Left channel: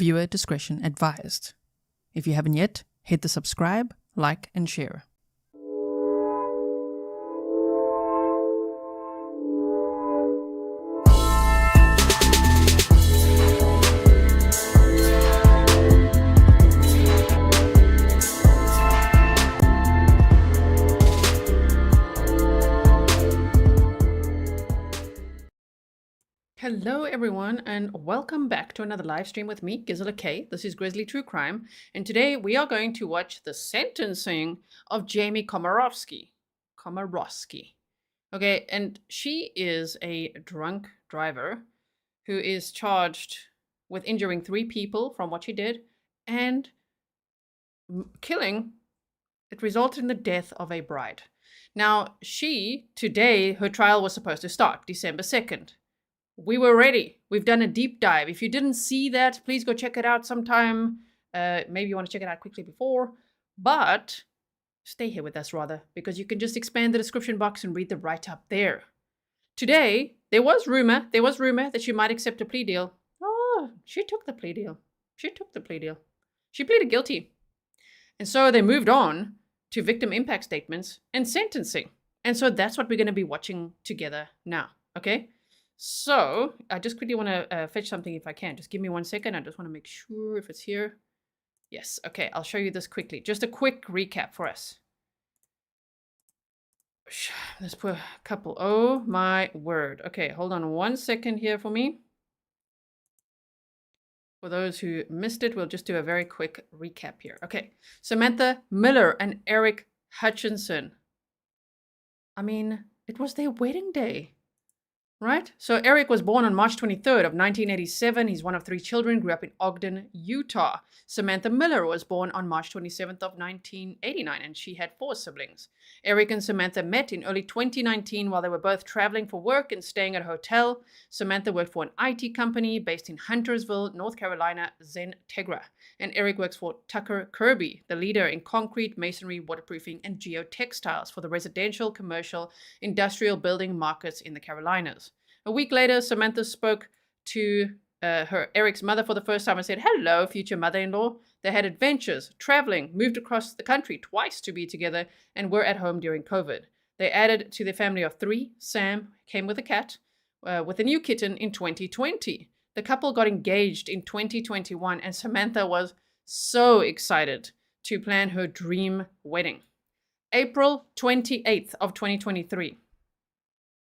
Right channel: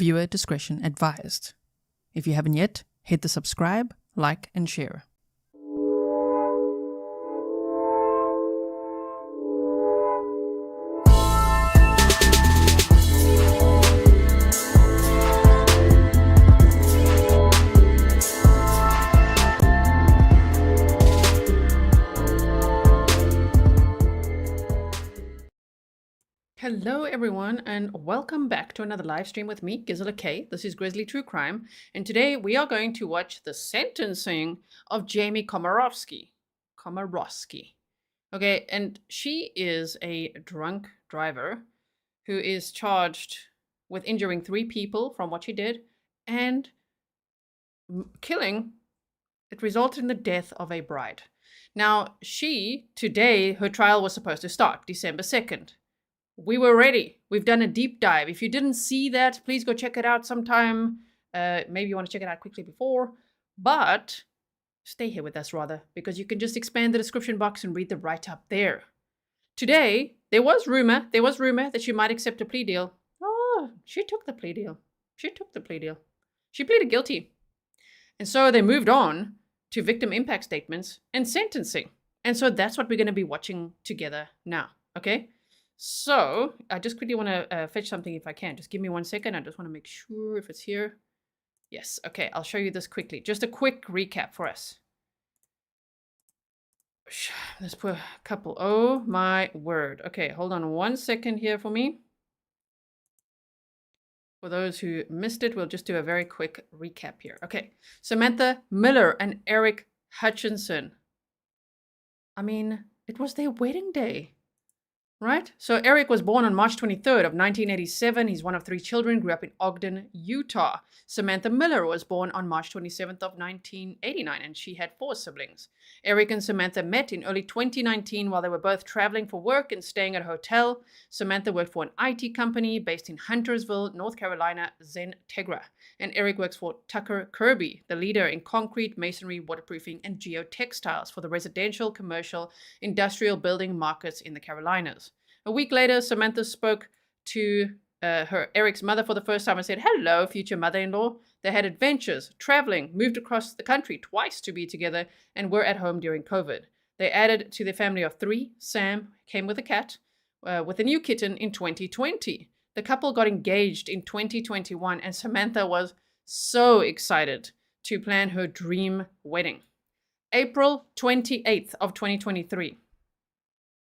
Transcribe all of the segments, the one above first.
Viewer discretion advised. If you haven't yet, hit the subscribe, like, and share. Hello everyone, and welcome back to another live stream with me, Grizzly K. This is Grizzly True Crime, and today we are going to watch the sentencing of Jamie Komoroski. Okay, and she is a drunk driver who is charged with injuring 3 people from what she did and killing. It resulted in the death of a bride. Now, today, her trial was supposed to start December 2nd. We were ready. We've done a deep dive. If you didn't see that, please go check it out sometime. Maybe you want to check it out quickly before, but stay here with us rather, because you can just expand the description box and read the write-up there. Today, there was rumor that she might accept a plea deal. Oh, she took the plea deal. She pleaded guilty. And so they moved on to victim impact statements and sentencing. And so that's what we're going to be watching together now, okay? So, I just quickly want to fetch something if I can. Just give me 1 second. I just want to make sure if it's here. Yes, okay, I'll show you this quickly. Just a quick recap for us. This poor couple. Oh my word. Okay, hold on 1 second here for me. For those who missed it, we'll just do a very quick recap here. Okay, Samantha Miller and Aric Hutchinson. I mean, it was their wedding day. Right? So Aric was born on March 23rd of 1987. He's one of 3 children, grew up in Ogden, Utah. Samantha Miller was born on March 27th of 1989, and she had 4 siblings. Aric and Samantha met in early 2019 while they were both traveling for work and staying at a hotel. Samantha worked for an IT company based in Huntersville, North Carolina, Zentegra. And Aric works for Tucker Kirby, the leader in concrete, masonry, waterproofing, and geotextiles for the residential, commercial, industrial building markets in the Carolinas. A week later, Samantha spoke to Aric's mother for the first time and said, "Hello, future mother-in-law." They had adventures, traveling, moved across the country twice to be together, and were at home during COVID. They added to their family of 3. Sam came with a cat, with a new kitten in 2020. The couple got engaged in 2021, and Samantha was so excited to plan her dream wedding. April 28th of 2023.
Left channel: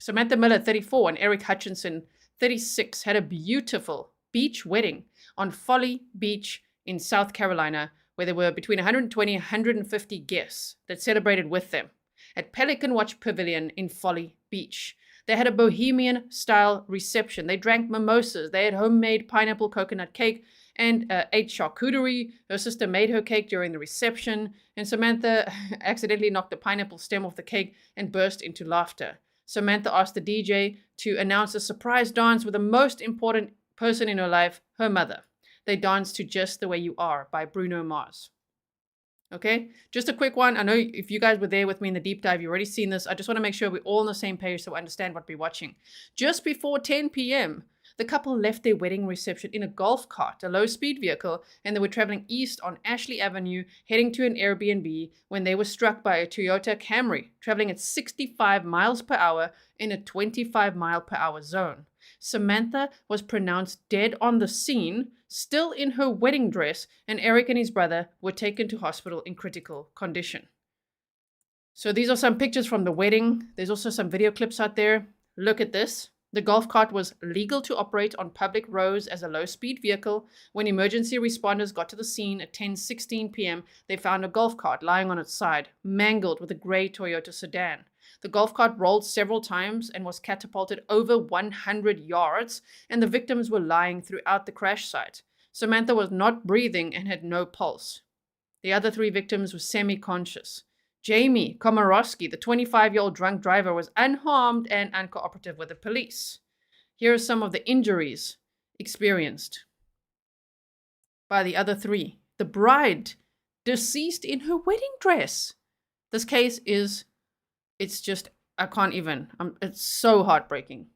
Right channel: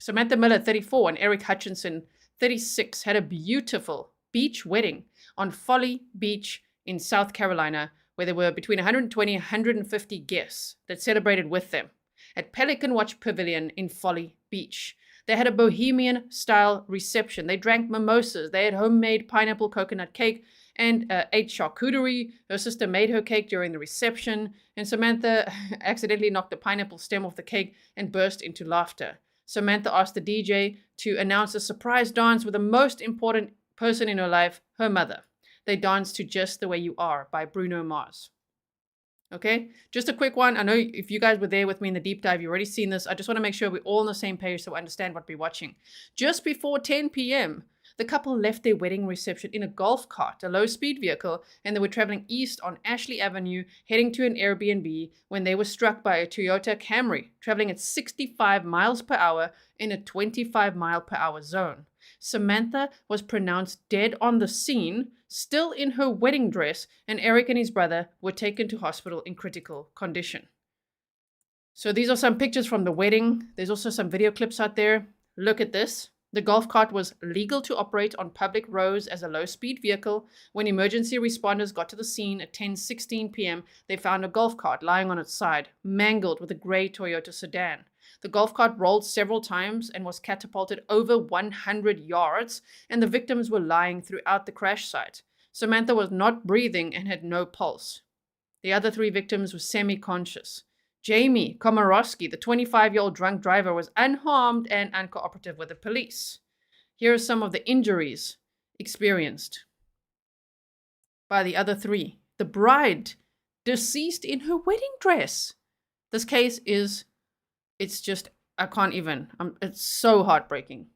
Samantha Miller, 34, and Aric Hutchinson, 36, had a beautiful beach wedding on Folly Beach in South Carolina, where there were between 120 and 150 guests that celebrated with them at Pelican Watch Pavilion in Folly Beach. They had a bohemian-style reception. They drank mimosas. They had homemade pineapple coconut cake and ate charcuterie. Her sister made her cake during the reception, and Samantha accidentally knocked the pineapple stem off the cake and burst into laughter. Samantha asked the DJ to announce a surprise dance with the most important person in her life, her mother. They danced to Just the Way You Are by Bruno Mars. Okay, just a quick one. I know if you guys were there with me in the deep dive, you've already seen this. I just want to make sure we're all on the same page so we understand what we're watching. Just before 10 p.m., the couple left their wedding reception in a golf cart, a low-speed vehicle, and they were traveling east on Ashley Avenue, heading to an Airbnb when they were struck by a Toyota Camry, traveling at 65 miles per hour in a 25-mile-per-hour zone. Samantha was pronounced dead on the scene, still in her wedding dress, and Aric and his brother were taken to hospital in critical condition. So these are some pictures from the wedding. There's also some video clips out there. Look at this. The golf cart was legal to operate on public roads as a low-speed vehicle. When emergency responders got to the scene at 10:16 p.m., they found a golf cart lying on its side, mangled with a gray Toyota sedan. The golf cart rolled several times and was catapulted over 100 yards, and the victims were lying throughout the crash site. Samantha was not breathing and had no pulse. The other 3 victims were semi-conscious. Jamie Komoroski, the 25-year-old drunk driver, was unharmed and uncooperative with the police. Here are some of the injuries experienced by the other 3. The bride, deceased in her wedding dress. This case is, it's just, I can't even, it's so heartbreaking.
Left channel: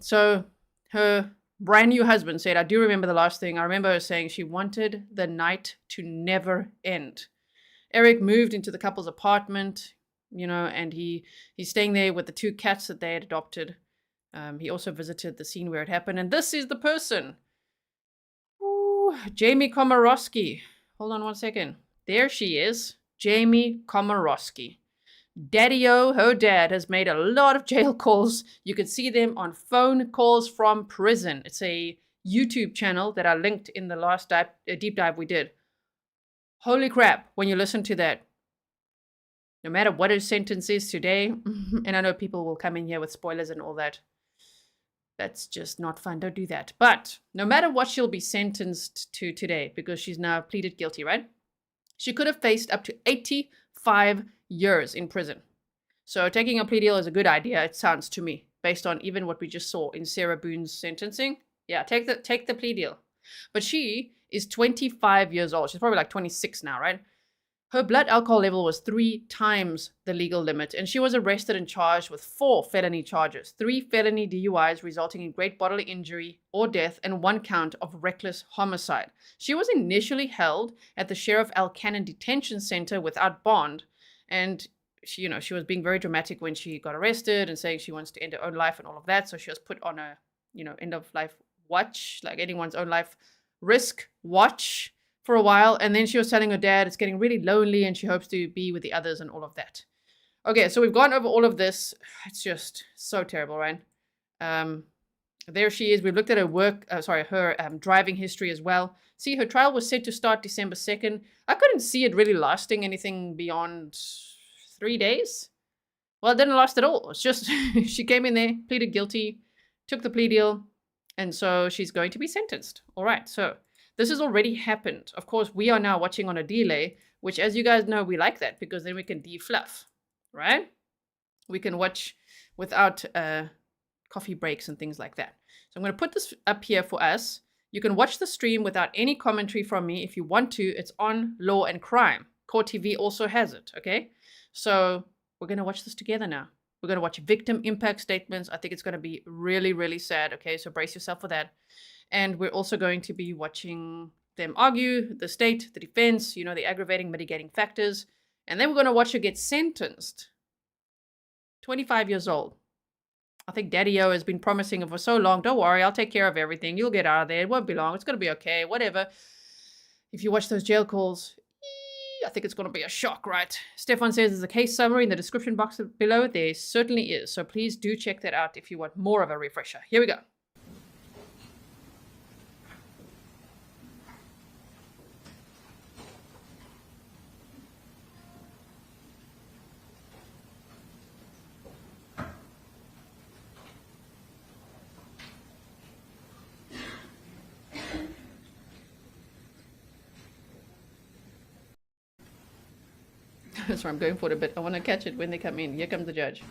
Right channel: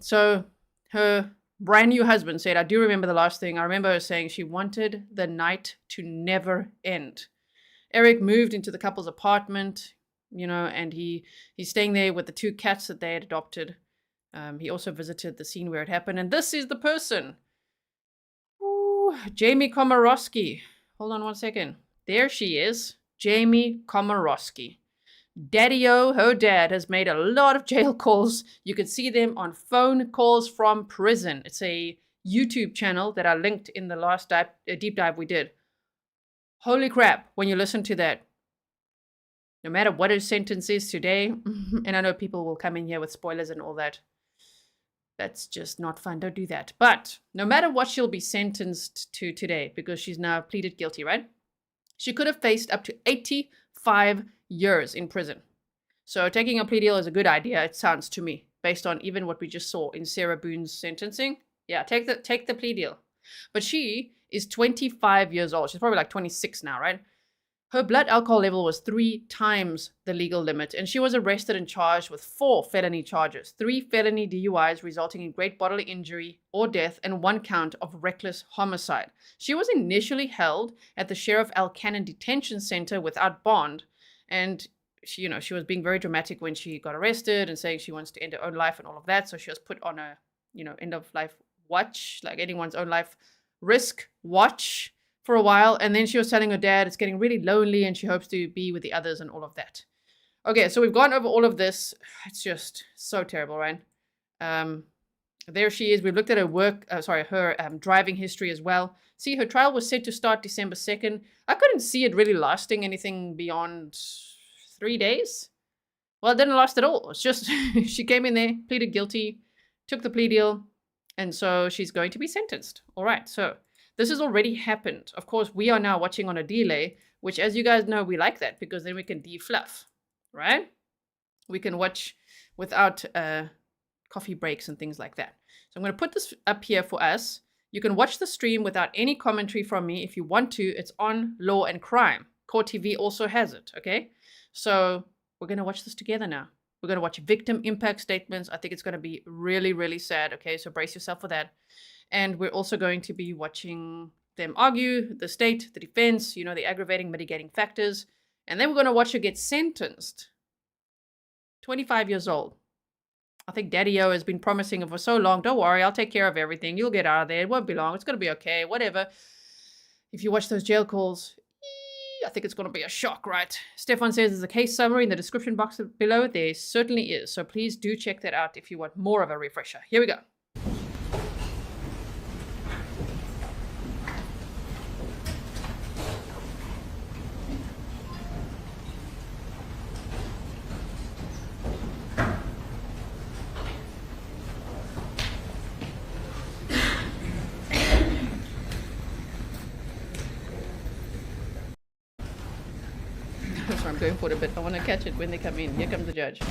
So her brand new husband said, I do remember the last thing. I remember her saying she wanted the night to never end. Aric moved into the couple's apartment, you know, and he's staying there with the 2 cats that they had adopted. He also visited the scene where it happened. And this is the person. Ooh, Jamie Komoroski. Hold on one second. There she is. Jamie Komoroski. Daddy-O, her dad, has made a lot of jail calls. You can see them on phone calls from prison. It's a YouTube channel that I linked in the last deep dive we did. Holy crap, when you listen to that. No matter what his sentence is today, and I know people will come in here with spoilers and all that. That's just not fun. Don't do that. But no matter what she'll be sentenced to today, because she's now pleaded guilty, right? She could have faced up to 85 years in prison. So taking a plea deal is a good idea, it sounds to me, based on even what we just saw in Sarah Boone's sentencing. Yeah, take the plea deal. But she is 25 years old. She's probably like 26 now, right? Her blood alcohol level was 3 times the legal limit, and she was arrested and charged with 4 felony charges, 3 felony DUIs resulting in great bodily injury or death, and 1 count of reckless homicide. She was initially held at the Sheriff L. Cannon Detention Center without bond, and she was being very dramatic when she got arrested and saying she wants to end her own life and all of that, so she was put on a, end of life watch, like anyone's own life risk watch, for a while, and then she was telling her dad it's getting really lonely and she hopes to be with the others and all of that. Okay, so we've gone over all of this. It's just so terrible, right? There she is. We've looked at her driving history as well. See, her trial was set to start December 2nd. I couldn't see it really lasting anything beyond 3 days. Well, it didn't last at all. It's just she came in there, pleaded guilty, took the plea deal, and so she's going to be sentenced. All right, so this has already happened. Of course, we are now watching on a delay, which, as you guys know, we like that because then we can defluff, right? We can watch without coffee breaks and things like that. So I'm going to put this up here for us. You can watch the stream without any commentary from me if you want to. It's on Law and Crime. Court TV also has it, okay? So we're going to watch this together now. We're going to watch victim impact statements. I think it's going to be really, really sad, okay? So brace yourself for that. And we're also going to be watching them argue, the state, the defense, the aggravating, mitigating factors. And then we're going to watch her get sentenced. 25 years old. I think Daddy-O has been promising her for so long. Don't worry, I'll take care of everything. You'll get out of there. It won't be long. It's going to be okay. Whatever. If you watch those jail calls, I think it's going to be a shock, right? Stefan says there's a case summary in the description box below. There certainly is. So please do check that out if you want more of a refresher. Here we go. That's why I'm going for it a bit. I want to catch it when they come in. Here comes the judge.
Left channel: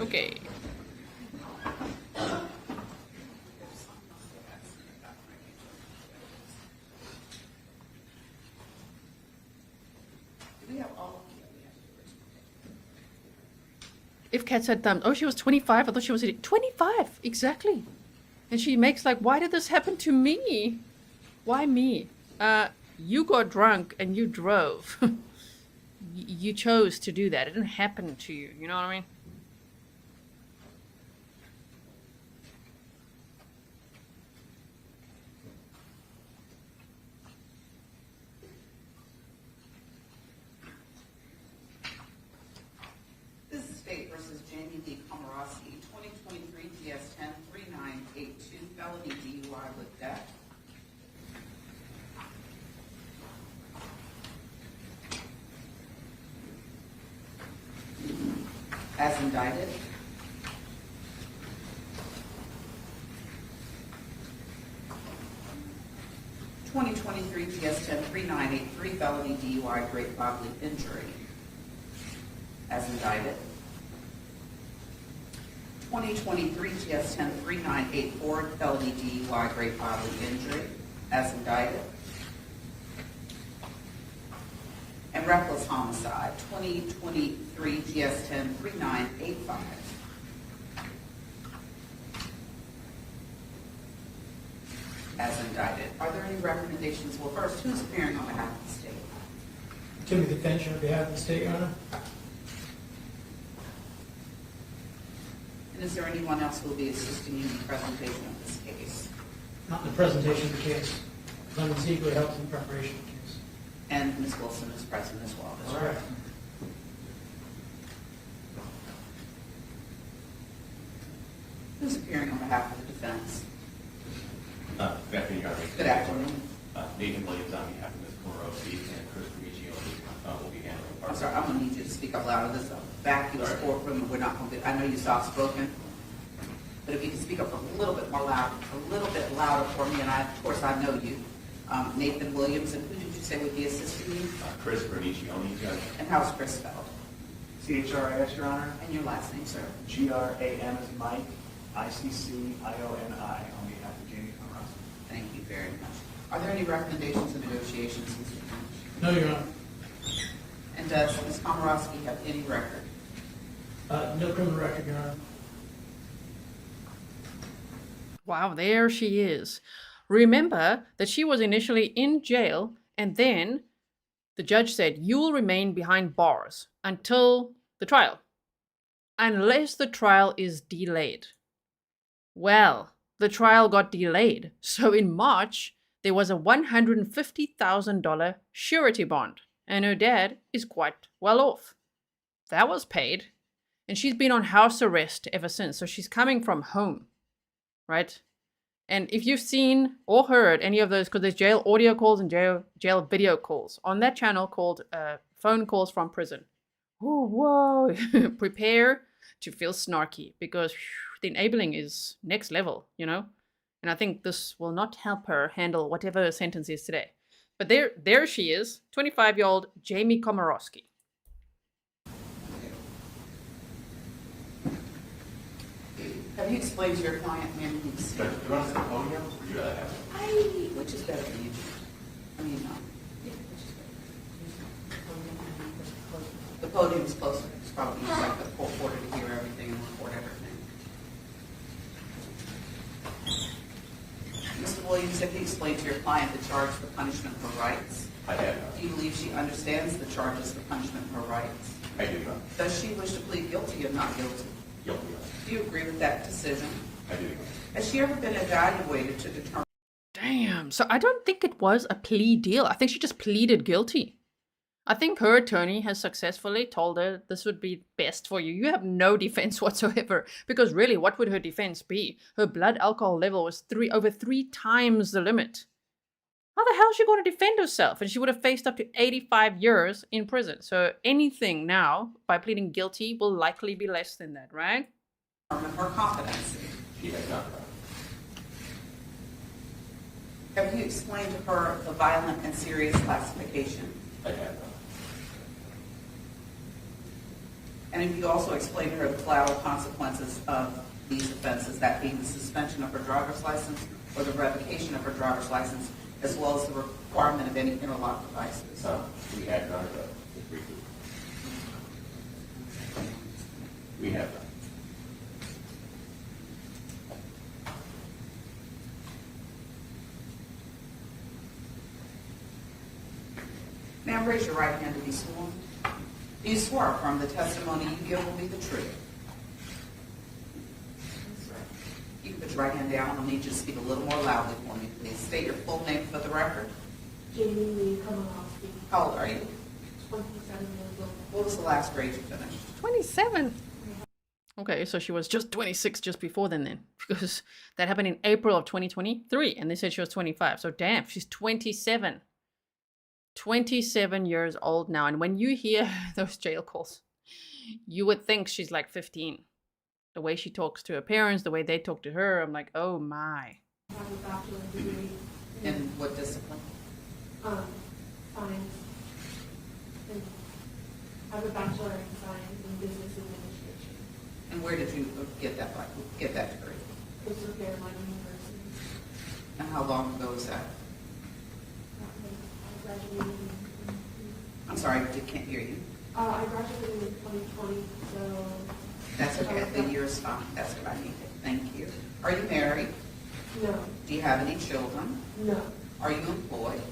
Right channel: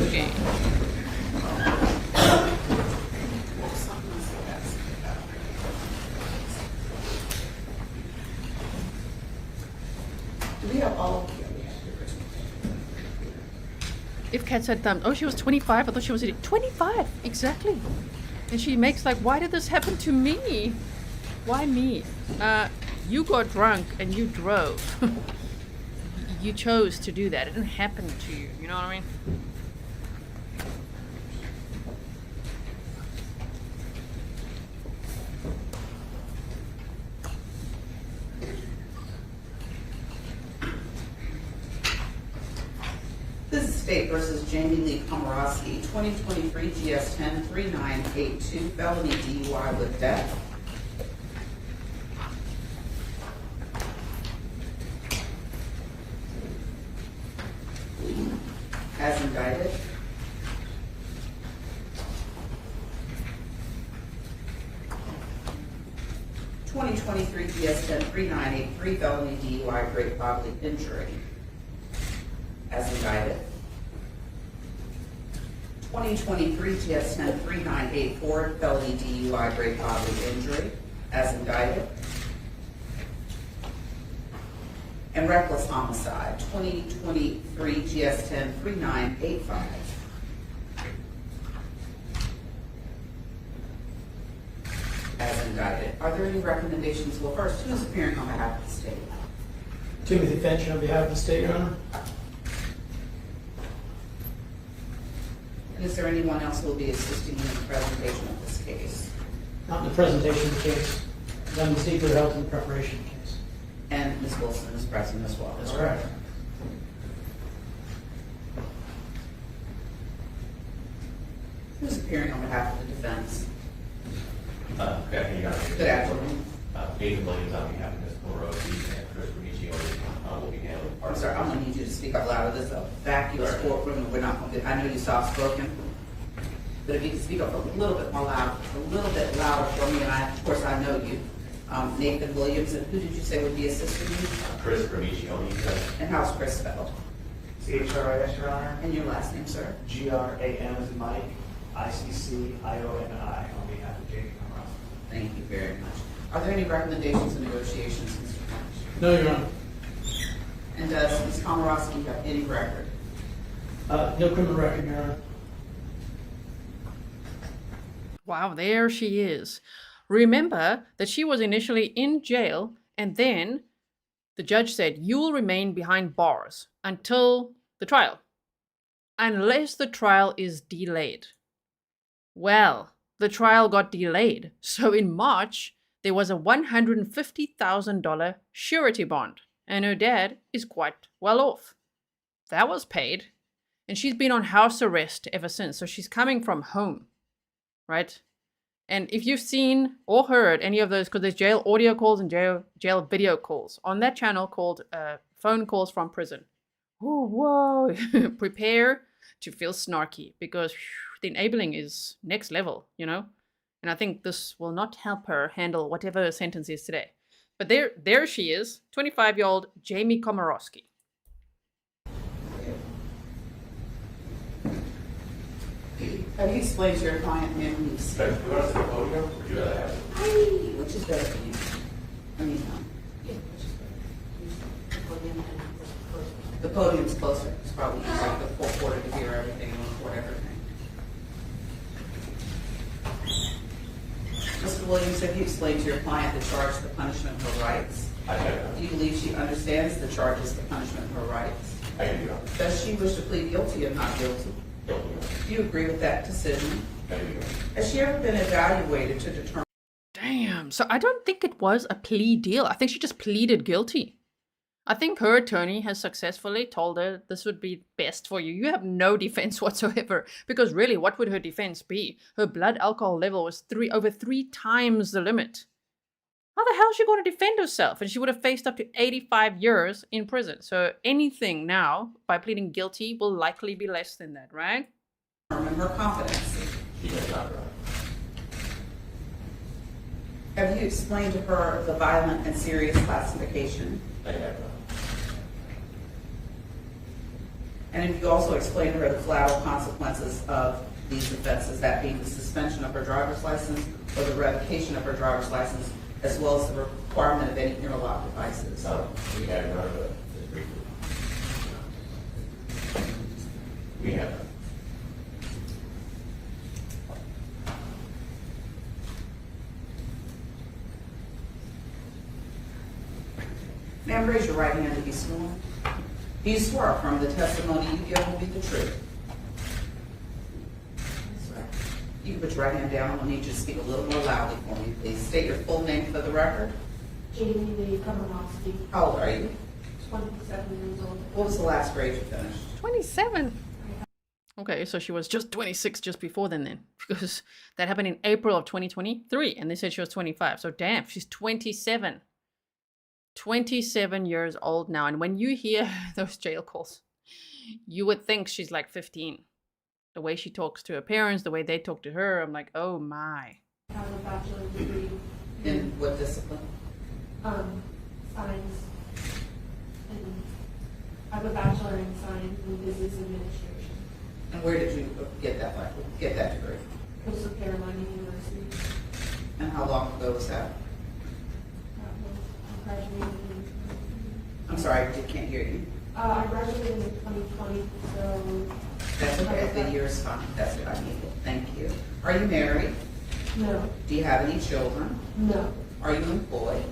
Okay. If cats had thumbs. Oh, she was 25. I thought she was 25. Exactly. And she makes like, why did this happen to me? Why me? You got drunk and you drove. You chose to do that. It didn't happen to you. You know what I mean? This is State versus Jamie Lee Komoroski, 2023 GS 10-3982, felony DUI with death. As indicted. (2023) GS 10-3983, felony DUI, great bodily injury. As indicted. 2023 GS 10-3984, felony DUI, great bodily injury. As indicted. And reckless homicide, 2023 GS 10-3985. are there any recommendations? Well, first, who's appearing on behalf of the state? Timothy Finch on behalf of the state, Your Honor. And is there anyone else who will be assisting in the presentation of this case? Not in the presentation of the case. I'm deeply helped in the preparation of the case. And Ms. Wilson is present as well. That's correct. Who's appearing on behalf of the defense? Good afternoon, Your Honor. Good afternoon. Nathan Williams on behalf of Ms. Komoroski and Chris will be handling part. I'm sorry, I'm gonna need you to speak up louder. This is a vacuous courtroom. We're not gonna get, I know you soft spoken, but if you can speak up a little bit more loud, a little bit louder for me, and of course I know you. Nathan Williams, and who did you say would be assisting you? Chris Ravicioni, And how's Chris spelled? C-H-R-I-S, Your Honor. And your last name, sir? G-R-A-M as in Mike, I-C-C-I-O-N-I on behalf of J.P. Komoroski. Thank you very much. Are there any recommendations or negotiations, Mr. Finch? No, Your Honor. And does Ms. Komoroski have any record? No criminal record, Your Honor. Wow, there she is. Remember that she was initially in jail, and then the judge said, you will remain behind bars until the trial, unless the trial is delayed. Well, the trial got delayed. So in March, there was a $150,000 surety bond, and her dad is quite well off. That was paid, and she's been on house arrest ever since. So she's coming from home, right? And if you've seen or heard any of those, because there's jail audio calls and jail video calls on that channel called Phone Calls from Prison. Oh, whoa. Prepare to feel snarky, because the enabling is next level, you know? And I think this will not help her handle whatever her sentence is today. But there she is, 25-year-old Jamie Komoroski. Have you explained to your client, ma'am, please? Do you want to sit at the podium, or do you rather have? Which is better for you? I mean, the podium's closer. It's probably like the full quarter to hear everything and record everything. Mr. Williams, have you explained to your client the charge, the punishment, her rights? I have. Do you believe she understands the charges, the punishment, her rights? I do, Your Honor. Does she wish to plead guilty or not guilty? Guilty, Your Honor. Do you agree with that decision? I do, Your Honor. Has she ever been evaluated to determine? Damn. So I don't think it was a plea deal. I think she just pleaded guilty. I think her attorney has successfully told her this would be best for you. You have no defense whatsoever. Because really, what would her defense be? Her blood alcohol level was over 3 times the limit. How the hell is she going to defend herself? And she would have faced up to 85 years in prison. So anything now, by pleading guilty, will likely be less than that, right? Determine her competency. She has not, Your Honor. Have you explained to her the violent and serious classification? I have, Your Honor. And have you also explained to her the collateral consequences of these offenses, that being the suspension of her driver's license or the revocation of her driver's license, as well as the requirement of any interlock devices? We have, Your Honor, but just briefly. We have. Ma'am, raise your right hand to be sworn. Do you swear affirm the testimony you give will be the truth? You can put your right hand down. I need you to speak a little more loudly for me, please. State your full name for the record. Jamie Lee Komoroski, How old are you? 27 years old. What was the last grade you finished? 27. Okay, so she was just 26 just before then, because that happened in April of 2023, and they said she was 25. So damn, she's 27. 27 years old now. And when you hear those jail calls, you would think she's like 15. The way she talks to her parents, the way they talk to her, I'm like, oh my. I have a bachelor's degree In what discipline? science. And I have a bachelor in science and business administration. And where did you get that degree? Coastal Carolina University. And how long ago was that? I graduated I'm sorry, I can't hear you. I graduated in 2020, so. That's okay, the year is fine. That's what I needed. Thank you. Are you married? No, Do you have any children? no. Are you employed?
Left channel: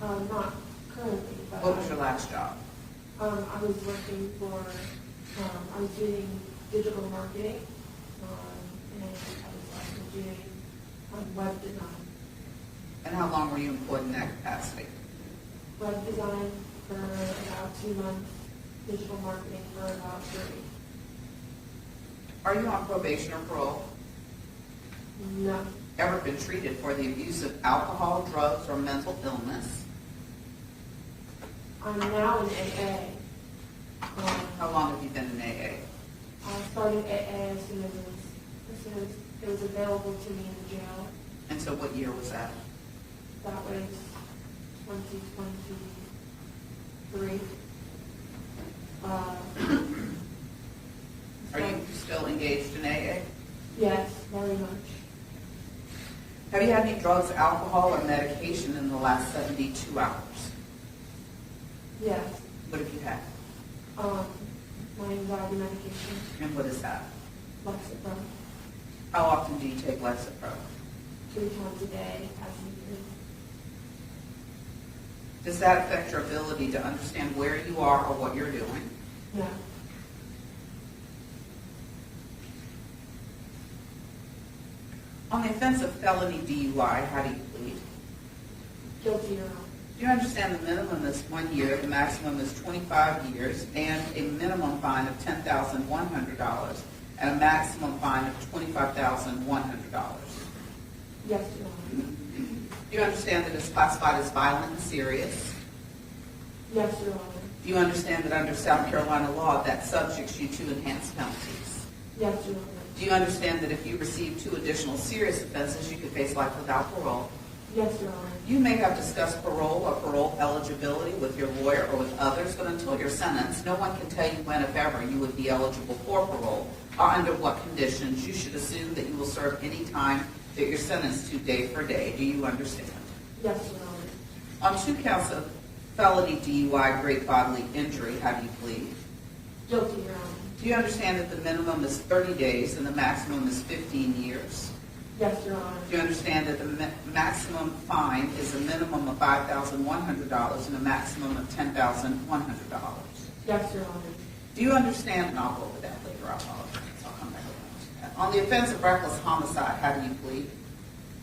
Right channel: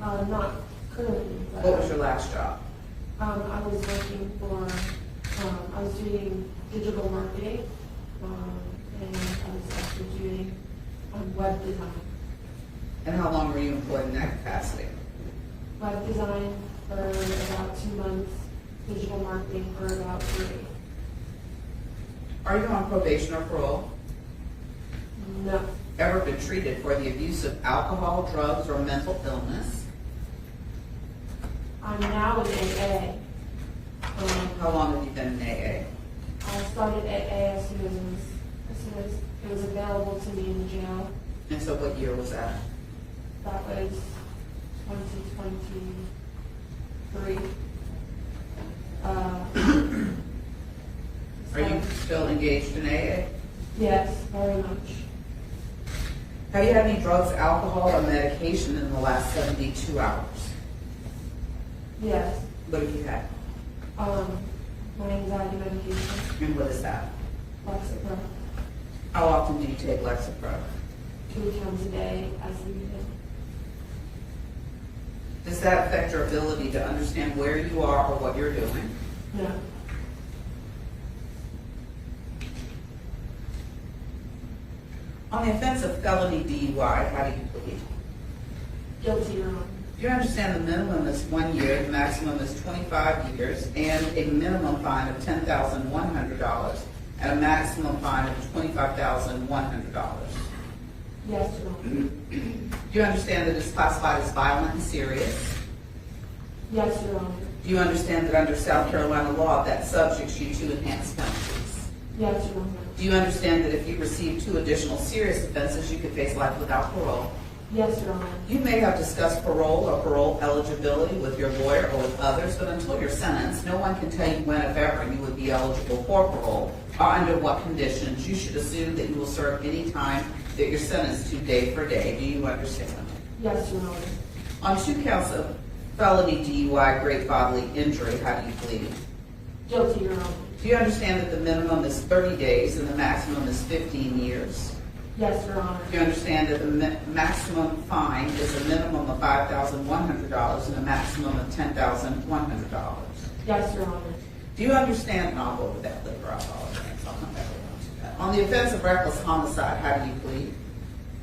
Not currently, but. What was your last job? I was working for, I was doing digital marketing, and I was also doing, web design. And how long were you employed in that capacity? Web design for about 2 months, digital marketing for about 3. Are you on probation or parole? No, Ever been treated for the abuse of alcohol, drugs, or mental illness? I'm now in AA. How long have you been in AA? I started AA as soon as it was available to me in the jail. And so what year was that? That was 2023. Are you still engaged in AA? Yes, very much. Have you had any drugs, alcohol, or medication in the last 72 hours? Yes. What have you had? My anxiety medication, And what is that? Lexapro, How often do you take Lexapro? 2 times a day as needed. Does that affect your ability to understand where you are or what you're doing? No. On the offense of felony DUI, how do you plead? Guilty, Your Honor. Do you understand the minimum is 1 year, the maximum is 25 years, and a minimum fine of $10,100 and a maximum fine of $25,100? Yes, Your Honor. Do you understand that it's classified as violent and serious? Yes, Your Honor. Do you understand that under South Carolina law that subjects you to enhanced penalties? Yes, Your Honor. Do you understand that if you receive 2 additional serious offenses, you could face life without parole? Yes, Your Honor. You may have discussed parole or parole eligibility with your lawyer or with others, but until you're sentenced, no one can tell you when, if ever, you would be eligible for parole or under what conditions. You should assume that you will serve any time that you're sentenced to day for day. Do you understand? Yes, Your Honor. On 2 counts of felony DUI, great bodily injury, how do you plead? Guilty, Your Honor. Do you understand that the minimum is 30 days and the maximum is 15 years? Yes, Your Honor. Do you understand that the maximum fine is a minimum of $5,100 and a maximum of $10,100? Yes, Your Honor. Do you understand, and I'll go over that later, I apologize, I'll come back to that. On the offense of reckless homicide, how do you plead?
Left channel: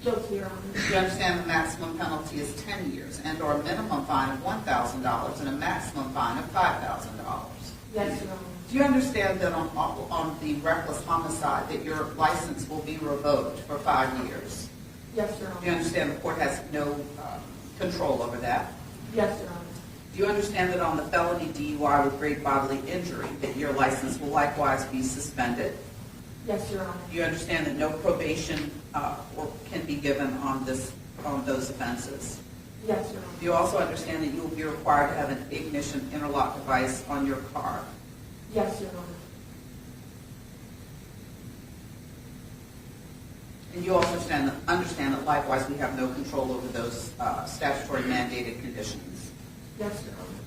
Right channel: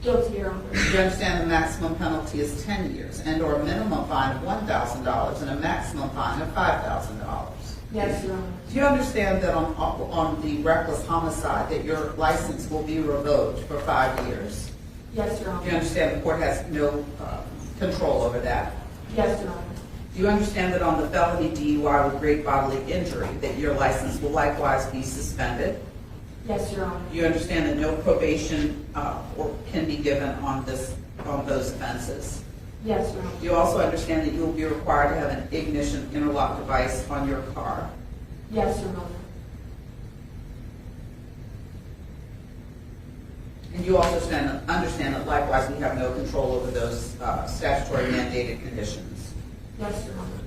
Guilty, Your Honor. Do you understand the maximum penalty is 10 years and or a minimum fine of $1,000 and a maximum fine of $5,000? Yes, Your Honor. Do you understand that on the reckless homicide that your license will be revoked for 5 years? Yes, Your Do you Honor. understand the court has no control over that? Yes, Your Honor. Do you understand that on the felony DUI with great bodily injury that your license will likewise be suspended? Yes, Your Honor. Do you understand that no probation can be given on those offenses? Yes, Your Honor. Do you also understand that you will be required to have an ignition interlock device on your car? Yes, Your Honor. And you also understand that likewise we have no control over those statutory mandated conditions. Yes, Your Honor.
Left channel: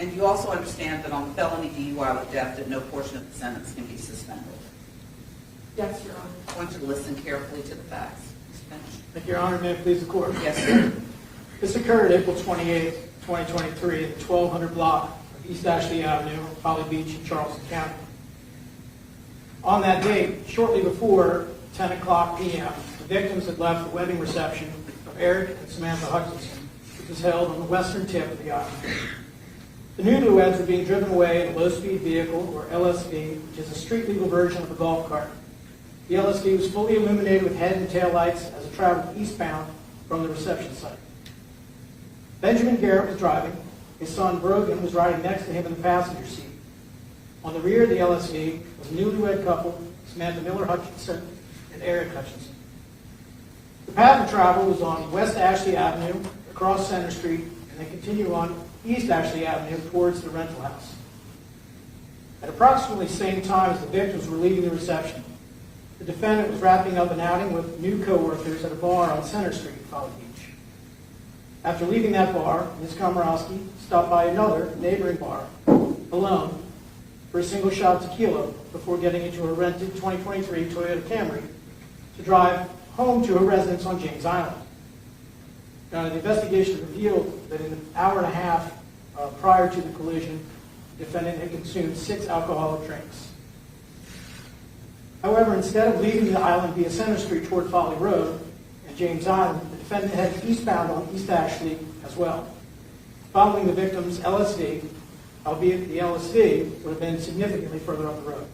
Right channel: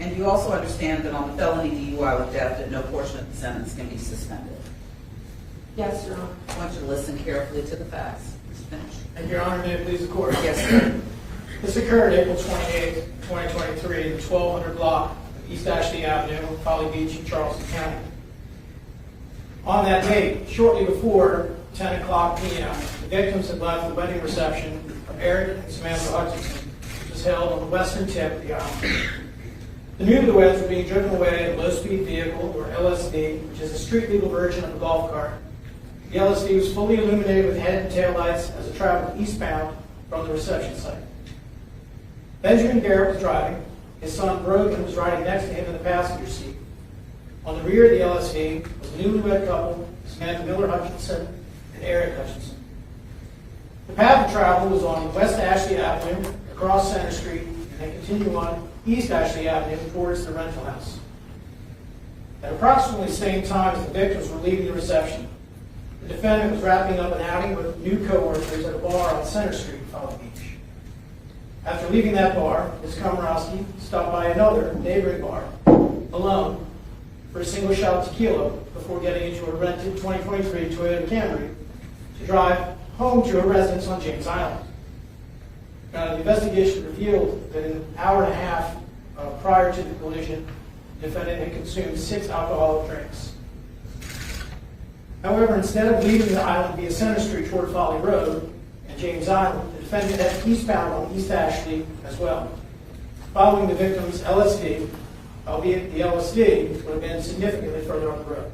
And you also understand that on the felony DUI with death that no portion of the sentence can be suspended. Yes, Your Honor. I want you to listen carefully to the facts. Please finish. Thank you, Your Honor. May it please the court. Yes, sir. This occurred April 28, 2023, in the 1200 block of East Ashley Avenue, Folly Beach in Charleston County. On that date, shortly before 10 o'clock p.m., the victims had left the wedding reception of Aric and Samantha Hutchinson, which was held on the western tip of the island. The newlyweds were being driven away in a low-speed vehicle, or LSV, which is a street-legal version of a golf cart. The LSV was fully illuminated with head and tail lights as it traveled eastbound from the reception site. Benjamin Garret was driving. His son Brogan was riding next to him in the passenger seat. On the rear of the LSV was a newlywed couple, Samantha Miller Hutchinson and Aric Hutchinson. The path of travel was on West Ashley Avenue, across Center Street, and then continue on East Ashley Avenue towards the rental house. At approximately the same time as the victims were leaving the reception, the defendant was wrapping up an outing with new coworkers at a bar on Center Street in Folly Beach. After leaving that bar, Ms. Komoroski stopped by another neighboring bar, alone, for a single shot of tequila before getting into a rented 2023 Toyota Camry to drive home to a residence on James Island. The investigation revealed that in an hour and a half prior to the collision, the defendant had consumed 6 alcoholic drinks. However, instead of leaving the island via Center Street toward Folly Road and James Island, the defendant headed eastbound on East Ashley as well, following the victim's LSD, albeit the LSD would have been significantly further on the road.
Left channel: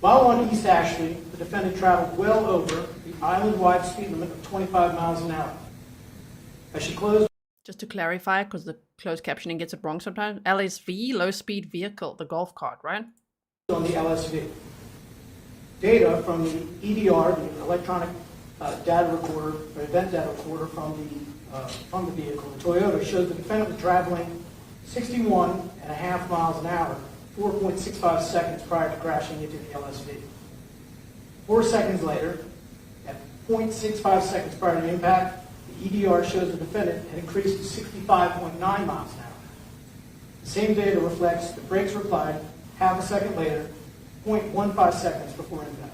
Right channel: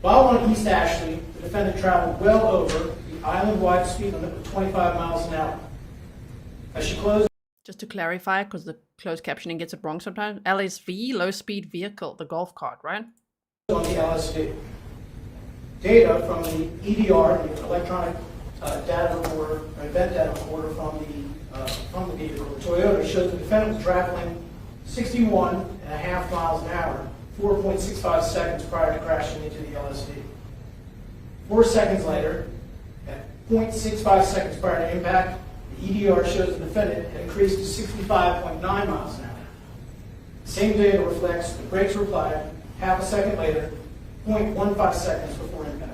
While on East Ashley, the defendant traveled well over the island-wide speed limit of 25 miles an hour. As she closed Just to clarify, because the closed captioning gets it wrong sometimes, LSV, low speed vehicle, the golf cart, right? on the LSD, data from the EDR, the electronic data recorder, or event data recorder from the vehicle, the Toyota, shows the defendant was traveling 61.5 miles an hour, 4.65 seconds prior to crashing into the LSD. 4 seconds later, at 0.65 seconds prior to impact, the EDR shows the defendant had increased to 65.9 miles an hour. The same data reflects the brakes were applied half a second later, 0.15 seconds before impact.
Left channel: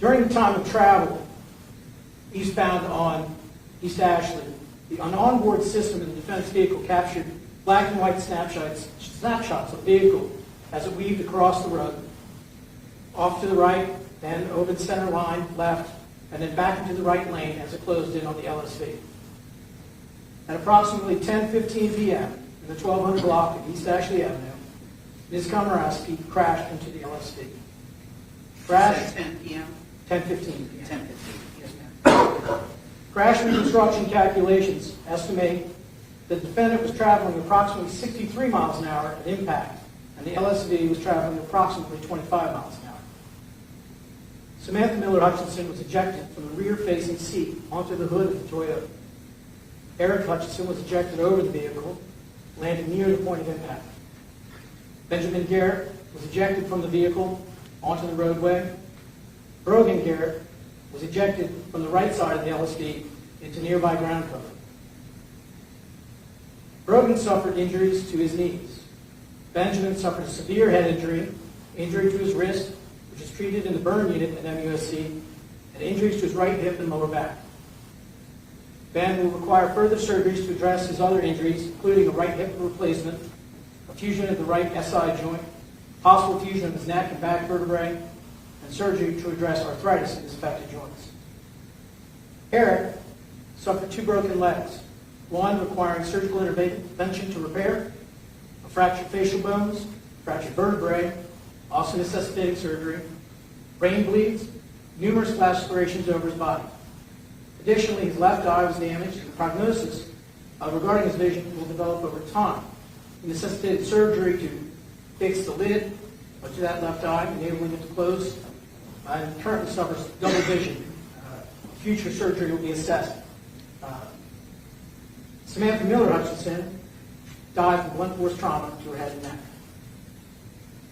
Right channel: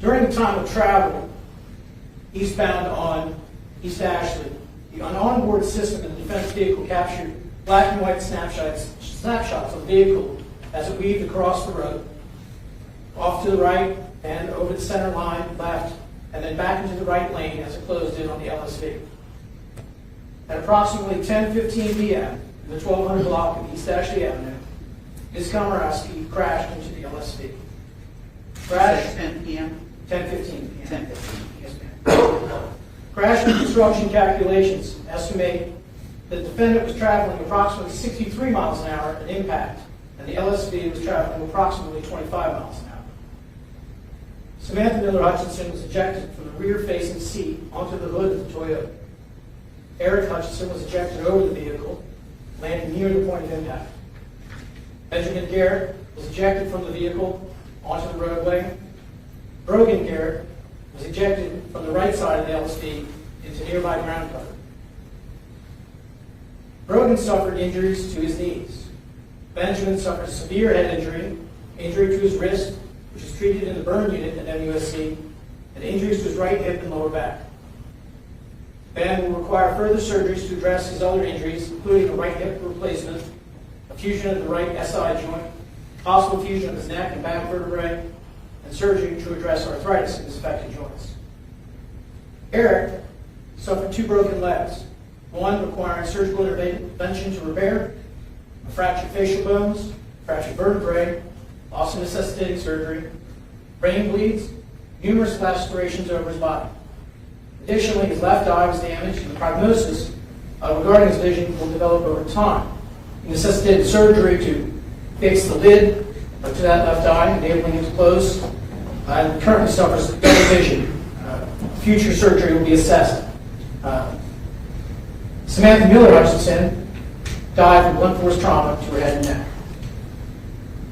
During the time of travel, eastbound on East Ashley, the onboard system in the defense vehicle captured black and white snapshots of the vehicle as it weaved across the road, off to the right, then over the center line, left, and then back into the right lane as it closed in on the LSD. At approximately 10:15 p.m., in the 1200 block of East Ashley Avenue, Ms. Komoroski crashed into the LSD. Crash 10 p.m. 10:15 p.m. 10:15. Yes, ma'am. Crash reconstruction calculations estimate the defendant was traveling approximately 63 miles an hour at impact, and the LSD was traveling approximately 25 miles an hour. Samantha Miller Hutchinson was ejected from the rear-facing seat onto the hood of the Toyota. Aric Hutchinson was ejected over the vehicle, landing near the point of impact. Benjamin Garret was ejected from the vehicle onto the roadway. Brogan Garret was ejected from the right side of the LSD into nearby ground cover. Brogan suffered injuries to his knees. Benjamin suffered severe head injury, injury to his wrist, which was treated in the burn unit at MUSC, and injuries to his right hip and lower back. Ben will require further surgeries to address his other injuries, including a right hip replacement, a fusion of the right SI joint, possible fusion of his neck and back vertebrae, and surgery to address arthritis in his affected joints. Aric suffered 2 broken legs, one requiring surgical intervention to repair, a fractured facial bones, fractured vertebrae, also necessitating surgery, brain bleeds, numerous lacerations over his body. Additionally, his left eye was damaged, and the prognosis regarding his vision will develop over time. He necessitated surgery to fix the lid to that left eye, enabling him to close, and currently suffers double vision. Future surgery will be assessed. Samantha Miller Hutchinson died from blunt force trauma to her head and neck.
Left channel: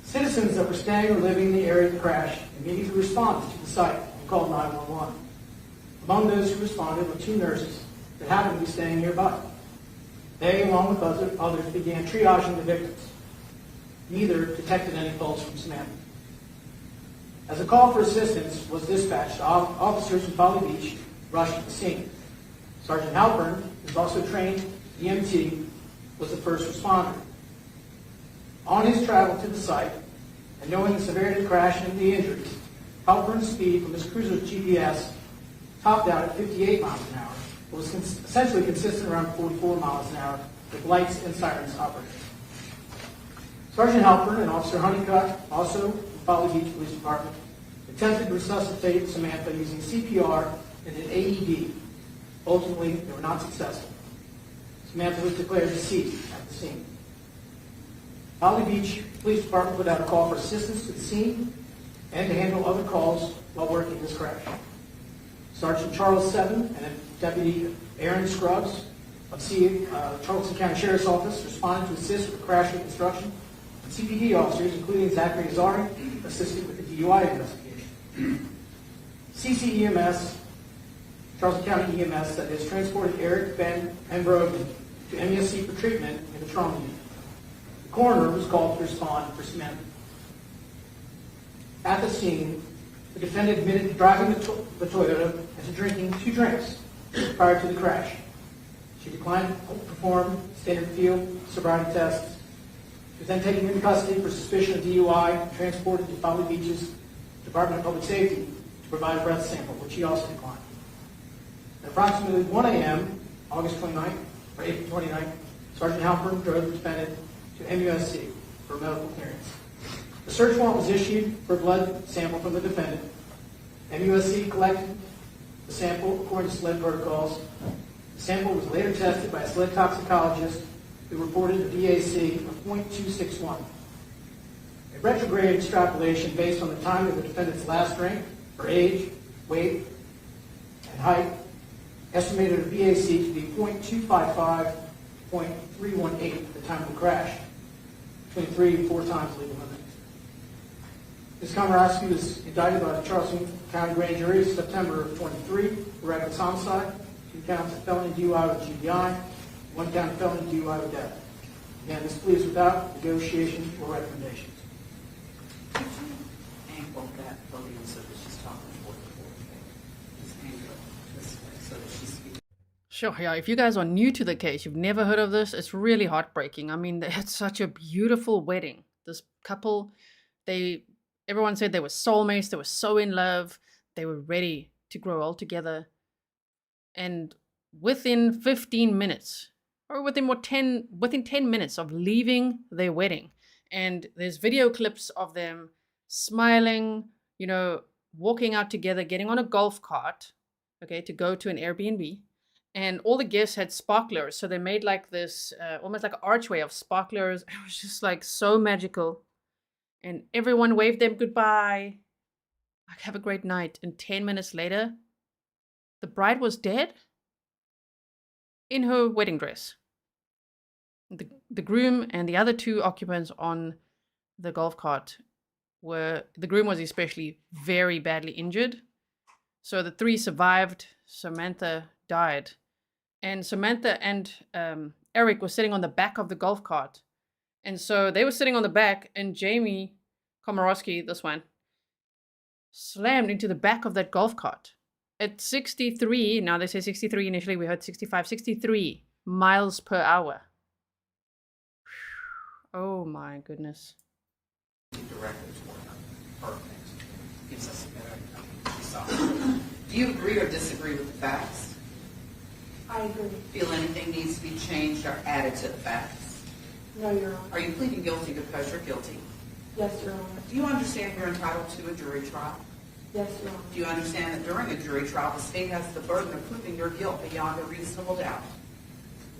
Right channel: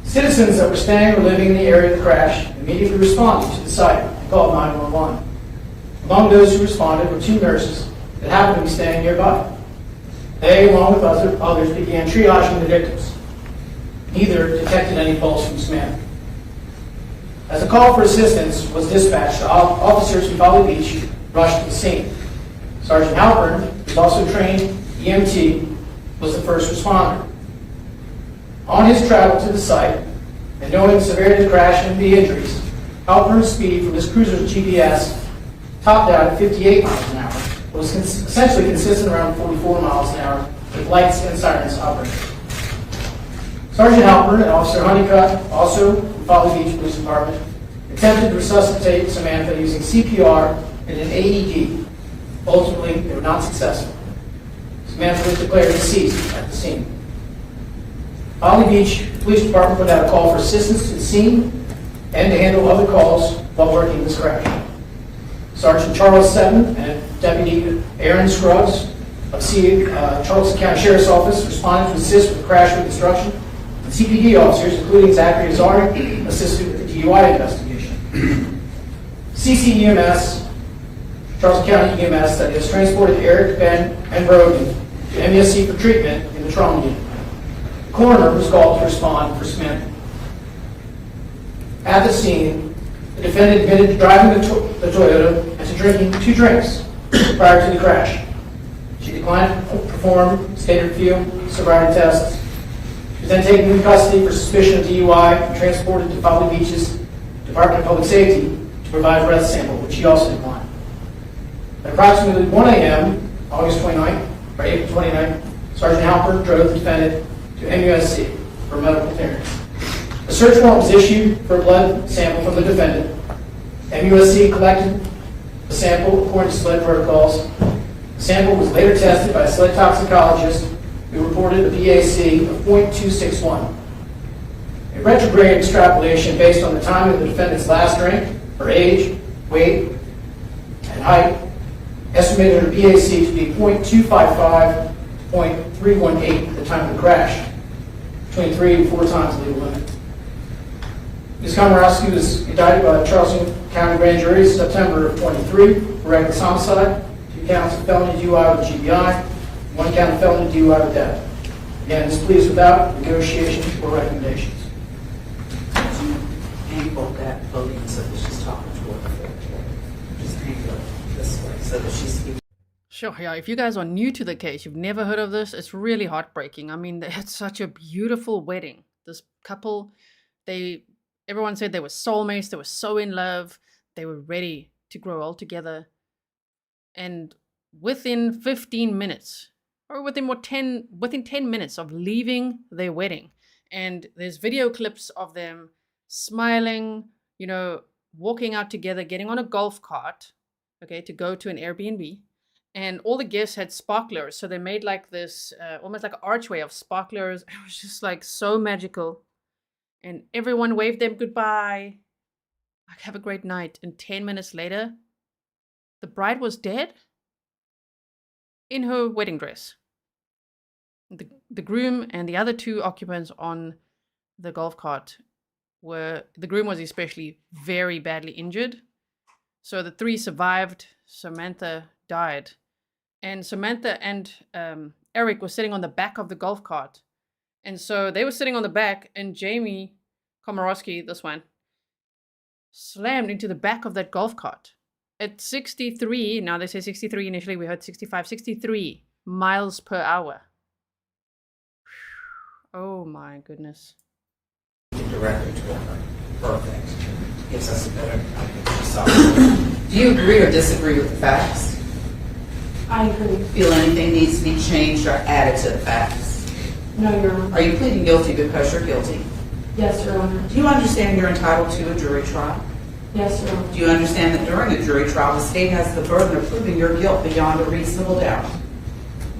Citizens that were staying or living in the area of the crash immediately responded to the site and called 911. Among those who responded were 2 nurses that happened to be staying nearby. They, along with others, began triaging the victims. Neither detected any pulse from Samantha. As a call for assistance was dispatched, officers from Folly Beach rushed to the scene. Sergeant Halpern, who is also trained EMT, was the first responder. On his travel to the site, and knowing the severity of the crash and the injuries, Halpern's speed from his cruiser's GPS topped out at 58 miles an hour. It was essentially consistent around 44 miles an hour with lights and sirens operating. Sergeant Halpern and Officer Honeycutt, also from Folly Beach Police Department, attempted to resuscitate Samantha using CPR and an AED. Ultimately, they were not successful. Samantha was declared deceased at the scene. Folly Beach Police Department put out a call for assistance to the scene and to handle other calls while working this crash. Sergeant Charles Seven and Deputy Aaron Scruggs of Charleston County Sheriff's Office responded to assist with the crash reconstruction, and CPD officers, including Zachary Azari, assisted with the DUI investigation. CCEMS, Charleston County EMS, that is, transported Aric, Ben, and Brogan to MSC for treatment in the trauma unit. The coroner was called to respond for Samantha. At the scene, the defendant admitted to driving the Toyota and to drinking 2 drinks prior to the crash. She declined to perform standard field sobriety tests. She was then taken into custody for suspicion of DUI and transported to Folly Beach's Department of Public Safety to provide a breath sample, which she also declined. At approximately 1 a.m., August 29th, or April 29th, Sergeant Halpern drove the defendant to MUSC for medical clearance. A search warrant was issued for a blood sample from the defendant. MUSC collected the sample according to SLED protocols. The sample was later tested by a SLED toxicologist who reported a BAC of .261. A retrograde extrapolation based on the time of the defendant's last drink, her age, weight, and height, estimated her BAC to be .255 to .318 at the time of the crash, between 3 and 4 times the legal limit. Ms. Komoroski was indicted by the Charleston County Grand Jury in September of 23 for reckless homicide, 2 counts of felony DUI with GBI, 1 count of felony DUI with death. Again, this plea is without negotiation or recommendations. Angle that podium so that she's talking toward the floor. Just angle it this way so that she's speaking. Sure, yeah, if you guys are new to the case, you've never heard of this, it's really heartbreaking. I mean, they had such a beautiful wedding. This couple, everyone said they were soulmates, they were so in love, they were ready to grow old together. And within 15 minutes, or within 10 minutes of leaving their wedding, and there's video clips of them smiling, you know, walking out together, getting on a golf cart, okay, to go to an Airbnb. And all the guests had sparklers. So they made like this, almost like an archway of sparklers. It was just like so magical. And everyone waved them goodbye. Like, have a great night. And 10 minutes later, the bride was dead in her wedding dress. The groom and the other 2 occupants on the golf cart the groom was especially very badly injured. So the 3 survived. Samantha died. And Samantha and Aric were sitting on the back of the golf cart. And so they were sitting on the back, and Jamie Komoroski, this one, slammed into the back of that golf cart. At 63, now they say 63, initially we heard 65, 63 miles per hour. Oh my goodness. The record to her. Perfect. Gives us a better idea. Do you agree or disagree with the facts? I agree. Feel anything needs to be changed or added to the facts? No, Your Honor. Are you pleading guilty because you're guilty? Yes, Your Honor. Do you understand you're entitled to a jury trial? Yes, Your Honor. Do you understand that during a jury trial, the state has the burden of proving your guilt beyond a reasonable doubt?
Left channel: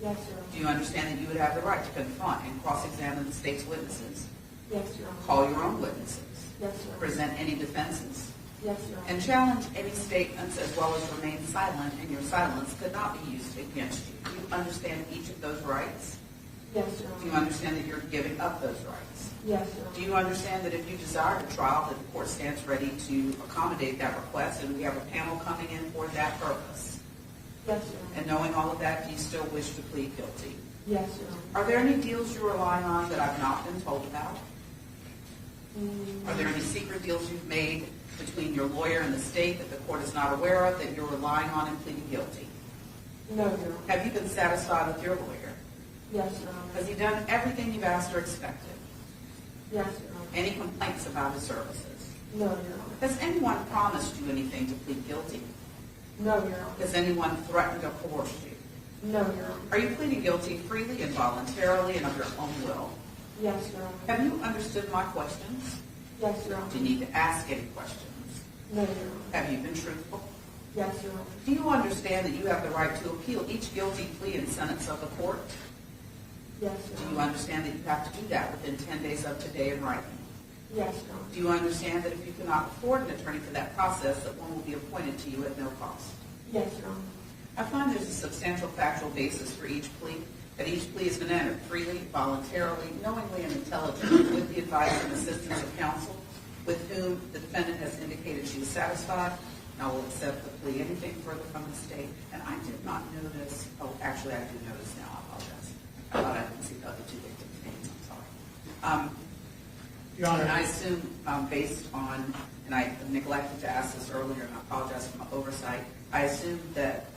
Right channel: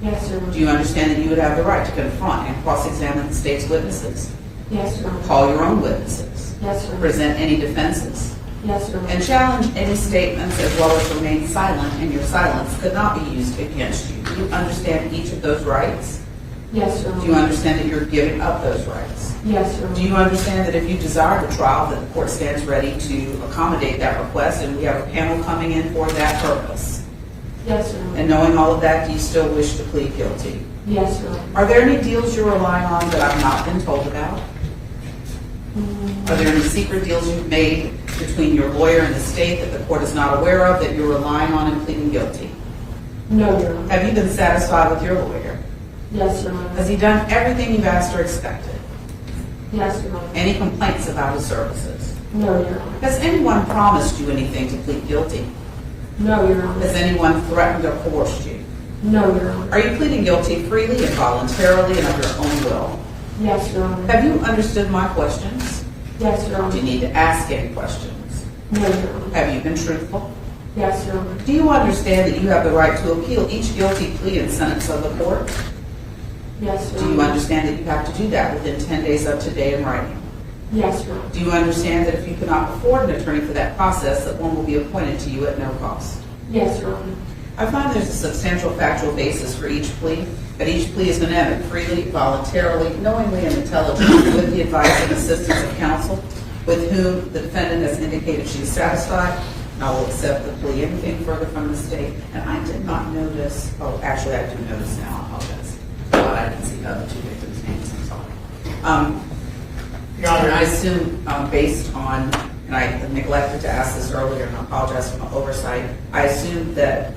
Yes, Your Honor. Do you understand that you would have the right to confront and cross-examine the state's witnesses? Yes, Your Honor. Call your own witnesses? Yes, Your Honor. Present any defenses? Yes, Your Honor. And challenge any statements as well as remain silent, and your silence could not be used against you. Do you understand each of those rights? Yes, Your Honor. Do you understand that you're giving up those rights? Yes, Your Honor. Do you understand that if you desire a trial, that the court stands ready to accommodate that request, and we have a panel coming in for that purpose? Yes, Your Honor. And knowing all of that, do you still wish to plead guilty? Yes, Your Honor. Are there any deals you're relying on that I've not been told about? Are there any secret deals you've made between your lawyer and the state that the court is not aware of that you're relying on in pleading guilty? No, Your Honor. Have you been satisfied with your lawyer? Yes, Your Honor. Has he done everything you've asked or expected? Yes, Your Honor. Any complaints about his services? No, Your Honor. Has anyone promised you anything to plead guilty? No, Your Honor. Has anyone threatened or coerced you? No, Your Honor. Are you pleading guilty freely and voluntarily and of your own will? Yes, Your Honor. Have you understood my questions? Yes, Your Do you Honor. need to ask any questions? No, Your Honor. Have you been truthful? Yes, Your Honor. Do you understand that you have the right to appeal each guilty plea and sentence of the court? Yes, Your Do Honor. you understand that you have to do that within 10 days of today in writing? Yes, Your Honor. Do you understand that if you cannot afford an attorney for that process, that one will be appointed to you at no cost? Yes, Your Honor. I find there's a substantial factual basis for each plea, that each plea is going to have it freely, voluntarily, knowingly, and intelligently with the advice and assistance of counsel with whom the defendant has indicated she is satisfied. And I will accept the plea. Anything further from the state? And I did not notice, oh, actually I do notice now, I apologize. But I didn't see the other 2 victims' names, I'm sorry. Your Honor. And I assume, based on and I neglected to ask this earlier, and I apologize for my oversight. I assume that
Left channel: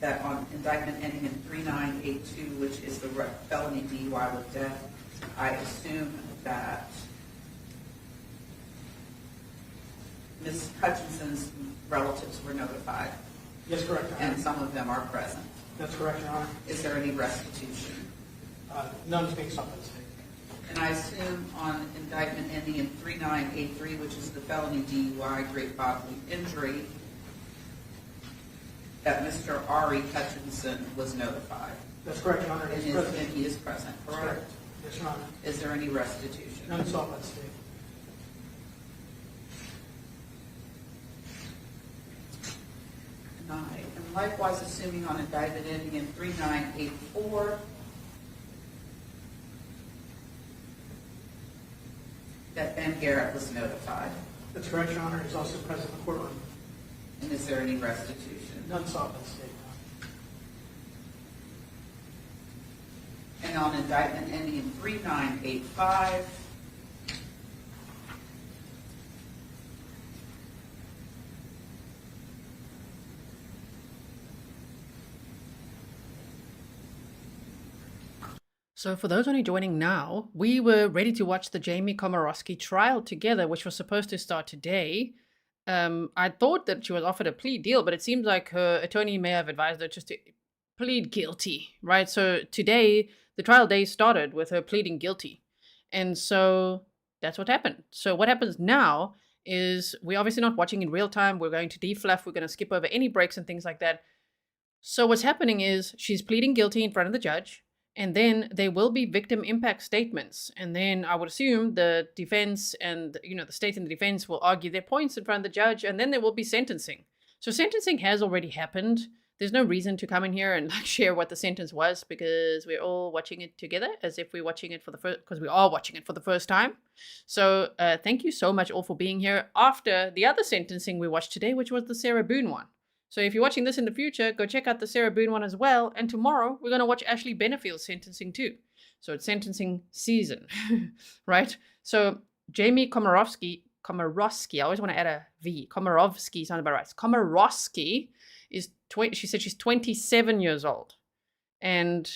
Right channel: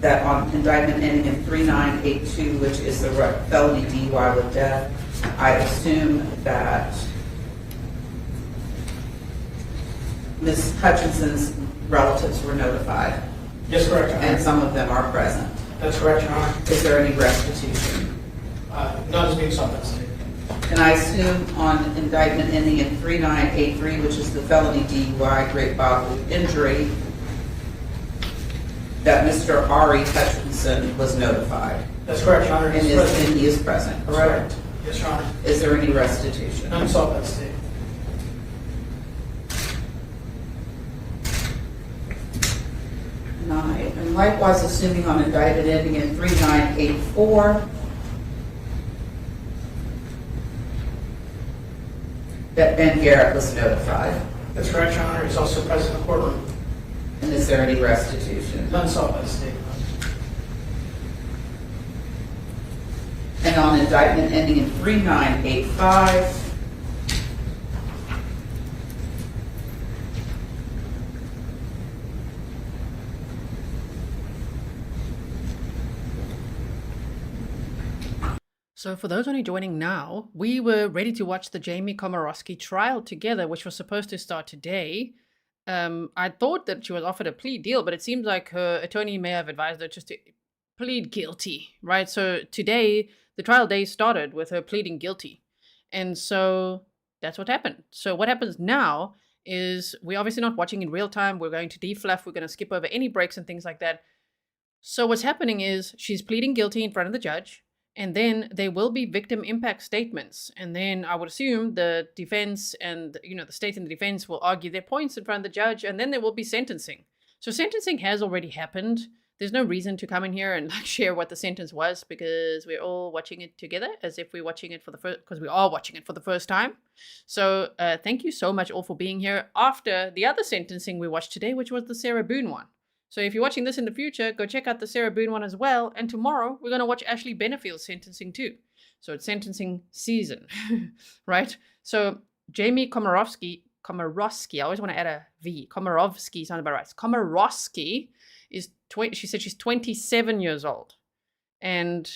that on indictment ending in 3982, which is the felony DUI with death, I assume that Ms. Hutchinson's relatives were notified, Yes, correct, Your Honor. and some of them are present. That's correct, Your Honor. Is there any restitution? None is being sought by the state. And I assume on indictment ending in 3983, which is the felony DUI, great bodily injury, that Mr. Aric Hutchinson was notified, That's correct, Your Honor. and He's present. he is present, That's correct? correct. Yes, Your Honor. Is there any restitution? None sought by the state. Nine. And likewise, assuming on indictment ending in 3984, that Ben Garret was notified. That's correct, Your Honor. He's also present in the courtroom. And is there any restitution? None sought by the state. And on indictment ending in 3985, So for those only joining now, we were ready to watch the Jamie Komoroski trial together, which was supposed to start today. I thought that she was offered a plea deal, but it seems like her attorney may have advised her just to plead guilty, right? So today, the trial day started with her pleading guilty. And so that's what happened. So what happens now is we're obviously not watching in real time. We're going to defluff. We're going to skip over any breaks and things like that. So what's happening is she's pleading guilty in front of the judge. And then there will be victim impact statements. And then I would assume the defense and, the state and the defense will argue their points in front of the judge. And then there will be sentencing. So sentencing has already happened. There's no reason to come in here and share what the sentence was, because we're all watching it together as if we're watching it for the first, because we are watching it for the first time. So thank you so much all for being here after the other sentencing we watched today, which was the Sarah Boone one. So if you're watching this in the future, go check out the Sarah Boone one as well. And tomorrow we're going to watch Ashley Benefield's sentencing too. So it's sentencing season, right? So Jamie Komoroski, I always want to add a V. Komoroski sounds about right. Komoroski is, she said she's 27 years old. And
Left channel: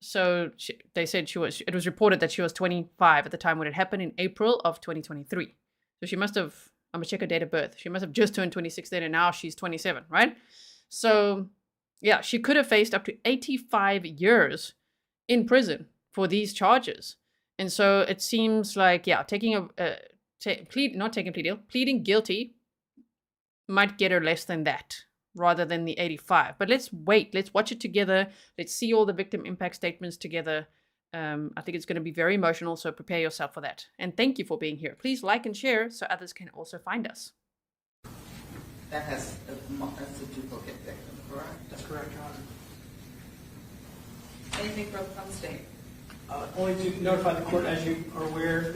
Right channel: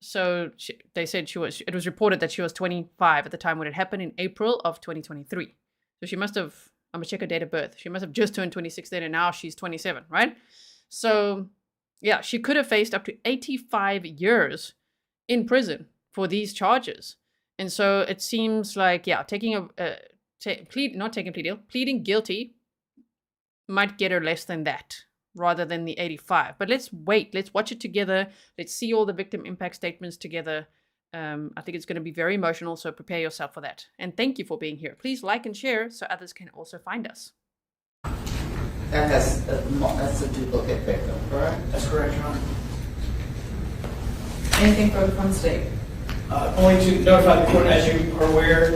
so they said it was reported that she was 25 at the time when it happened in April of 2023. So she must have, I'm going to check her date of birth. She must have just turned 26 then, and now she's 27, right? So, yeah, she could have faced up to 85 years in prison for these charges. And so it seems like, yeah, pleading guilty might get her less than that rather than the 85. But let's wait. Let's watch it together. Let's see all the victim impact statements together. I think it's going to be very emotional, so prepare yourself for that. And thank you for being here. Please like and share so others can also find us. that's a duplicate victim, correct? That's correct, Your Honor. Anything further from the state? Only to notify the court, as you are aware,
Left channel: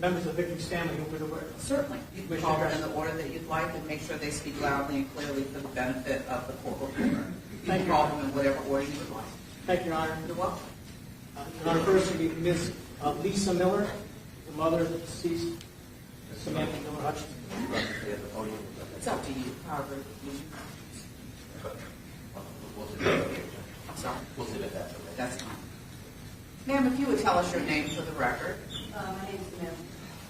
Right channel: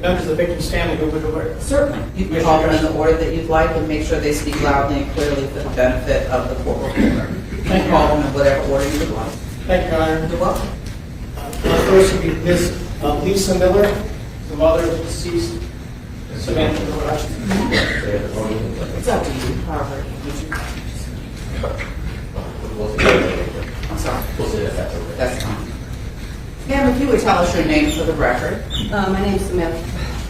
members of the victim's family who would aware. Certainly. You can call them in the order that you'd like and make sure they speak loudly and clearly for the benefit of the court reporter. You can call them in whatever order you would like. Thank you, Your Honor. You're welcome. First would be Ms. Lisa Miller, the mother of the deceased Samantha Miller. It's up to you, however. I'm sorry. We'll see if that's okay. That's fine. Ma'am, if you would tell us your name for the record. My name's Samantha.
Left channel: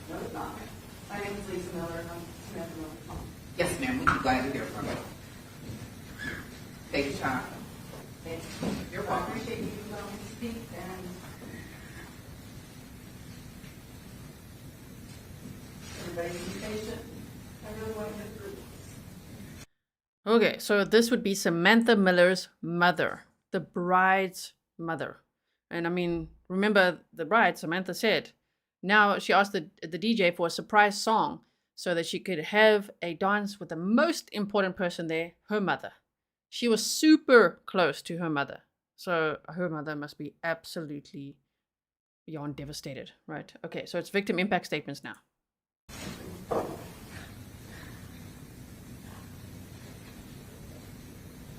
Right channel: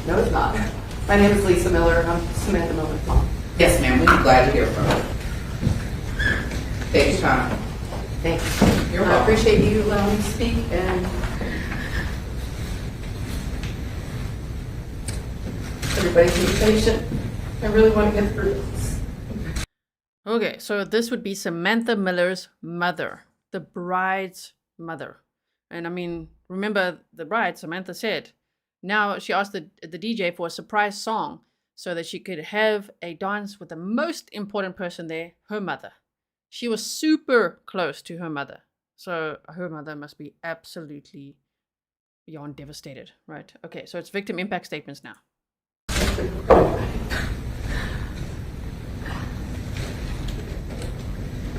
No, it's not. My name is Lisa Miller. I'm Samantha Miller's mom. Yes, ma'am, we'd be glad to hear from you. Take your time. Thank you. You're I welcome. appreciate you allowing me to speak, and everybody be patient. I really want to get through this. Okay, so this would be Samantha Miller's mother, the bride's mother. And I mean, remember the bride, Samantha said, now she asked the DJ for a surprise song so that she could have a dance with the most important person there, her mother. She was super close to her mother. So her mother must be absolutely beyond devastated, right? Okay, so it's victim impact statements now.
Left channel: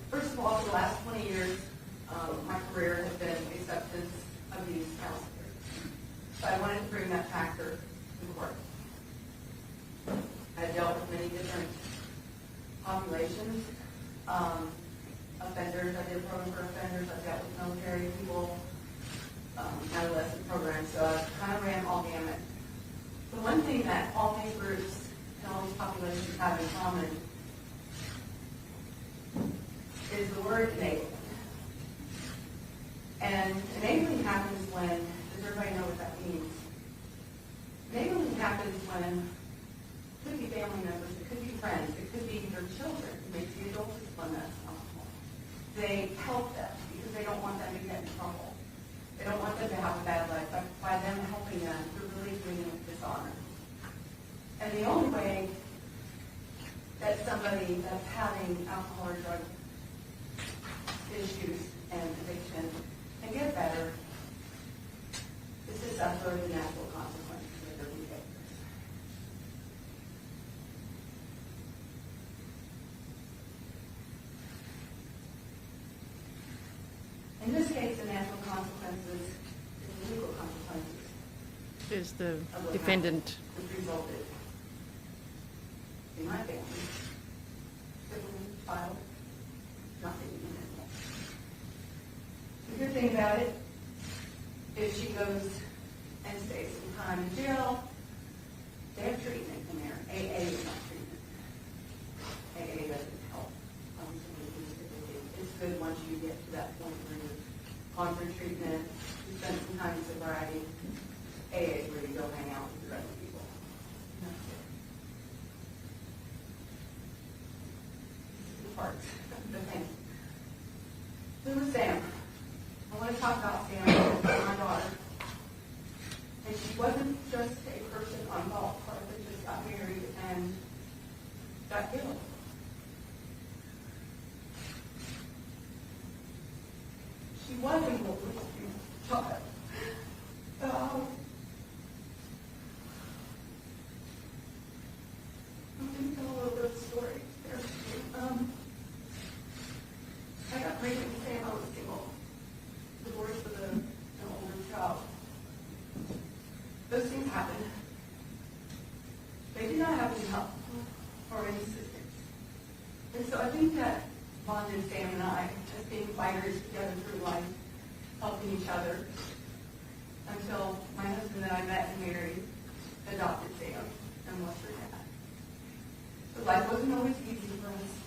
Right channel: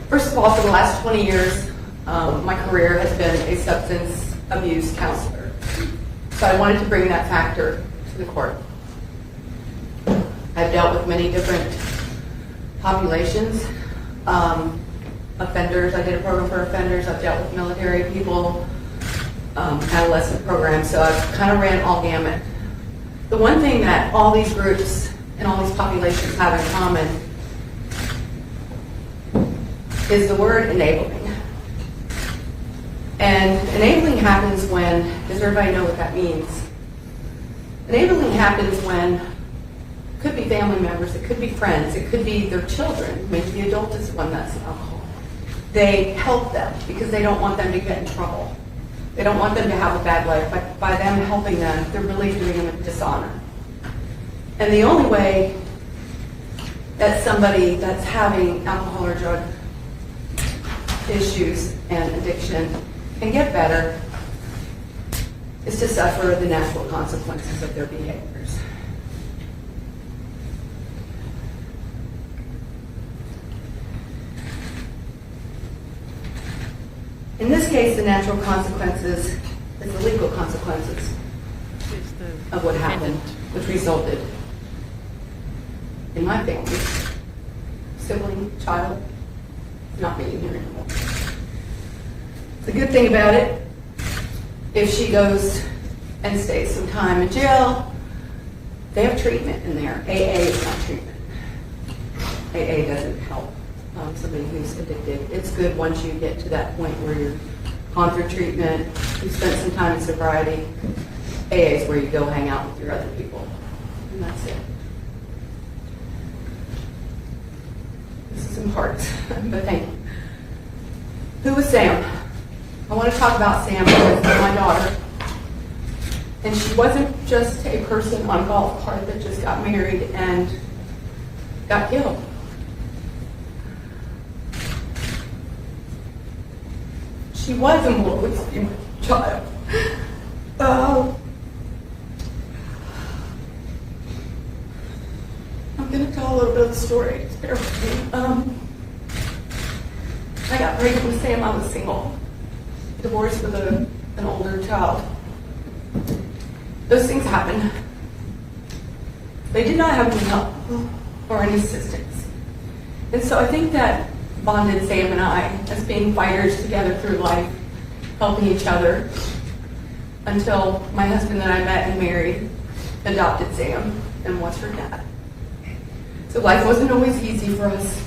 First of all, for the last 20 years, my career has been a substance abuse counselor. So I wanted to bring that factor to the court. I've dealt with many different populations, offenders. I did a program for offenders. I've dealt with military people, adolescent programs, so I've kind of ran all gamut. The one thing that all these groups and all these populations have in common is the word enabling. And enabling happens when, does everybody know what that means? Enabling happens when, it could be family members, it could be friends, it could be their children, maybe the adult is the one that's alcohol. They help them because they don't want them to get in trouble. They don't want them to have a bad life. But by them helping them, they're really doing them a dishonor. And the only way that somebody that's having alcohol or drug issues and addiction can get better is to suffer the natural consequences of their behaviors. In this case, the natural consequences is the legal consequences Is the of what happened, defendant. which resulted in my family, sibling, child, not being here anymore. The good thing about it, if she goes and stays some time in jail, they have treatment in there. AA is not treatment. AA doesn't help somebody who's addicted. It's good once you get to that point where you're gone through treatment, you spent some time in sobriety. AA is where you go hang out with your other people, and that's it. This is some parts, but thank you. Who was Sam? I want to talk about Sam because it's my daughter. And she wasn't just a person on a golf cart that just got married and got killed. She was a Morgan child. I'm going to tell a little bit of the story. Just bear with me. I got pregnant with Sam. I was single, divorced with an older child. Those things happen. They did not have any help or any assistance. And so I think that bonded Sam and I as being fighters together through life, helping each other, until my husband that I met and married adopted Sam and was her dad. So life wasn't always easy for us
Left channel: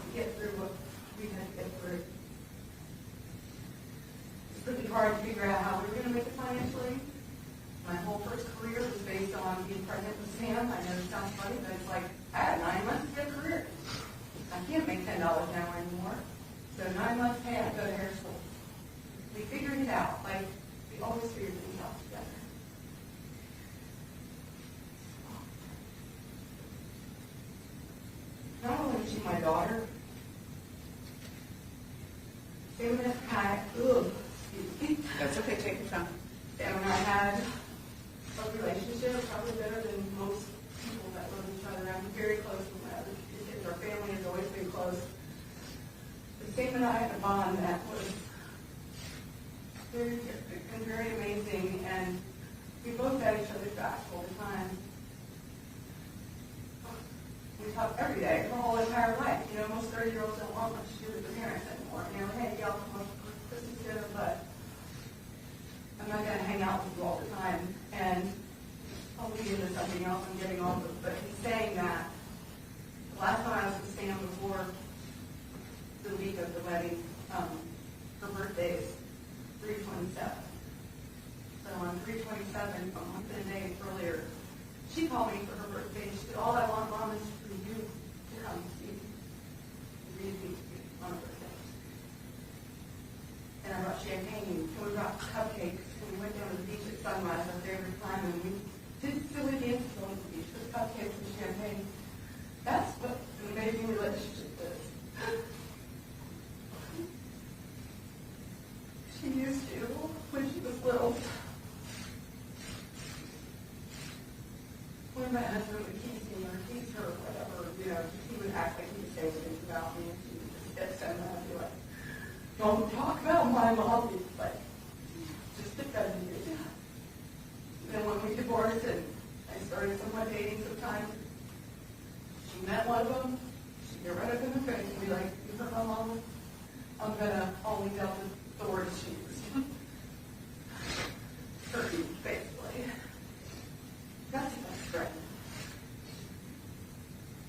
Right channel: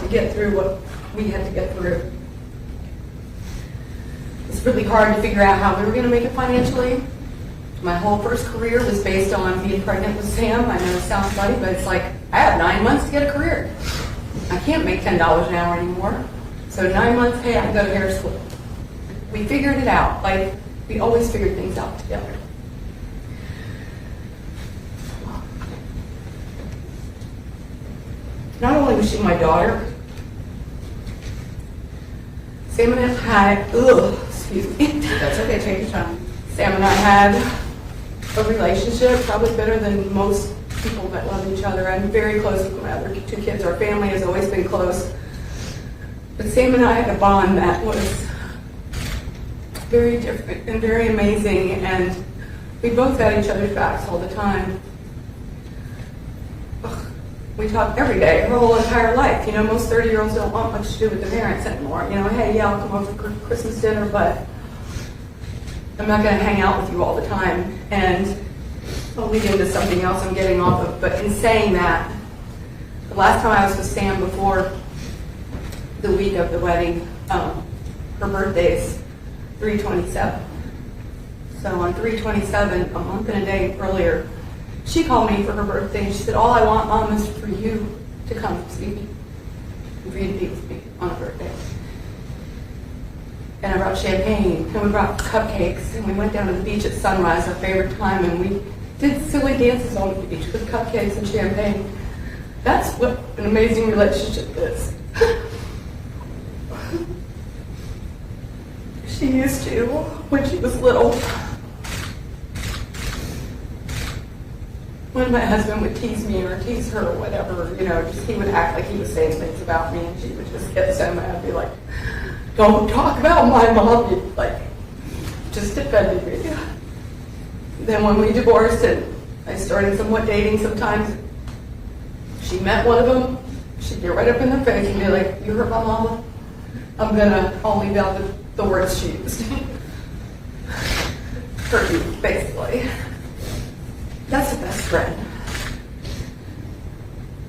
to get through what we had to get through. It's really hard to figure out how we were going to make it financially. My whole first career was based on being pregnant with Sam. I know it sounds funny, but it's like, I have 9 months to get a career. I can't make $10 an hour anymore. So 9 months, hey, I can go to hair school. We figured it out. Like, we always figured things out together. Not only was she my daughter, Sam and I had, excuse me. That's okay, take your time. Sam and I had a relationship, probably better than most people that love each other. I'm very close with my other 2 kids. Our family has always been close. But Sam and I had a bond that was very different and very amazing, and we both had each other's backs all the time. We talk every day, our whole entire life. You know, most 30-year-olds don't want much to do with their parents anymore. You know, hey, yeah, I'll come over for Christmas dinner, but I'm not going to hang out with you all the time. And I'll lead into something else I'm getting off of. But in saying that, the last time I was with Sam before the week of the wedding, her birthday's 3/27. So on 3/27, a month and a day earlier, she called me for her birthday and she said, all I want, Mom, is for you to come see me and for you to be with me on a birthday. And I brought champagne and we brought cupcakes and we went down to the beach at sunrise, our favorite time, and we did silly dances on the beach with cupcakes and champagne. That's what an amazing relationship is. She used to, when she was little, when my husband would tease me or tease her or whatever, you know, just he would act like he was saying things about me, and she would just get so mad. I'd be like, don't talk about my mom, like, just defending me. Then when we divorced and I started somewhat dating sometimes, she met one of them, she'd get right up in their face and be like, you hurt my mama? I'll leave out the words she used. Hurt you, basically. That's a best friend.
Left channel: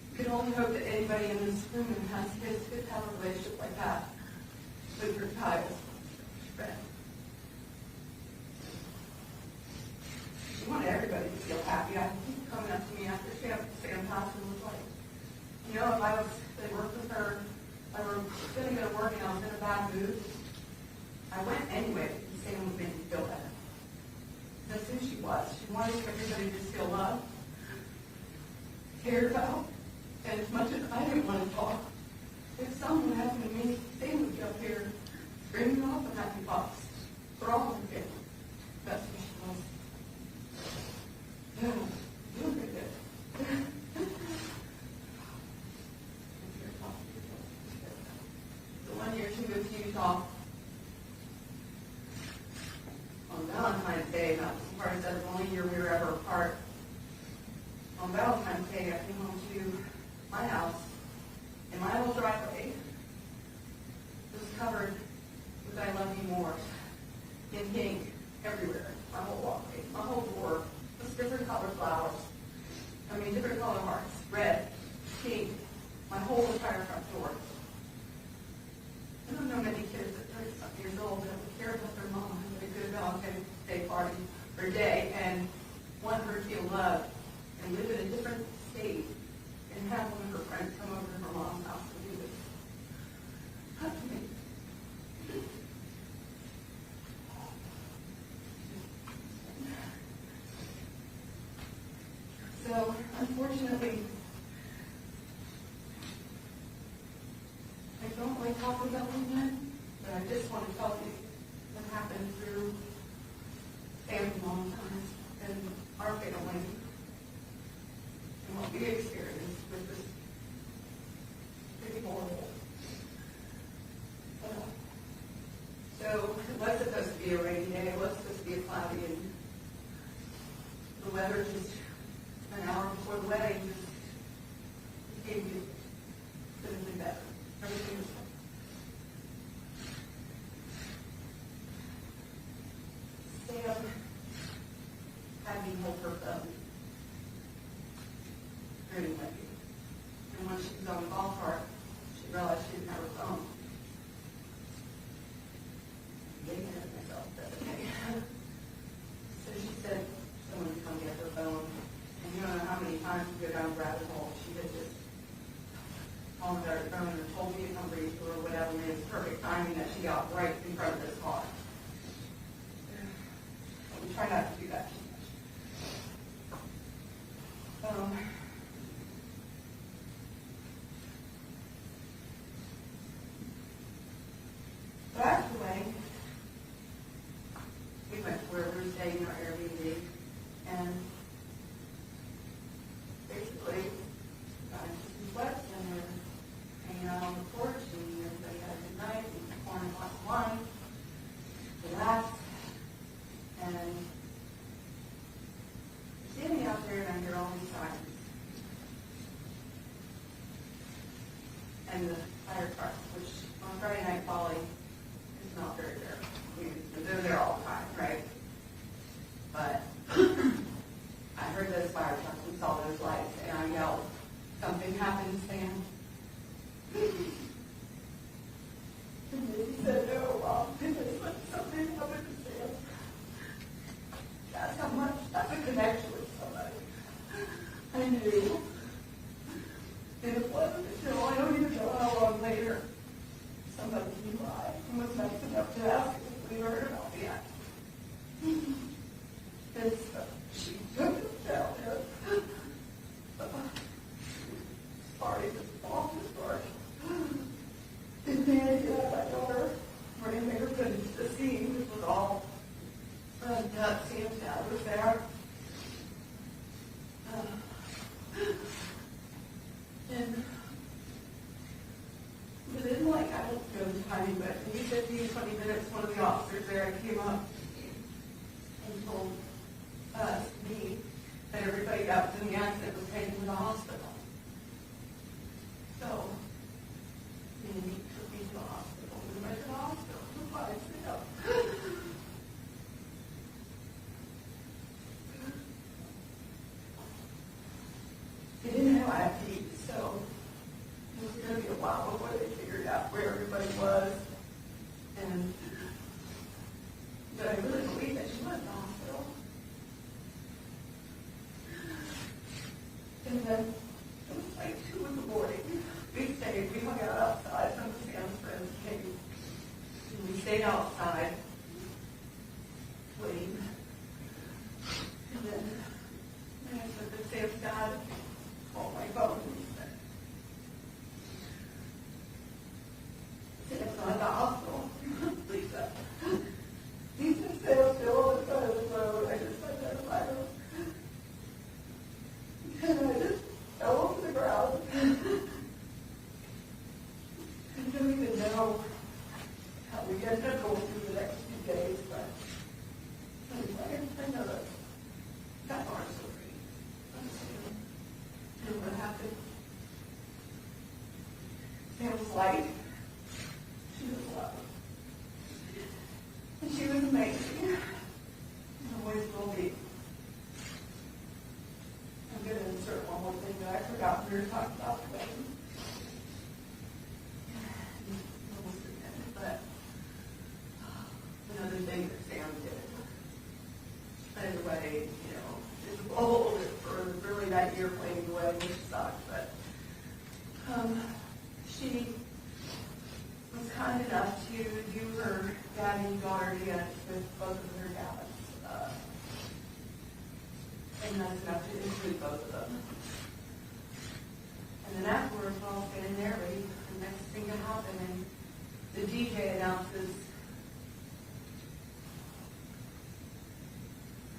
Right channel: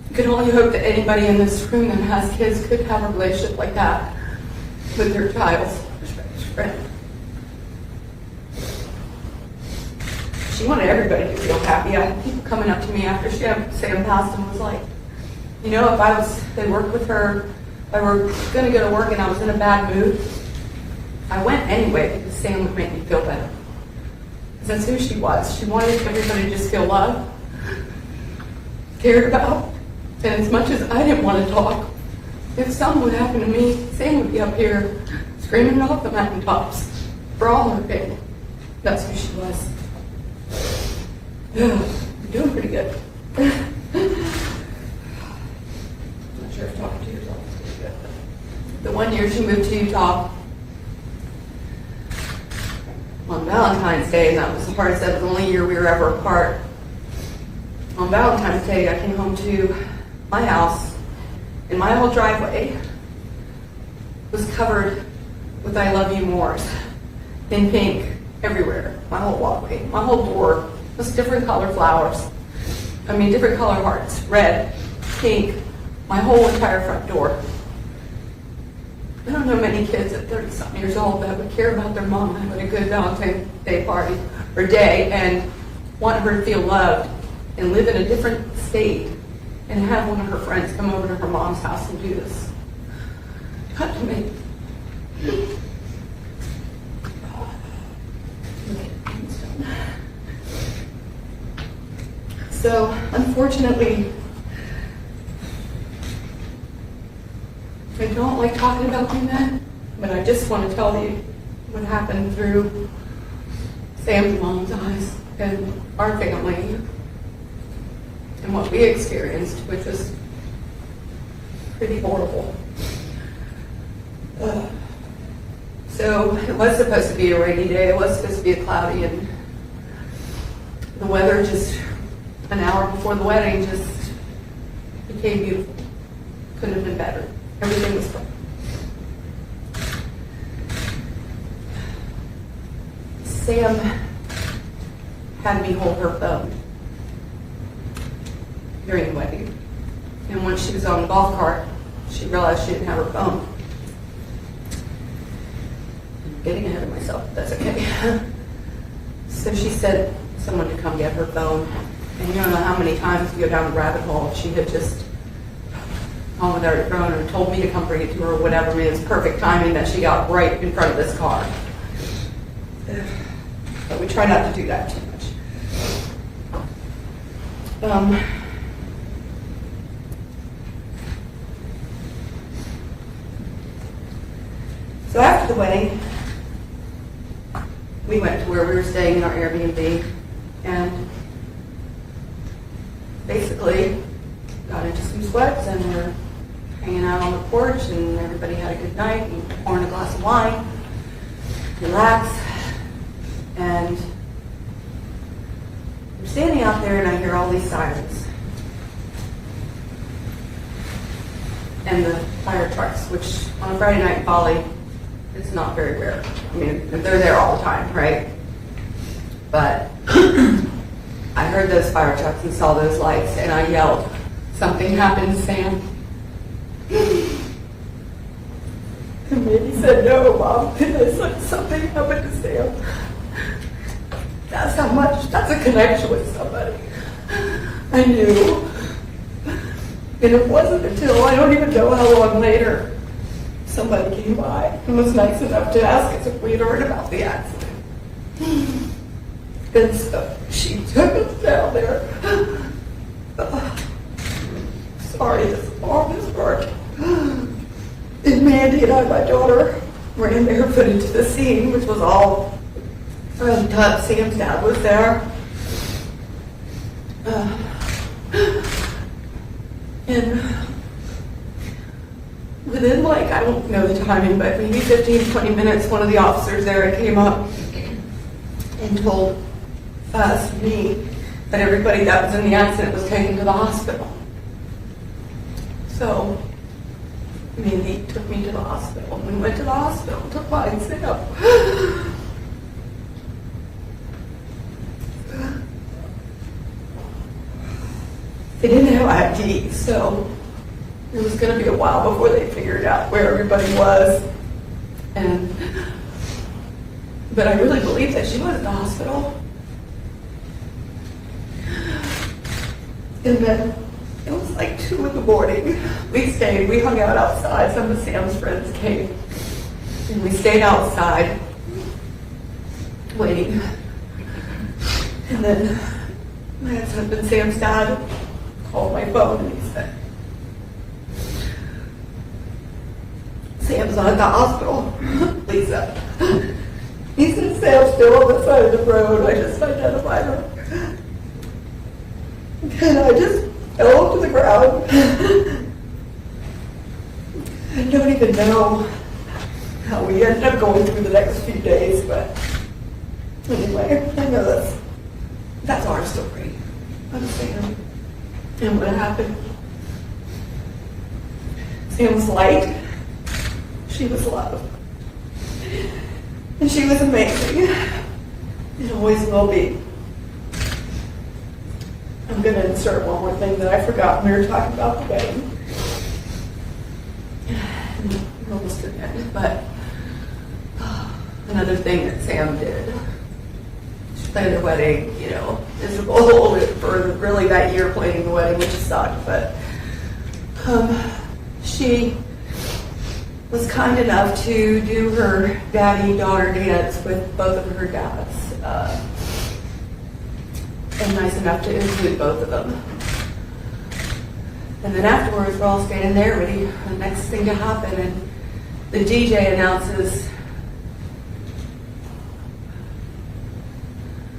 You can only hope that anybody in this room that has kids could have a relationship like that with their child's best friend. She wanted everybody to feel happy. I had people coming up to me after Sam passed and was like, you know, they worked with her, if I were going to go to work and I was in a bad mood, I went anyway because Sam would make me feel better. Because that's who she was. She wanted everybody to just feel loved, cared about. And as much as I didn't want to talk, if something would happen to me, Sam would be up here screaming it off the mountaintops for all her family. That's who she was. Yeah, I'm doing pretty good. I'm not sure if talking to yourself is pretty good. The 1 year she moved to Utah on Valentine's Day, and that was the hardest. That was the only year we were ever apart. On Valentine's Day, I came home to my house, and my whole driveway was covered with I love you mores in pink everywhere. My whole walkway, my whole door was different color flowers. I mean, different color hearts, red, pink, my whole entire front door. I don't know many kids at 30-something years old that would care about their mom having a good Valentine's Day party or day and want her to feel loved and live in a different state and have one of her friends come over to her mom's house and do this. Not to me. So, unfortunately, I don't like talking about the event, but I just want to tell you what happened through Sam's mom's eyes and our family and what we experienced, which was pretty horrible. So it was supposed to be a rainy day. It was supposed to be a cloudy, and the weather just an hour before the wedding just became beautiful. Couldn't have been better. Everything was fun. Sam had me hold her phone during the wedding. And once she was on the golf cart, she realized she didn't have her phone. I'm getting ahead of myself, but that's okay. So she said someone to come get her phone. And you don't know how many times you go down the rabbit hole. She had just gone without her phone or told me to come bring it to her or whatever. I mean, it's perfect timing that she got right in front of this car. But we try not to do that too much. So after the wedding, we went to where we were staying in our Airbnb and basically got into some sweats and were hanging out on the porch and everybody had a good night and pouring a glass of wine, relaxed, and I'm standing out there and I hear all these sirens. And the fire trucks, which on a Friday night in Folly, it's not very rare. I mean, they're there all the time, right? But I heard those fire trucks and saw those lights and I yelled, "Something happened to Sam." And maybe said, "No, Mom." And I said, "Something happened to Sam." That's how much, that's a connection with somebody. I knew. And it wasn't until, I don't even know how long later, somebody came by and was nice enough to ask us if we had heard about the accident. And so she took us down there. Sorry, this arm is hurt. And Mandy and I, my daughter, ran barefoot into the scene, which was all tough. Sam's dad was there. And within, like, I don't know the timing, but maybe 15, 20 minutes, one of the officers there came up and told us, me, that everybody that was in the accident was taken to the hospital. So, I mean, he took me to the hospital. We went to the hospital to find Sam. They didn't have ID, so it was going to be a while before they figured out where everybody was. But I really believe that she was at the hospital. And then it was like 2 in the morning. We hung out outside. Some of Sam's friends came. And we stayed outside waiting. And then my ex-husband, Sam's dad, called my phone and he said, Sam's not at the hospital, Lisa. He said, Sam's still on the side of the road. I just identified her. And I just fell to the ground. I don't even know how we ended up going through the next few days, but anyway, I know that's our story. I'm Sam. And what happened? Sam was light. She was love. And she was amazing. And always will be. I'm going to insert one more thing that I forgot when we were talking about the wedding. We're almost at the end, but another thing that Sam did. She planned the wedding, miserable for really that year planning the wedding, which sucked, but she was kind enough to do her daddy-daughter dance with both of her dads. And nice enough to include both of them. And then afterwards, we're all standing there ready for the next thing to happen, and the DJ announces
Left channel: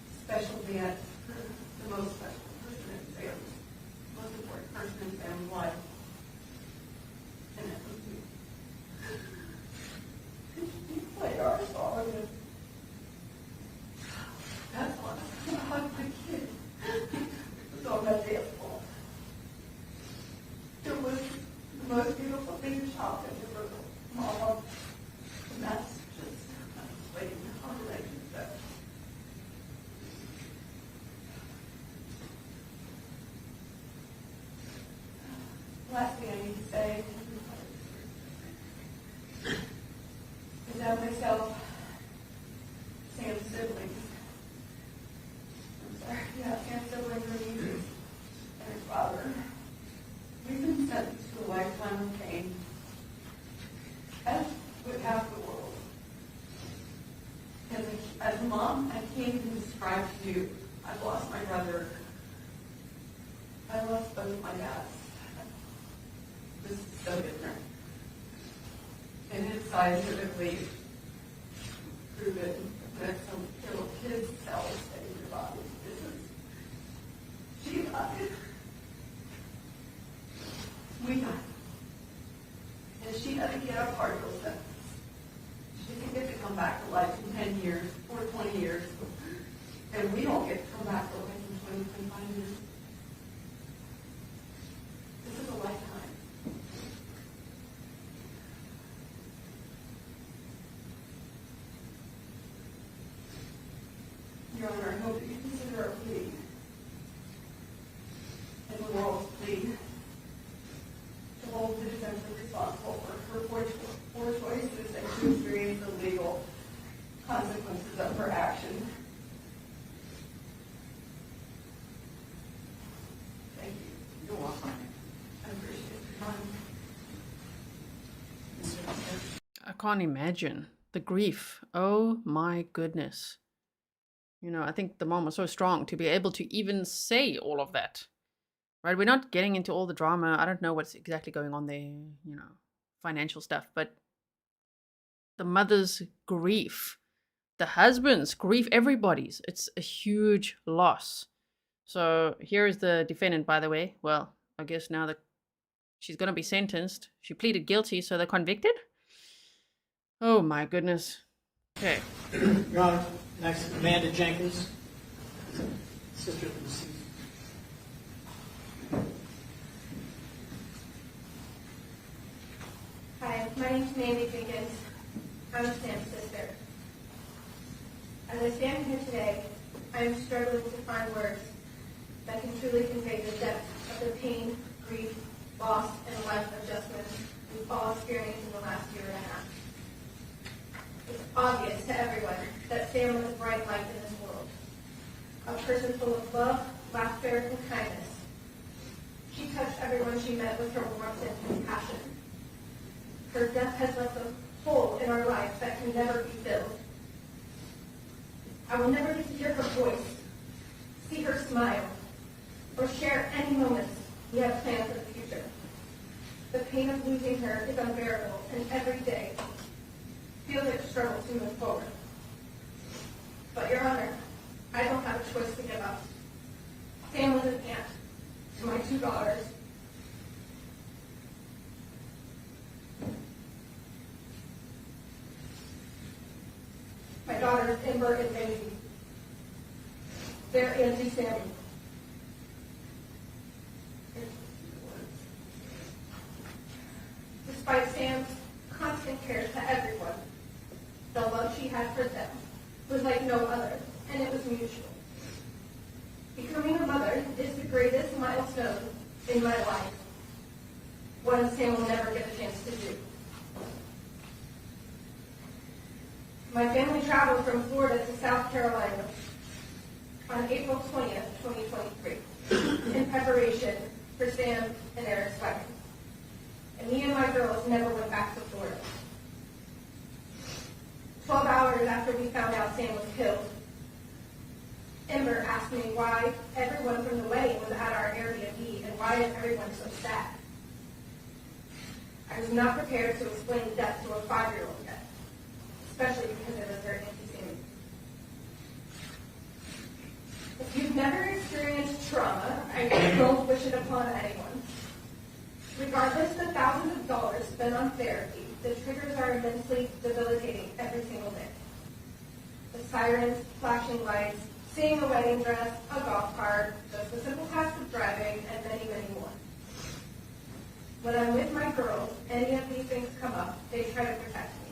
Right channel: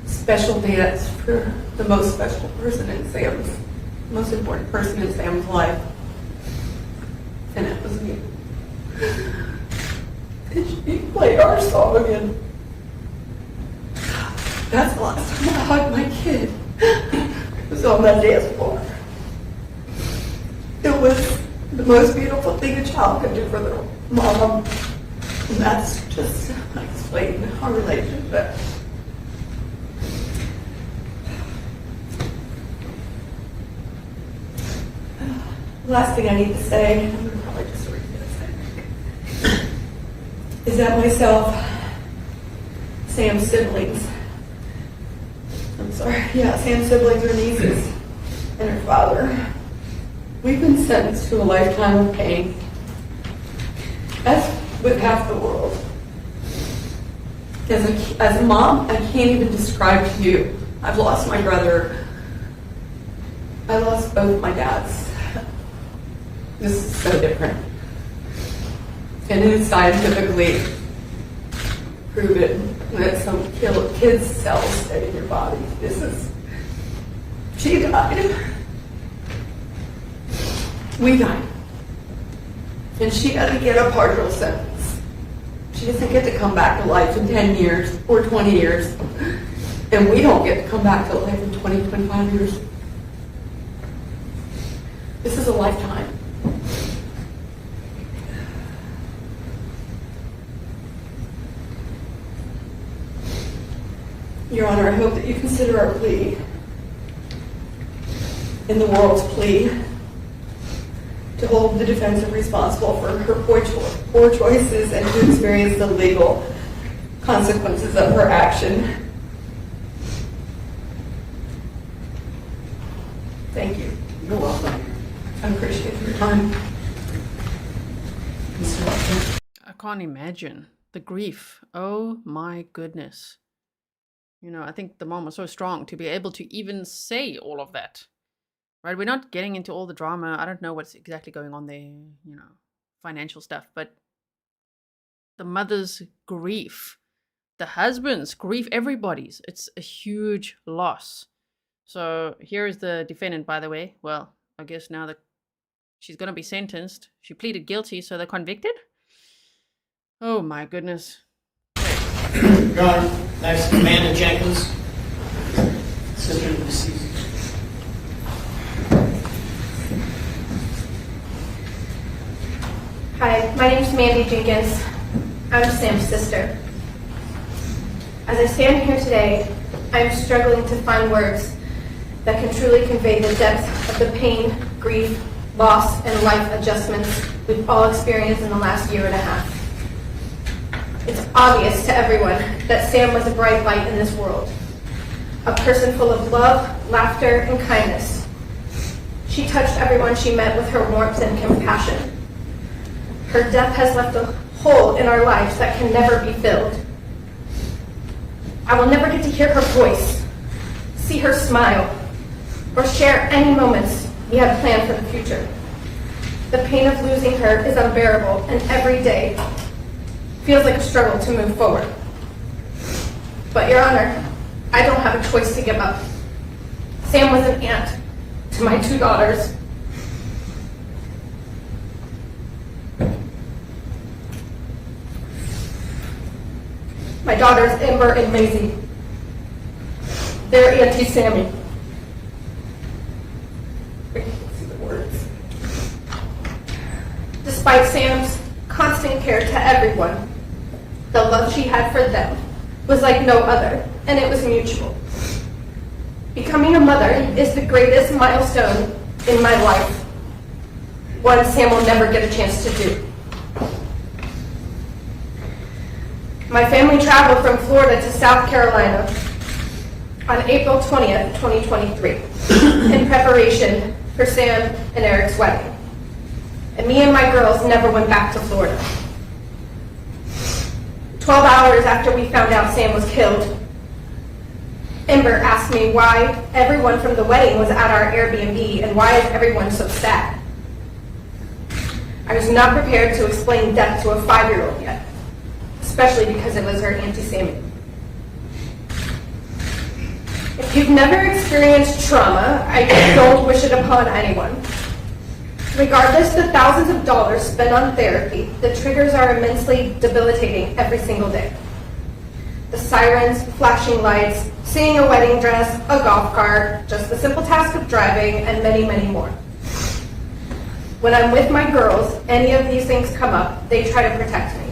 special dance for the most special person in Sam's, most important person in Sam's life. And it was me. And she played our song, and that's the last time I hugged my kid. It was on that dance floor. It was the most beautiful thing a child could do for their mom. And that's just explaining our relationship. The last thing I need to say, I'm going to probably just read this, is that myself, Sam's siblings, Sam's siblings are nieces, and her father, we've been sentenced to a lifetime of pain. As with half the world. As a mom, I can't even describe to you. I've lost my brother. I lost both my dads. This is so different. And it is scientifically proven that some kids' cells stay in your body. She died. We died. And she doesn't get a partial sentence. She doesn't get to come back to life in 10 years or 20 years. And we don't get to come back to life in 20, 25 years. This is a lifetime. Your Honor, I hope that you consider our plea in the world's plea to hold the defense responsible for her poor choices and to experience the legal consequences of her action. Thank you. You're welcome. I appreciate your time. I can't imagine the grief. Oh my goodness. I think the mom was so strong to be able to even say all of that. Right? We're not getting into all the drama. I don't know what's exactly going on there, financial stuff, but the mother's grief, the husband's grief, everybody's. It's a huge loss. So here is the defendant, by the way. Well, I guess now that she's going to be sentenced. She pleaded guilty, so they're convicted? Oh my goodness. Okay. Your Honor, next, Amanda Jenkins, sister of the deceased. Hi, my name's Mandy Jenkins. I'm Sam's sister. As I stand here today, I'm struggling to find words that can truly convey the depth of the pain, grief, loss, and life adjustments we've all experienced in the last year and a half. It's obvious to everyone that Sam was a bright light in this world, a person full of love, laughter, and kindness. She touched everyone she met with her warmth and compassion. Her death has left a hole in our lives that can never be filled. I will never get to hear her voice, see her smile, or share any moments we had planned for the future. The pain of losing her is unbearable, and every day feels like a struggle to move forward. But Your Honor, I don't have a choice to give up. Sam was an aunt to my 2 daughters. My daughters, Amber and Maisie. They're Auntie Sammy. I can't see the words. Despite Sam's constant care to everyone, the love she had for them was like no other, and it was mutual. Becoming a mother is the greatest milestone in my life, one Sam will never get a chance to do. My family traveled from Florida to South Carolina on April 20th, 2023, in preparation for Sam and Aric's wedding. And me and my girls never went back to Florida. 12 hours after we found out Sam was killed, Amber asked me why everyone from the wedding was at our Airbnb and why is everyone so sad. I was not prepared to explain death to a 5-year-old yet, especially because it was her Auntie Sammy. If you've never experienced trauma, I don't wish it upon anyone. Regardless the thousands of dollars spent on therapy, the triggers are immensely debilitating every single day. The sirens, flashing lights, seeing a wedding dress, a golf cart, just the simple task of driving, and many, many more. When I'm with my girls, any of these things come up, they try to protect me.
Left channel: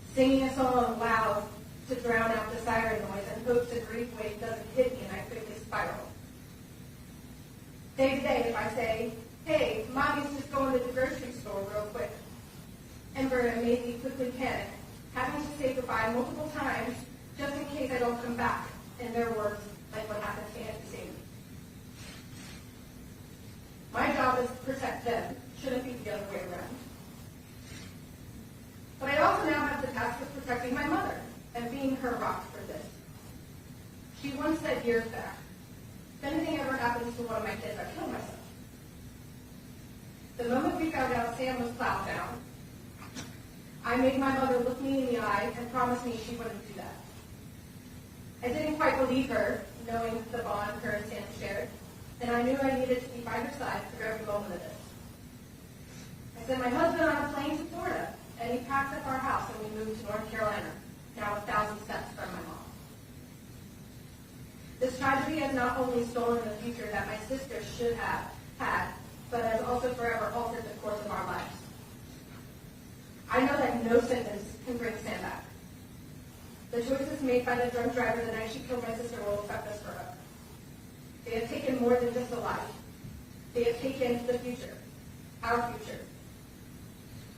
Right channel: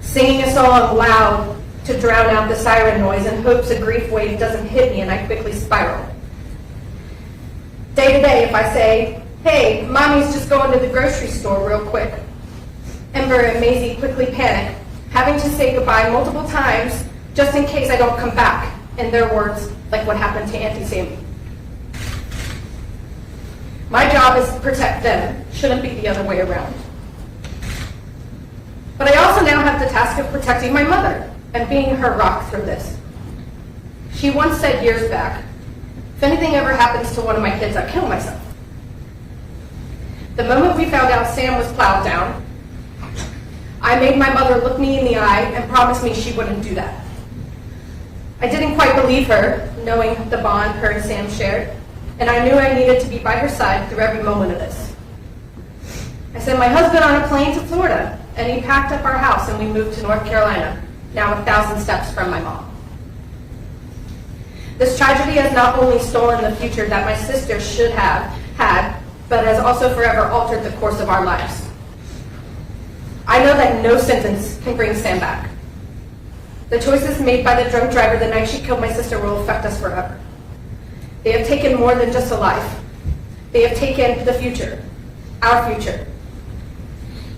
Singing a song loud to drown out the siren noise in hopes a grief wave doesn't hit me and I quickly spiral. Day to day, if I say, "Hey, mommy's just going to the grocery store real quick," Amber and Maisie quickly panic, having to say goodbye multiple times just in case I don't come back, in their words, like what happened to Auntie Sammy. My job is to protect them, shouldn't be the other way around. But I also now have the task of protecting my mother and being her rock through this. She once said years back, "If anything ever happens to one of my kids, I'll kill myself." The moment we found out Sam was plowed down, I made my mother look me in the eye and promise me she wouldn't do that. I didn't quite believe her, knowing the bond her and Sam shared, and I knew I needed to be by her side through every moment of this. I sent my husband on a plane to Florida, and he packed up our house and we moved to North Carolina, now 1,000 steps from my mom. This tragedy has not only stolen the future that my sister should have had, but has also forever altered the course of our lives. I know that no sentence can bring Sam back. The choices made by the drunk driver the night she killed my sister will affect us forever. They have taken more than just a life. They have taken the future, our future.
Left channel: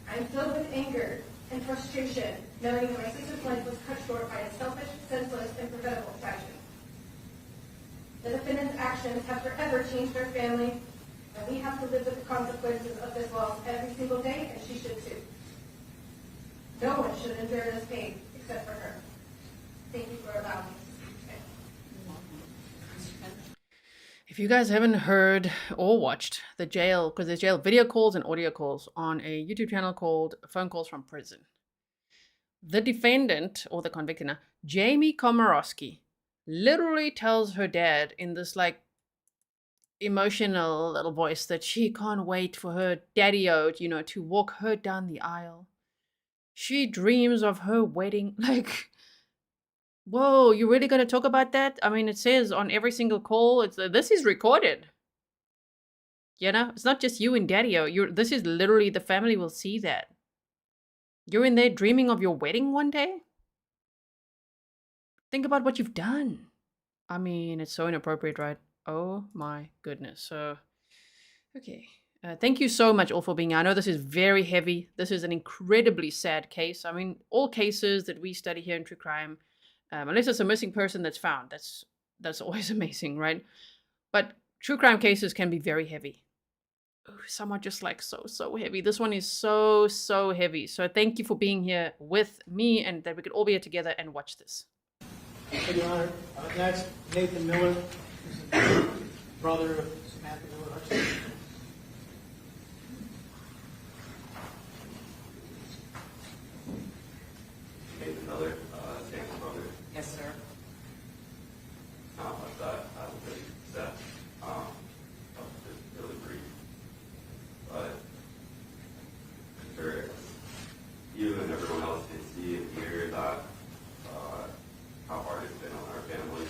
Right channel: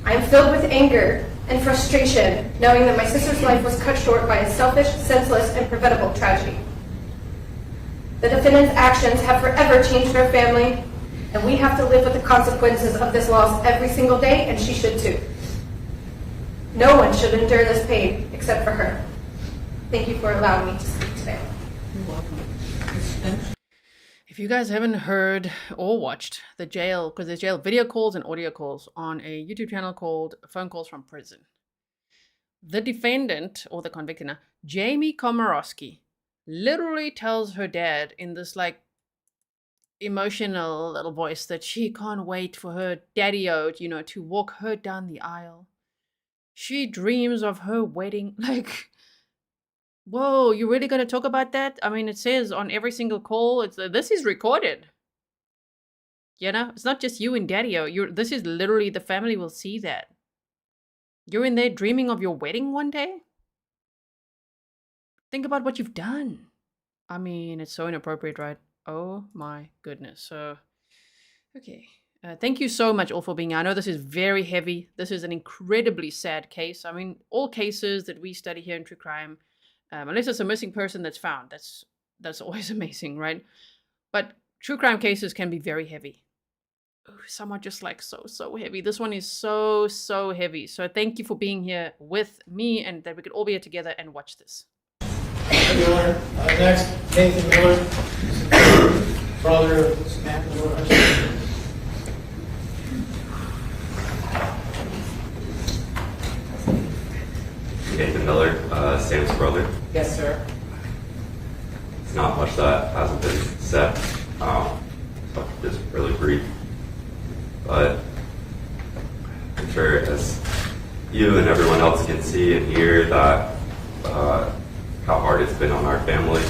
I am filled with anger and frustration knowing that my sister's life was cut short by a selfish, senseless, and preventable tragedy. The defendant's actions have forever changed our family, and we have to live with the consequences of this loss every single day, and she should too. No one should endure this pain except for her. Thank you for allowing me to speak today. You're welcome. If you guys haven't heard or watched the jail, because there's jail video calls and audio calls on a YouTube channel called Phone Calls from Prison. The defendant, or the convicted now, Jamie Komoroski, literally tells her dad in this like emotional little voice that she can't wait for her daddy-o, to walk her down the aisle. She dreams of her wedding. Like, whoa, you really gonna talk about that? I mean, it says on every single call, this is recorded. You know, it's not just you and Daddy-O. This is literally, the family will see that. You're in there dreaming of your wedding one day? Think about what you've done. I mean, it's so inappropriate, right? Oh my goodness. So, okay. Thank you so much all for being here. I know this is very heavy. This is an incredibly sad case. I mean, all cases that we study here in true crime, unless there's a missing person that's found, that's always amazing, right? But true crime cases can be very heavy. Ooh, some are just like so heavy. This one is so heavy. So thank you for being here with me, and that we could all be here together and watch this. Miller. Next, Nathan Miller, brother of Samantha Miller. Nathan Miller, Sam's brother. Yes, sir. It's not much that hasn't been said, so just really brief. But I'm sure as you and everyone else can see and hear that how hard it's been on our family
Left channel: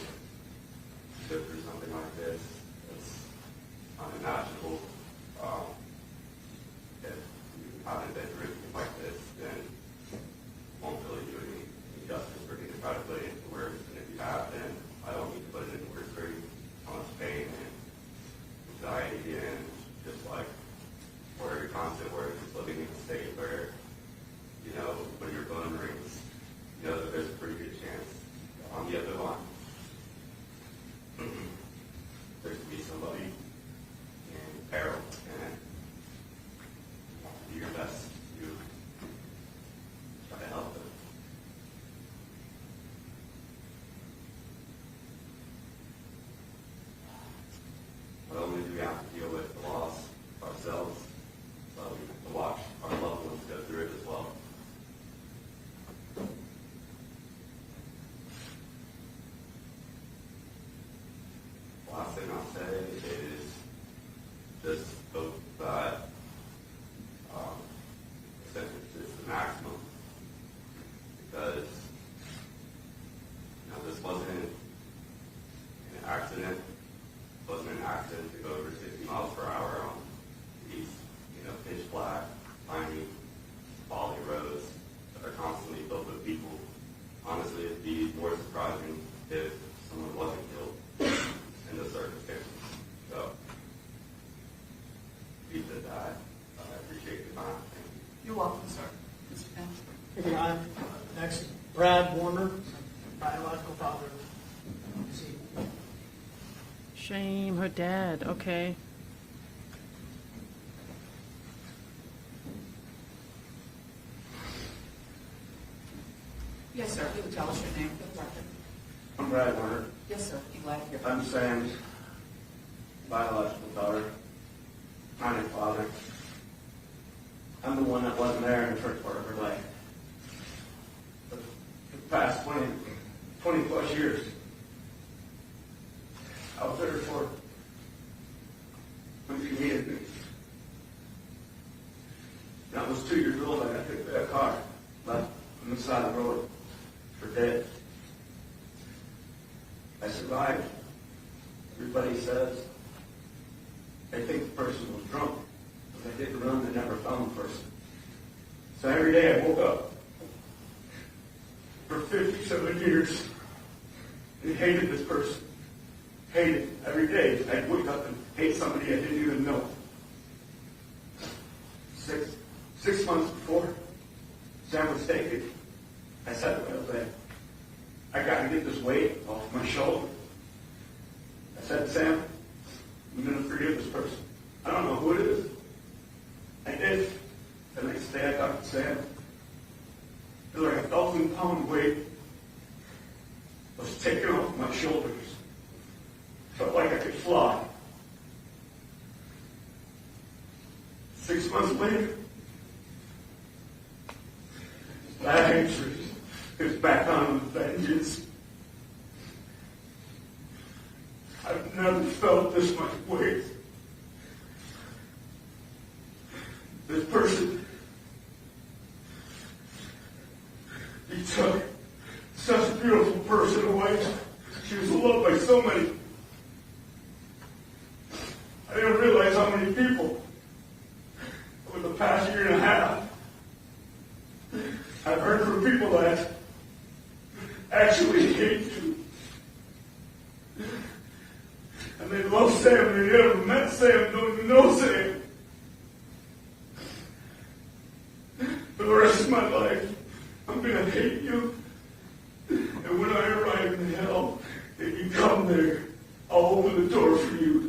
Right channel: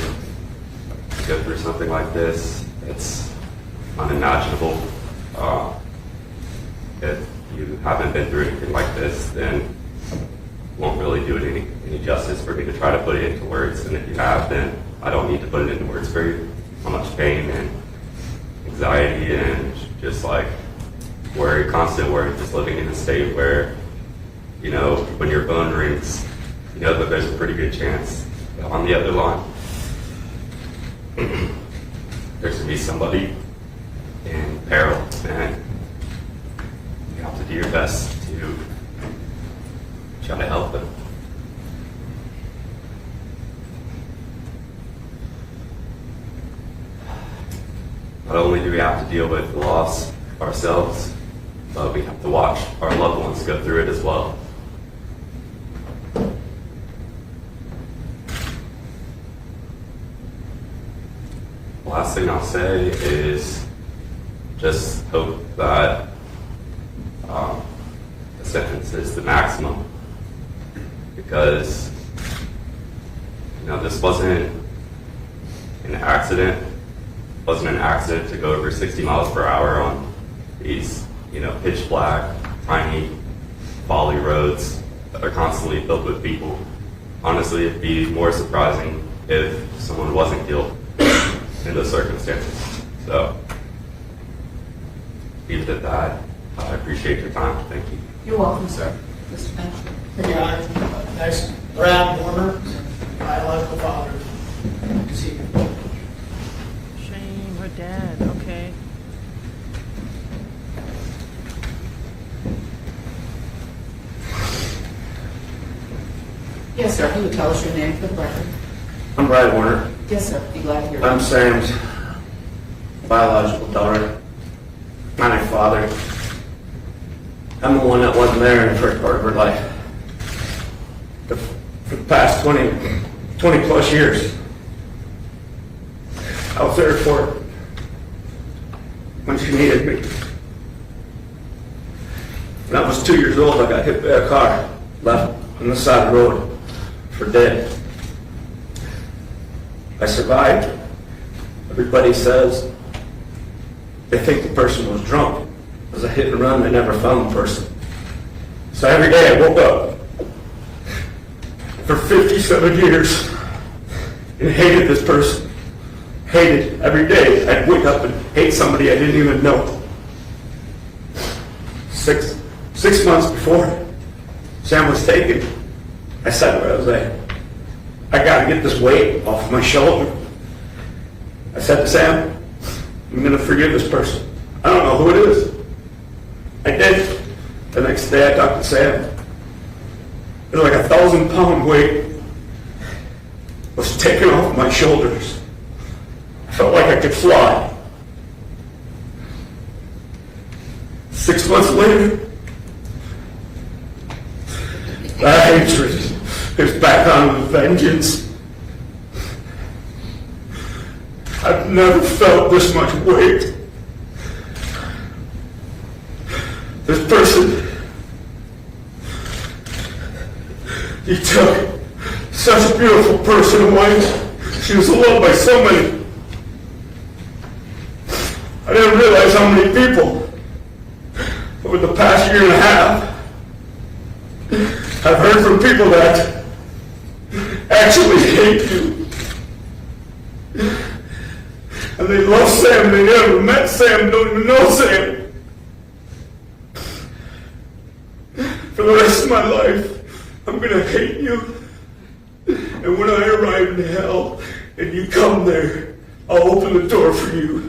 to go through something like this. It's unimaginable. If you haven't been through anything like this, then won't really do it any justice for me to try to put it into words. And if you have, then I don't need to put it into words for you. How much pain and anxiety and just like worry, constant worry, just living in a state where, you know, when your phone rings, you know that there's a pretty good chance that on the other line, there's gonna be somebody in peril, and you have to do your best to try to help them. Not only do we have to deal with the loss ourselves, but we have to watch our loved ones go through it as well. Last thing I'll say is just hope that the sentence is the maximum, because this wasn't an accident. It wasn't an accident to go over 60 miles per hour on these pitch black, tiny, folly roads that are constantly filled with people. Honestly, it'd be more surprising if someone wasn't killed in those circumstances. So, leave it at that. I appreciate your time. Thank you. You're welcome, sir. Mr. Finch. Your Honor. Next, Brad Warner, biological father. See you. Shame, her dad. Okay. Yes, sir. If you would tell us your name for the record. I'm Brad Warner. Yes, sir. Be glad to hear. I'm Sam's biological daughter. I'm my father. I'm the one that wasn't there in the first part of her life. For the past 20 plus years, I was there for her when she needed me. When I was 2 years old, I got hit by a car, left on the side of the road for dead. I survived. Everybody says they think the person was drunk. It was a hit and run. They never found the person. So every day I woke up for 57 years and hated this person. Hated every day. I'd wake up and hate somebody I didn't even know. Six months before Sam was taken, I said to her, I was like, I got to get this weight off of my shoulder. I said to Sam, I'm going to forgive this person. I don't know who it is. I did. The next day I talked to Sam. It was like 1,000-pound weight was taken off my shoulders. I felt like I could fly. 6 months later, that hatred is back on with vengeance. I've never felt this much weight. This person, he took such a beautiful person away. She was loved by so many. I didn't realize how many people over the past year and a half I've heard from people that actually hate you. And they love Sam, they never met Sam, don't even know Sam. For the rest of my life, I'm gonna hate you. And when I arrive in hell and you come there, I'll open the door for you.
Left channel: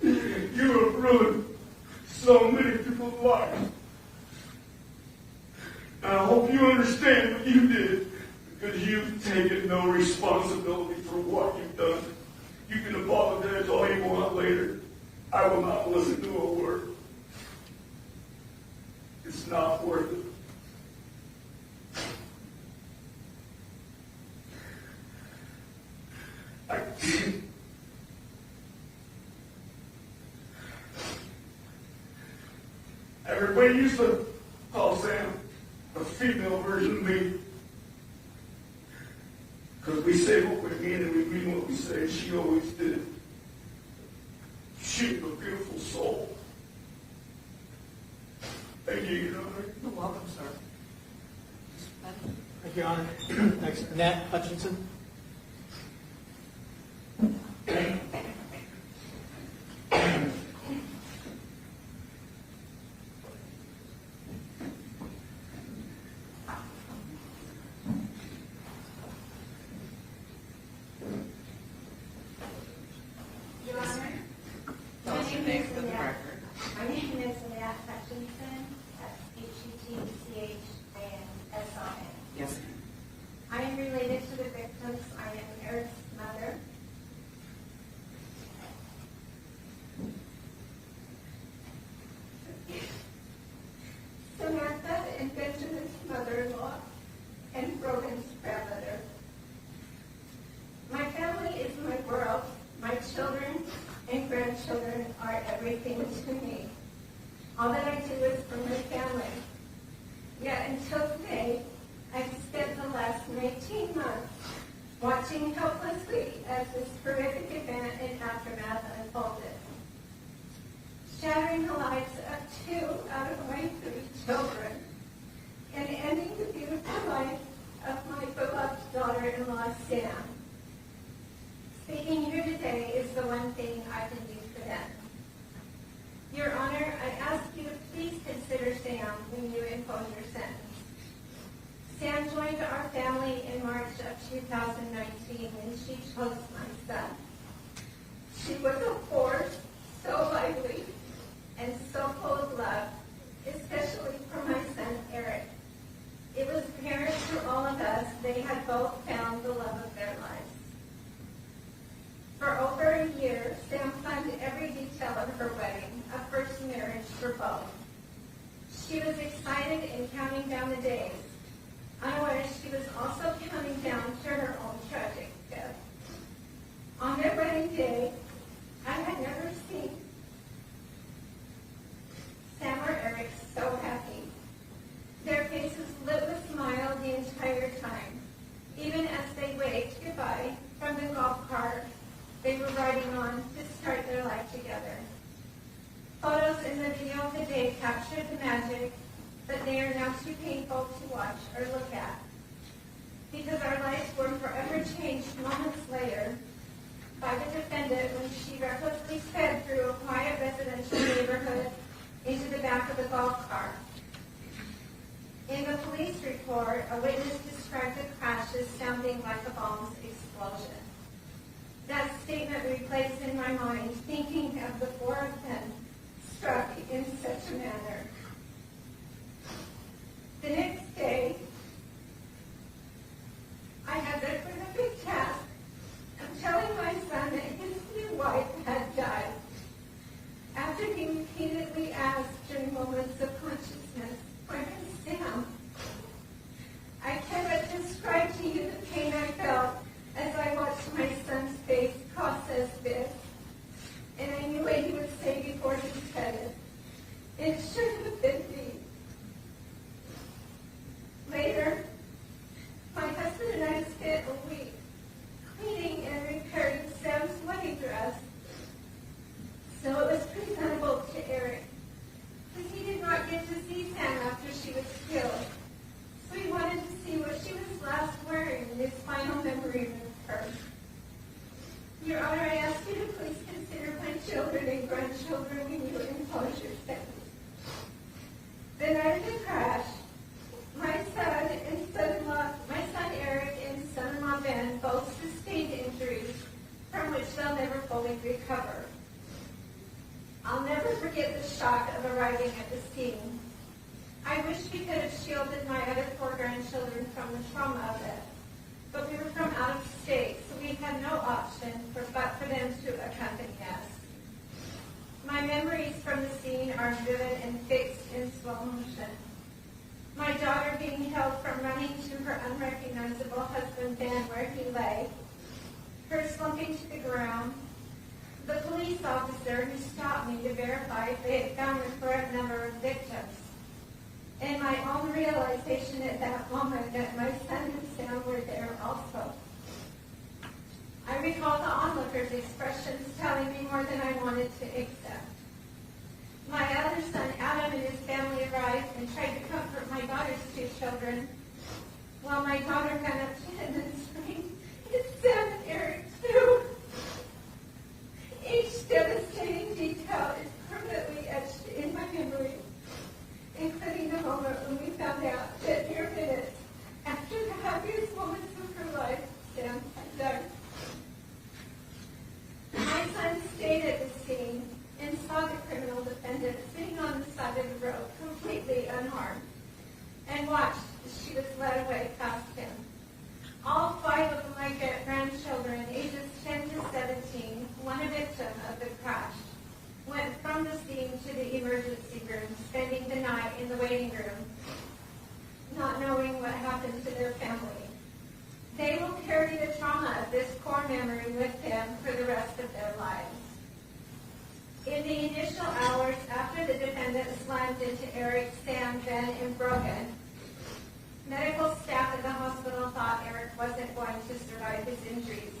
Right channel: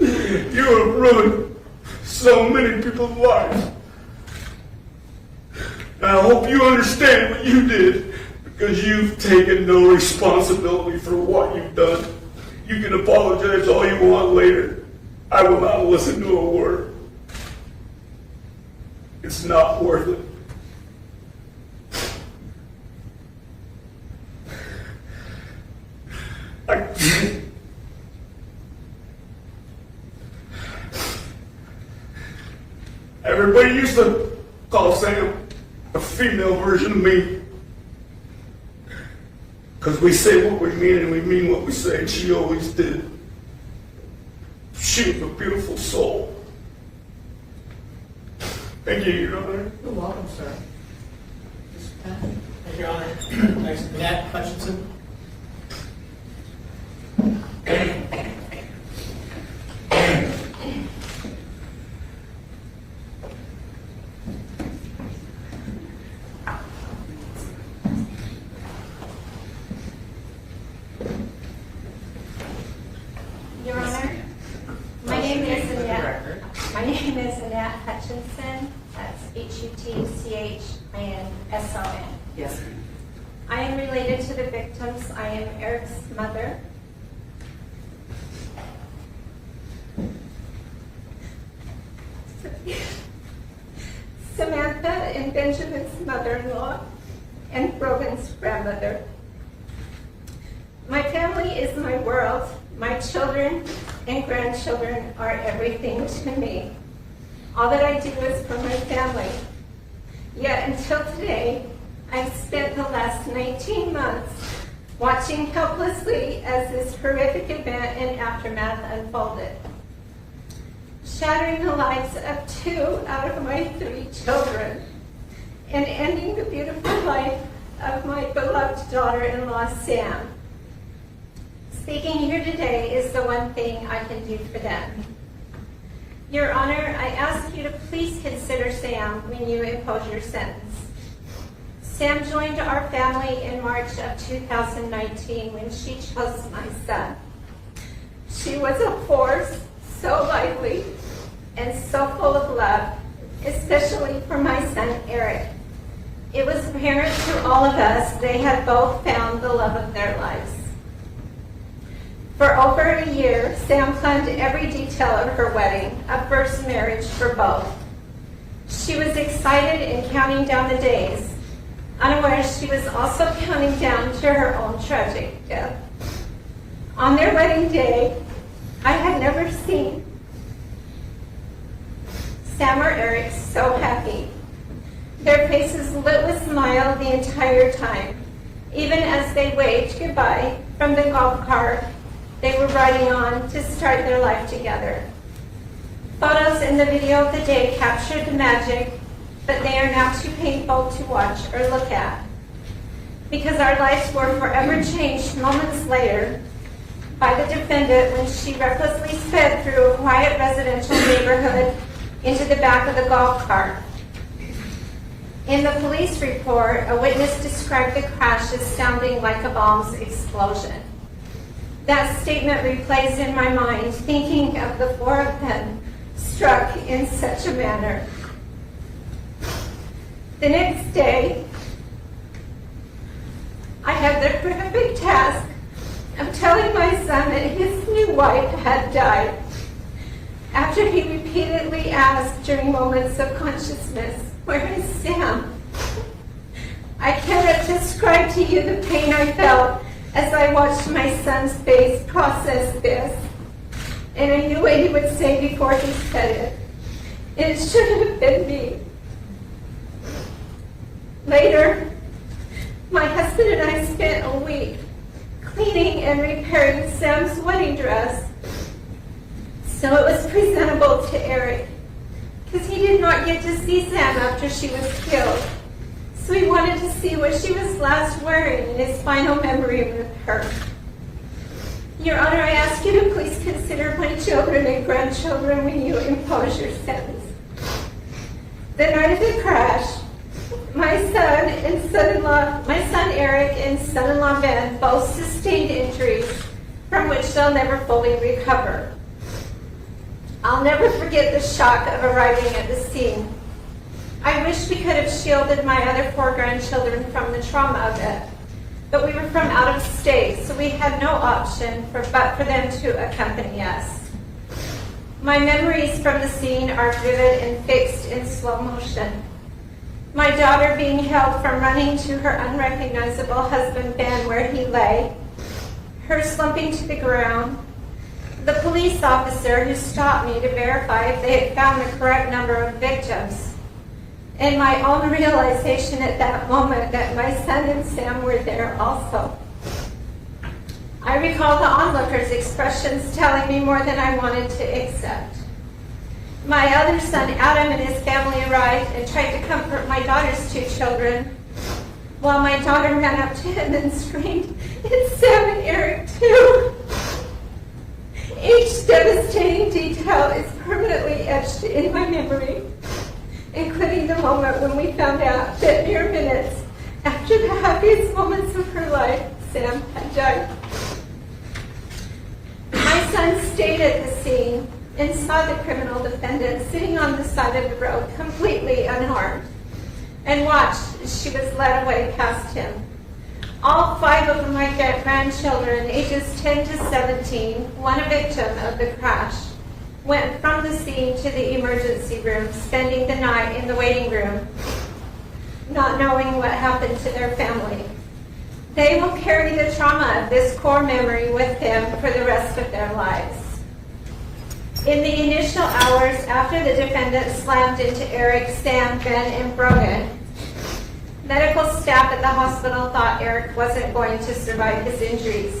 You have ruined so many people's lives. And I hope you understand what you did, because you've taken no responsibility for what you've done. You can apologize all you want later. I will not listen to a word. It's not worth it. Everybody used to call Sam a female version of me. Because we say what we mean and we mean what we say, and she always did. She was a beautiful soul. Thank you, Your Honor. You're welcome, sir. Thank you, Your Honor. Next, Aric Hutchinson. Your Honor, my name is Aric Hutchinson. That's Hutchinson. Yes. I am related to the victims. I am Eric's mother. Samantha and Benjamin's mother-in-law and Brogan's grandmother. My family is my world. My children and grandchildren are everything to me. All that I do is for my family. Yet until today, I've spent the last 19 months watching helplessly as this horrific event and aftermath unfolded, shattering the lives of 2 out of my 3 children, and ending the beautiful life of my beloved daughter-in-law, Sam. Speaking here today is the one thing I can do for them. Your Honor, I ask you to please consider Sam when you impose your sentence. Sam joined our family in March of 2019 when she chose my son. She was a force, so lively and so full of love, especially for my son, Aric. It was apparent to all of us they had both found the love of their lives. For over a year, Sam planned every detail of her wedding, a first marriage for both. She was excited and counting down the days, unaware she was also counting down to her own tragic death. On their wedding day, I had never seen Sam or Aric so happy. Their faces lit with smile the entire time, even as they waved goodbye from the golf cart they were riding on to start their life together. Photos in the video of the day captured the magic, but they are now too painful to watch or look at. Because our lives were forever changed moments later by the defendant when she recklessly sped through a quiet residential neighborhood into the back of the golf cart. In the police report, a witness described the crash as sounding like a bomb's explosion. That statement replays in my mind, thinking of the 4 of them struck in such a manner. The next day, I had the horrific task of telling my son that his new wife had died, after he repeatedly asked during moments of consciousness, "Where is Sam?" I cannot describe to you the pain I felt as I watched my son's face process this, and I knew what he would say before he said it. It should have been me. Later, my husband and I spent a week cleaning and repairing Sam's wedding dress so it was presentable to Aric, because he did not get to see Sam after she was killed. So he wanted to see what she was last wearing in his final memory with her. Your Honor, I ask you to please consider my children and grandchildren when you impose your sentence. The night of the crash, my son Aric and son-in-law Ben both sustained injuries from which they'll never fully recover. I'll never forget the shock of arriving at the scene. I wish we could have shielded my other 4 grandchildren from the trauma of it, but we were from out of state, so we had no option but for them to accompany us. My memories from the scene are vivid and fixed in slow motion. My daughter being held from running to her unrecognizable husband Ben where he lay, her slumping to the ground, the police officer who stopped me to verify if they had found the correct number of victims, and my own realization at that moment that my son and Sam were there also. I recall the onlookers' expressions telling me more than I wanted to accept. My other son, Adam, and his family arrived and tried to comfort my daughter's 2 children, while my daughter ran up to him and screamed, "It's Sam and Aric too!" Each devastating detail is permanently etched in my memory, including the moment when we found out that mere minutes after the happiest moments of her life, Sam had died. My son stayed at the scene and saw the criminal defendant sitting on the side of the road completely unharmed, and watched as she was led away past him. All 5 of my grandchildren, ages 10 to 17, one a victim of the crash, went from the scene to the emergency room, spending the night in the waiting room, not knowing what happened to their family. They will carry the trauma of this core memory with them for the rest of their lives. In the initial hours after the defendant slammed into Aric, Sam, Ben, and Brogan, medical staff at the hospital thought Aric wasn't going to survive his injuries.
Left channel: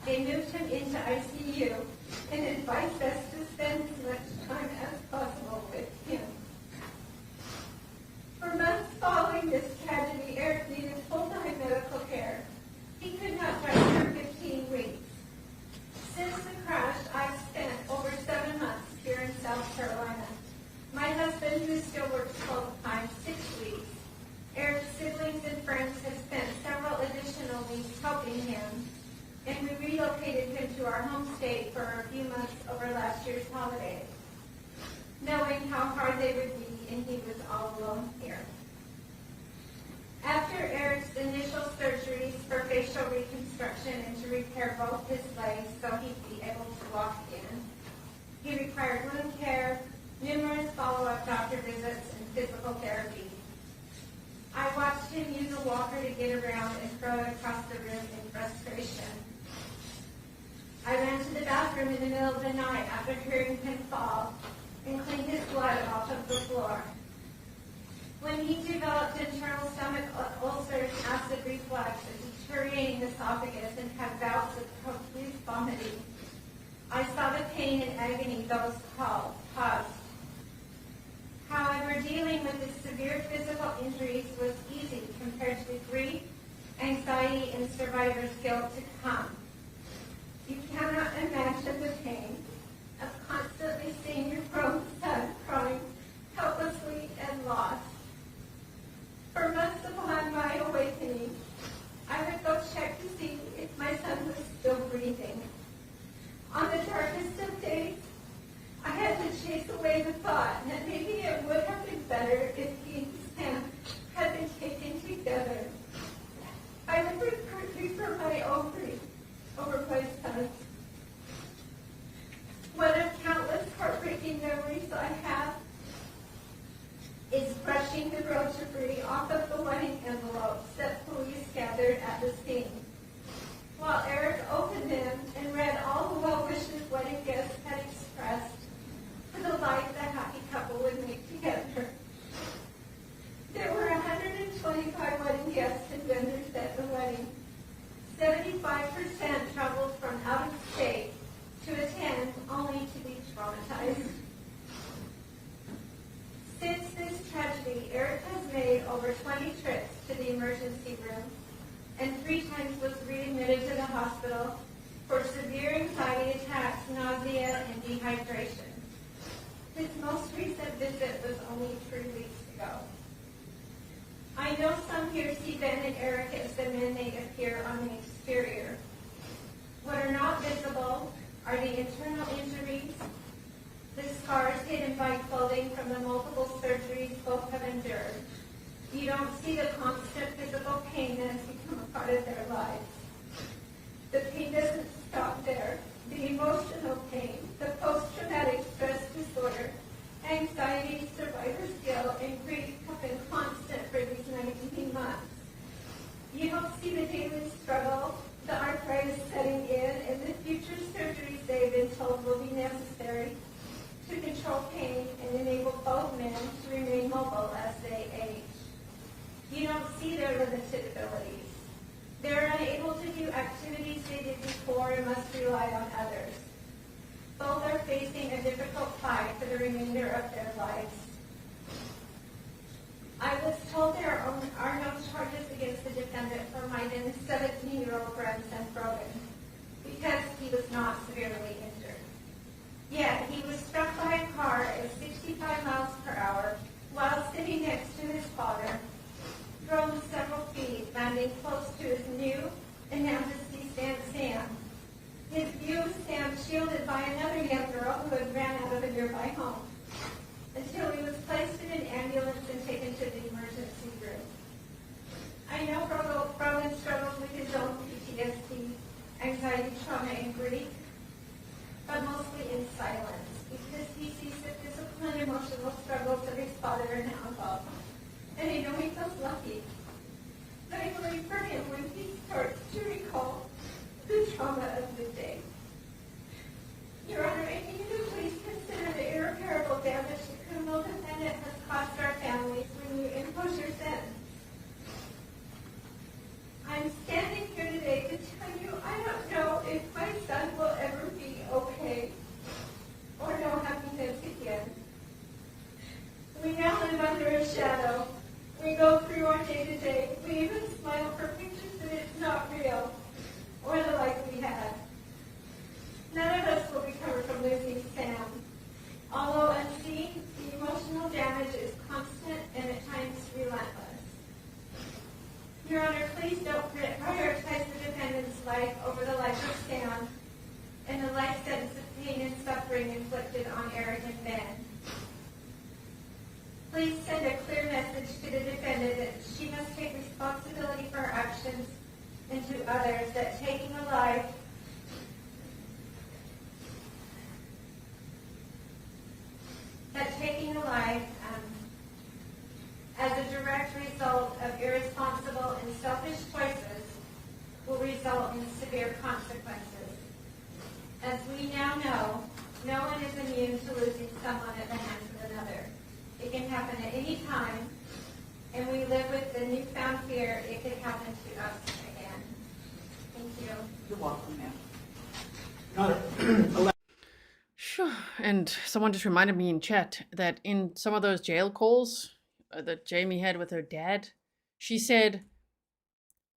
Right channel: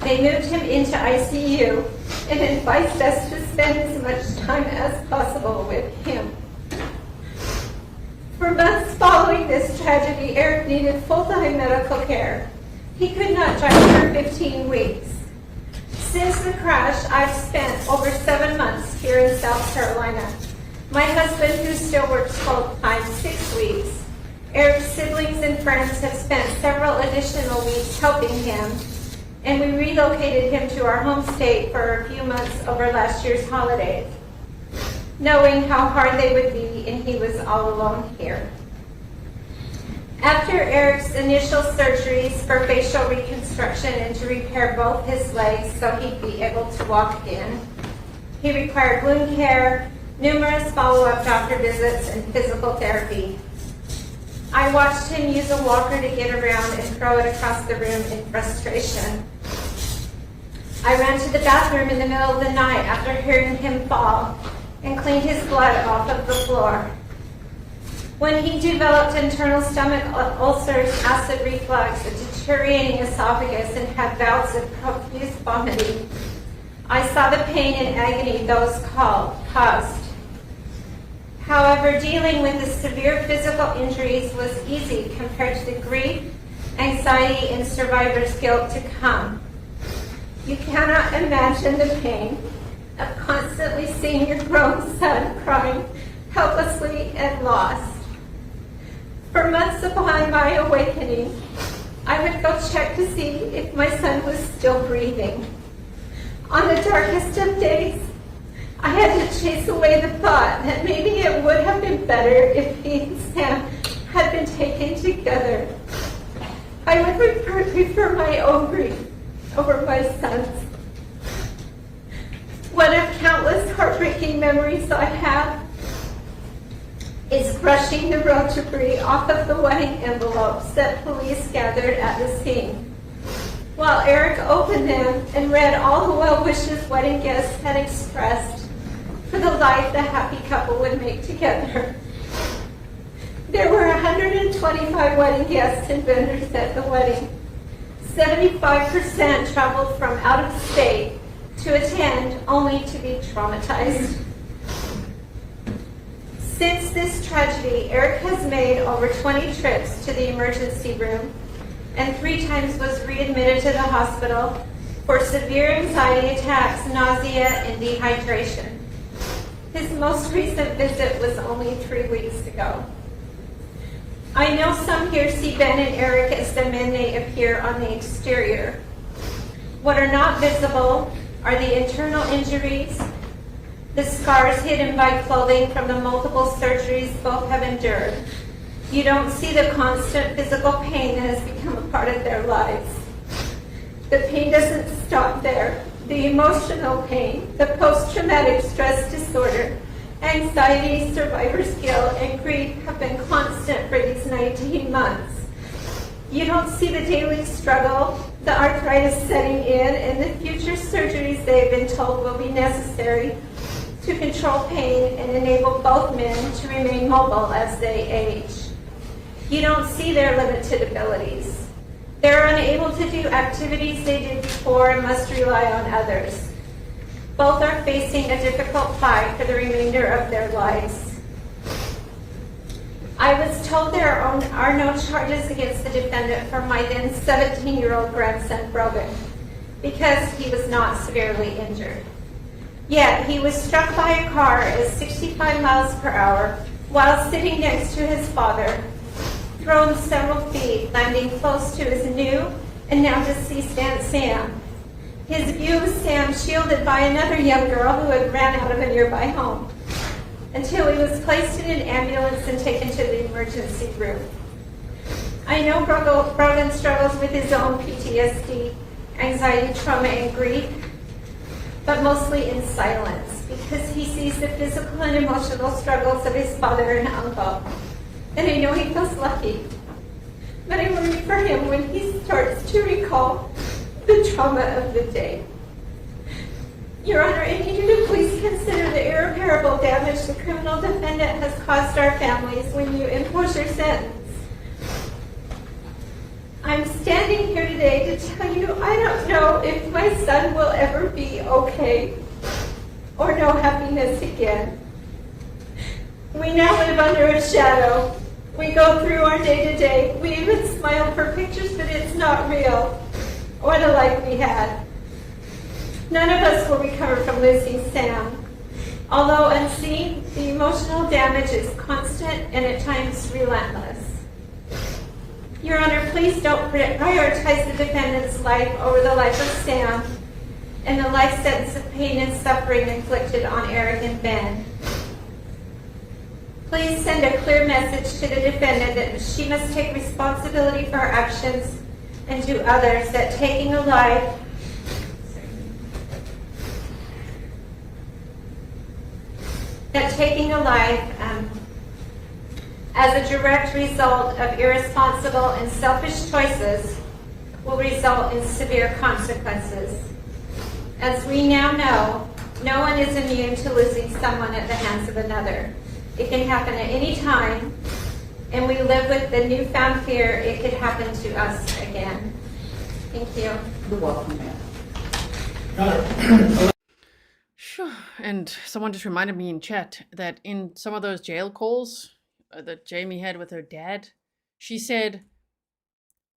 They moved him into ICU and advised us to spend as much time as possible with him. For months following this tragedy, Aric needed full-time medical care. He could not drive for 15 weeks. Since the crash, I've spent over 7 months here in South Carolina. My husband, who still works full-time, 6 weeks. Aric's siblings and friends have spent several additional weeks helping him, and we relocated him to our home state for a few months over last year's holidays, knowing how hard they would be, and he was all alone here. After Aric's initial surgeries for facial reconstruction and to repair both his legs so he'd be able to walk again, he required wound care, numerous follow-up doctor visits, and physical therapy. I watched him use a walker to get around and throw it across the room in frustration. I ran to the bathroom in the middle of the night after hearing him fall and cleaned his blood off of the floor. When he developed internal stomach ulcers, acid reflux, a deteriorating esophagus, and had bouts of profuse vomiting, I saw the pain and agony those caused. However, dealing with the severe physical injuries was easy compared to the grief, anxiety, and survivor's guilt to come. You cannot imagine the pain of constantly seeing your grown son crying helplessly and lost. For months upon my awakening, I would go check to see if my son was still breathing. On the darkest of days, I had to chase away the thought that maybe it would have been better if he and Sam had been taken together. I would prefer my own grief over my son's. One of countless heartbreaking memories I have is brushing the road debris off of the wedding envelopes that police gathered at the scene, while Aric opened them and read all the well wishes wedding guests had expressed for the life the happy couple would make together. There were 125 wedding guests and vendors at the wedding. 75% traveled from out of state to attend only to be traumatized. Since this tragedy, Aric has made over 20 trips to the emergency room and 3 times was readmitted to the hospital for severe anxiety attacks, nausea, and dehydration. His most recent visit was only 3 weeks ago. I know some here see Ben and Aric as the men they appear on the exterior. What are not visible are the internal injuries, the scars hidden by clothing from the multiple surgeries both have endured. You don't see the constant physical pain that has become a part of their lives. The pain doesn't stop there. The emotional pain, the post-traumatic stress disorder, anxiety, survivor's guilt, and grief have been constant for these 19 months. You don't see the daily struggle, the arthritis setting in, and the future surgeries they have been told will be necessary to control pain and enable both men to remain mobile as they age. You don't see their limited abilities. They're unable to do activities they did before and must rely on others. Both are facing a difficult fight for the remainder of their lives. I was told there are no charges against the defendant for my then 17-year-old grandson, Brogan, because he was not severely injured. Yet he was struck by a car at 65 miles per hour while sitting next to his father, thrown several feet, landing close to his new and now deceased Aunt Sam. His view of Sam shielded by another young girl who had ran out of a nearby home, until he was placed in an ambulance and taken to the emergency room. I know Brogan struggles with his own PTSD, anxiety, trauma, and grief, but mostly in silence, because he sees the physical and emotional struggles of his father and uncle. And I know he feels lucky, but I worry for him when he starts to recall the trauma of the day. Your Honor, I need you to please consider the irreparable damage the criminal defendant has caused our families when you impose your sentence. I'm standing here today to tell you I don't know if my son will ever be okay or know happiness again. We now live under a shadow. We go through our day-to-day. We even smile for pictures, but it's not real. What a life we had. None of us will recover from losing Sam. Although unseen, the emotional damage is constant and at times relentless. Your Honor, please don't prioritize the defendant's life over the life of Sam and the life sentence of pain and suffering inflicted on Aric and Ben. Please send a clear message to the defendant that she must take responsibility for her actions, and to others that taking a life as a direct result of irresponsible and selfish choices will result in severe consequences. As we now know, no one is immune to losing someone at the hands of another. It can happen at any time, and we live with the newfound fear it could happen to us again. Thank you. You're welcome, ma'am. Sure. And someone just reminded me in chat that in some of those jail calls that Jamie had with her dad, she said,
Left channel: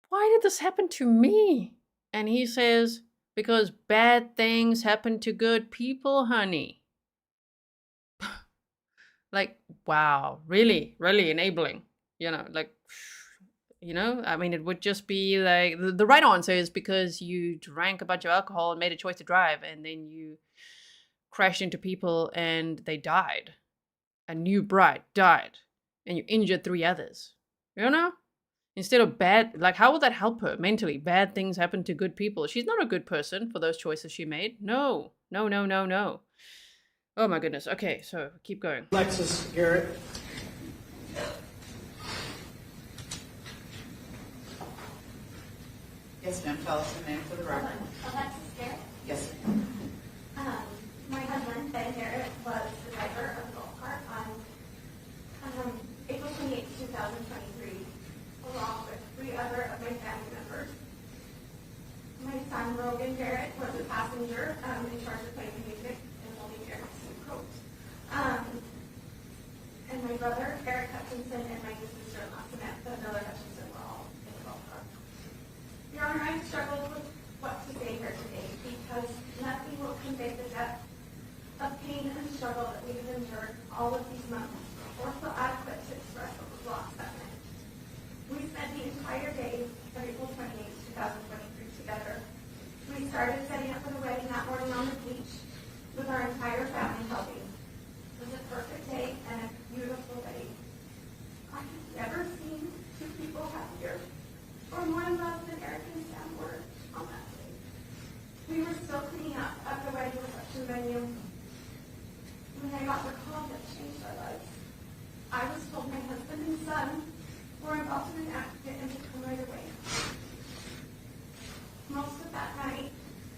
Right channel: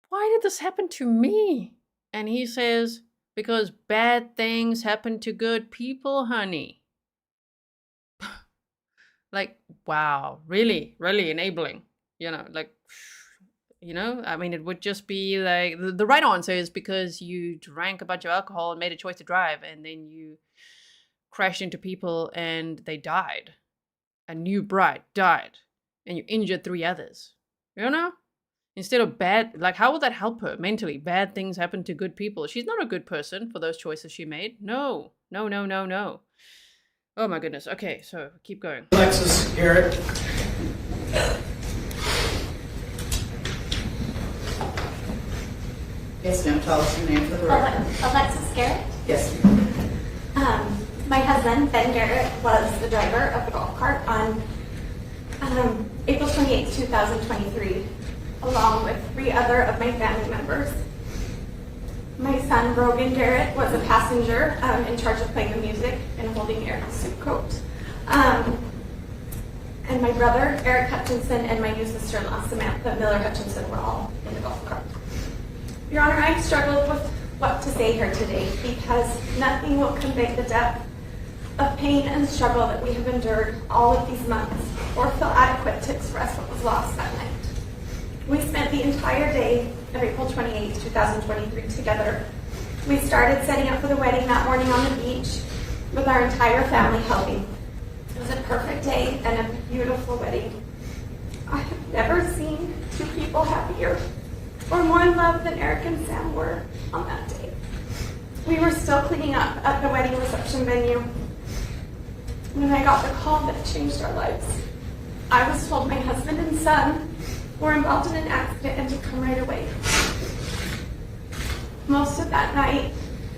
"Why did this happen to me?" And he says, "Because bad things happen to good people, honey." Like, wow, really, really enabling, I mean, it would just be like, the right answer is because you drank a bunch of alcohol and made a choice to drive, and then you crashed into people and they died. A new bride died, and you injured 3 others, Instead of bad, like, how will that help her mentally? Bad things happen to good people. She's not a good person for those choices she made. No. Oh my goodness. Okay, so keep going. Alexis, Garret. Yes, ma'am, tell us your name for the record. Alexis Garret. Yes. My husband, Ben Garret, was the driver of the golf cart on April 28, 2023, along with 3 other of my family members. My son, Brogan Garret, was a passenger in charge of playing the music and holding Aric's suit coat. And my brother, Aric Hutchinson, and my new sister-in-law, Samantha Miller Hutchinson, were all in the golf cart. Your Honor, I've struggled with what to say here today because nothing will convey the depth of pain and struggle that we have endured all of these months or feel adequate to express what was lost that night. We spent the entire day of April 28, 2023 together. We started setting up for the wedding that morning on the beach with our entire family helping. It was a perfect day and a beautiful wedding. I have never seen two people happier or more in love than Aric and Sam were on that day. We were still cleaning up at the wedding reception venue when I got the call that changed our lives. I was told my husband and son were involved in an accident and to come right away. Most of that night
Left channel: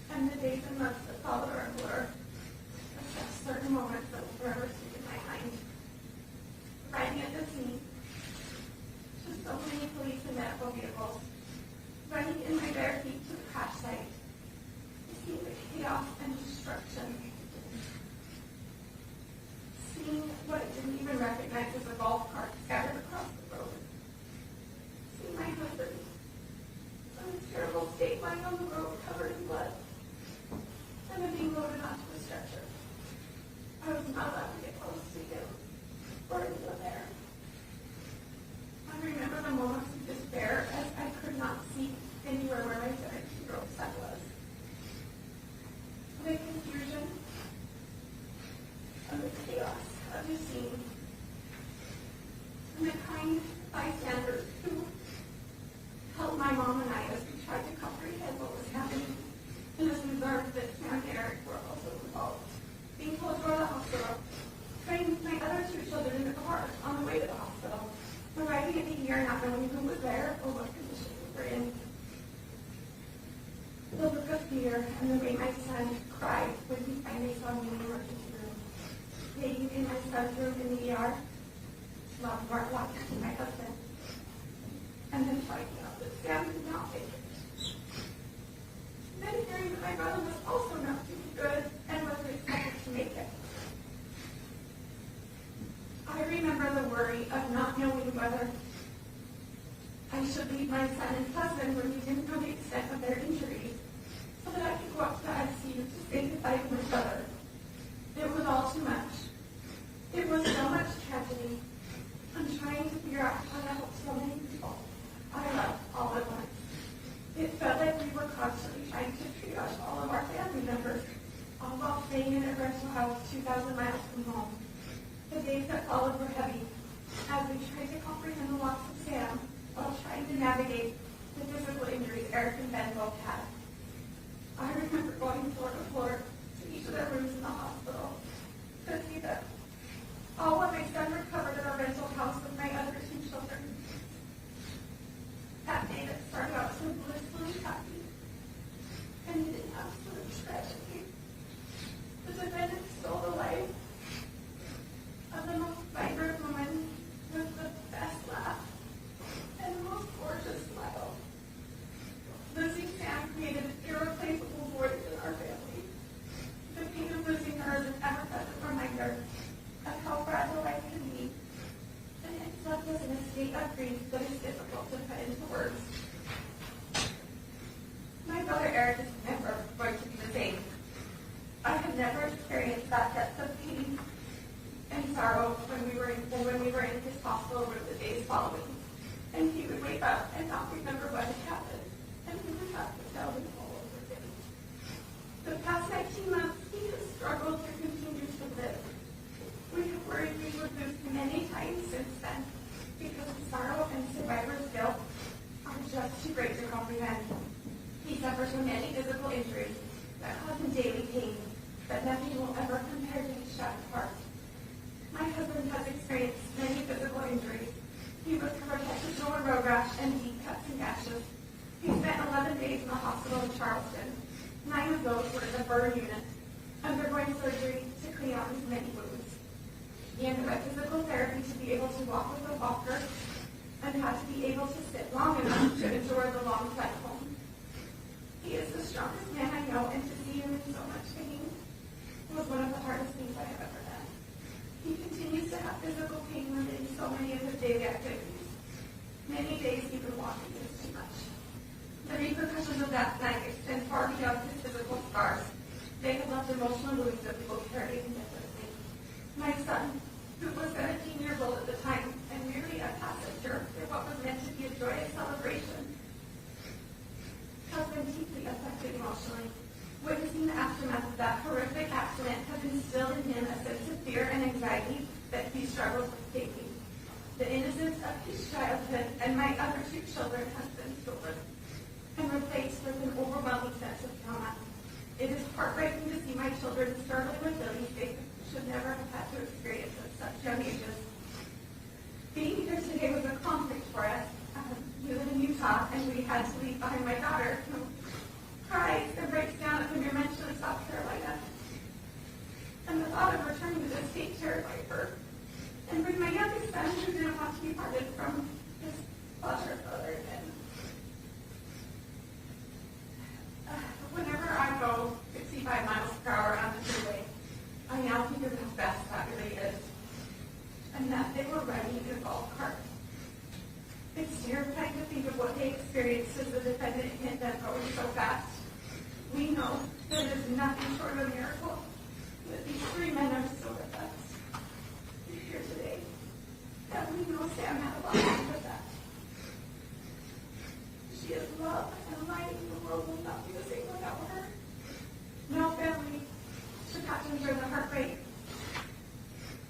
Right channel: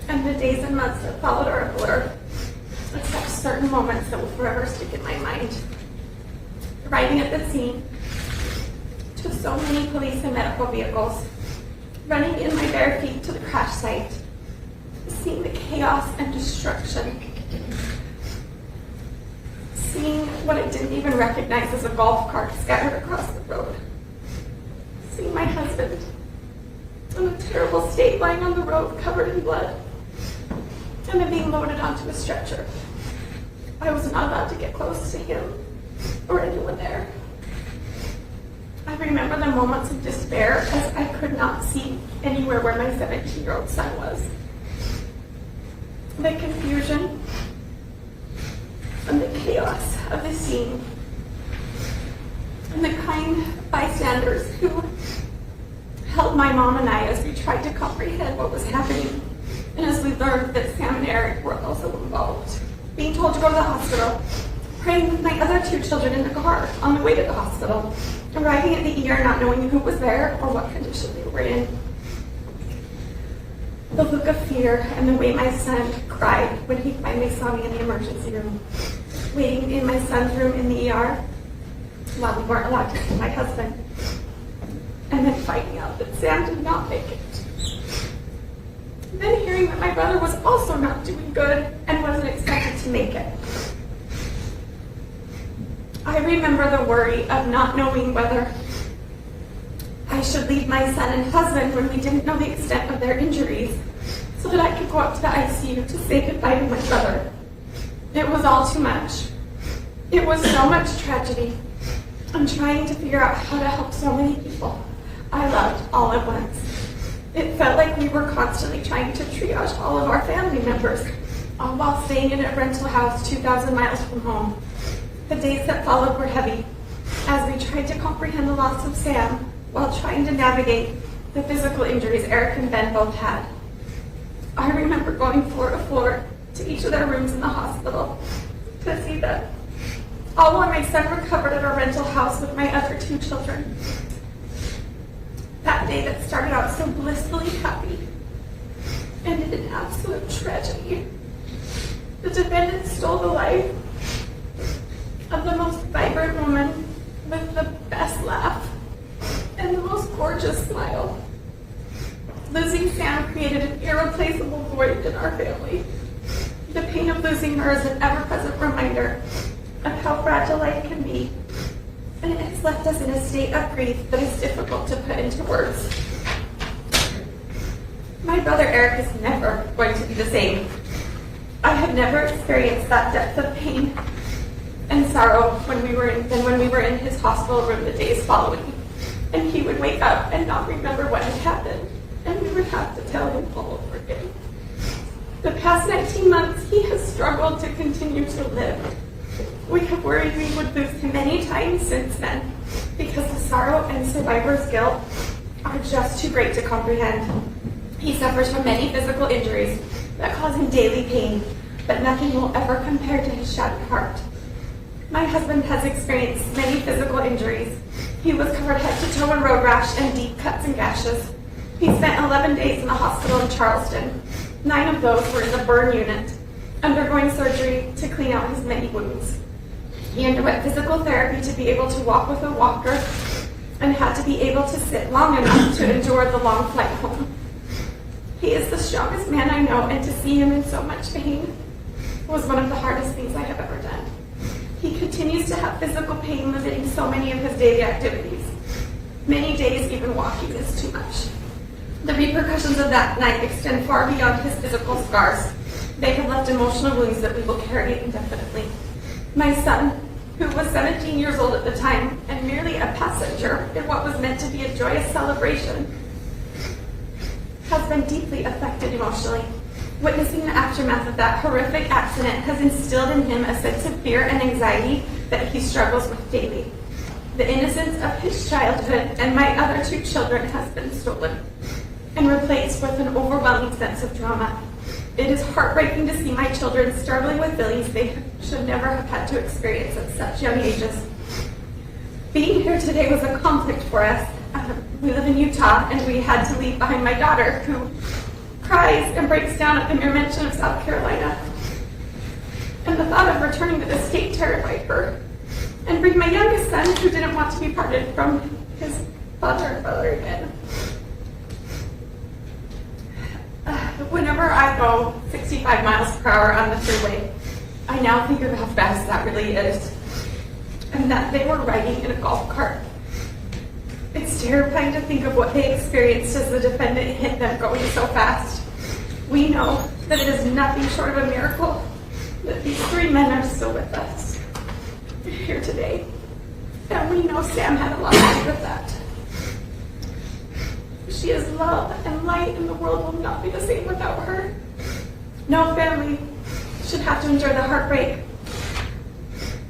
and the days and months that followed are a blur, except certain moments that will forever stick in my mind. Arriving at the scene, to so many police and medical vehicles, running in my bare feet to the crash site, seeing the chaos and destruction, seeing what I didn't even recognize as a golf cart scattered across the road, seeing my husband in a terrible state lying on the road covered in blood, and then being loaded onto a stretcher. I was not allowed to get close to him or anyone there. I remember the moments of despair as I could not see anywhere where my 17-year-old son was. The confusion and the chaos of the scene, and the kind bystanders who helped my mom and I as we tried to comprehend what was happening, and as we learned that Sam and Aric were also involved. Being told to go to the hospital, praying with my other two children in the car on the way to the hospital, arriving at the ER not knowing who was there or what condition they were in. The look of fear and the way my son cried when he finally saw me in the emergency room, waiting in my son's room in the ER while we weren't allowed to see my husband, and then finding out that Sam did not make it. Then hearing that my brother was also not doing good and wasn't expected to make it. I remember the worry of not knowing whether I should leave my son and husband when we didn't know the extent of their injuries so that I could go up to the ICU to say goodbye to my brother. It was all too much. It was so much tragedy. I'm trying to figure out how to help so many people I loved all at once. It felt like we were constantly trying to triage all of our family members, all while staying in a rental house 2,000 miles from home. The days that followed were heavy as we tried to comprehend the loss of Sam while trying to navigate the physical injuries Aric and Ben both had. I remember going floor to floor to each of their rooms in the hospital to see that all while my son recovered at our rental house with my other two children. That day that started out so blissfully happy ended in absolute tragedy. The defendant stole the life of the most vibrant woman with the best laugh and the most gorgeous smile. Losing Sam created an irreplaceable void in our family. The pain of losing her is an ever-present reminder of how fragile life can be, and it has left us in a state of grief that is difficult to put into words. My brother Aric is never going to be the same. I have never experienced that depth of pain and sorrow when we were in his hospital room the days following, and he would wake up and not remember what had happened, and we would have to tell him all over again. The past 19 months, he has struggled to continue to live. We have worried we would lose him many times since then, because the sorrow and survivor's guilt are just too great to comprehend. He suffers from many physical injuries that cause him daily pain, but nothing will ever compare to his shattered heart. My husband has experienced many physical injuries. He was covered head to toe in road rash and deep cuts and gashes. He spent 11 days in the hospital in Charleston. 9 of those were in the burn unit, undergoing surgery to clean out his many wounds. He underwent physical therapy to be able to walk with a walker and had to be able to sit long enough to endure the long flight home. He is the strongest man I know, and to see him in so much pain was one of the hardest things I have ever done. He continues to have physical pain limiting so many of his daily activities. Many days even walking is too much. The repercussions of that night extend far beyond his physical scars. They have left emotional wounds that we will carry indefinitely. My son, who was 17 years old at the time and merely a passenger in what was meant to be a joyous celebration, has been deeply affected emotionally. Witnessing the aftermath of that horrific accident has instilled in him a sense of fear and anxiety that he struggles with daily. The innocence of his childhood and my other two children has been stolen and replaced with an overwhelming sense of trauma. It is heartbreaking to see my children struggling with feelings they should never have had to experience at such young ages. Being here today was a conflict for us. We live in Utah, and we had to leave behind my daughter, who cries and breaks down at the mere mention of South Carolina. And the thought of returning to the state terrified her. And bring my youngest son, who didn't want to be parted from his father and brother again. Whenever I go 65 miles per hour on the freeway, I now think of how fast that really is. And that they were riding in a golf cart. It's terrifying to think of what they experienced as the defendant hit them going so fast. We know that it is nothing short of a miracle that these three men are still with us here today. And we know Sam had a lot to do with that. She is love and light, and the world will not be the same without her. No family should have to endure the heartbreak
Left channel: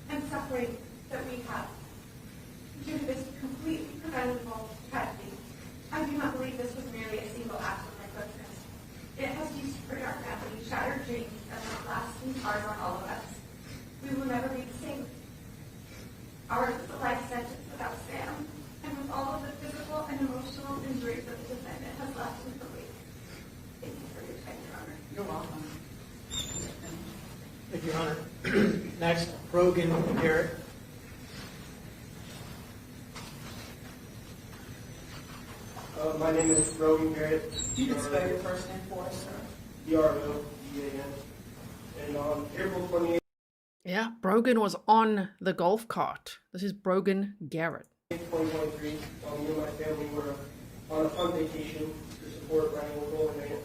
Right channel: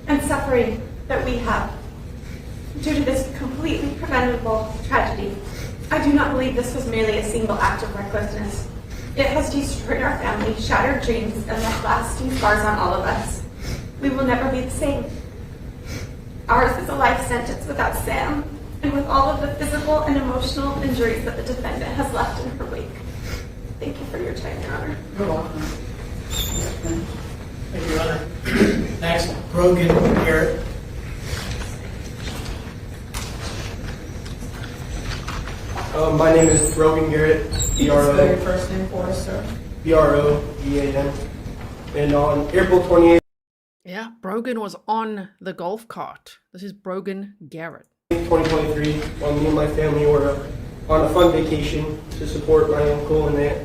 and suffering that we have due to this completely preventable tragedy. I do not believe this was merely a single act of recklessness. It has destroyed our family, shattered dreams, and left lasting scars on all of us. We will never be the same. Ours is a life sentence without Sam, and with all of the physical and emotional injuries that the defendant has left in her wake. Thank you for your time, Your Honor. You're welcome. Thank you, Your Honor. Next, Brogan, Garret. My name is Brogan Garret, Spell your first name for us, sir. Brogan, and on April 28th, Yeah, Brogan was on the golf cart. This is Brogan Garret. 2023, while me and my family were on a fun vacation to support my uncle and aunt.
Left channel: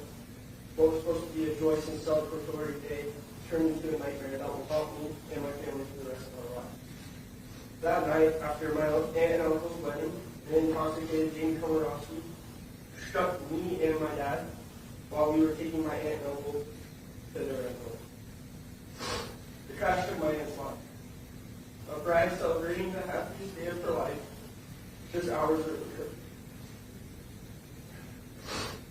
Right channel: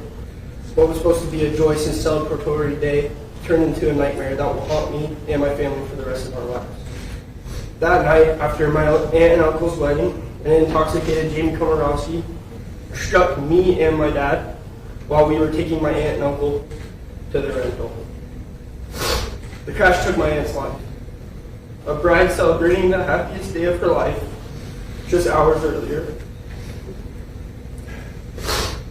What was supposed to be a joyous and celebratory day turned into a nightmare that will haunt me and my family for the rest of our lives. That night, after my aunt and uncle's wedding, an intoxicated Lee Komoroski struck me and my dad while we were taking my aunt and uncle to the rental. The crash took my aunt's life. A bride celebrating the happiest day of her life just hours earlier.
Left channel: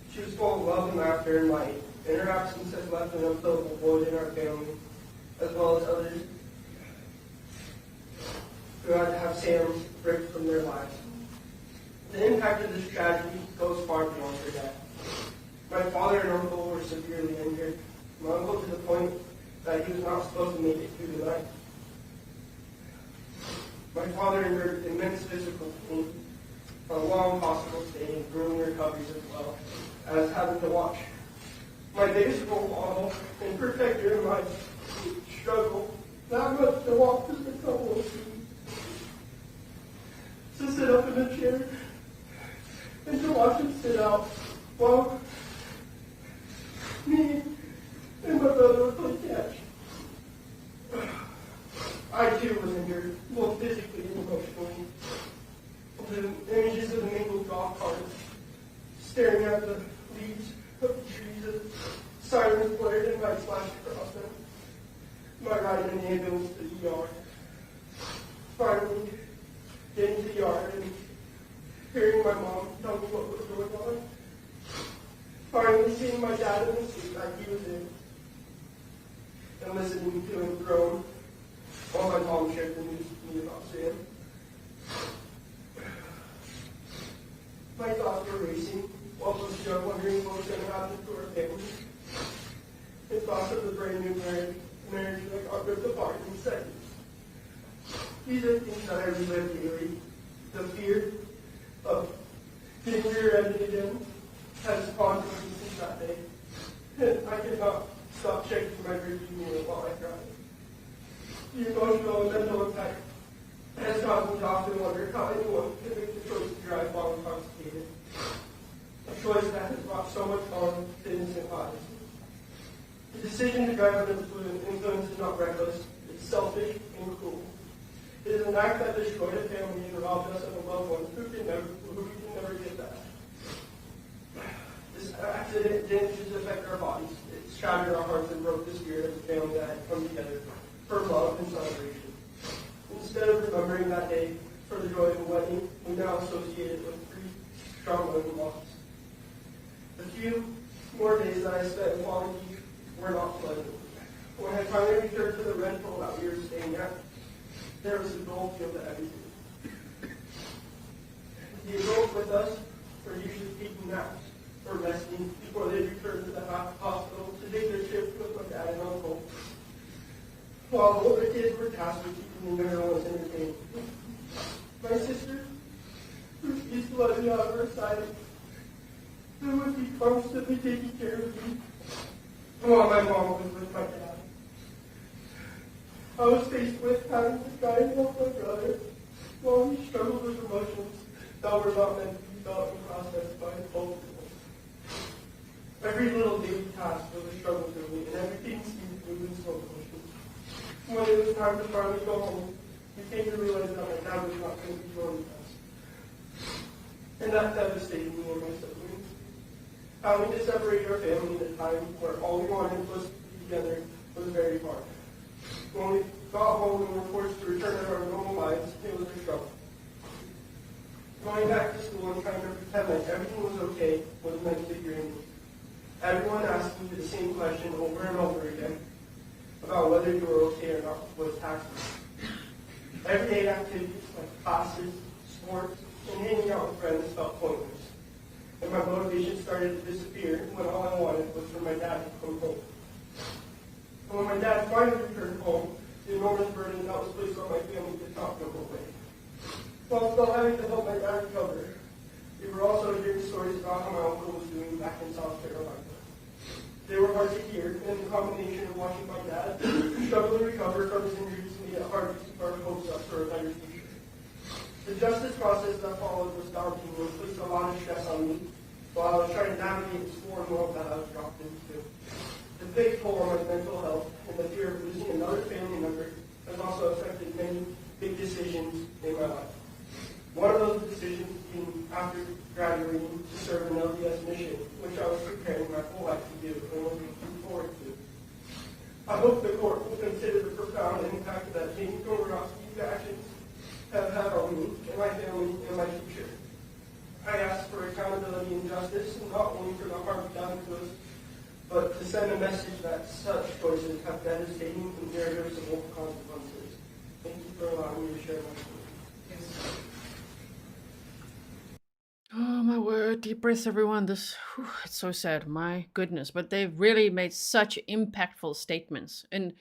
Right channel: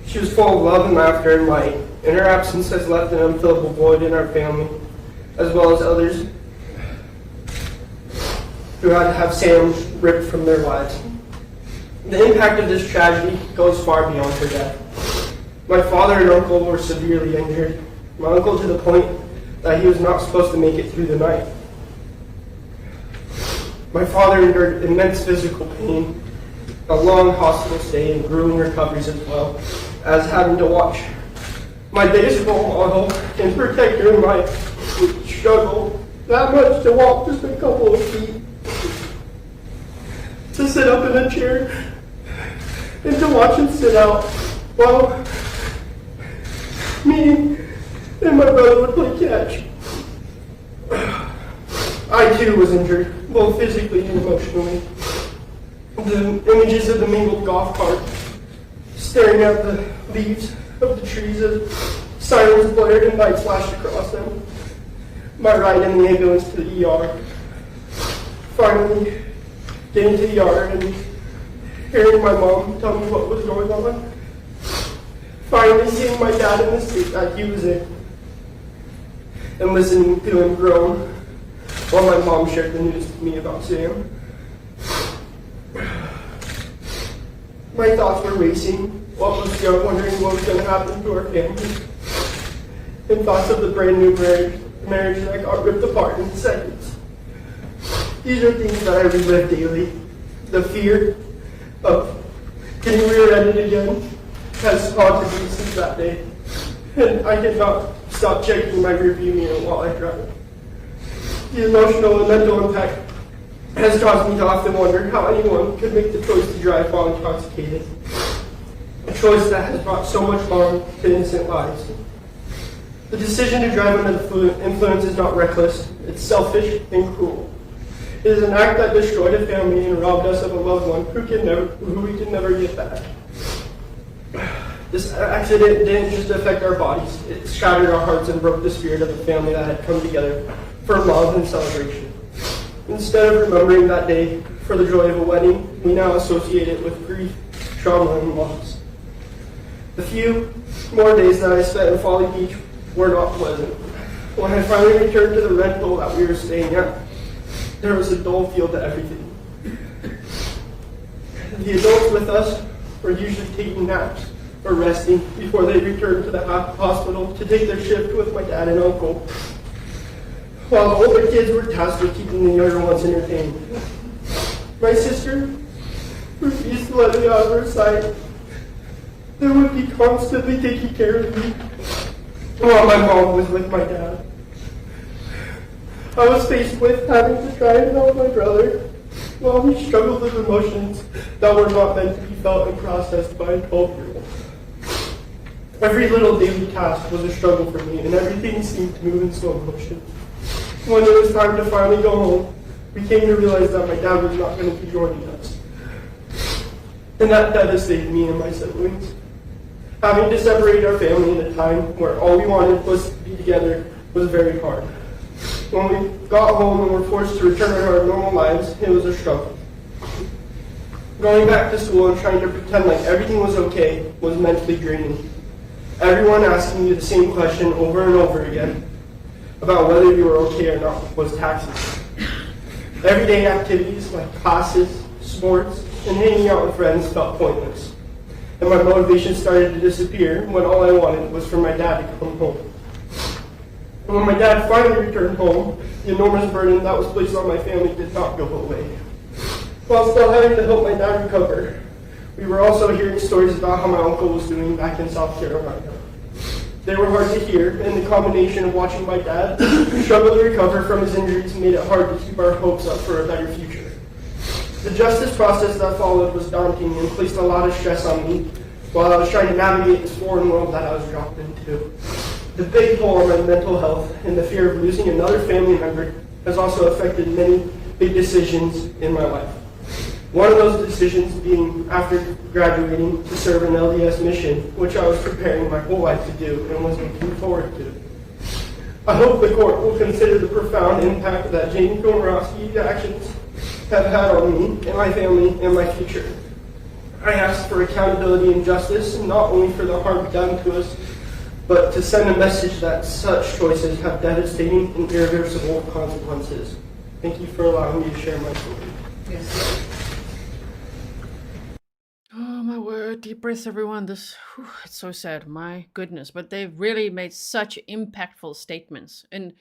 She was full of love and laughter and light, and her absence has left an unfillable void in our family, as well as others who had to have Sam ripped from their lives. The impact of this tragedy goes far beyond her death. My father and uncle were severely injured, my uncle to the point that he was not supposed to make it through the night. My father endured immense physical pain, a long hospital stay, and grueling recoveries as well as having to watch my days role model and protector in my struggle that much to walk just a couple of feet, to sit up in a chair, and to watch him sit out while me and my brother would play catch. I too was injured, both physically and emotionally. The images of the mangled golf cart, staring at the leaves of the trees as sirens blared and lights flashed across them. My ride in the ambulance to the ER. Finally, getting to the ER and hearing my mom tell me what was going on. Finally seeing my dad in the state that he was in, and listening to him groan while my mom shared the news with me about Sam. My thoughts were racing while I was young, wondering what was going to happen to our family, and thoughts of the brand new marriage that got ripped apart in seconds. These are things that I relive daily. The fear of getting rear-ended again, has haunted me since that day, and I did not stop checking my rearview mirror while I drive. The emotional and mental impact has caused me to often wonder how anyone could make the choice to drive while intoxicated, a choice that has brought so much harm to innocent lives. The decision to drive under the influence is not reckless, it's selfish and cruel. It is an act that destroyed a family and robbed us of a loved one who we can never get back. This accident didn't just affect our bodies, it shattered our hearts and broke the spirit of the family that had come together for love and celebration. Instead of remembering that day for the joy of a wedding, we now associate it with grief, trauma, and loss. The few more days that I spent in Folly Beach were not pleasant. When I finally returned to the rental that we were staying at, there was a dull feel to everything. The adults with us were usually taking naps or resting before they returned to the hospital to take their shift with my dad and uncle, while the older kids were tasked with keeping the younger ones entertained. My sister refused to let me out of her sight. They would be constantly taking care of me while my mom was with my dad. I was faced with having to try and help my brother while we struggled with emotions that were not meant to be felt and processed by a 12-year-old. Every little daily task was a struggle for me, and everything seemed to move in slow motion. When it was time to finally go home, we came to realize that my dad was not going to be joining us. And that devastated me and my siblings. Having to separate our family in a time where all we wanted was to be together was very hard. When we got home and were forced to return to our normal lives, it was a struggle. Going back to school and trying to pretend like everything was okay was mentally draining. Everyone asking you the same question over and over again about whether you were okay or not was taxing. Everyday activities like classes, sports, and hanging out with friends felt pointless. And my motivation started to disappear when all I wanted was for my dad to come home. And when my dad finally returned home, the enormous burden that was placed on my family did not go away. While still having to help my dad recover, we were also hearing stories about how my uncle was doing back in South Carolina. They were hard to hear, and the combination of watching my dad struggle to recover from his injuries made it hard to keep our hopes up for a better future. The justice process that followed was daunting and placed a lot of stress on me while I was trying to navigate this foreign world that I was dropped into. The big toll on my mental health and the fear of losing another family member has also affected many big decisions in my life. One of those decisions being after graduating to serve an LDS mission, which I was preparing my whole life to do and was looking forward to. I hope the court will consider the profound impact that Lee Komoroski's actions have had on me and my family and my future. I ask for accountability and justice, not only for the harm done to us, but to send a message that such choices have devastating and irreversible consequences. Thank you for allowing me to share my story. Yes. Oh my word, deep breaths everyone. It's so sad, my goodness. But they've really made such impactful statements. And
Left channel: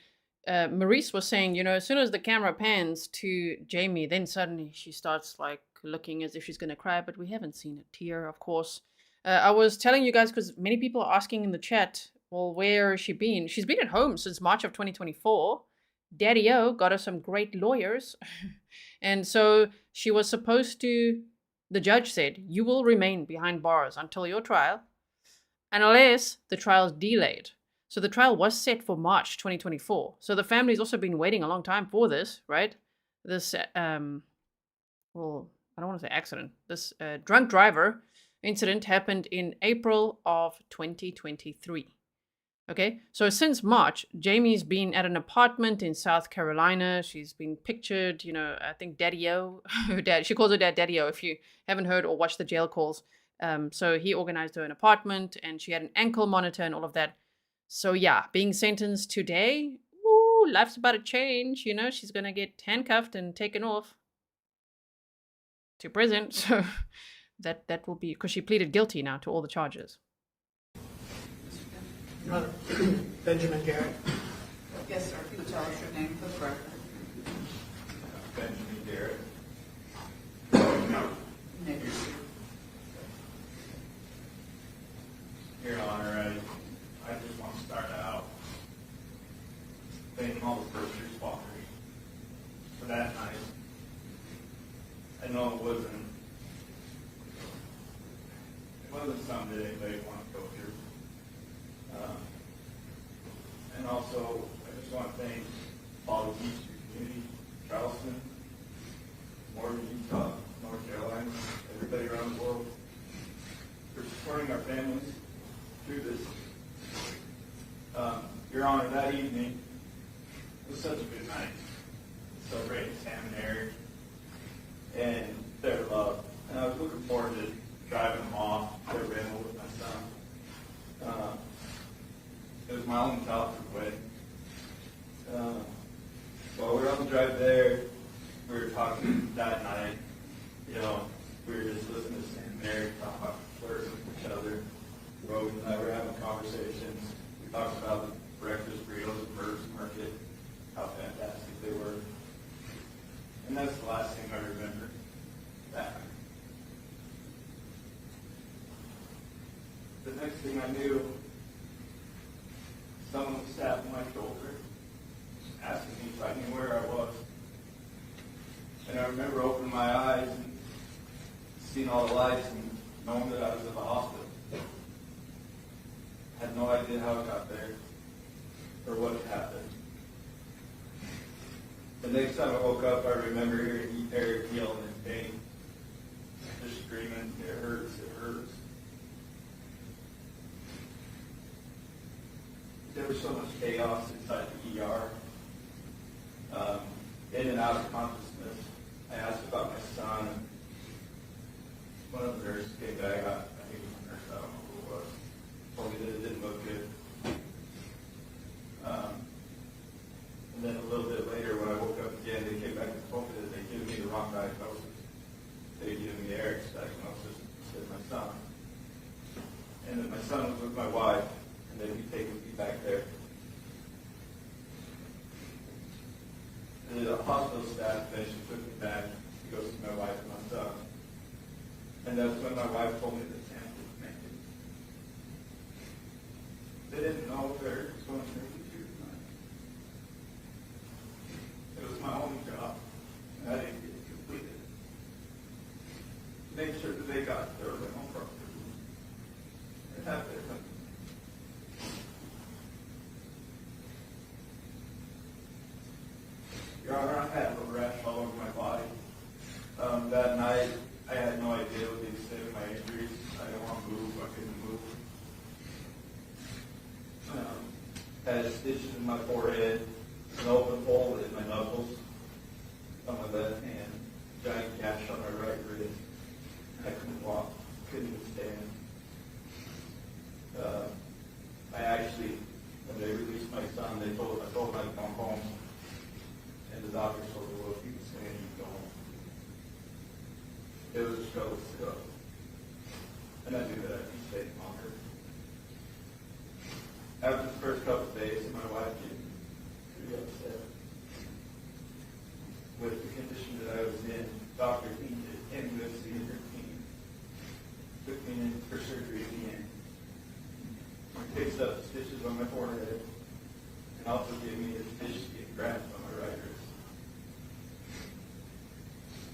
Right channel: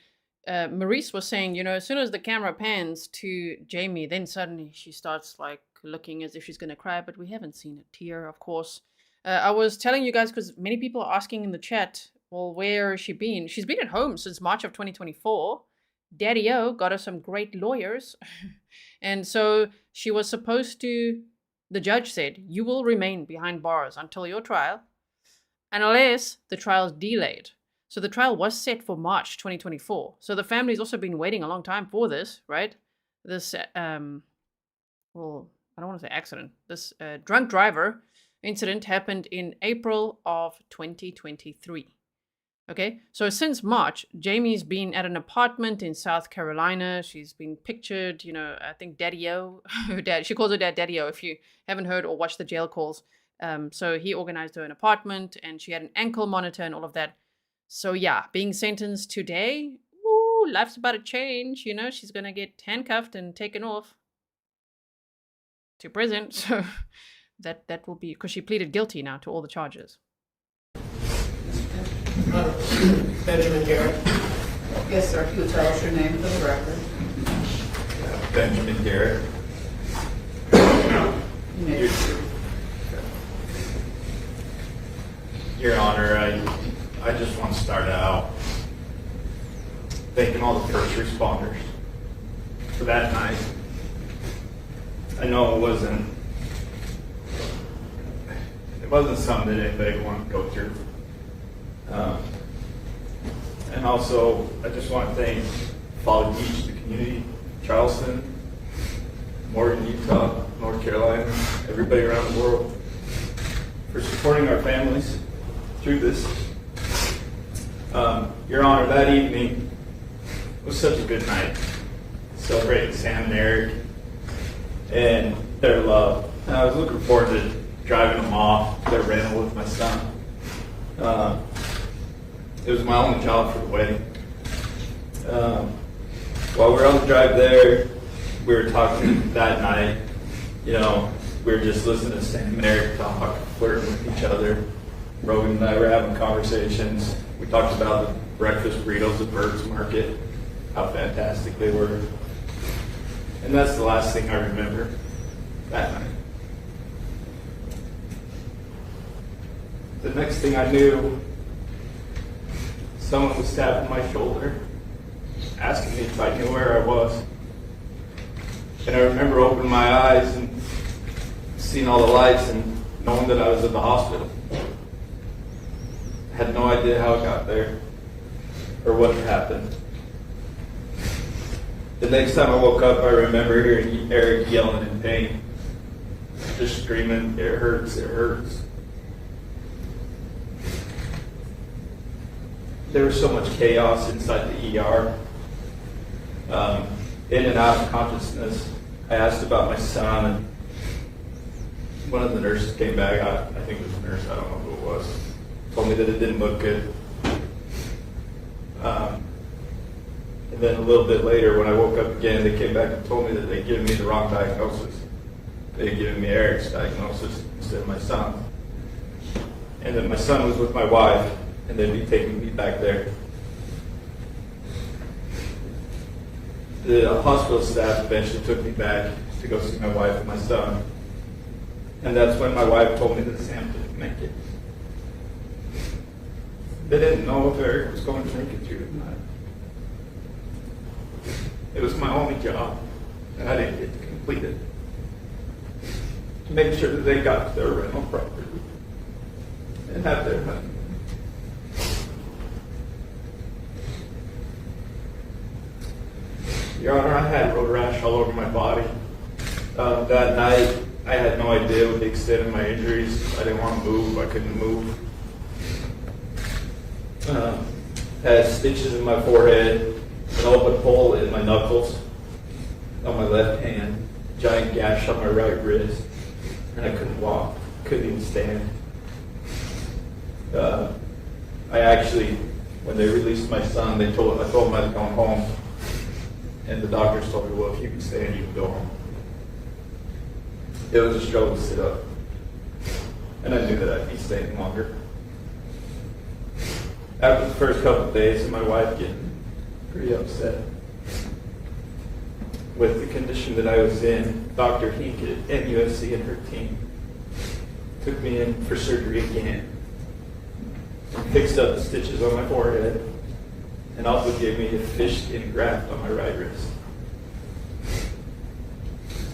Maurice was saying, you know, as soon as the camera pans to Jamie, then suddenly she starts like looking as if she's going to cry, but we haven't seen a tear, of course. I was telling you guys, because many people are asking in the chat, well, where has she been? She's been at home since March of 2024. Daddy-O got her some great lawyers. And so she was supposed to, the judge said, you will remain behind bars until your trial, unless the trial is delayed. So the trial was set for March 2024. So the family's also been waiting a long time for this, right? This, well, I don't want to say accident. This drunk driver incident happened in April of 2023. Okay, so since March, Jamie's been at an apartment in South Carolina. She's been pictured, you know, I think Daddy-O, her dad, she calls her dad Daddy-O if you haven't heard or watched the jail calls. So he organized her an apartment and she had an ankle monitor and all of that. So yeah, being sentenced today, ooh, life's about to change, you know, she's going to get handcuffed and taken off to prison. So that will be, because she pleaded guilty now to all the charges. Benjamin Garret. Yes, sir. If you would tell us your name for the record. Benjamin Garret. You may proceed. Your Honor, I just want to start out thanking all the first responders for that night. I know it wasn't something that anybody wanted to go through. And also, I just want to thank Folly Beach, the community, Charleston, Morgan, Utah, North Carolina, everybody around the world for supporting our families through this. Your Honor, that evening was such a good night. Celebrating Sam and Aric and their love. And I was looking forward to driving them off their rental with my son. It was my only job for the wedding. While we were on the drive there, we were talking that night. You know, we were just listening to Sam and Aric talk, flirting with each other. Brogan and I were having conversations. We talked about the breakfast burritos at Bird's Market, how fantastic they were. And that's the last thing I remember that night. The next thing I knew, someone was tapping my shoulder, asking me if I knew where I was. And I remember opening my eyes and seeing all the lights and knowing that I was in the hospital. I had no idea how it got there or what had happened. The next time I woke up, I remember hearing Aric yelling in pain, just screaming, "It hurts, it hurts." There was so much chaos inside the ER. In and out of consciousness. I asked about my son, and one of the nurses came back. I think it was a nurse, I don't know who it was. Told me that it didn't look good. And then a little bit later, when I woke up again, they came back and told me that they'd given me the wrong diagnosis. They had given me Eric's diagnosis instead of my son. And that my son was with my wife, and they'd be taking me back there. The hospital staff eventually took me back to go see my wife and my son. And that's when my wife told me that Sam didn't make it. They didn't know if Aric was going to make it through the night. It was my only job, and I didn't get to complete it. To make sure that they got their rental property and have their honeymoon. Your Honor, I had road rash all over my body. That night, I had no idea what the extent of my injuries. I didn't want to move. I couldn't move. Had stitches in my forehead, an open hole in my knuckles on my left hand, giant gash on my right wrist, and I couldn't walk, couldn't even stand. I actually, when they released my son, I told them I was going home. And the doctors told me, well, if you can stand, you can go home. It was a struggle to sit up. And I knew that I'd be staying longer. After the first couple of days of my wife getting pretty upset with the condition that I was in, Dr. Hink at NUSC and her team took me in for surgery again. And fixed up the stitches on my forehead. And also gave me a fish skin graft on my right wrist.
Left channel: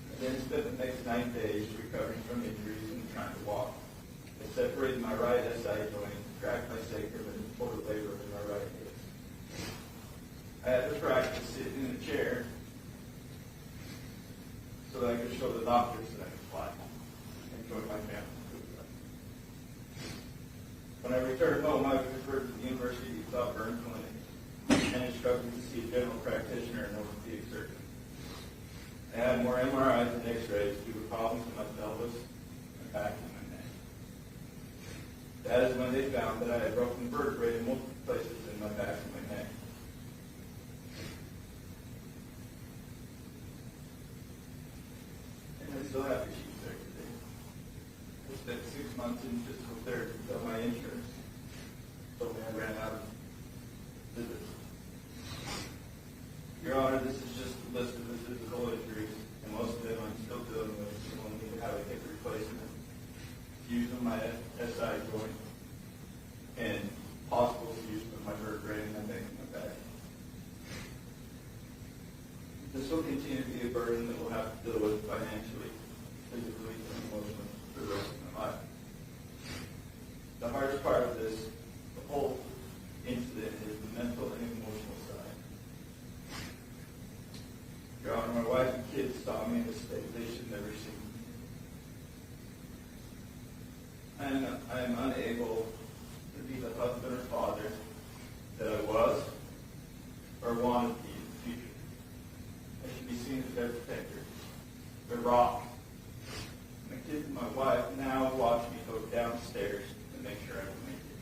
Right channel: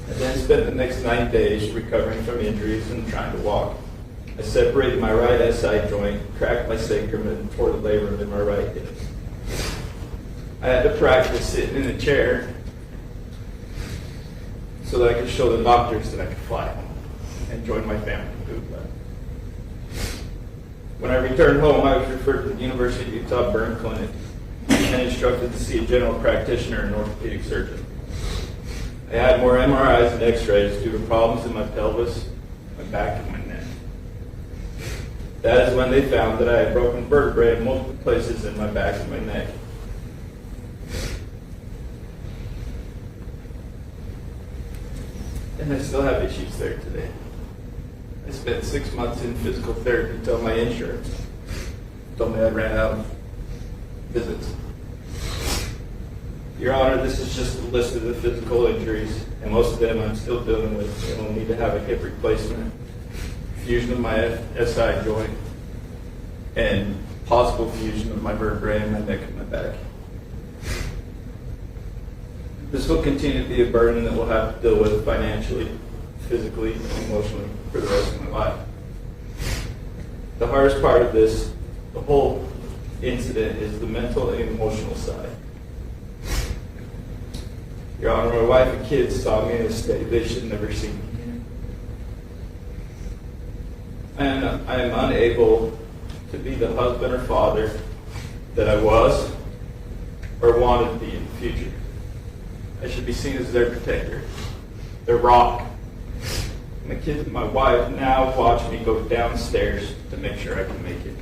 I then spent the next 9 days recovering from injuries and trying to walk. I separated my right SI joint, cracked my sacrum, and tore the labrum in my right hip. I had to practice sitting in a chair so that I could show the doctors that I could fly home and join my family. When I returned home, I was referred to the University of Utah Burn Clinic and instructed to see a general practitioner and orthopedic surgeon. I had more MRIs and x-rays due to problems in my pelvis, my back, and my neck. That is when they found that I had broken vertebrae in multiple places in my back and my neck. And I still have issues there today. I spent 6 months in physical therapy until my insurance told me I ran out of visits. Your Honor, this is just a list of the physical injuries, and most of them I'm still dealing with and will need to have a hip replacement, fusion of my SI joint, and possible fusion of my vertebrae in my neck and my back. This will continue to be a burden that we'll have to deal with financially, physically, and emotionally for the rest of my life. The hardest part of this, the whole incident, is the mental and emotional side. Your Honor, my wife and kids saw me in a state they should never see me in. And I am unable to be the husband or father that I was or wanted to be in the future. I should be seen as their protector, their rock. And the kids and my wife now watch me go downstairs to make sure I can make it.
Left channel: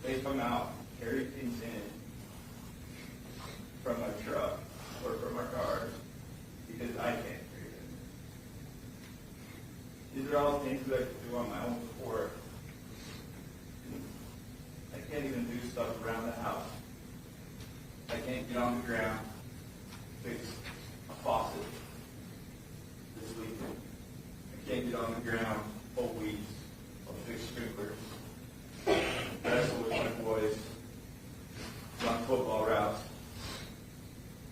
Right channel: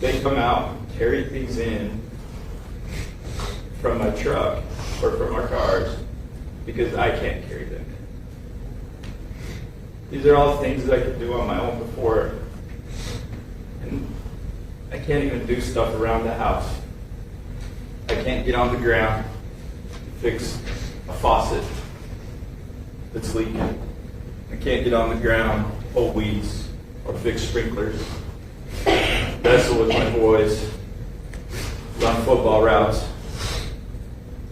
They come out and carry things in from my truck or from our cars because I can't carry them in. These are all things that I could do on my own before. And I can't even do stuff around the house. I can't get on the ground and fix a faucet that's leaking. I can't get on the ground, pull weeds, or fix sprinklers. Wrestle with my boys, run football routes,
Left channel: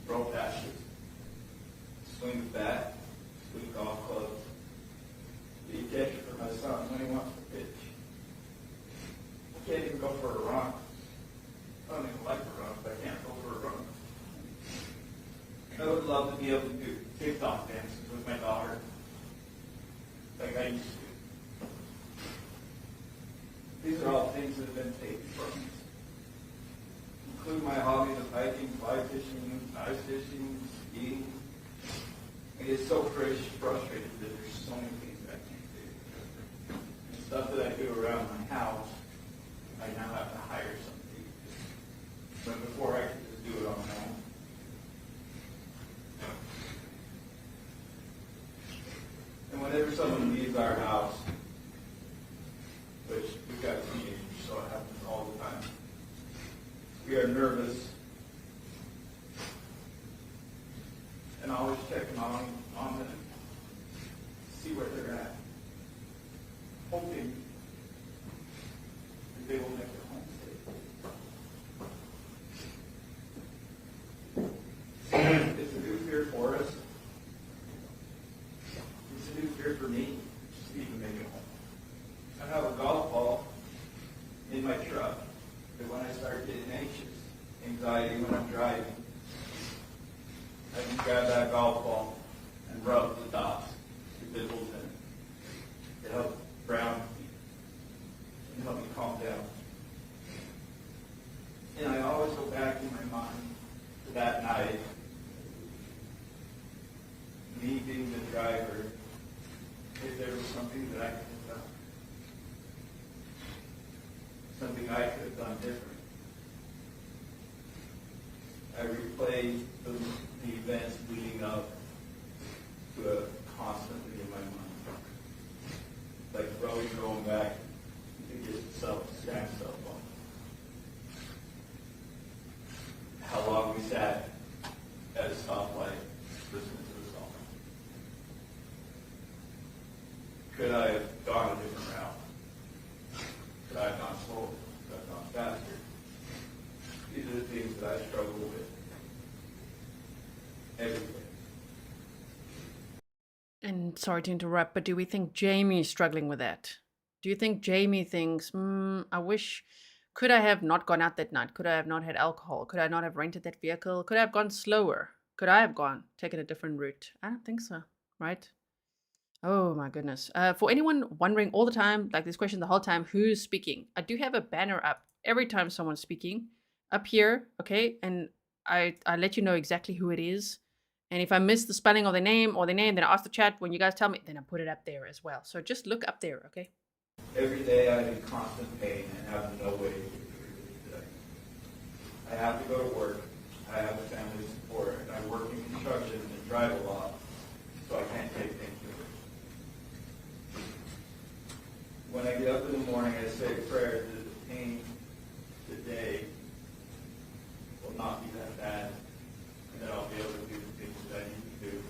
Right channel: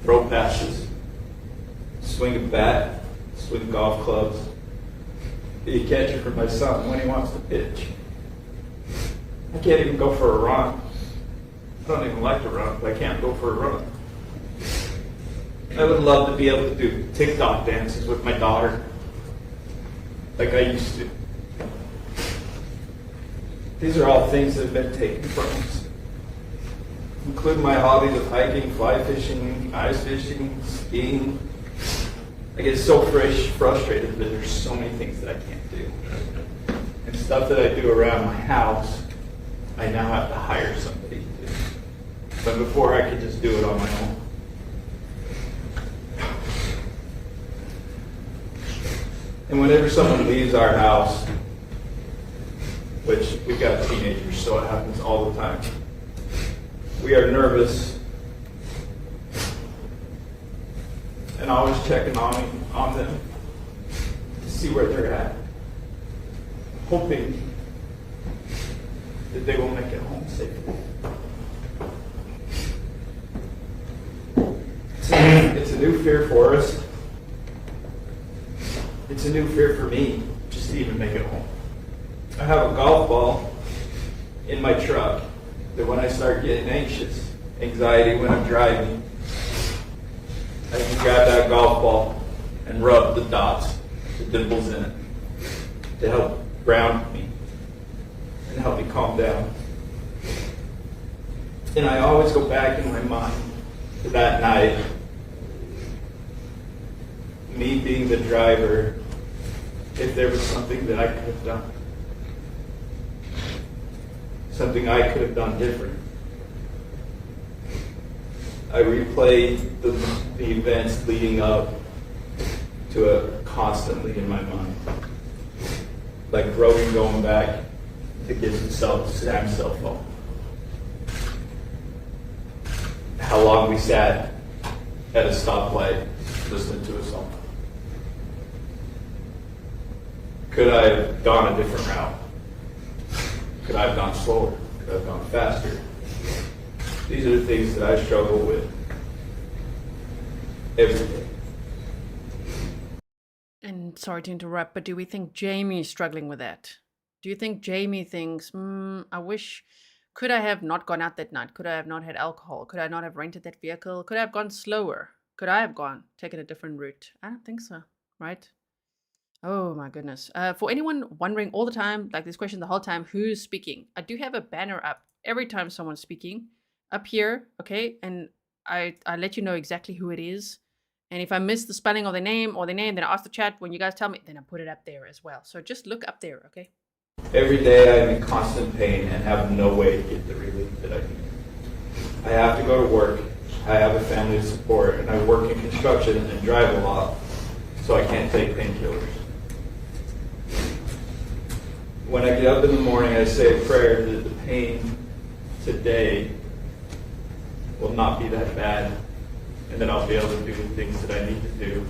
throw passes, swing a bat, swing golf clubs, be a catcher for my son when he wants to pitch. I can't even go for a run. I don't even like to run, but I can't go for a run. I would love to be able to do TikTok dances with my daughter, like I used to. These are all things that have been taken from us, including my hobbies of hiking, fly fishing, ice fishing, skiing. I get so frustrated that there's so many things that I can't do. And stuff that I do around my house, I now have to hire somebody to do. But before, I could just do it on my own. And whenever someone leaves our house, which we've got teenagers, so it happens all the time, we are nervous and always checking on them to see where they're at, hoping that they will make it home safely. It's a new fear for us. It's a new fear for me, just to even make it home. I have a golf ball in my truck that when I start getting anxious, anxiety when I'm driving, I can grab that golf ball and rub the dots, the dimples in it, to help ground me and help me calm down. And I always go back in my mind to that night, me being the driver, if there was something that I could have done. Something I could have done different. I replay the events leading up to it constantly in my mind. Like Brogan going back to get Sam's cell phone. How long we sat at a stoplight listening to a song. Could I have gone a different route? Could I have gone slower? Could I have gone faster? These are the things that I struggle with every day. And sorry to interrupt, but do we think Jamie is struggling with that? Do you think Jamie thinks, I wish, could I have not gone out that night? Could I have not had alcohol? Could I not have rented that vehicle? Could I have gone slower? Could I have taken a different route? I don't think so, right? Oh my goodness. For anyone wondering all the time, like this question the whole time, who's speaking? I do have a banner up every time someone's speaking up here, okay? And I let you know exactly who it is. And if I miss the spelling of the name, then I ask the chat when you guys tell me, then I put it up there as well. So just look up there, okay? Every day I'm in constant pain and have no way to get the relief that I need. I have to go to work. I have a family to support, and I work in construction and drive a lot, so I can't take painkillers. When I get up in the morning, I say a prayer that the pain today will not be that bad, and then I'll be able to do the things that I need to do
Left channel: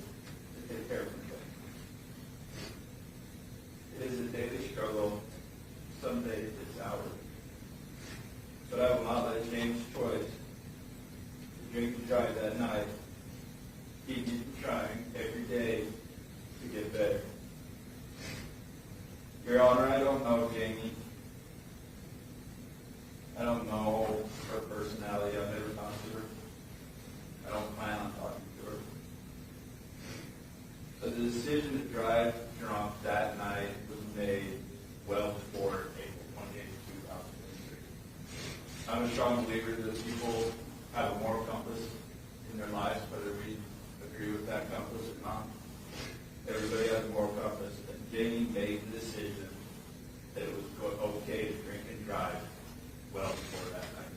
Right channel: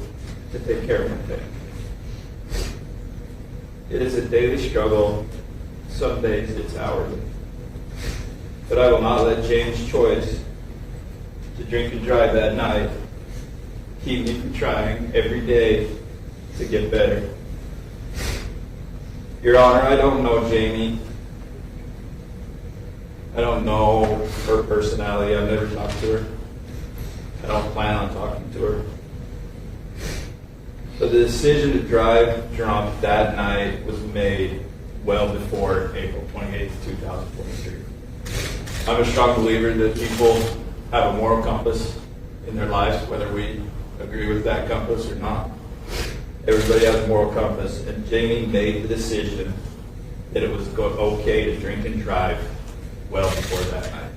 to take care of my family. It is a daily struggle Some days it's hourly. But I will not let James' choice to drink and drive that night keep me from trying every day to get better. Your Honor, I don't know Jamie. I don't know her personality. I've never talked to her. I don't plan on talking to her. But the decision to drive drunk that night was made well before April 28th, 2023. I'm a strong believer that people have a moral compass in their lives, whether we agree with that compass or not. Everybody has a moral compass, and Jamie made the decision that it was okay to drink and drive well before that night.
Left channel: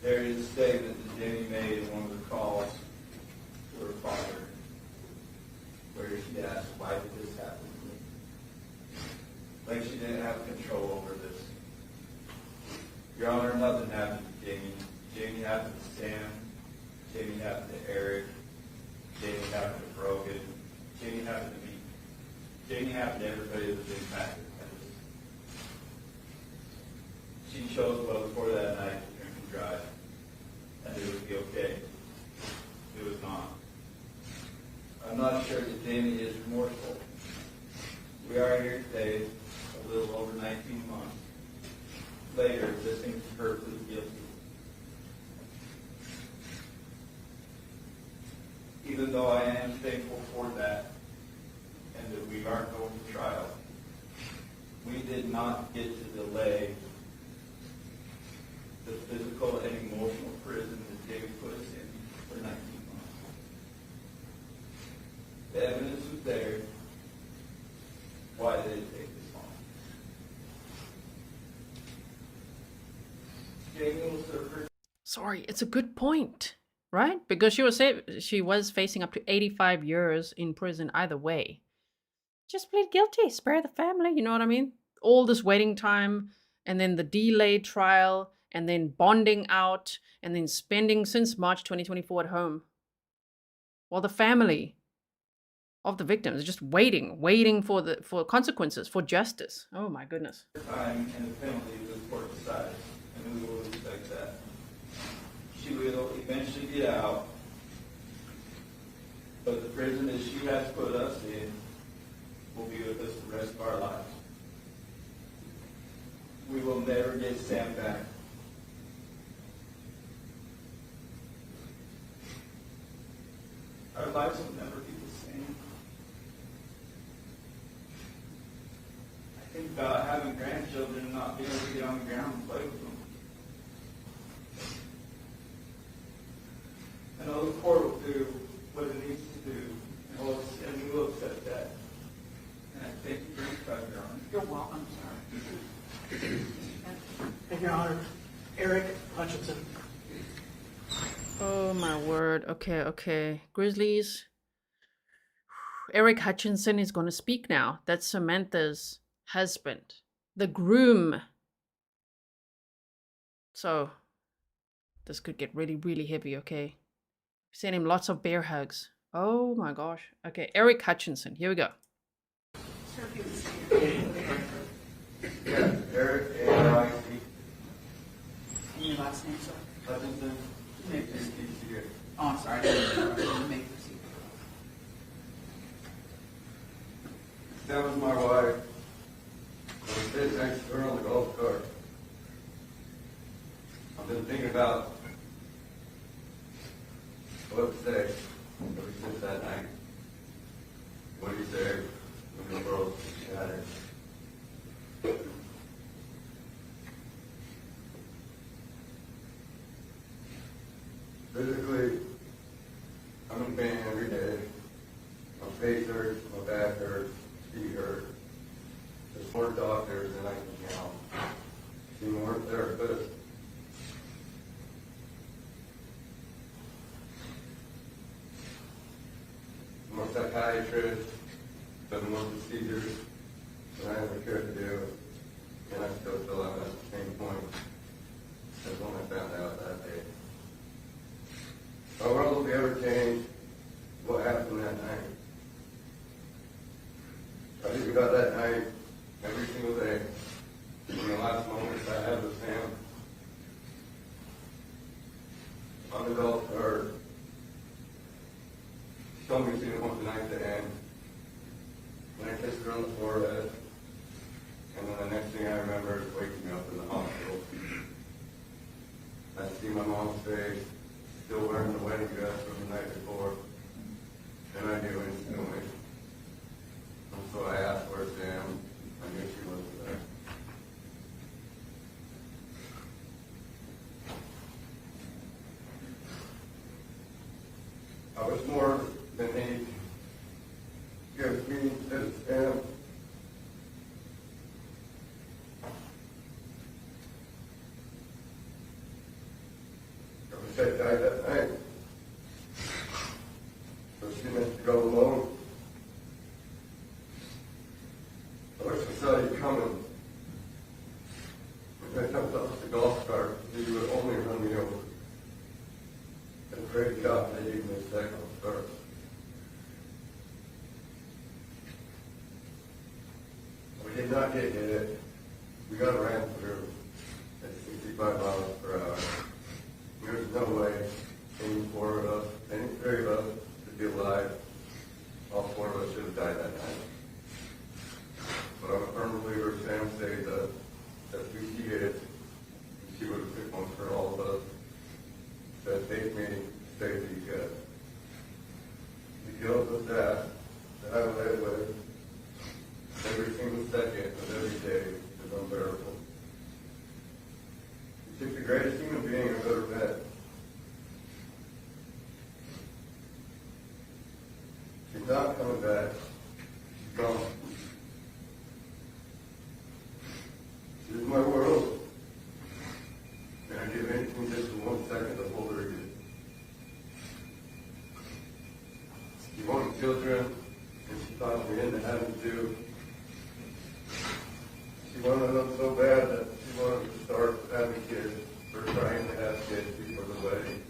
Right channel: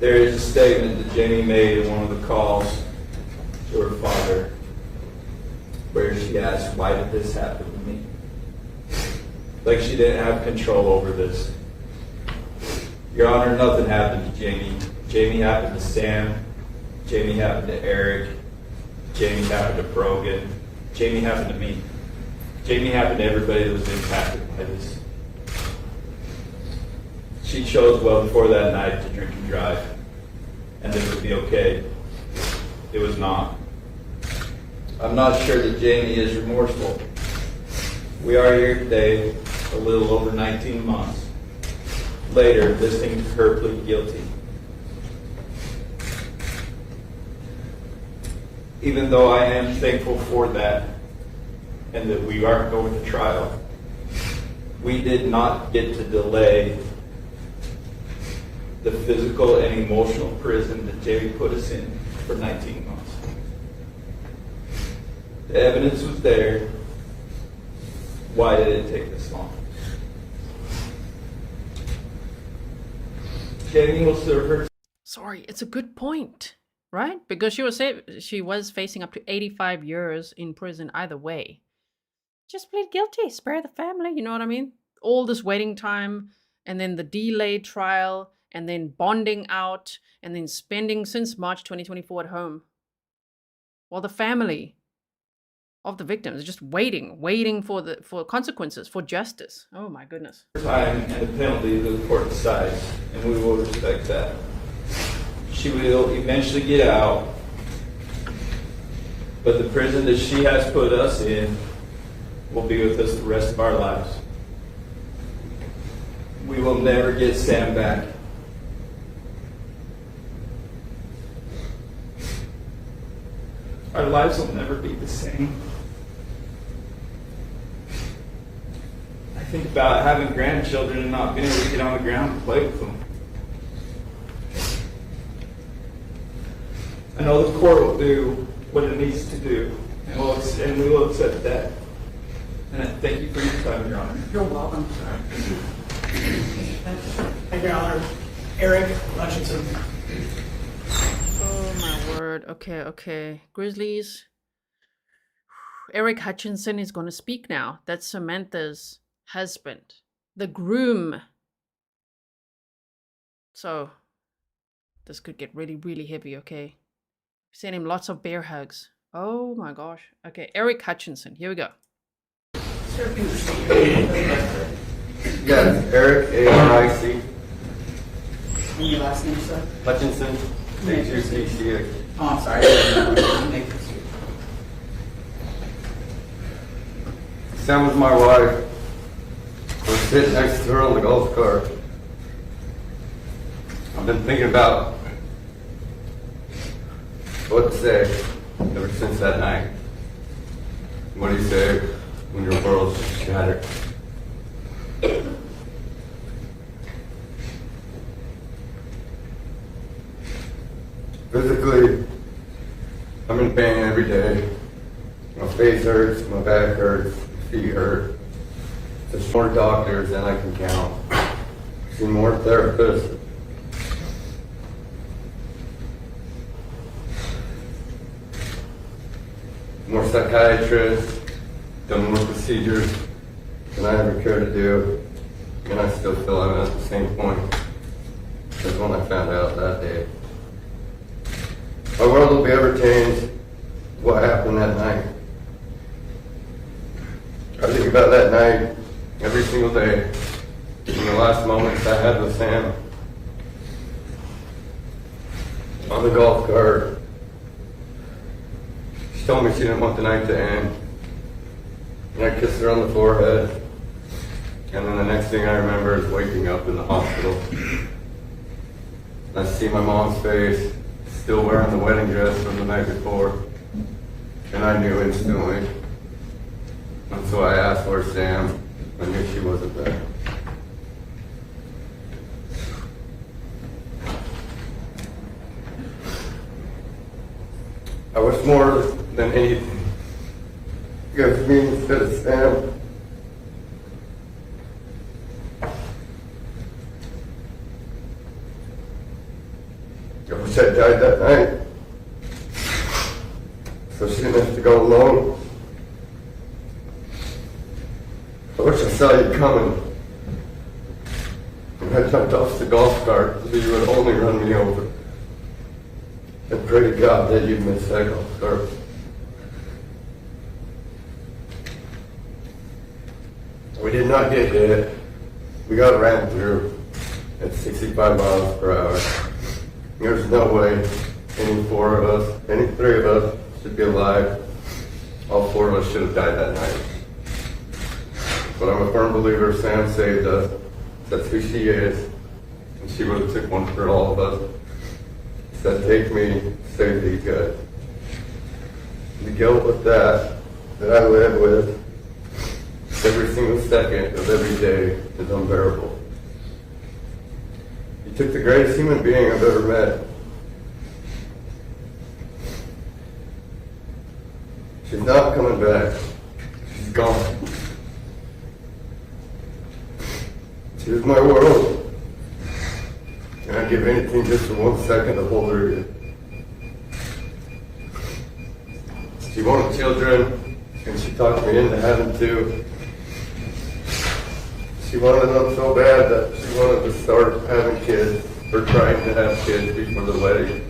There is a statement that Jamie made in one of the calls to her father where she asked, "Why did this happen to me?" Like she didn't have control over this. Your Honor, nothing happened to Jamie. Jamie happened to Sam. Jamie happened to Aric. Jamie happened to Brogan. Jamie happened to me. Jamie happened to everybody that was impacted by this. She chose well before that night to drink and drive, and it would be okay. It was not. I'm not sure that Jamie is remorseful. We are here today, a little over 19 months later, listening to her plead guilty. Even though I am thankful for that, and that we aren't going to trial, we did not get to delay the physical and emotional prison that Jamie put us in for 19 months. The evidence was there. Why did it take this long? Jamie will serve her. Sorry, it's a good point, right? Because she was facing up to 85 years in prison either way. Just plead guilty, spare the family, you know what I mean? All this waiting time, and then the delayed trial, and then bonding out, and then spending since March 2024 at home. While the family of the victims is just waiting for consequences, for justice. Oh my goodness. Time and the penalty that the court decides, and we will respect that. She will eventually get out, but the prison that she has put us in will be with us the rest of our lives. We will never get Sam back. Our lives will never be the same. I think about having grandchildren and not being able to get on the ground and play with them. I know the court will do what it needs to do, and we will accept that. And I thank you for your time, Your Honor. You're welcome. Thank you, Your Honor. Aric Hutchinson. Oh my word. Okay. Grizzlies. Aric Hutchinson is going to speak now. That's Samantha's husband, the groom. So this could get really, really heavy, okay? Send him lots of bear hugs. Oh my gosh. Okay, Aric Hutchinson. Here we go. Yes, Aric, A-R-I-C. And your last name, sir? Hutchinson, H-U-C-C-A. Oh, I'm sorry. You may proceed. Sam was my wife. I was sitting next to her on the golf cart. I've been thinking about what to say ever since that night. What do you say when your world's shattered? Physically, I'm in pain every day. My face hurts, my back hurts, my feet hurt. There's more doctors than I can count. See more therapists. More psychiatrists, done more procedures than I ever cared to do. And I still feel I'm at the same point as when I found out that day. My world will be ever changed what happened that night. I think about that night every single day. In the last moments I had with Sam on the golf cart. She told me she didn't want the night to end. And I kissed her on the forehead. And then the next thing I remember is waking up in the hospital. I see my mom's face, still wearing the wedding dress from the night before. And I knew instantly. And so I asked where's Sam. I knew she wasn't there. I wish more than anything gives me instead of Sam. I wish I died that night, so she didn't have to go alone. I wish I saw you coming, and I jumped off the golf cart so you would only run me over. And pray to God that you'd miss that golf cart. We did not get hit. We got ran through at 65 miles per hour. There's no way any four of us, any three of us should be alive. All four of us should have died that night. But I'm a firm believer Sam saved us. That's who she is. And she would have took one for all of us. Said, take me, save these guys. The guilt with that I live with every single second of every day is unbearable. You took the greatest human being I've ever met. She's not coming back. She's gone. She was my world. And I'd give anything just for 1 second to hold her again. She wanted children, and she talked me into having two. She wanted them so bad that she wanted to start having kids, or trying to have kids before the wedding.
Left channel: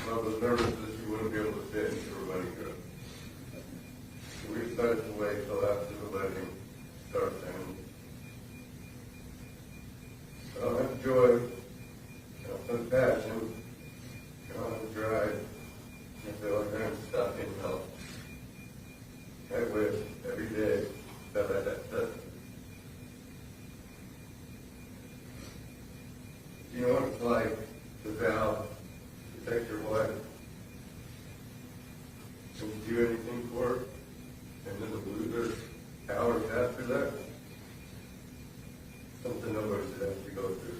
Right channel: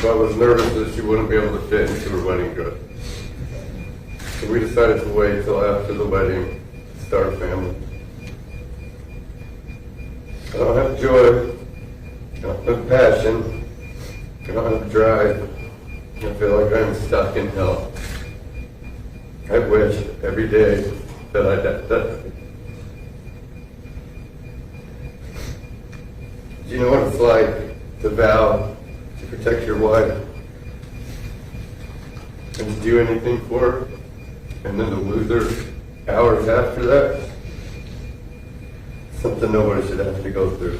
So I was nervous that she wouldn't be able to fit into her wedding dress. So we decided to wait till after the wedding to start a family. I don't have joy, I don't have passion, I don't have drive. I feel like I'm stuck in hell. I wish every day that I died. Do you know what it's like to vow to protect your wife and to do anything for her, and then to lose her hours after that? Something nobody should have to go through.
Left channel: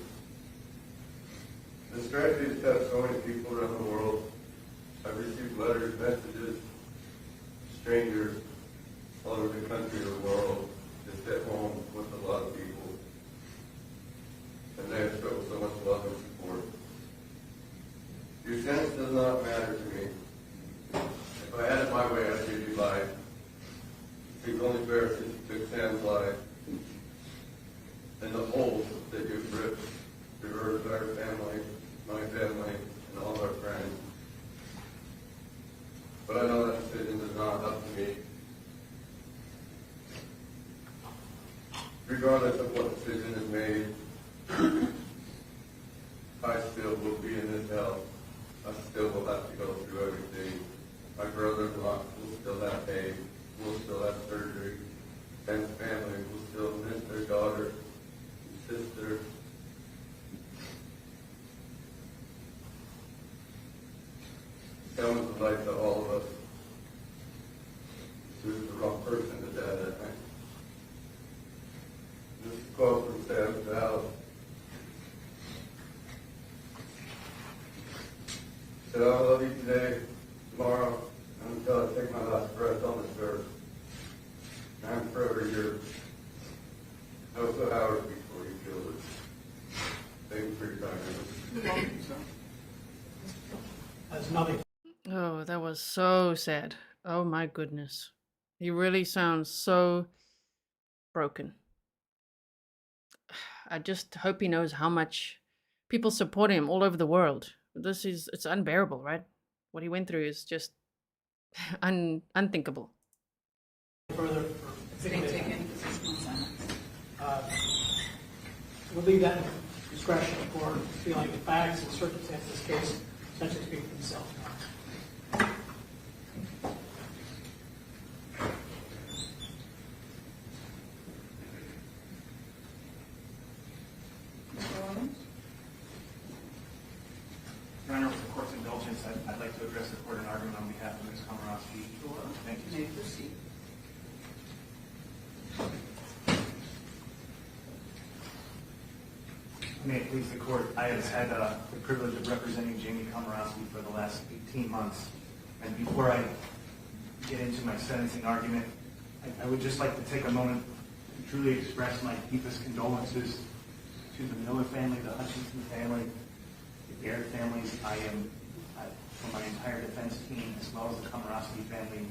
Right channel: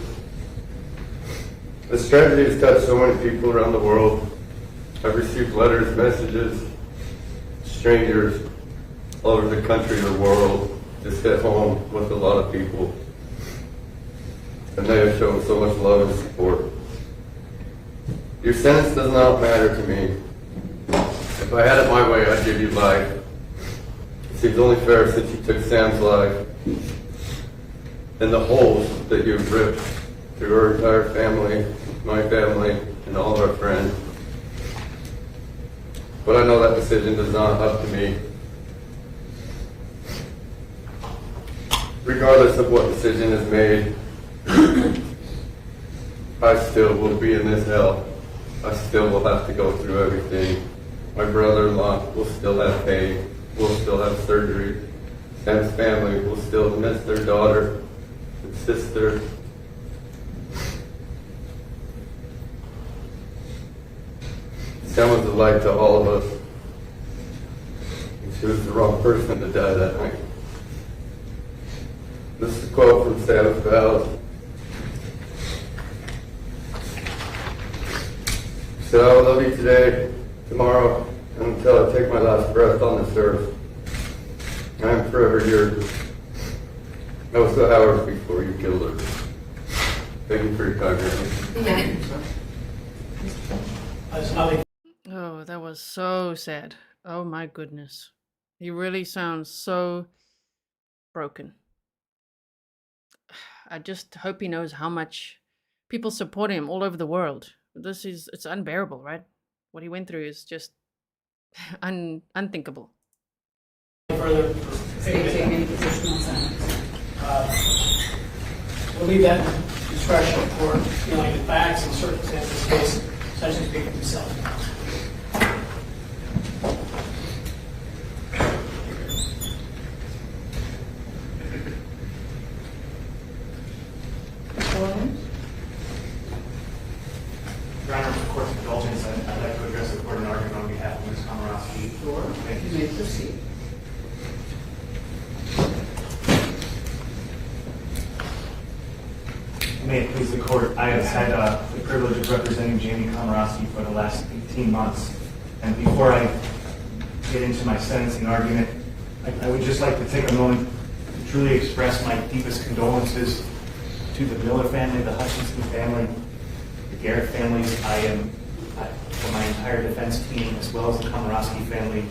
This tragedy has touched so many people around the world. I've received letters, messages, strangers all over the country, the world, just hit home with a lot of people. And they have shown so much love and support. Your sentence does not matter to me. If I had it my way, I'd give you life. It seems only fair since you took Sam's life. And the holes that you've ripped through our entire family, my family, and all of our friends. But I know that decision is not up to me. Regardless of what decision is made, I still will be in this hell. I still will have to go through everything. My brother-in-law will still have pain, will still have surgery. Sam's family will still miss their daughter and sister. Sam was a light to all of us. And she was the wrong person to die that night. This is a quote from Sam's vows. She said, I will love you today, tomorrow, and until I take my last breath on this earth. I am forever yours. That was the hours before you killed her. Thank you for your time, Granny. There's nothing. Oh, that was so sad. Oh my goodness. He really sounds so broken. I just hope he knows how much people support him all over the world. It's unbearable, right? What he went through is just unthinkable. Further State take any position on sentence. We'll leave that discretion for feeling the facts and circumstances of the case, such as speak for themselves. Your Honor, with the court's indulgence, I'd like to address the court in argument on behalf of Ms. Komoroski. Sure. Thank You may proceed. May it please the court, I have had the privilege of representing Jamie Komoroski for the last 18 months. And before I get into my sentencing argument, I would just like to take a moment to truly express my deepest condolences to the Miller family, the Hutchinson family, the Garret families. For my entire defense team, as well as the Komoroski family,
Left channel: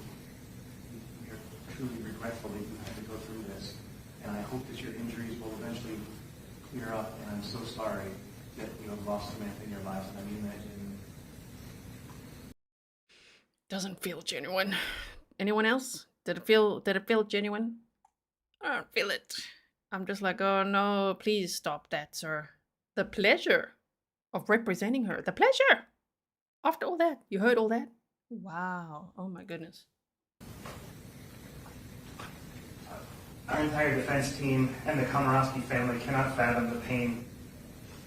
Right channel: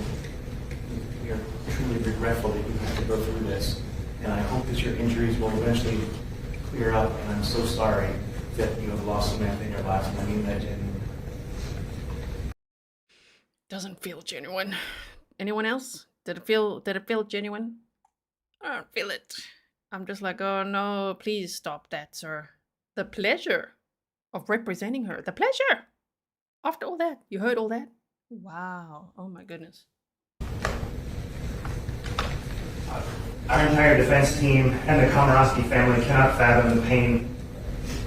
we are truly regretful that you have to go through this. And I hope that your injuries will eventually clear up, and I'm so sorry that you have lost Samantha in your life, and I mean that genuinely. Doesn't feel genuine. Anyone else? Did it feel genuine? I don't feel it. I'm just like, oh no, please stop that, sir. The pleasure of representing her. The pleasure! After all that, you heard all that? Wow. Oh my goodness. Our entire defense team and the Komoroski family cannot fathom the pain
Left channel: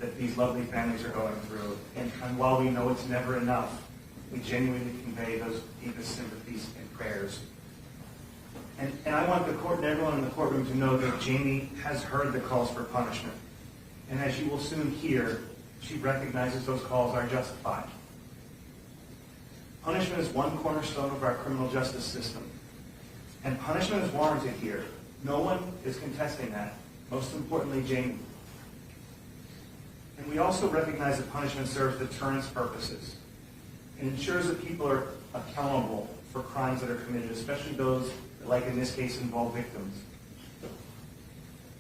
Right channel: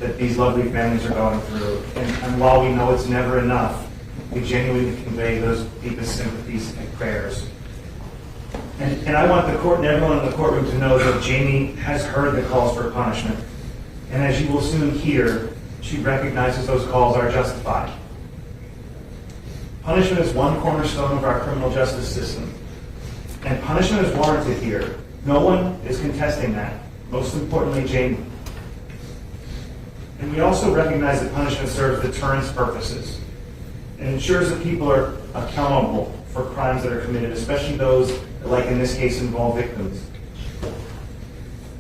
that these lovely families are going through. And while we know it's never enough, we genuinely convey those deepest sympathies and prayers. And I want the court and everyone in the courtroom to know that Jamie has heard the calls for punishment. And as you will soon hear, she recognizes those calls are justified. Punishment is one cornerstone of our criminal justice system. And punishment is warranted here. No one is contesting that. Most importantly, Jamie. And we also recognize that punishment serves deterrence purposes and ensures that people are accountable for crimes that are committed, especially those that, like in this case, involve victims.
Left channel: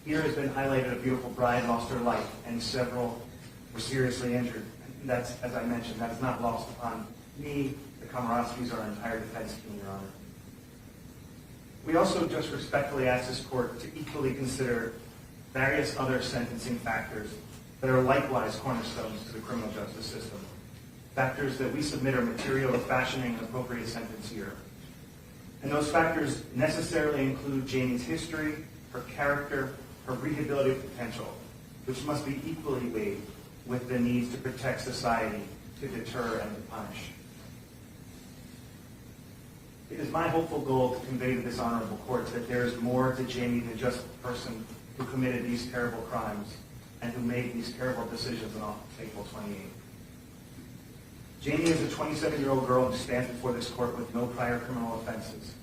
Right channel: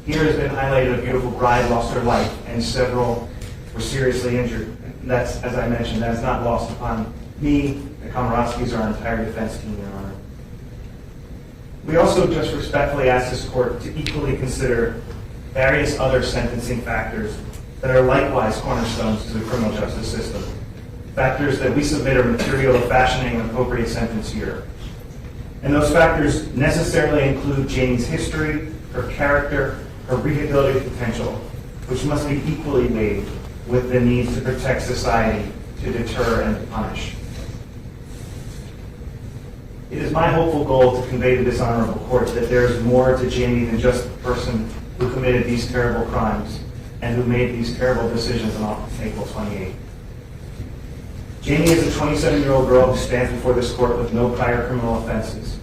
Here has been highlighted a beautiful bride lost her life and several were seriously injured. That's, as I mentioned, that is not lost upon me, the Komoroskis, or our entire defense team, Your Honor. We also just respectfully ask this court to equally consider various other sentencing factors that are likewise cornerstones to the criminal justice system. Factors that we submit are material of fashioning an appropriate sentence here. And those factors necessarily include Jamie's history, her character, her rehabilitative potential, which must be equally weighed with the need to protect society, to deter and to punish. It is my hopeful goal to convey to this honorable court that there is more to Jamie than just the person who committed these terrible crimes and who made these terrible decisions on April 28th. Jamie is a 27-year-old girl who stands before this court with no prior criminal offenses.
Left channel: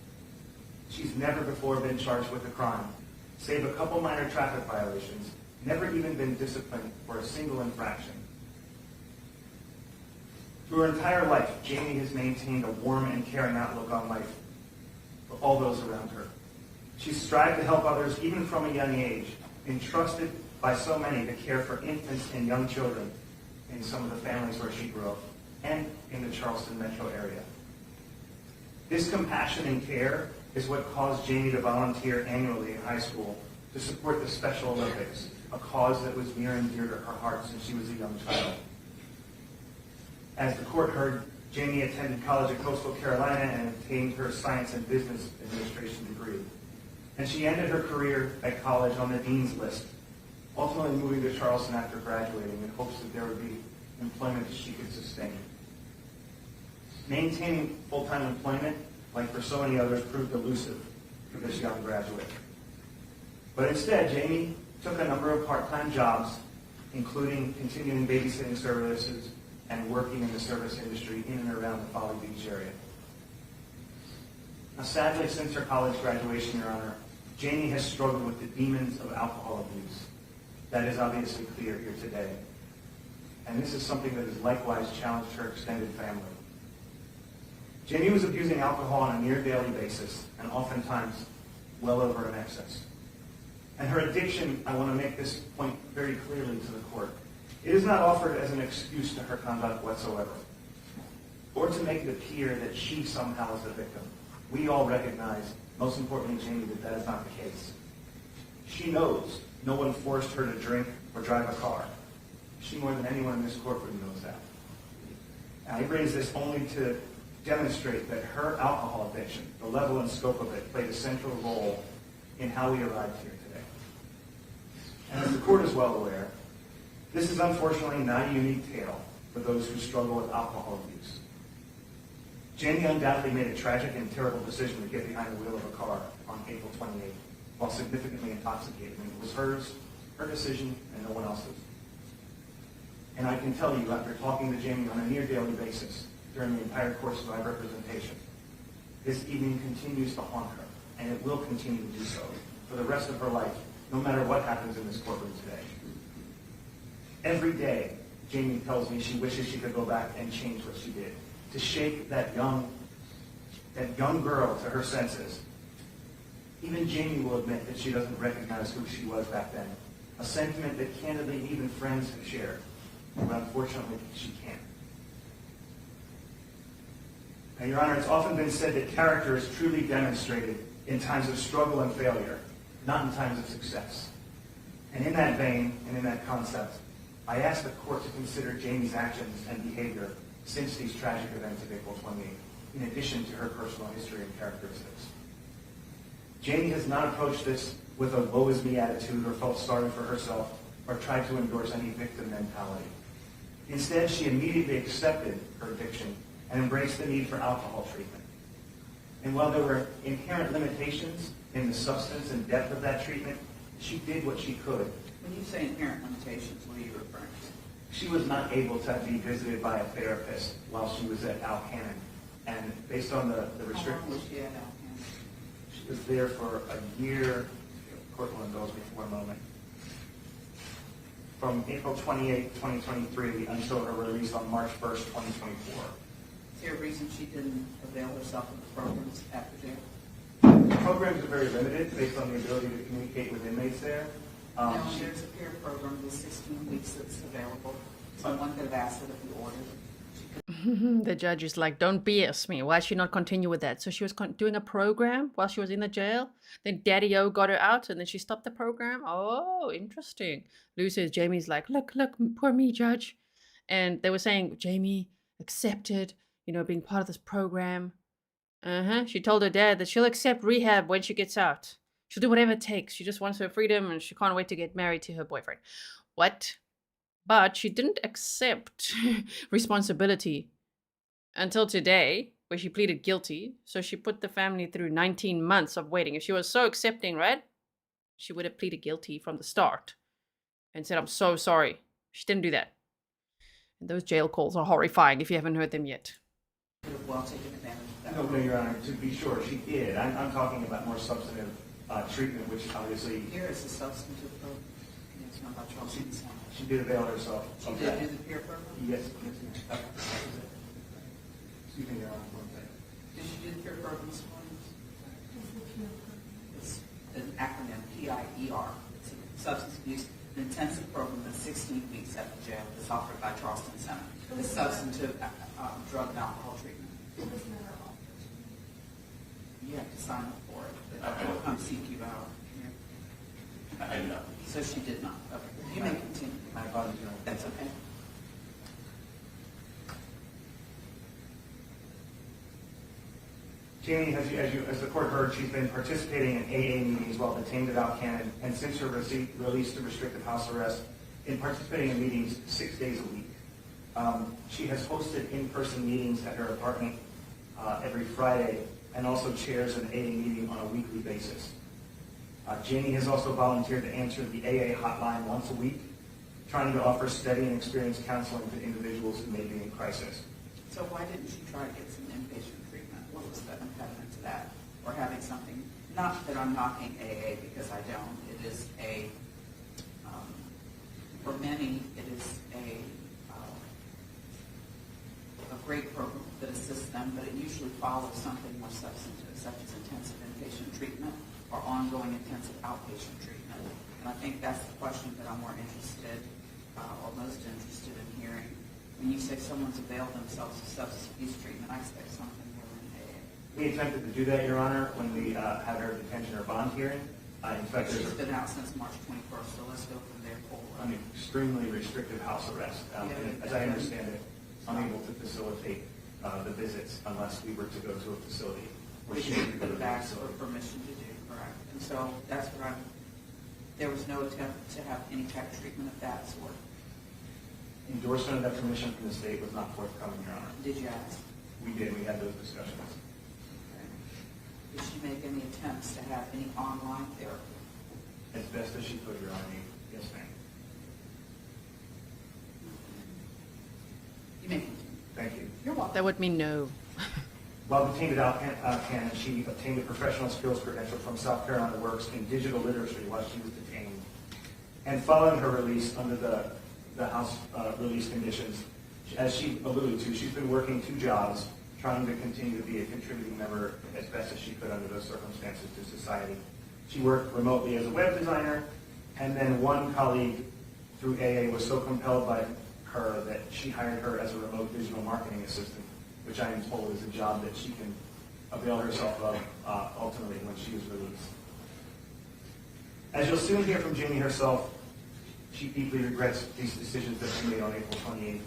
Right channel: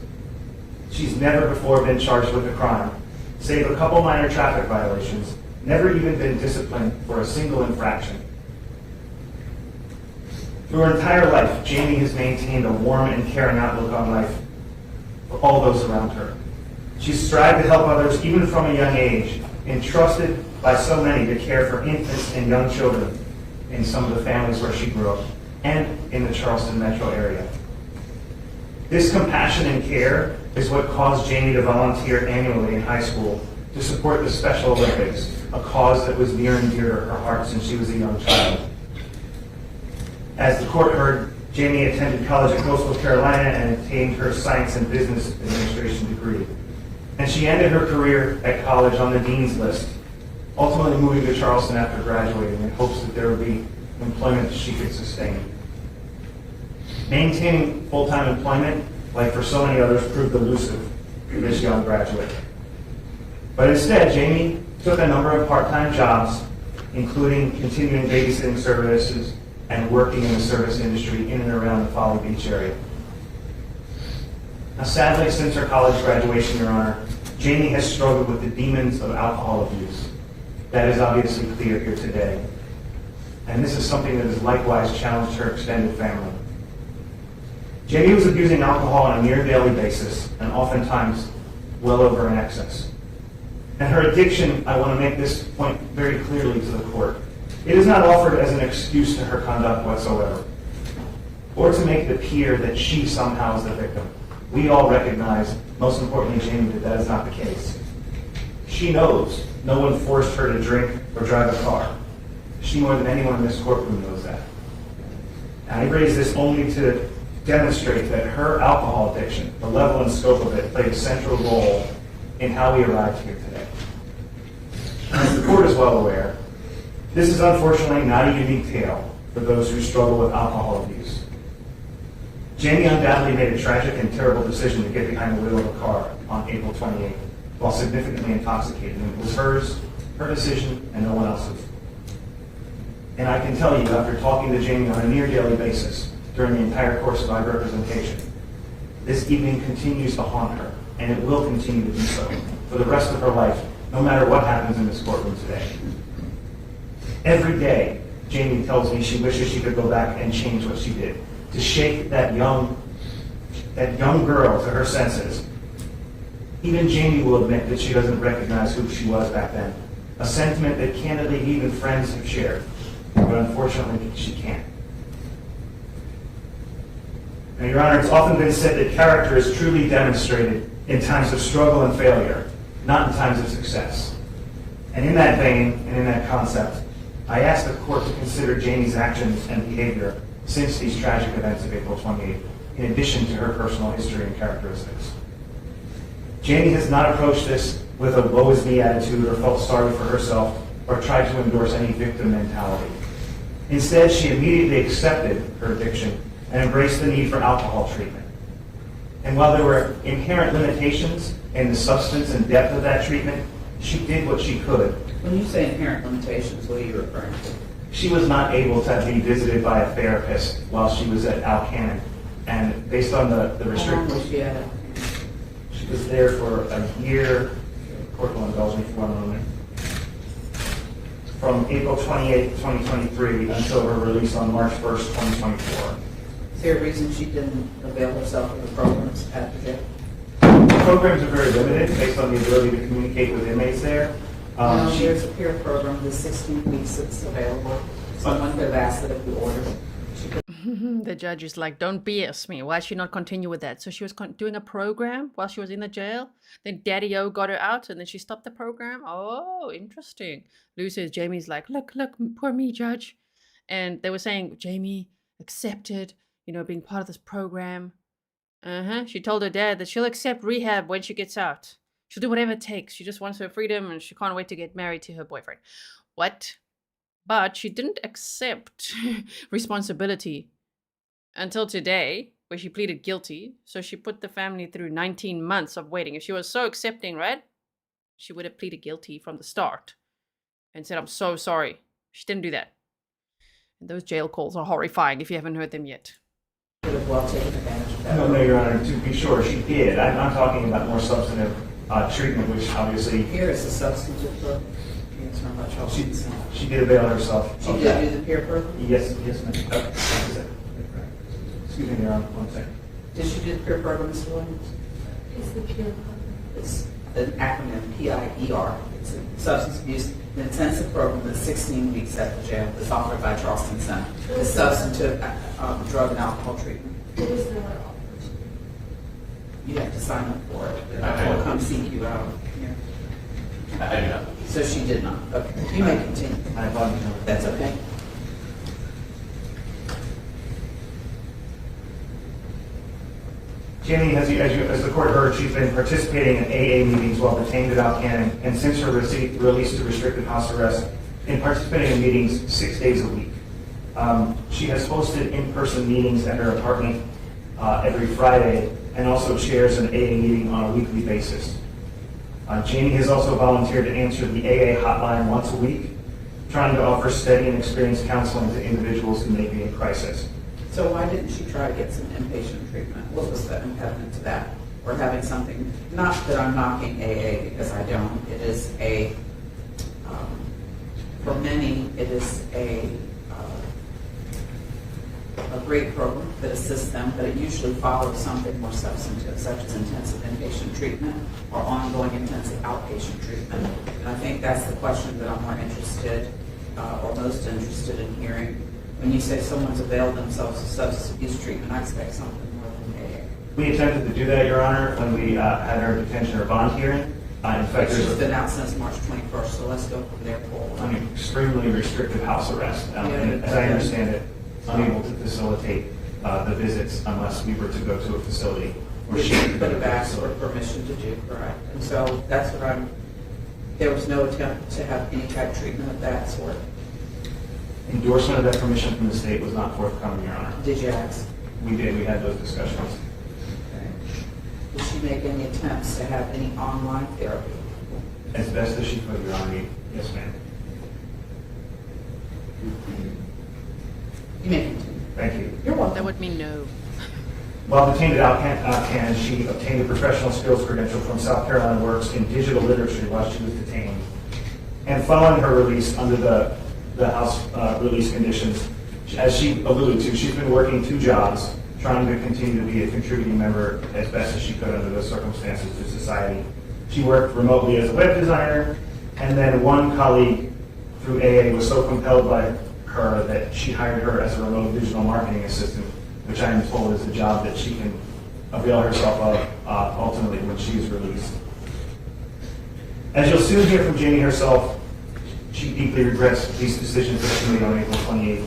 She's never before been charged with a crime, save a couple minor traffic violations, never even been disciplined for a single infraction. Through her entire life, Jamie has maintained a warm and caring outlook on life for all those around her. She's strived to help others even from a young age, entrusted by so many to care for infants and young children in some of the families where she grew up and in the Charleston metro area. This compassion and care is what caused Jamie to volunteer annually in high school to support the Special Olympics, a cause that was near and dear to her heart since she was a young child. As the court heard, Jamie attended college at Coastal Carolina and obtained her Science and Business Administration degree. And she ended her career at college on the dean's list, ultimately moving to Charleston after graduating in hopes that there would be employment that she could sustain. Maintaining full-time employment, like for so many others, proved elusive for this young graduate. But instead, Jamie took a number of part-time jobs, including continuing babysitting services and working in the service industry in and around the Folly Beach area. Now, sadly, since her college graduation, Your Honor, Jamie has struggled with the demons of alcohol abuse. That is obviously clear here today. And this is something that has likewise challenged her extended family. Jamie was abusing alcohol on a near daily basis, and oftentimes well over in excess. And her addiction, I want to make this point very clearly to the court. It is not offered as an excuse to her conduct whatsoever, or to make it appear that she somehow is the victim. We all recognize, most importantly Jamie, that that is not the case. She knows no one forced her to drink or drive a car. She, more than anyone in this courtroom, knows that. And I raise this only to demonstrate that her alcohol addiction, the level and scope of it, played a central role in how we arrived here today. As the court is well aware, this is unfortunately not a unique tale for those who struggle with alcohol abuse. Jamie undoubtedly made a tragic and terrible decision to get behind the wheel of a car on April 28th while significantly intoxicated. And it was hers, her decision, and no one else's. And I can tell you, after talking to Jamie on a near daily basis during the entire course of my representation, this evening continues to haunt her, and it will continue to do so for the rest of her life, no matter what happens in this courtroom today. Every day, Jamie tells me she wishes she could go back and change what she did, to shake that young girl to her senses. Even Jamie will admit that she doesn't recognize who she was back then, a sentiment that candidly even friends have shared, but unfortunately she can't. Now, Your Honor, it's often been said that character is truly demonstrated in times of struggle and failure, not in times of success. And in that vein, and in that concept, I ask the court to consider Jamie's actions and behavior since these tragic events of April 28th, in addition to her personal history and characteristics. Jamie has not approached this with a woe is me attitude or felt sorry for herself or tried to endorse any victim mentality. Instead, she immediately accepted her addiction and embraced the need for alcohol treatment. And while there were inherent limitations in the substance and depth of that treatment, she did what she could. When you say inherent limitations, what are you referring to? She was not able to be visited by a therapist while she was at Alcannon. And based on the restrictions... How long was she at Alcannon? She was there for a year. The court will indulge me for one moment. From April 28, 2023 until her release on March 1st, 2024. Is there a reason she didn't avail herself of the programs at the jail? The programs are very limited based on the ability to communicate with inmates there. There's a peer program, the 16 weeks that's available. Someone could have asked that if you ordered it. The judge is like, don't BS me. Why should she not continue with that? So she was doing a program while she was in the jail. Then Daddy-O got her out and then she stopped the program. Oh, interesting. Lou says, Jamie's like, look, poor me, judge. And they were saying, Jamie accepted, being part of this program. She told her dad that she'll accept rehab when she gets out. She'll do whatever it takes. She just wants her freedom and she can't wait to get married to her boyfriend. What? But she didn't accept responsibility until today, where she pleaded guilty. So she put the family through 19 months of waiting. If she was so accepting, right? She would have pleaded guilty from the start and said, I'm so sorry. She didn't do that. And those jail calls are horrifying if you haven't heard them yet. Well taken advantage of that. No, Your Honor, to be sure, she did. I'm talking about more substantive treatment, which obviously... Here is the substantive program. She did avail herself. She did do the peer program? Yes, ma'am. Excuse me, Your Honor, 1 second. Did she do the peer program, Mr. Williams? It's an acronym, PIER. It's a substance abuse intensive program that's 16 weeks at the jail. It's offered by Charleston Center. It's substantive drug and alcohol treatment. You have to sign up for it. I will come seek you out here. I do not. So she did not. Okay. You may continue. I apologize. That's okay. Jamie, as the court heard, she's been participating in AA meetings while detained at Alcannon, and since her release to restricted house arrest, been participating in meetings 6 days a week. She has hosted in-person meetings at her apartment every Friday, and also chairs an AA meeting on a weekly basis. Jamie has also volunteered to answer the AA hotline once a week, trying to offer steady and experienced counseling to individuals who may be in crisis. So why didn't she try to get some inpatient treatment? What was the impediment to that? Or having something, not that I'm knocking AA because I don't, it is for many, it is a great program that assists them, but it usually follows something more substantive, such as intensive inpatient treatment or ongoing intensive outpatient treatment. And I think that's the question that I'm more interested or most interested in hearing. When you say someone's availed themselves of substance abuse treatment, I expect something more than AA. We attempted to do that, Your Honor, when we had our detention or bond hearing. In fact, She's there's been out since March 21st, so let's go from there forward. an extremely restrictive house arrest. And as I understand it, unable to facilitate the visits unless we were to go to a facility where she could But have asked for permission to do, correct? And so that's what there was no attempt to have any type of treatment of that sort. Endorsement of that permission from the state was not forthcoming, Your Honor. Did you ask? We did, we had those discussions. Okay. Did she make any attempts to have any online therapy? As best as she could, Your Honor. Yes, ma'am. You may continue. Thank you. You're welcome. That would mean no. While detained at Alcan, she obtained a professional skills credential from South Carolina Works in digital literature while she was detained. And following her release under the House release conditions, as she alluded to, she's been working 2 jobs, trying to continue to be a contributing member as best as she could under those circumstances to society. She worked remotely as a web designer, and then one colleague through AA was so compelled by her that she hired her as a remote digital marketing assistant, which I am told is a job that she can avail herself of ultimately when she is released. As you'll soon hear from Jamie herself, she deeply regrets these decisions that she made on April 28th.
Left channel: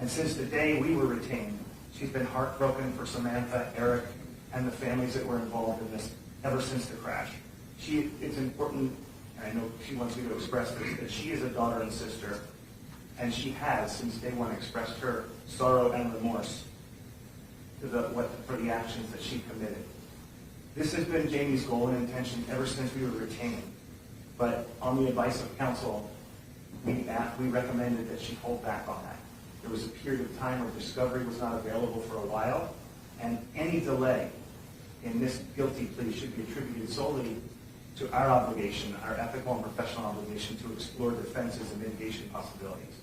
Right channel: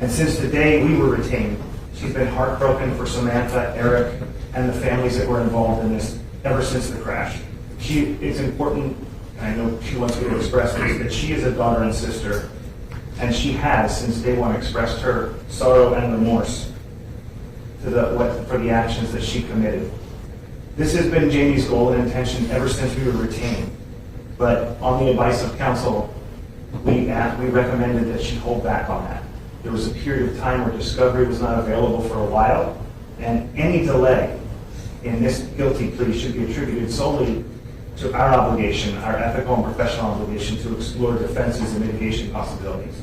And since the day we were retained, she's been heartbroken for Samantha, Aric, and the families that were involved in this ever since the crash. It's important, and I know she wants me to express this, that she is a daughter and sister, and she has, since day one, expressed her sorrow and remorse for the actions that she committed. This has been Jamie's goal and intention ever since we were retained. But on the advice of counsel, we recommended that she hold back on that. There was a period of time where discovery was not available for a while, and any delay in this guilty plea should be attributed solely to our obligation, our ethical and professional obligation to explore defenses and mitigation possibilities,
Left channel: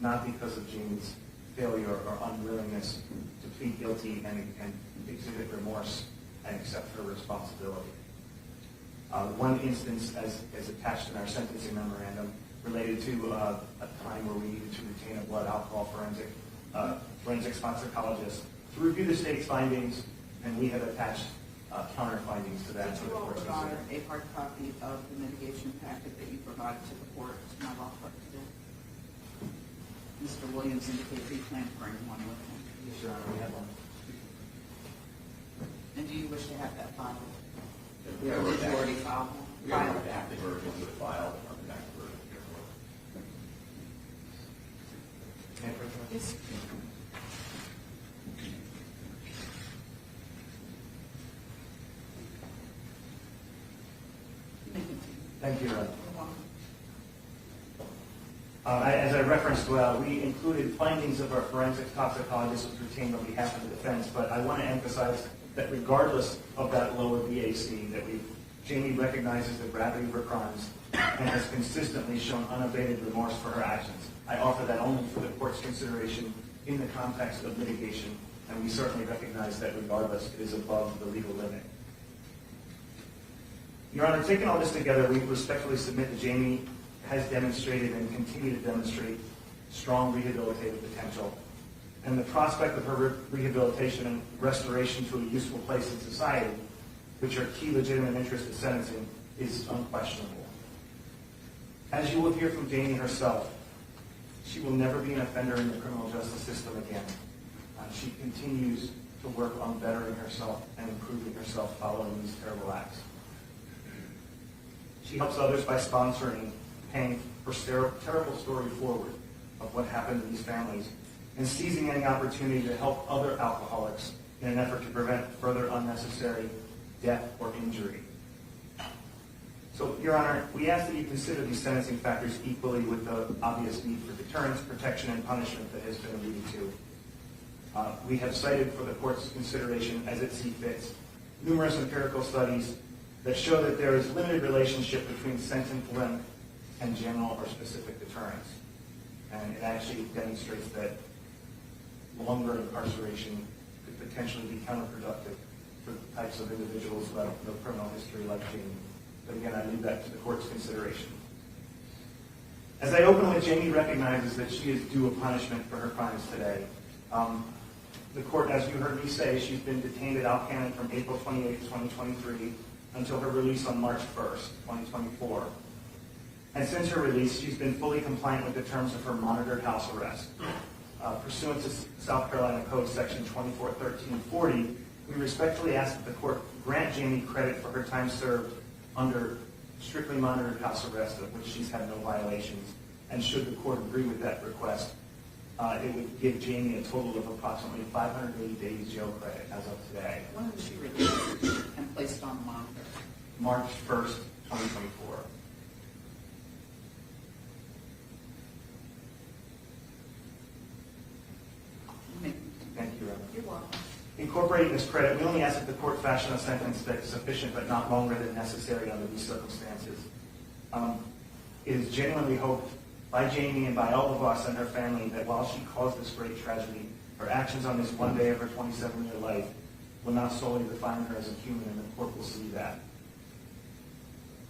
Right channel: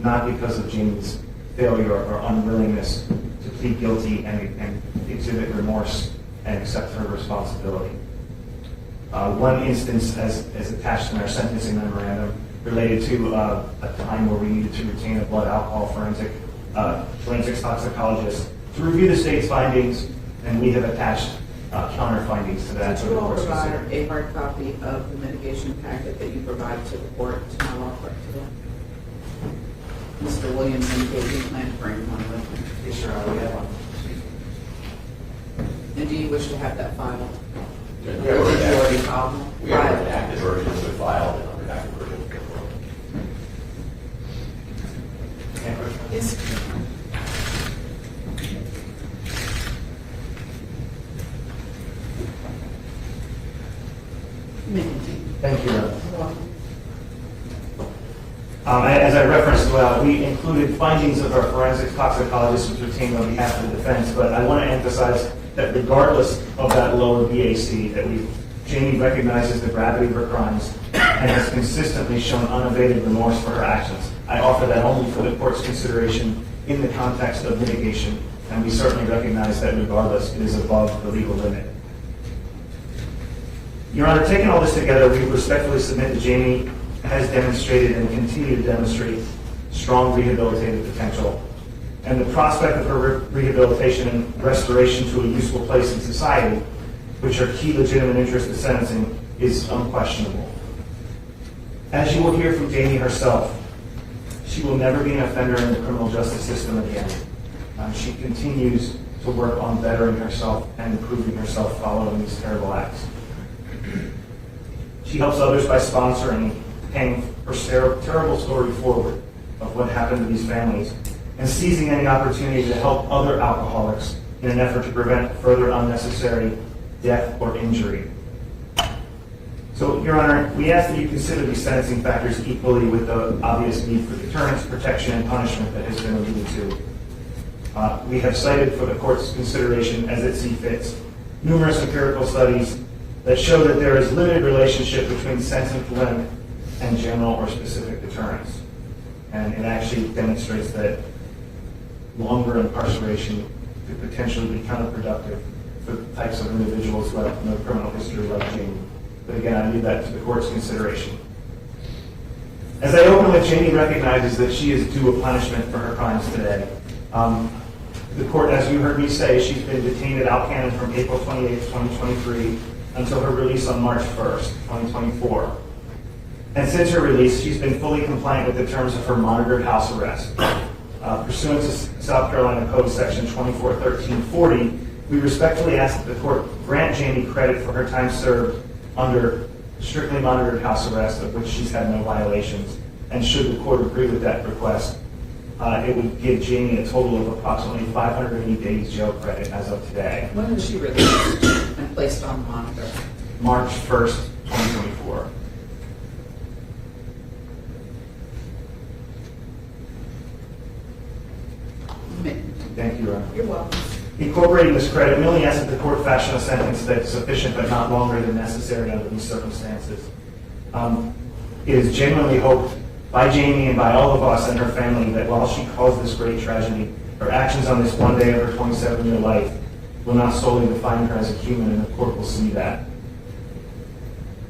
not because of Jamie's failure or unwillingness to plead guilty and exhibit remorse and accept her responsibility. One instance, as attached in our sentencing memorandum, related to a time where we needed to retain a blood alcohol forensics toxicologist to review the state's findings, and we have attached counter findings to that. Did you all provide a hard copy of the mitigation packet that you provided to the court to my law clerk today? Mr. Williams indicated he planned to bring one with him. Yes, Your Honor, we have one. And do you wish to have that filed? Yeah, Or did you already file them? We have an redacted version, we filed an unredacted version. Yes. You may continue. Thank you, Your Honor. You're welcome. As I referenced, we included findings of our forensics toxicologist was retained on behalf of the defense, but I want to emphasize that regardless of that lower BAC, that Jamie recognizes the gravity of her crimes and has consistently shown unabated remorse for her actions. I offer that only for the court's consideration in the context of mitigation, and we certainly recognize that regardless, it is above the legal limit. Your Honor, taking all this together, we respectfully submit that Jamie has demonstrated and will continue to demonstrate strong rehabilitative potential. And the prospect of her rehabilitation and restoration to a useful place in society, which are key legitimate interests of sentencing, is unquestionable. As you will hear from Jamie herself, she will never be an offender in the criminal justice system again. She continues to work on bettering herself and improving herself following these terrible acts. She helps others by sponsoring, paying her terrible story forward of what happened to these families, and seizing any opportunity to help other alcoholics in an effort to prevent further unnecessary death or injury. So, Your Honor, we ask that you consider these sentencing factors equally with the obvious need for deterrence, protection, and punishment that has been alluded to. We have cited for the court's consideration as it sees fits numerous empirical studies that show that there is limited relationship between sentence length and general or specific deterrence. And it actually demonstrates that longer incarceration could potentially be counterproductive for the types of individuals who have no criminal history like Jamie. But again, I leave that to the court's consideration. As I open with, Jamie recognizes that she is due a punishment for her crimes today. The court, as you heard me say, she's been detained at Alcannon from April 28, 2023 until her release on March 1st, 2024. And since her release, she's been fully compliant with the terms of her monitored house arrest. Pursuant to South Carolina Code Section 241340, we respectfully ask that the court grant Jamie credit for her time served under strictly monitored house arrest, of which she's had no violations. And should the court agree with that request, it would give Jamie a total of approximately 580 days jail credit as of today. When was she released and placed on monitor? March 1st, 2024. Thank you, Your Honor. You're welcome. Incorporating this credit, we only ask that the court fashion a sentence that's sufficient but not longer than necessary under these circumstances. It is genuinely hoped by Jamie and by all of us and her family that while she caused this great tragedy, her actions on this one day of her 27-year life will not solely define her as a human, and the court will see that.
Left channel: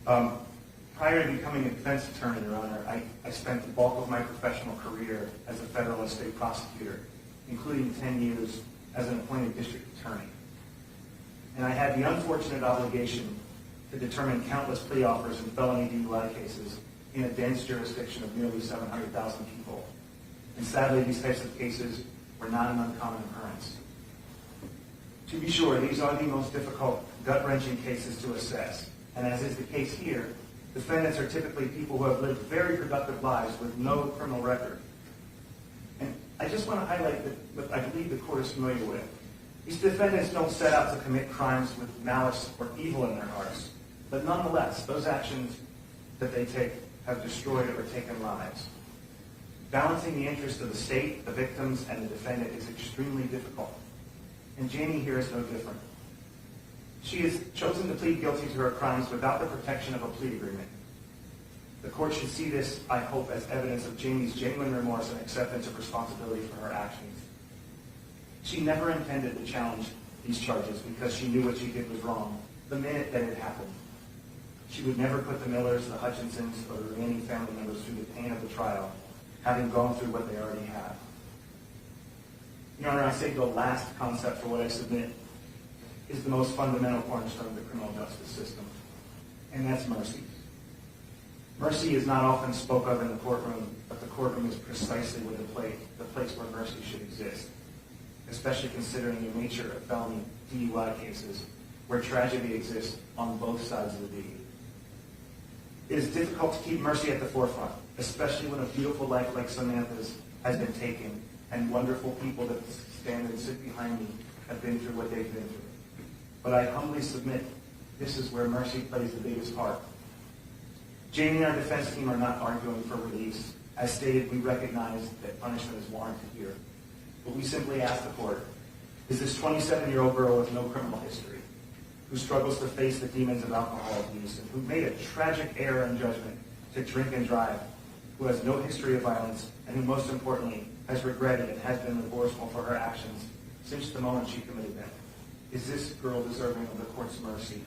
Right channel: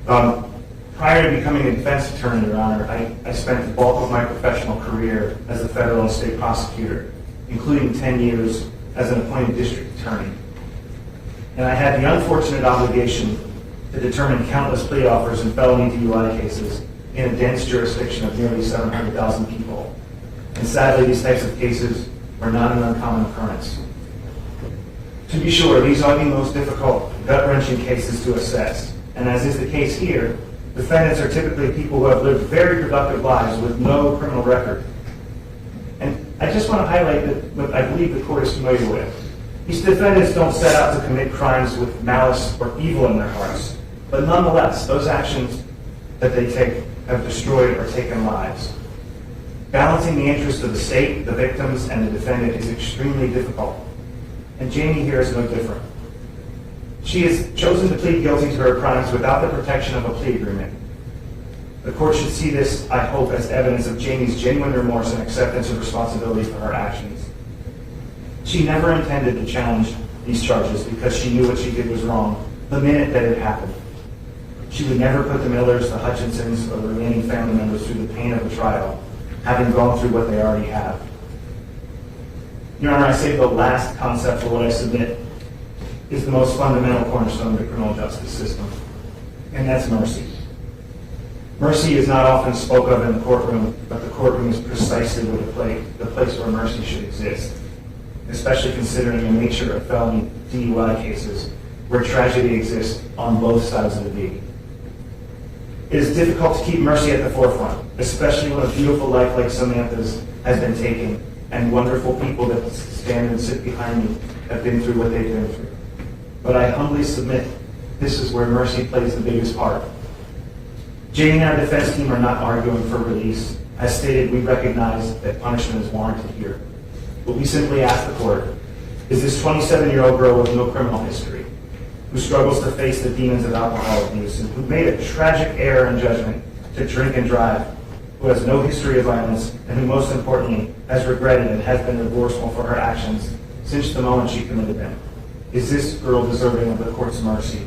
Prior to becoming a defense attorney, Your Honor, I spent the bulk of my professional career as a federal and state prosecutor, including 10 years as an appointed district attorney. And I had the unfortunate obligation to determine countless plea offers in felony DUI cases in a dense jurisdiction of nearly 700,000 people. And sadly, these types of cases were not an uncommon occurrence. To be sure, these are the most difficult, gut-wrenching cases to assess. And as is the case here, defendants are typically people who have lived very productive lives with no criminal record. And I just want to highlight what I believe the court is familiar with. These defendants don't set out to commit crimes with malice or evil in their hearts. But nonetheless, those actions that they take have destroyed or taken lives. Balancing the interests of the state, the victims, and the defendant is extremely difficult. And Jamie here is no different. She has chosen to plead guilty to her crimes without the protection of a plea agreement. The court should see this, I hope, as evidence of Jamie's genuine remorse and acceptance of responsibility for her actions. She never intended to challenge these charges because she knew what she did was wrong the minute that it happened. She would never put the Millers, the Hutchinsons, or the remaining family members through the pain of a trial, having gone through what they already have. Your Honor, I say the last concept for what I submit is the most fundamental cornerstone of the criminal justice system, and that's mercy. Mercy is not often spoken of in the courtroom, but the courtroom is precisely the place where mercy should exist, especially considering the nature of felony DUI cases where tragedy exists on both sides of the V. It is difficult to keep mercy at the forefront, especially when a beautiful life like Samantha's has been taken and wonderful people that stand and sit behind me have been through what they've been through. But I humbly submit this is where mercy plays the biggest part. Jamie and our defense team are not arguing for release. As stated, we recognize that punishment is warranted here. But we simply ask the court, is this 27-year-old girl with no criminal history, who struggles to face the demons of alcohol abuse, and who made a tragic error in judgment to drink and drive, who has no history of violence, and who most importantly has regretted and has been remorseful for her actions since the moment she committed them, is this girl deserving of the court's mercy?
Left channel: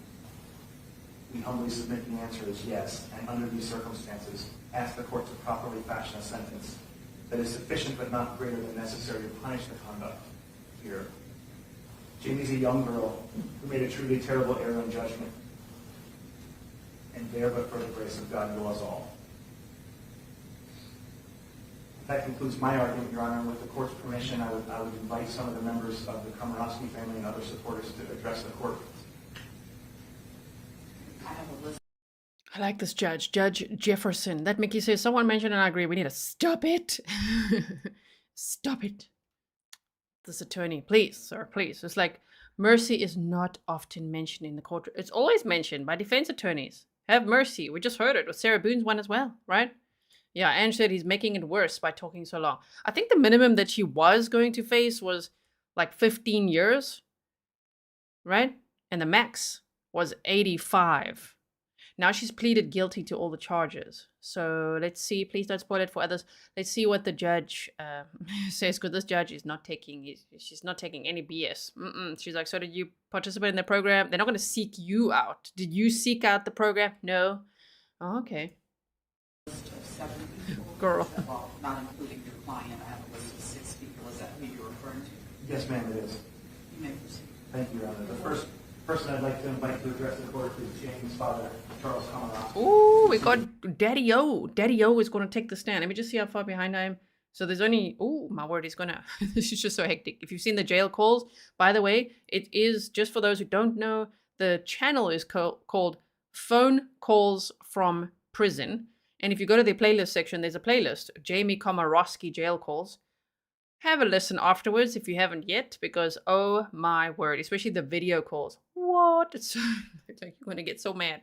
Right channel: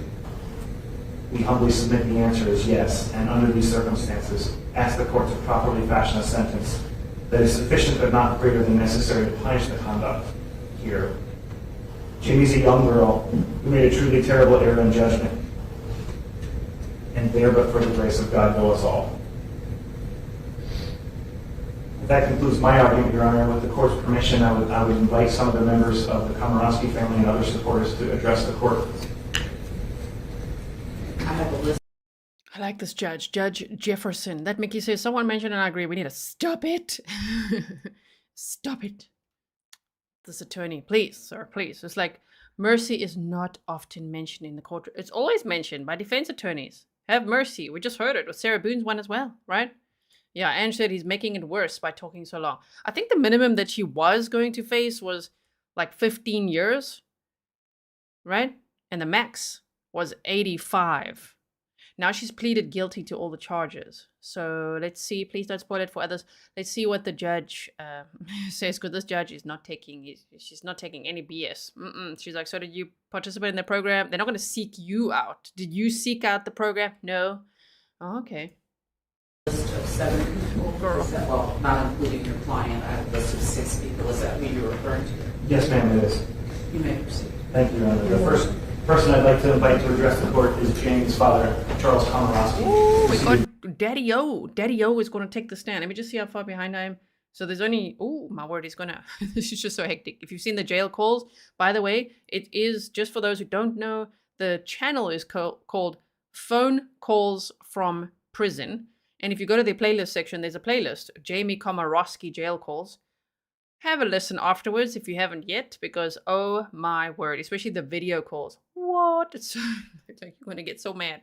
We humbly submit the answer is yes, and under these circumstances, ask the court to properly fashion a sentence that is sufficient but not greater than necessary to punish the conduct here. Jamie's a young girl who made a truly terrible error in judgment, and there but for the grace of God go us all. That concludes my argument, Your Honor. With the court's permission, I would invite some of the members of the Komoroski family and other supporters to address the court. I have a list. I like this judge, Judge Jefferson. That Mickey says, someone mentioned and I agree, we need to stop it. Stop it. This attorney, please, sir, please. It's like mercy is not often mentioned in the court. It's always mentioned by defense attorneys. Have mercy. We just heard it with Sarah Boone's one as well, right? Yeah, Ange said he's making it worse by talking so long. I think the minimum that she was going to face was like 15 years, right? And the max was 85. Now she's pleaded guilty to all the charges. So let's see. Please don't spoil it for others. Let's see what the judge says, because this judge is not taking, she's not taking any BS. She's like, so did you participate in the program? They're not going to seek you out. Did you seek out the program? No. Oh, okay. List of 7 people. Girl. Well, not including your client. I have a list of 6 people. Is that who you're referring to? Yes, ma'am, it is. You may proceed. Thank you, Your Honor. The first person I'd like to invite to address the court is Jane's father, Charles Komoroski. Ooh, we got Daddy O. Daddy O is going to take the stand. Let me just see how far behind I am. So there's only, oh, my word, he's going to, this is just so hectic. If you've seen the jail calls, by the way, it is, just for those who don't know, the channel is called Phone Calls from Prison. And if you go to the playlist section, there's a playlist, Jamie Komoroski jail calls. Have a listen afterwards if you haven't yet, because oh my word, especially the video calls. What? It's like you're going to get so mad.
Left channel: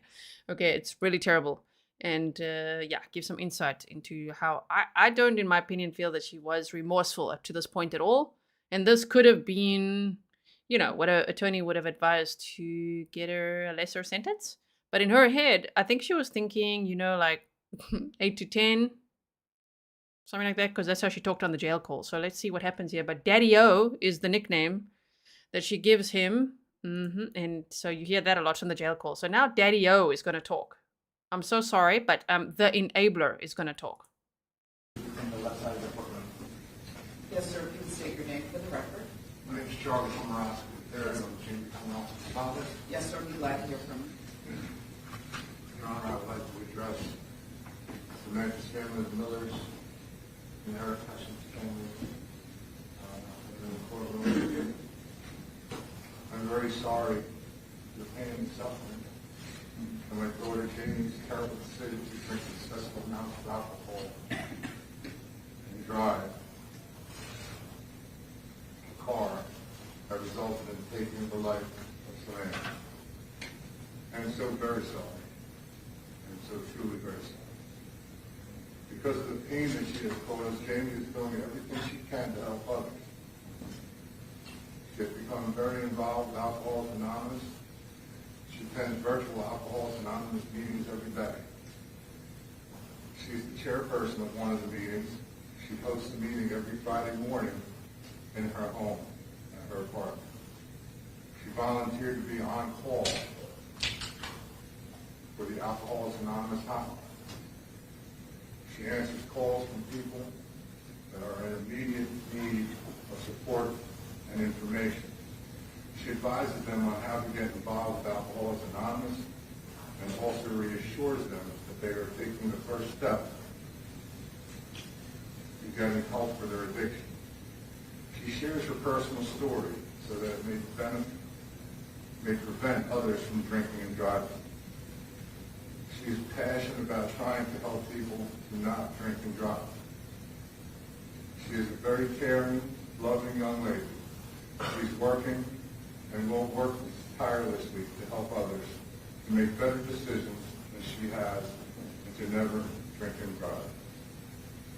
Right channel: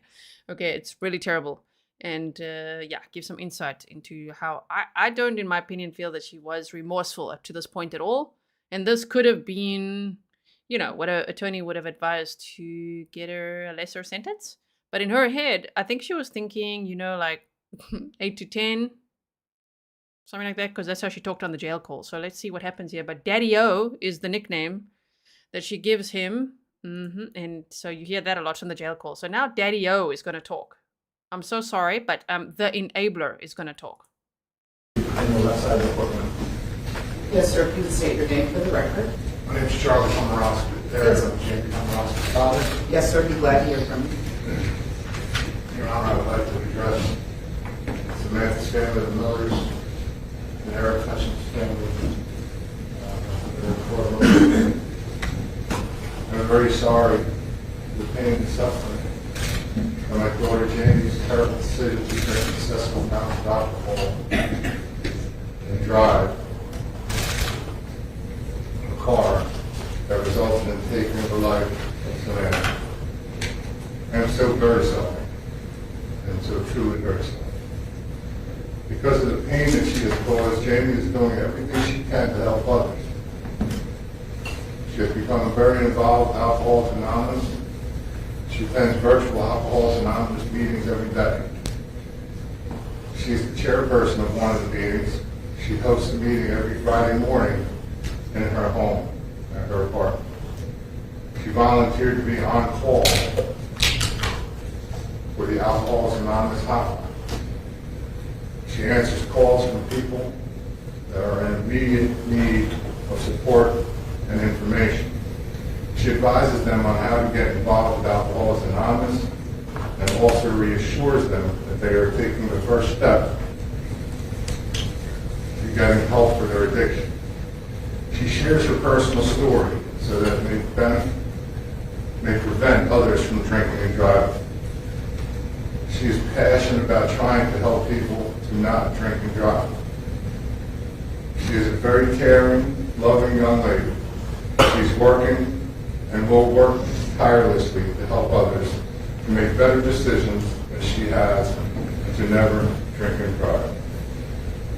Okay, it's really terrible. And yeah, give some insight into how I don't, in my opinion, feel that she was remorseful up to this point at all. And this could have been, you know, what an attorney would have advised to get her a lesser sentence. But in her head, I think she was thinking, you know, like 8 to 10, something like that, because that's how she talked on the jail call. So let's see what happens here. But Daddy O is the nickname that she gives him. And so you hear that a lot on the jail call. So now Daddy O is going to talk. I'm so sorry, but the enabler is going to talk. On the left side of the courtroom. Yes, sir. Please state your name for the record. My name is Charles Komoroski. Yes. I'm James Komoroski's father. Yes, sir. Be glad to hear from you. Your Honor, I would like to address Samantha's family, the Millers, and Aric Hutchinson's family. I'm very sorry for the pain and suffering of my daughter Janie's terrible decision to drink excessive amounts of alcohol and drive a car that resulted in taking the life of Samantha. I am so very sorry, and so truly very sorry. Because of the pain that she has caused, Jamie is doing everything she can to help others. She has become very involved with Alcoholics Anonymous. She attends virtual Alcoholics Anonymous meetings every day. She's the chairperson of one of the meetings. She hosts a meeting every Friday morning in her home, at her apartment. She volunteered to be on call for the Alcoholics Anonymous hotline. She answers calls from people that are in immediate need of support and information. She advises them on how to get involved with Alcoholics Anonymous and also reassures them that they are taking the first step to getting help for their addiction. She shares her personal story so that it may prevent others from drinking and driving. She is passionate about trying to help people to not drink and drive. She is a very caring, loving young lady. She's working and will work tirelessly to help others to make better decisions as she has and to never drink and drive.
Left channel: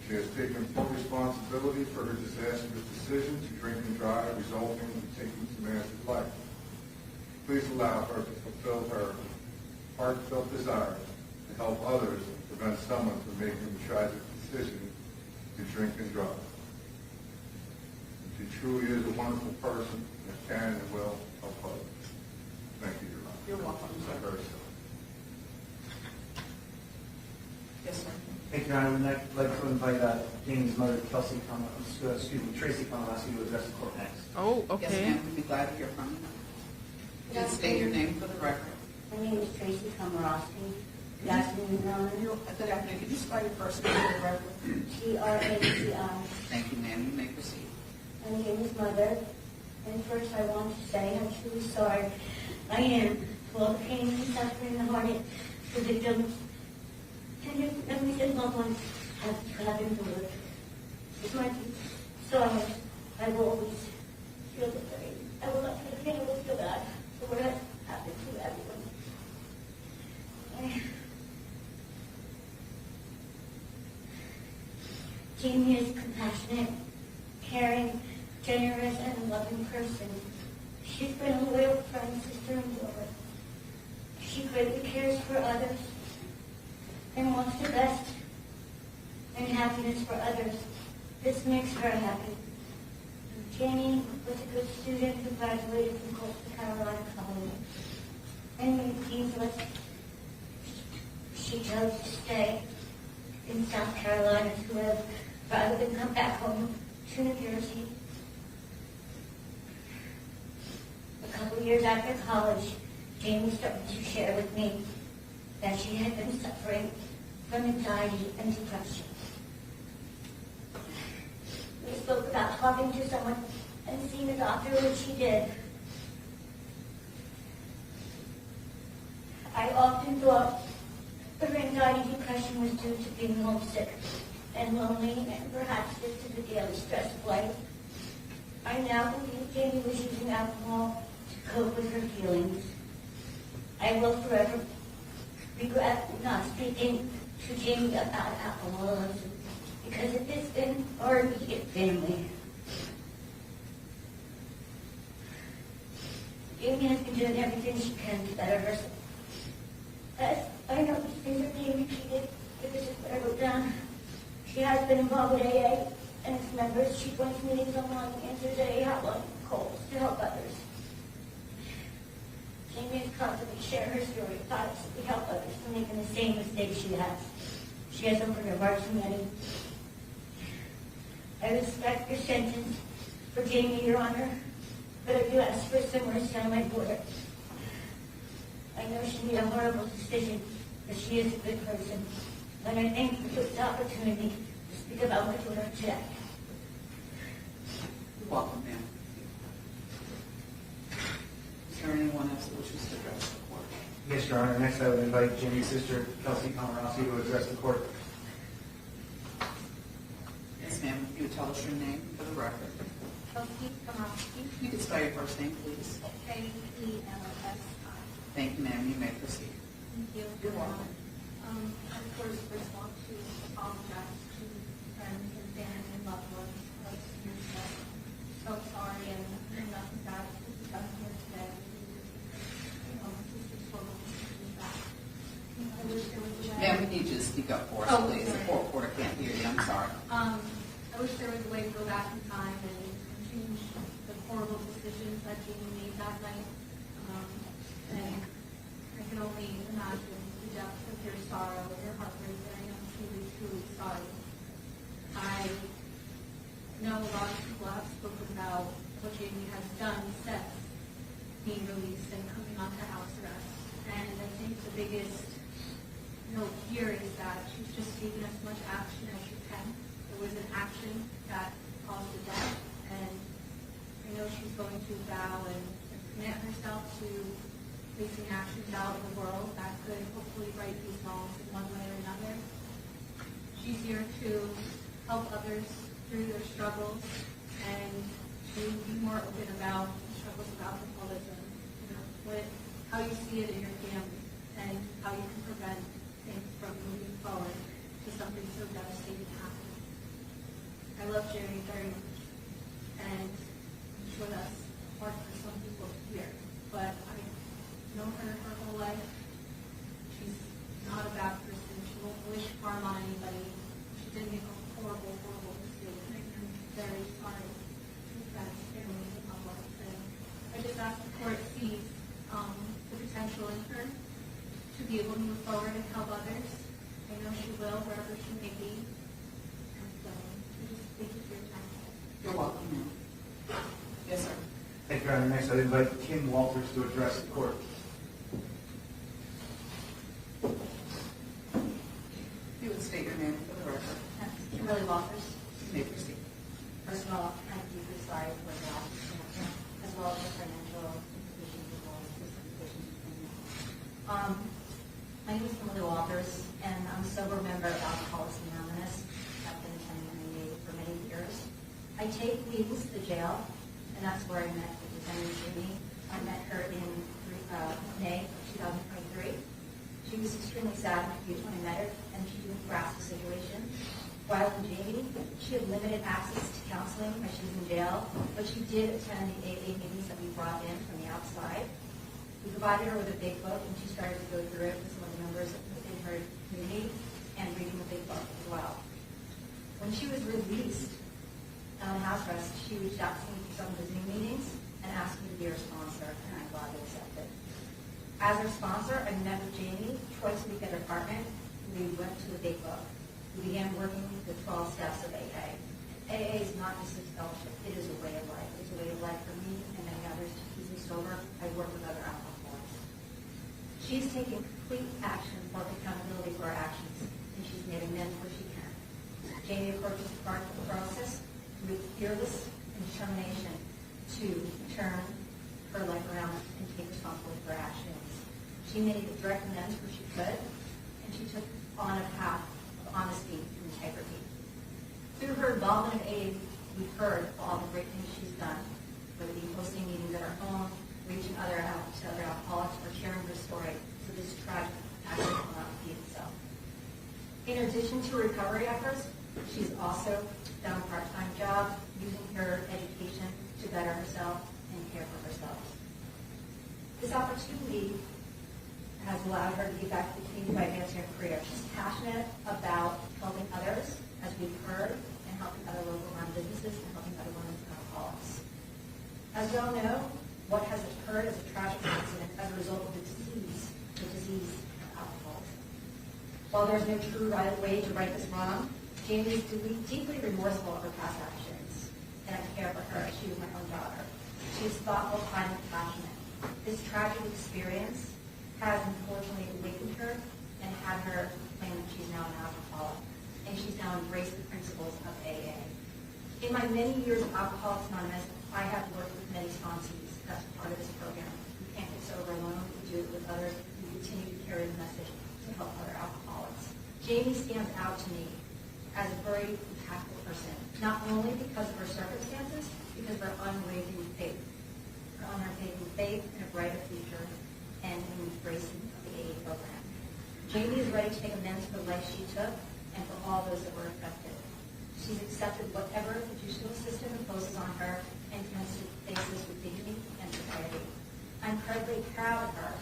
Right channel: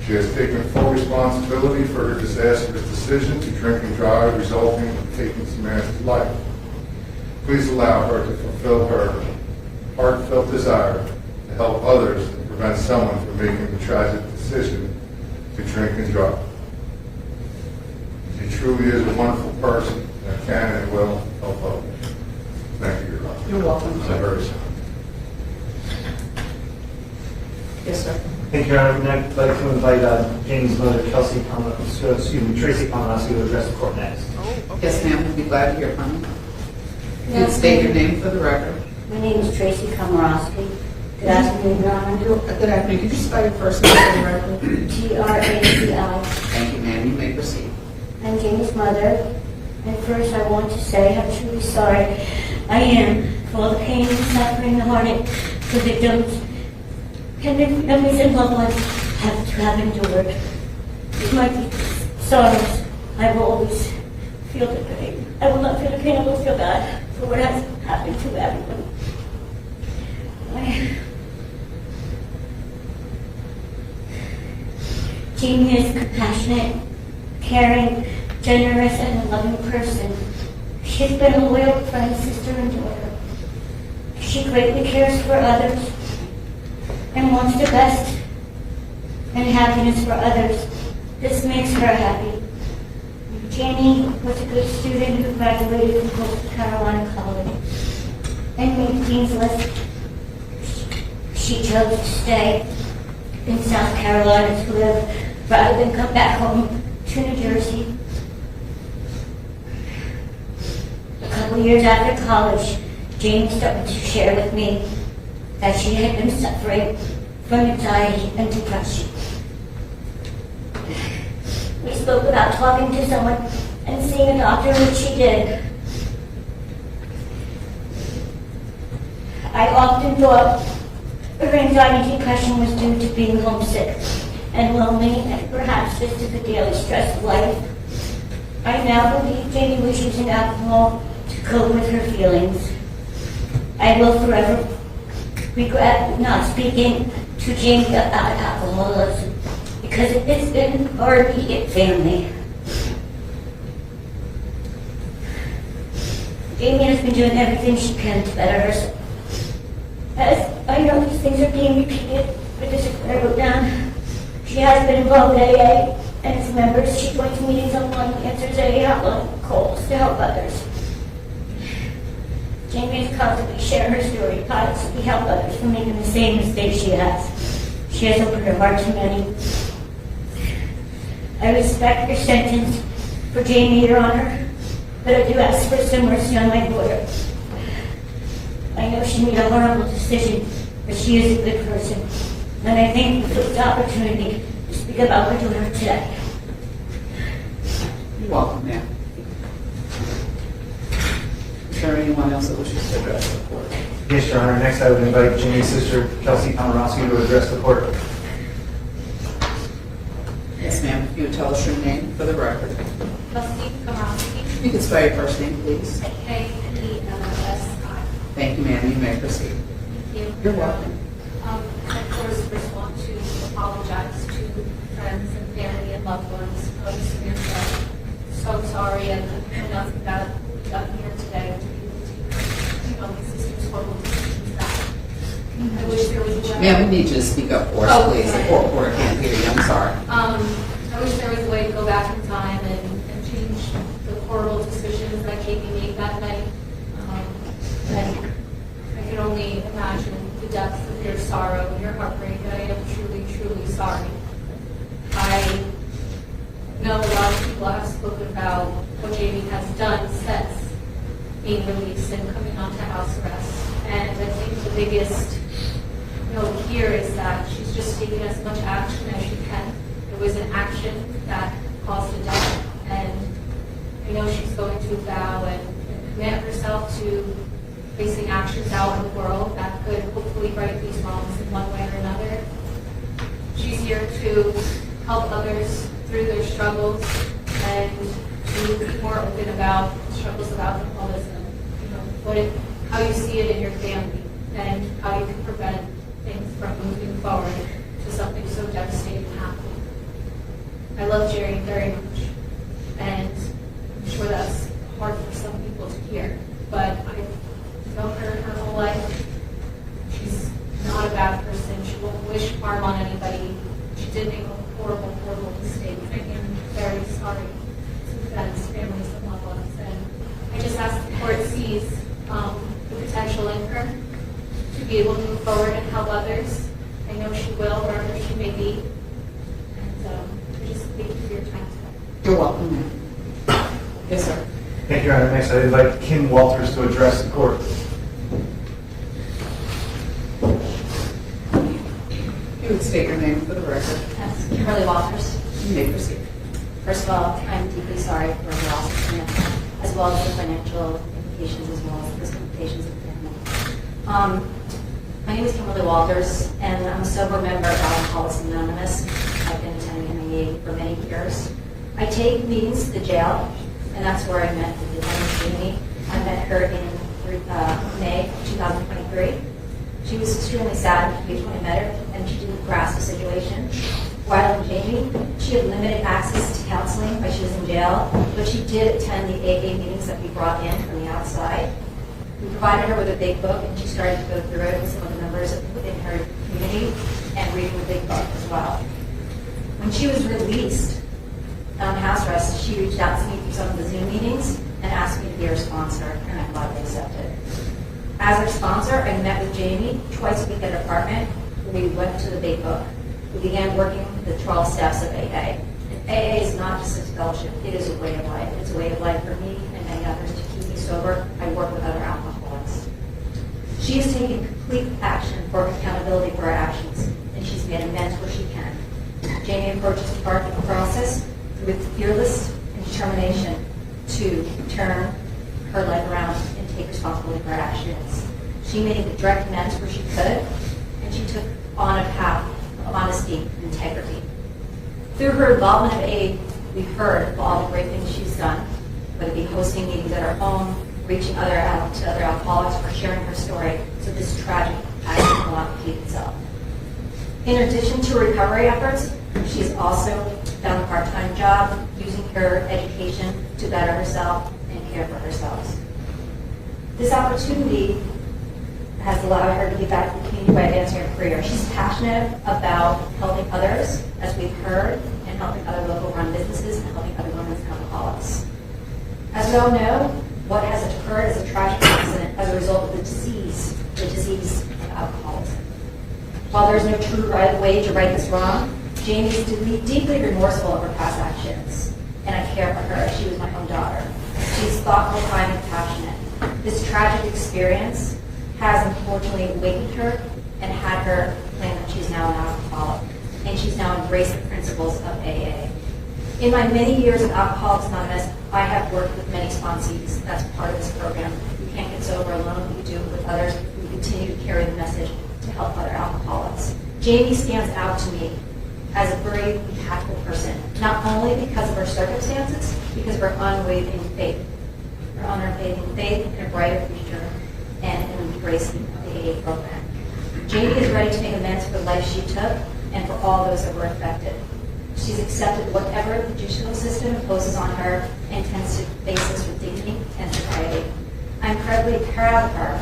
She has taken full responsibility for her disastrous decision to drink and drive, resulting in taking Samantha's life. Please allow her to fulfill her heartfelt desire to help others and prevent someone from making the tragic decision to drink and drive. She truly is a wonderful person that can and will help others. Thank you, Your Honor. You're welcome. I'm very sorry. Yes, sir. Thank you, Your Honor. I'd like to invite Jane's mother, Tracy Komoroski, to address the court next. Oh, okay. Yes, ma'am. We'd be glad to hear from you. Please state your name for the record. My name is Tracy Komoroski. Good afternoon, Your Honor. Good afternoon. Could you spell your first name for the record? Graci. Thank you, ma'am. You may proceed. I'm Jane's mother. And first I want to say how truly sorry I am for all the pain and suffering and heartache the victims and their families and loved ones have endured. With my deepest sorrows, I will always feel the pain. I will not feel the pain. I will feel bad for what has happened to everyone. Jamie is a compassionate, caring, generous, and a loving person. She's been a loyal friend, sister, and daughter. She greatly cares for others and wants the best and happiness for others. This makes her happy. Jamie was a good student who graduated from North Carolina College and made Dean's List. She chose to stay in South Carolina to live rather than come back home to New Jersey. couple years after college, Jamie started to share with me that she had been suffering from anxiety and depression. We spoke about talking to someone and seeing a doctor, which she did. I often thought her anxiety and depression was due to being homesick and lonely and perhaps just to the daily stress of life. I now believe Jamie was using alcohol to cope with her feelings. I will forever regret not speaking to Jamie about alcoholism because it is in our immediate family. Jamie has been doing everything she can to better herself. As I know these things are being repeated, but this is what I wrote down. She has been involved with AA and its members. She joins meetings online, answers AA hotline calls to help others. Jamie is constantly sharing her story to positively help others from making the same mistakes she has. She has opened her heart to many. I respect your sentence for Jamie, Your Honor, but I do ask for some mercy on my daughter. I know she made a horrible decision, but she is a good person, and I thank you for this opportunity to speak about my daughter today. You're welcome, ma'am. Is there anyone else that wishes to address the court? Yes, Your Honor. Next, I would invite Jamie's sister, Lee Komoroski, to address the court. Yes, ma'am. If you would tell us your name for the record. Lee Komoroski. You can spell your first name, please. K-E-M-O-S-I. Thank you, ma'am. You may proceed. Thank you. You're welcome. Of course, first want to apologize to friends and family and loved ones of Samantha. So sorry, and I know nothing about what got here today to be able to, you know, my sister's horrible decisions back. I wish there was a way. Ma'am, we need you to speak up for us, please. The court reporter can't hear you. I'm sorry. I wish there was a way to go back in time and change the horrible decisions that Jamie made that night. I can only imagine the depths of your sorrow and your heartbreak. I am truly, truly sorry. I know a lot of people have spoken about what Jamie has done since being released and coming onto house arrest. And I think the biggest note here is that she's just taken as much action as she can. It was an action that caused a death, and I know she's going to vow and commit herself to facing actions out in the world that could hopefully right these wrongs in one way or another. She's here to help others through their struggles and to be more open about struggles of alcoholism. You know, how you see it in your family and how you can prevent things from moving forward to something so devastating happening. I love Jerry very much, and I'm sure that's hard for some people to hear, but I've known her whole life. She's not a bad person. She won't wish harm on anybody. She did make a horrible, horrible mistake. I am very sorry to the friends, families, and loved ones. And I just ask the court sees the potential in her to be able to move forward and help others. I know she will, wherever she may be. And I just thank you for your time today. You're welcome, ma'am. Yes, sir. Thank you, Your Honor. Next, I invite Kim Walters to address the court. You would state your name for the record. Yes, Kimberly Walters. You may proceed. First of all, I'm deeply sorry for the loss of Samantha, as well as the financial implications, as well as the risk implications of the family. My name is Kimberly Walters, and I'm a sober member of Alcoholics Anonymous. I've been attending MAA for many years. I take meetings to the jail, and that's where I met the Detention. I met her in May 2023. She was extremely sad when I met her, and she didn't grasp the situation. While in Jamie, she had limited access to counseling while she was in jail, but she did attend the AA meetings that we brought in from the outside. We provided her with a big book, and she started to go through it with some of the members within her community and reading the big book as well. When she was released on house arrest, she reached out to me through some of the Zoom meetings and asked me to be her sponsor, and I gladly accepted. As her sponsor, I met with Jamie twice a week at her apartment, where we went to the big book. We began working with the 12 steps of AA. And AA is not just a fellowship, it is a way of life. It's a way of life for me and many others to keep me sober. I turn her life around and take responsibility for her actions. She made direct amends where she could, and she took on a path of honesty and integrity. Through her involvement of AA, we heard of all the great things she's done, whether it be hosting meetings at her home, reaching to other alcoholics, or sharing her story so this tragic accident will not repeat itself. In addition to her recovery efforts, she's also found a part-time job using her education to better herself and care for herself. This opportunity has allowed her to give back to the community by advancing her career. She's passionate about helping others, as we've heard, and helping other local run businesses and helping other women and alcoholics. As we all know, what has occurred is a tragic accident as a result of the disease of alcoholism. While there's no true way to right this wrong, Jamie is deeply remorseful of her past actions, and I care for her as she was my own daughter. She's thoughtful, kind, and passionate. This tragic experience has unfortunately awakened her and had her claim that she's now an alcoholic, and she's now embraced the principles of AA. In my many years of Alcoholics Anonymous, I have worked with many sponsees. That's part of this program. We can't get sober alone. We do it with others. We continue to carry the message to help other alcoholics. Jamie stands out to me as a very impactful person, not only because of her circumstances, because of her unwavering faith. Her unwavering faith in a brighter future and an embracing of the AA program. Jamie is ready to make amends for the life she took and for all those that were affected. She's accepted whatever the judicial system imposes on her and intends to face this with dignity and sobriety. I'm incredibly proud of her,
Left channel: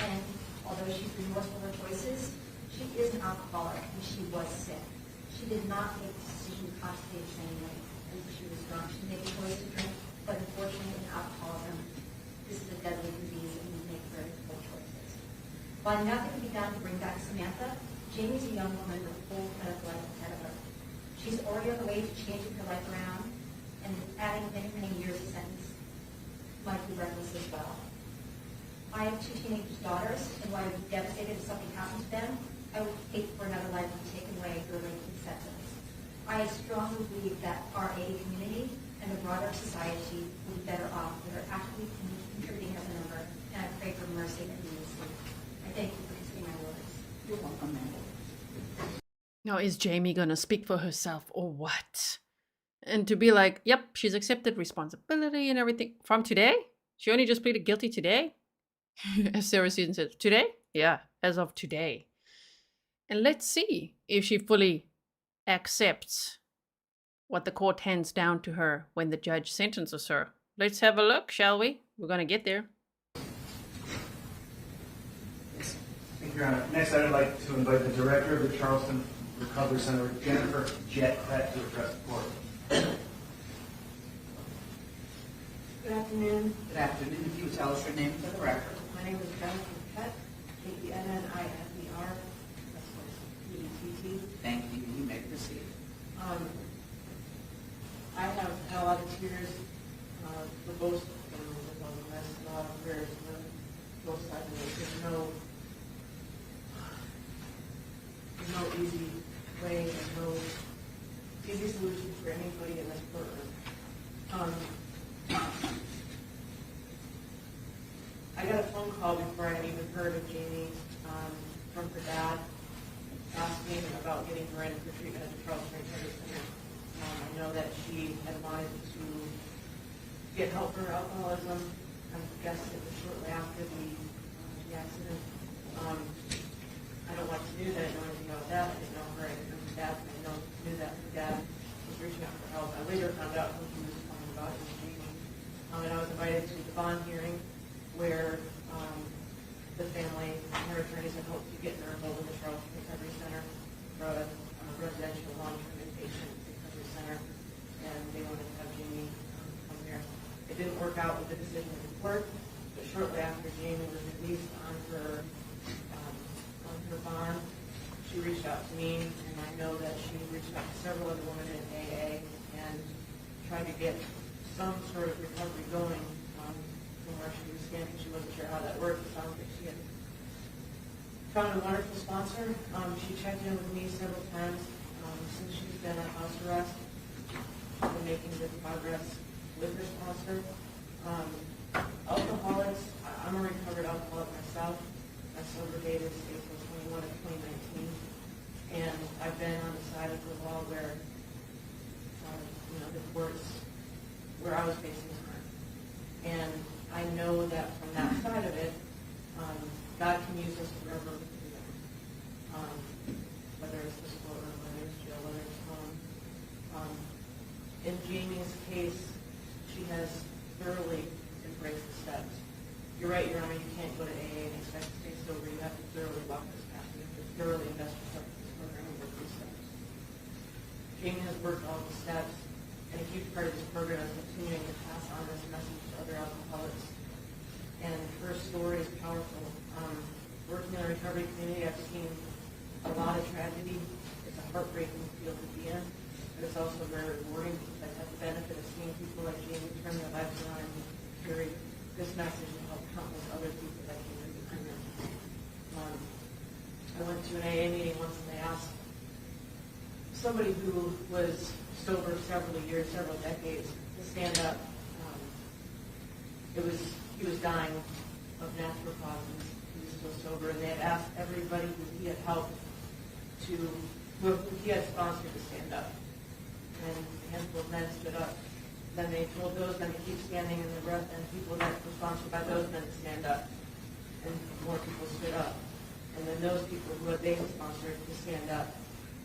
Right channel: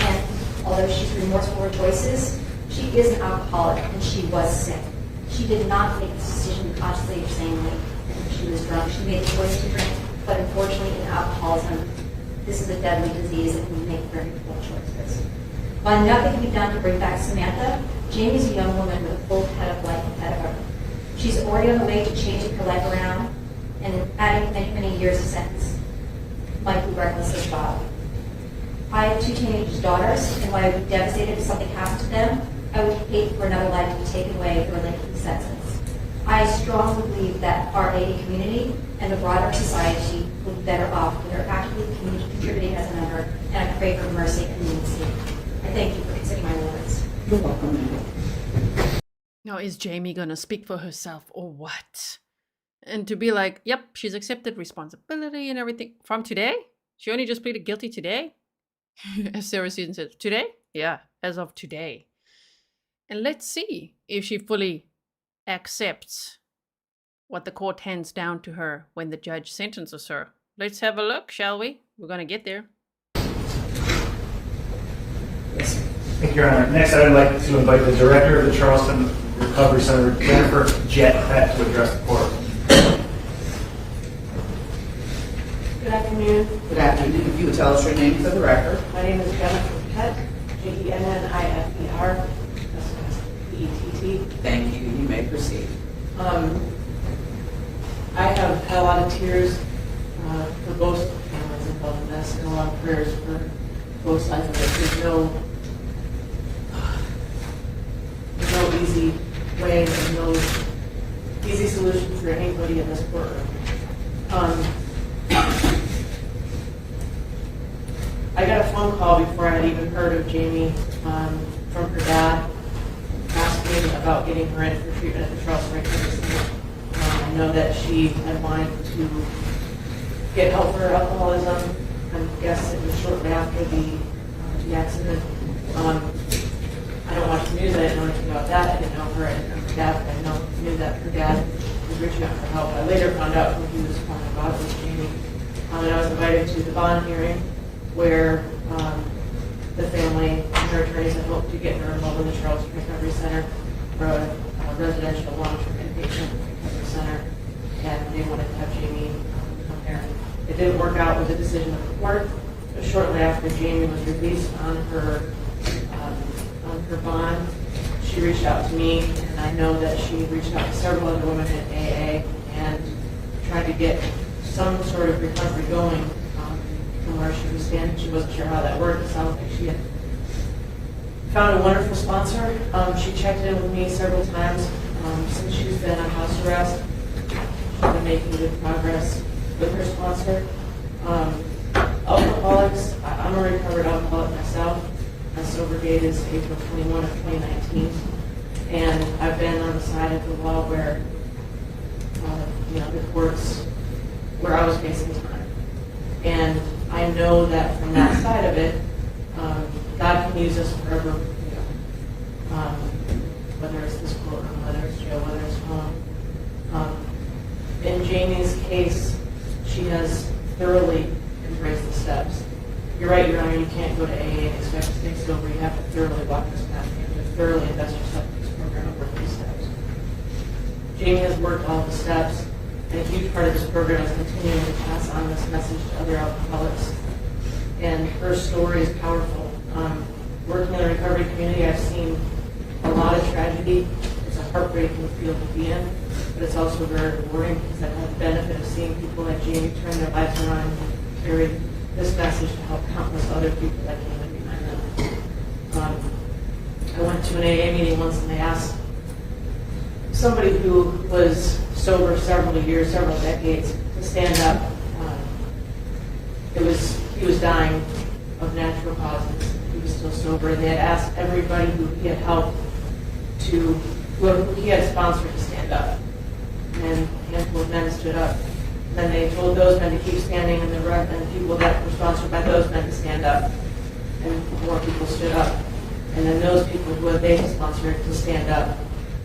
and although she's remorseful for her choices, she is an alcoholic and she was sick. She did not make this decision consciously or sanely. She was drunk. She made the choice to drink, but unfortunately in alcoholism, this is a deadly disease and we make very poor choices. While nothing can be done to bring back Samantha, Jamie's a young woman with a full head of life ahead of her. She's already on the way to changing her life around, and adding many, many years of sentence might be reckless as well. I have 2 teenage daughters, and while I would be devastated if something happened to them, I would hate for another life to be taken away or lengthy sentence. I strongly believe that our AA community and the broader society would be better off if they're actively contributing as a member, and I pray for mercy and leniency. I thank you for considering my words. You're welcome. Now, is Jamie going to speak for herself or what? And to be like, yep, she's accepted responsibility and everything. From today? She only just pleaded guilty today? As Sarah Susan said, today? Yeah, as of today. And let's see if she fully accepts what the court hands down to her when the judge sentences her. Let's have a look, shall we? We're going to get there. Thank you, Your Honor. Next, I'd like to invite the Director of the Charleston Recovery Center, Jennifer Jett, to address the court. Good afternoon. Good afternoon. If you would tell us your name for the record. My name is Jennifer Jett, Jenniffer, P-E-T-T. Thank you. You may proceed. I have had a lot of tears for both families involved in this, and a lot of prayers for both sides of it. There's no easy way and no easy solution for anybody in this courtroom. I got a phone call before I had even heard of Jamie from her dad asking about getting her in for treatment at the Charleston Recovery Center. I know that she had wanted to get help for her alcoholism. I guess it was shortly after the accident. I don't watch the news. I didn't know anything about that. I didn't know her and her dad. I knew that her dad was reaching out for help. I later found out who he was calling about was Jamie. And I was invited to the bond hearing where the family and her attorneys had hoped to get her involved in the Charleston Recovery Center for a residential long-term inpatient recovery center, and they wanted to have Jamie come there. It didn't work out with the decision of the court, but shortly after Jamie was released on her bond, she reached out to me, and I know that she reached out to several other women at AA and tried to get some sort of recovery going from where she was standing. She wasn't sure how that worked. It sounds like she had found a wonderful sponsor. She checked in with me several times since she's been on house arrest. She's been making good progress with her sponsor. Alcoholics, I'm a recovered alcoholic myself. My sober date is April 21 of 2019. And I've been on the side of the law where, the courts, where I was facing time. And I know that from that side of it, God can use us forever, whether it's this courtroom, whether it's jail, whether it's home. In Jamie's case, she has thoroughly embraced the steps. You're right, Your Honor, you can't go to AA and expect to stay sober. You have to thoroughly walk this path. You have to thoroughly invest yourself in this program and work these steps. Jamie has worked all the steps, and a huge part of this program is continuing to pass on this message to other alcoholics. And her story is powerful. Working in the recovery community, I've seen a lot of tragedy. It's a heartbreaking field to be in, but it's also very rewarding because I've had the benefit of seeing people like Jamie turn their lives around and carry this message to help countless other people that came in behind them. I went to an AA meeting once and they asked somebody who was sober several years, several decades, to stand up. He was dying of natural causes. He was still sober, and they had asked everybody who he had helped who he had sponsored to stand up. And a handful of men stood up. And then they told those men to keep standing, and the people that were sponsored by those men to stand up. And more people stood up. And then those people who had they sponsored to stand up.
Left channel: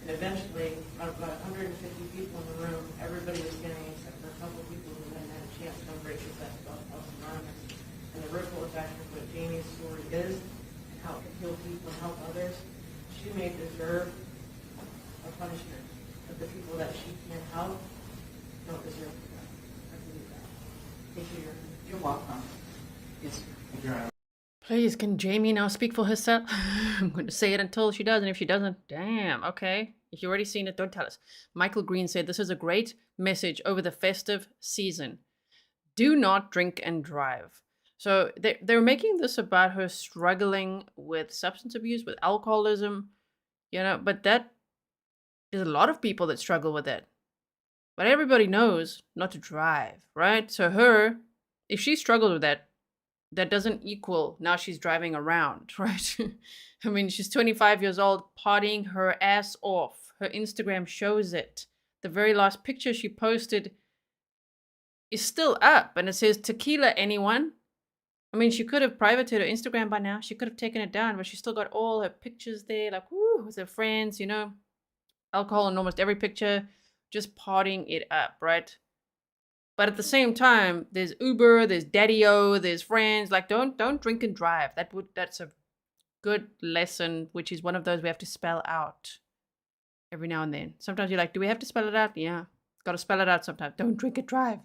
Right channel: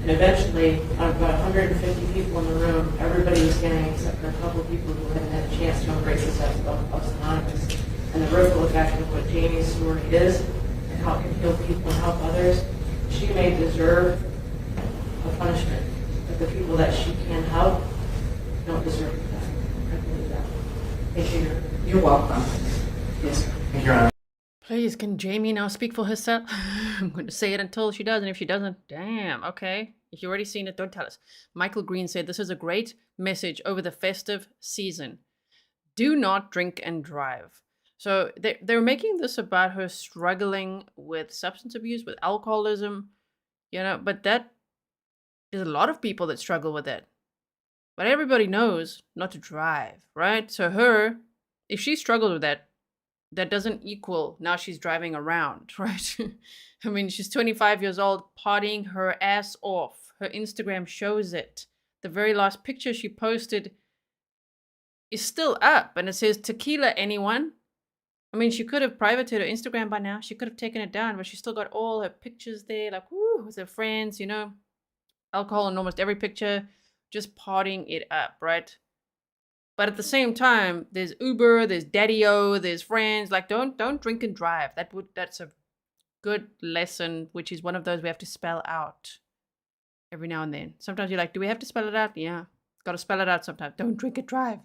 And eventually, out of about 150 people in the room, everybody was standing except for a couple of people who hadn't had a chance to embrace this as Alcoholics Anonymous. And the ripple effect of what Jamie's story is, and how it can heal people and help others, she may deserve a punishment. But the people that she can help don't deserve that. I believe that. Thank you. You're welcome. Yes, sir. Thank you, Your Honor. Please, can Jamie now speak for herself? I'm going to say it until she does, and if she doesn't, damn, okay. If you've already seen it, don't tell us. Michael Green said, this is a great message over the festive season. Do not drink and drive. So they're making this about her struggling with substance abuse, with alcoholism, but there's a lot of people that struggle with it. But everybody knows not to drive, right? So if she struggled with that, that doesn't equal now she's driving around, right? I mean, she's 25 years old, partying her ass off. Her Instagram shows it. The very last picture she posted is still up, and it says, tequila, anyone? I mean, she could have privated her Instagram by now. She could have taken it down, but she still got all her pictures there, like, woo, with her friends, alcohol in almost every picture, just partying it up, right? But at the same time, there's Uber, there's Daddy-O, there's friends. Like, don't drink and drive. That's a good lesson, which is one of those we have to spell out every now and then. Sometimes you're like, do we have to spell it out? Yeah, got to spell it out sometimes. Don't drink and drive.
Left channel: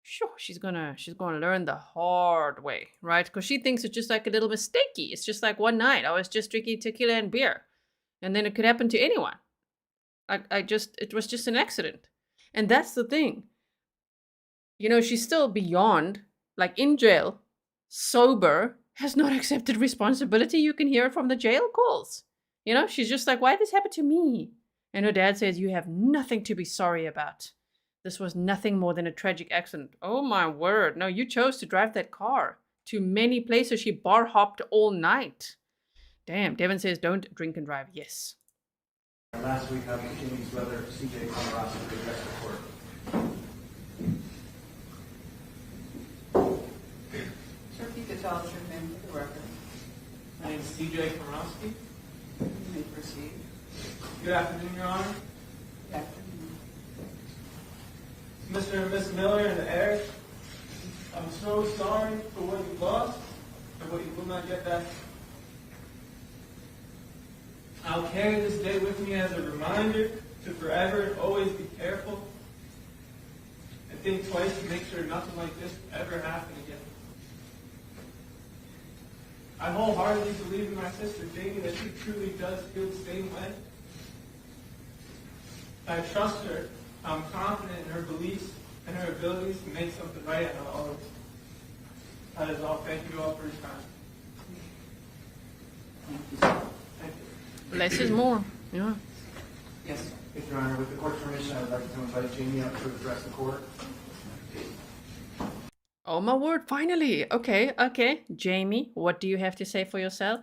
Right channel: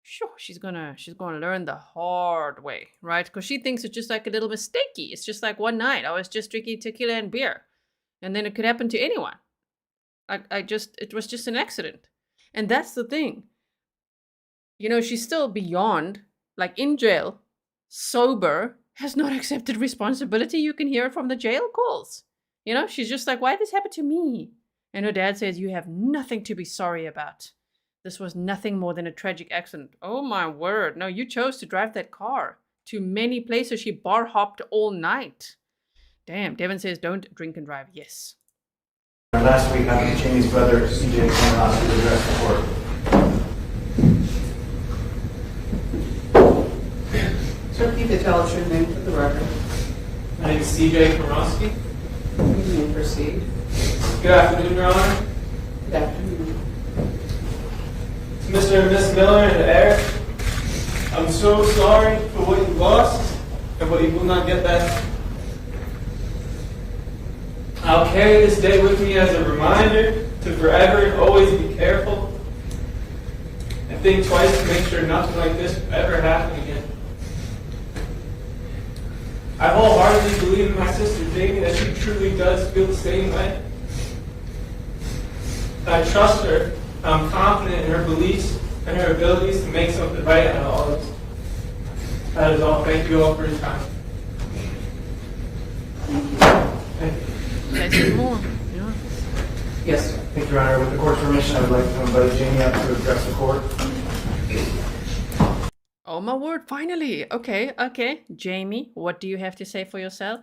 Sure, she's gonna learn the hard way, right? Because she thinks it's just like a little mistakey. It's just like one night I was just drinking tequila and beer, and then it could happen to anyone. It was just an accident, and that's the thing. She's still beyond, like in jail, sober, has not accepted responsibility. You can hear it from the jail calls. She's just like, why did this happen to me? And her dad says, you have nothing to be sorry about. This was nothing more than a tragic accident. Oh my word. No, you chose to drive that car to many places. She bar hopped all night. Damn, Devin says, don't drink and drive. Yes. Last week, Jamie's brother, CJ, Komoroski, to address the court. Sir, if you could tell us your name for the record. My name is CJ Komoroski. You may proceed. Good afternoon, Your Honor. Good afternoon. To Mr. and Miss Miller and Aric, I'm so sorry for what you lost and what you will not get back. I'll carry this day with me as a reminder to forever and always be careful and think twice to make sure nothing like this will ever happen again. I wholeheartedly believe in my sister Jamie that she truly does feel the same way. I trust her. I'm confident in her beliefs and her abilities to make something right out of all of this. That is all. Thank you all for your time. Thank you. Less is more. Yeah. Yes, sir. Thank you, Your Honor. With the court's permission, I would like to invite Jamie up to address the court. Oh my word, finally. Okay, okay. Jamie, what do you have to say for yourself?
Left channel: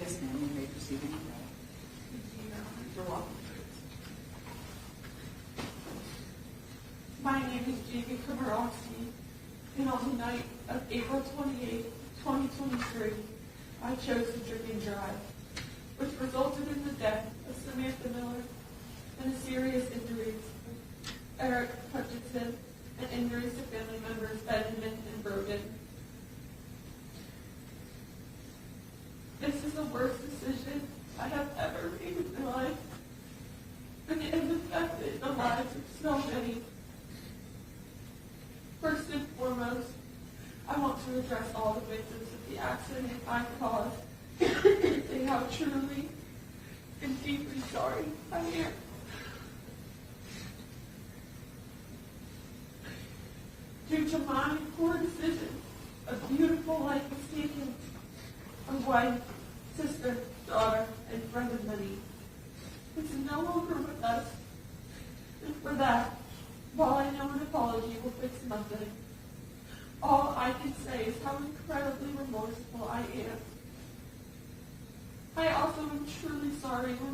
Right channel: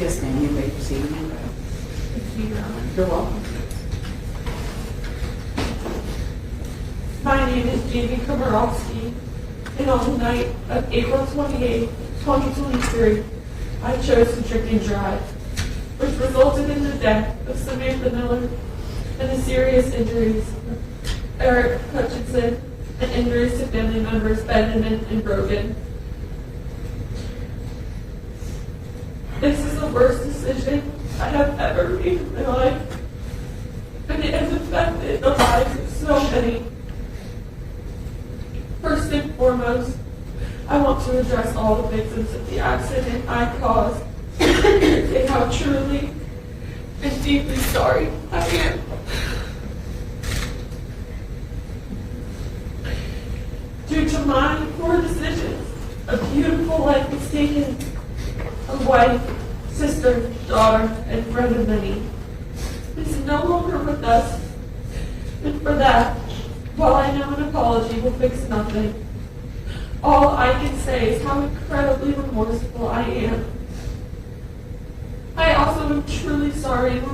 Yes, ma'am, you may proceed. You're welcome. My name is Lee Komoroski, and on the night of April 28, 2023, I chose to drink and drive, which resulted in the death of Samantha Miller and the serious injuries of Aric Hutchinson and injuries to family members Benjamin and Brogan. This is the worst decision I have ever made in my life, and it has affected the lives of so many. First and foremost, I want to address all the victims of the accident I caused and say how truly and deeply sorry I am. Due to my poor decisions, a beautiful life was taken. A wife, sister, daughter, and friend of many is no longer with us. And for that, while I know an apology will fix nothing, all I can say is how incredibly remorseful I am. I also am truly sorry and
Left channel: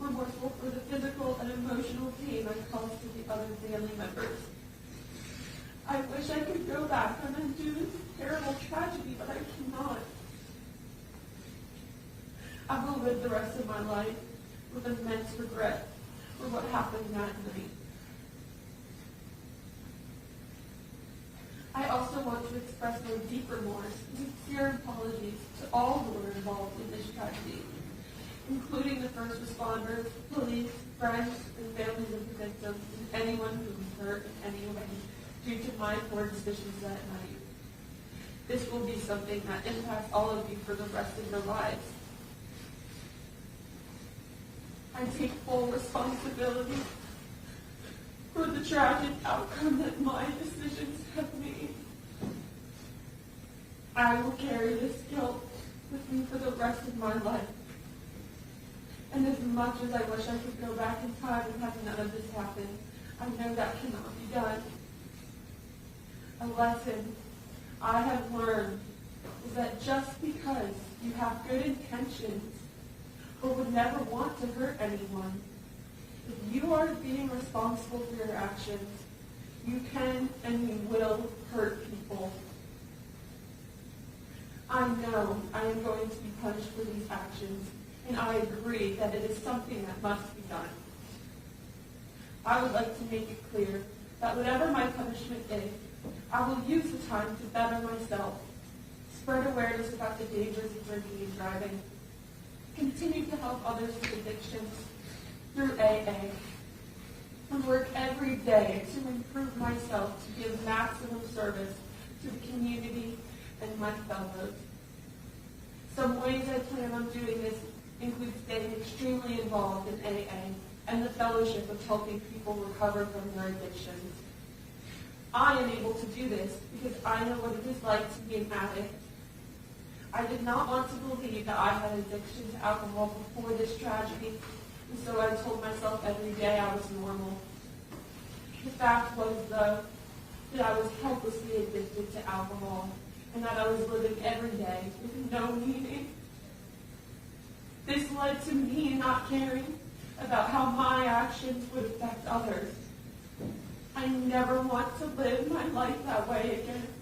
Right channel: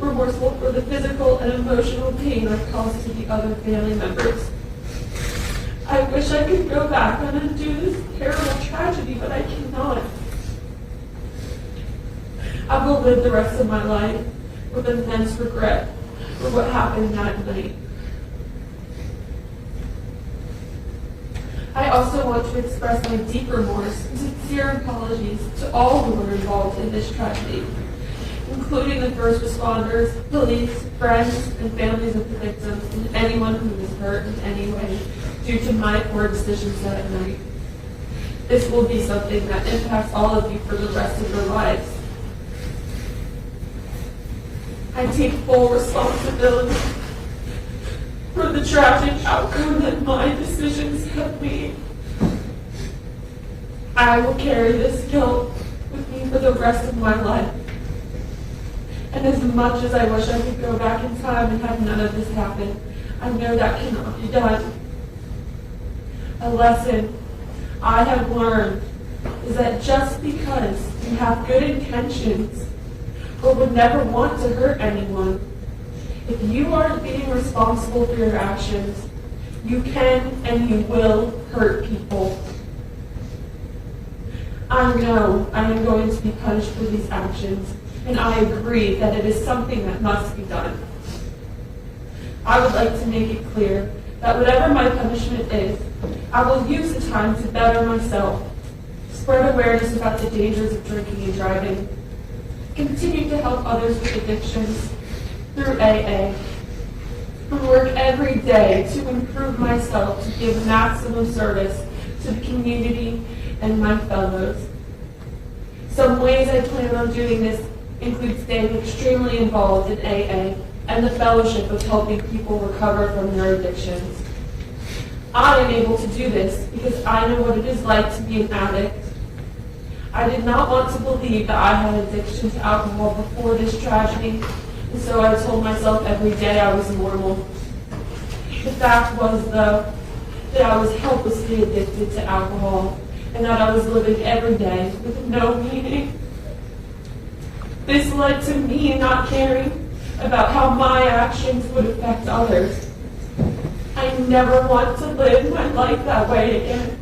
remorseful for the physical and emotional pain I've caused to the other family members. I wish I could go back and undo this terrible tragedy, but I cannot. I will live the rest of my life with immense regret for what happened that night. I also want to express my deep remorse and sincere apologies to all who were involved in this tragedy, including the first responders, police, friends, and families of the victims, and anyone who was hurt in any way due to my poor decisions that night. This will be something that impacts all of you for the rest of your lives. I take full responsibility for the tragic outcome that my decisions have made. I will carry this guilt with me for the rest of my life. And as much as I wish I could go back in time and have none of this happen, I know that cannot be done. A lesson I have learned is that just because you have good intentions or would never want to hurt anyone, if you aren't being responsible for your actions, you can and you will hurt people. I know I am going to be punished for these actions, and I agree that it is something that must be done. I would like to make it clear that whatever my punishment is, I will use the time to better myself, spread awareness about the dangers of drinking and driving, continue to help others with addictions through AA, and work every day to improve myself to give maximum service to the community and my fellows. Some ways I plan on doing this include staying extremely involved in AA and the fellowship of helping people recover from their addictions. I am able to do this because I know what it is like to be an addict. I did not want to believe that I had addiction to alcohol before this tragedy, and so I told myself every day I was normal. The fact was, though, that I was helplessly addicted to alcohol, and that I was living every day with no meaning. This led to me not caring about how my actions would affect others. I never want to live my life that way again.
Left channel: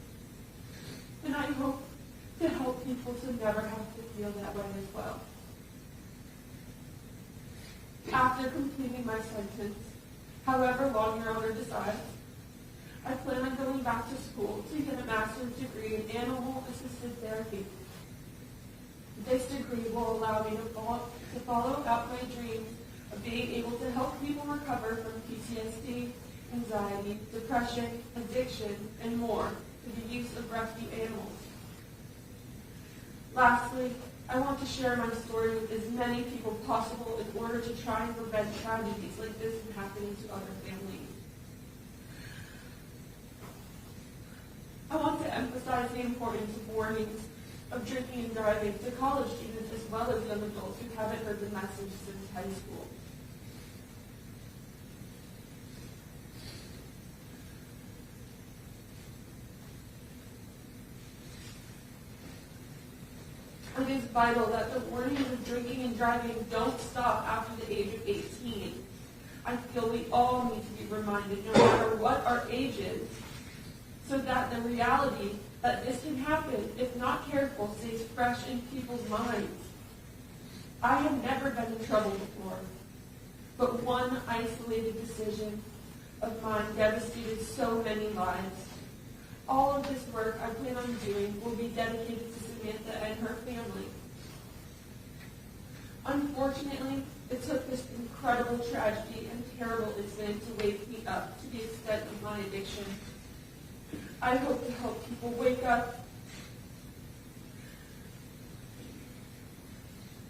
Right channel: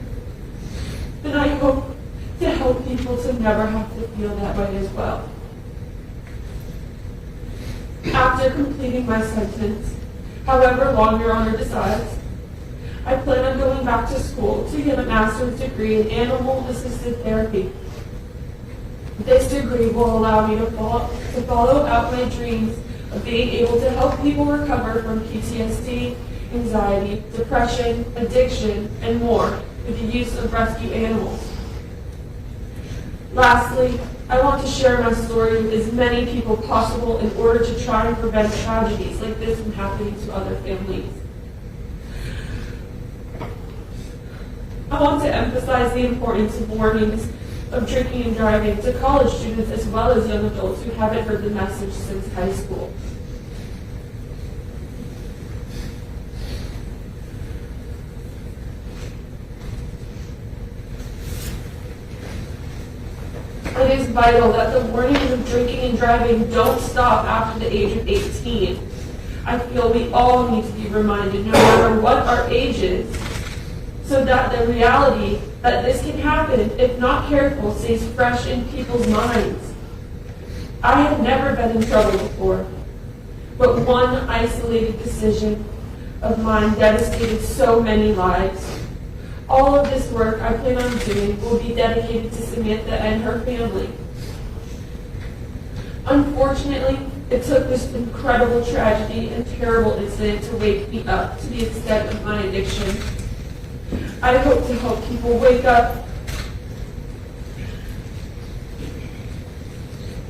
And I hope to help people to never have to feel that way as well. After completing my sentence, however long Your Honor decides, I plan on going back to school to get a master's degree in animal-assisted therapy. This degree will allow me to follow out my dreams of being able to help people recover from PTSD, anxiety, depression, addiction, and more with the use of rescue animals. Lastly, I want to share my story with as many people possible in order to try and prevent tragedies like this from happening to other families. I want to emphasize the importance of warnings of drinking and driving to college students as well as young adults who haven't heard the message since high school. It is vital that the warnings of drinking and driving don't stop after the age of 18. I feel we all need to be reminded, no matter what our age is, so that the reality that this can happen, if not careful, stays fresh in people's minds. I have never been in trouble before, but one isolated decision of mine devastated so many lives. All of this work I plan on doing will be dedicated to Samantha and her family. Unfortunately, it took this incredible tragedy and terrible incident to wake me up to the extent of my addiction. I hope to help people wake up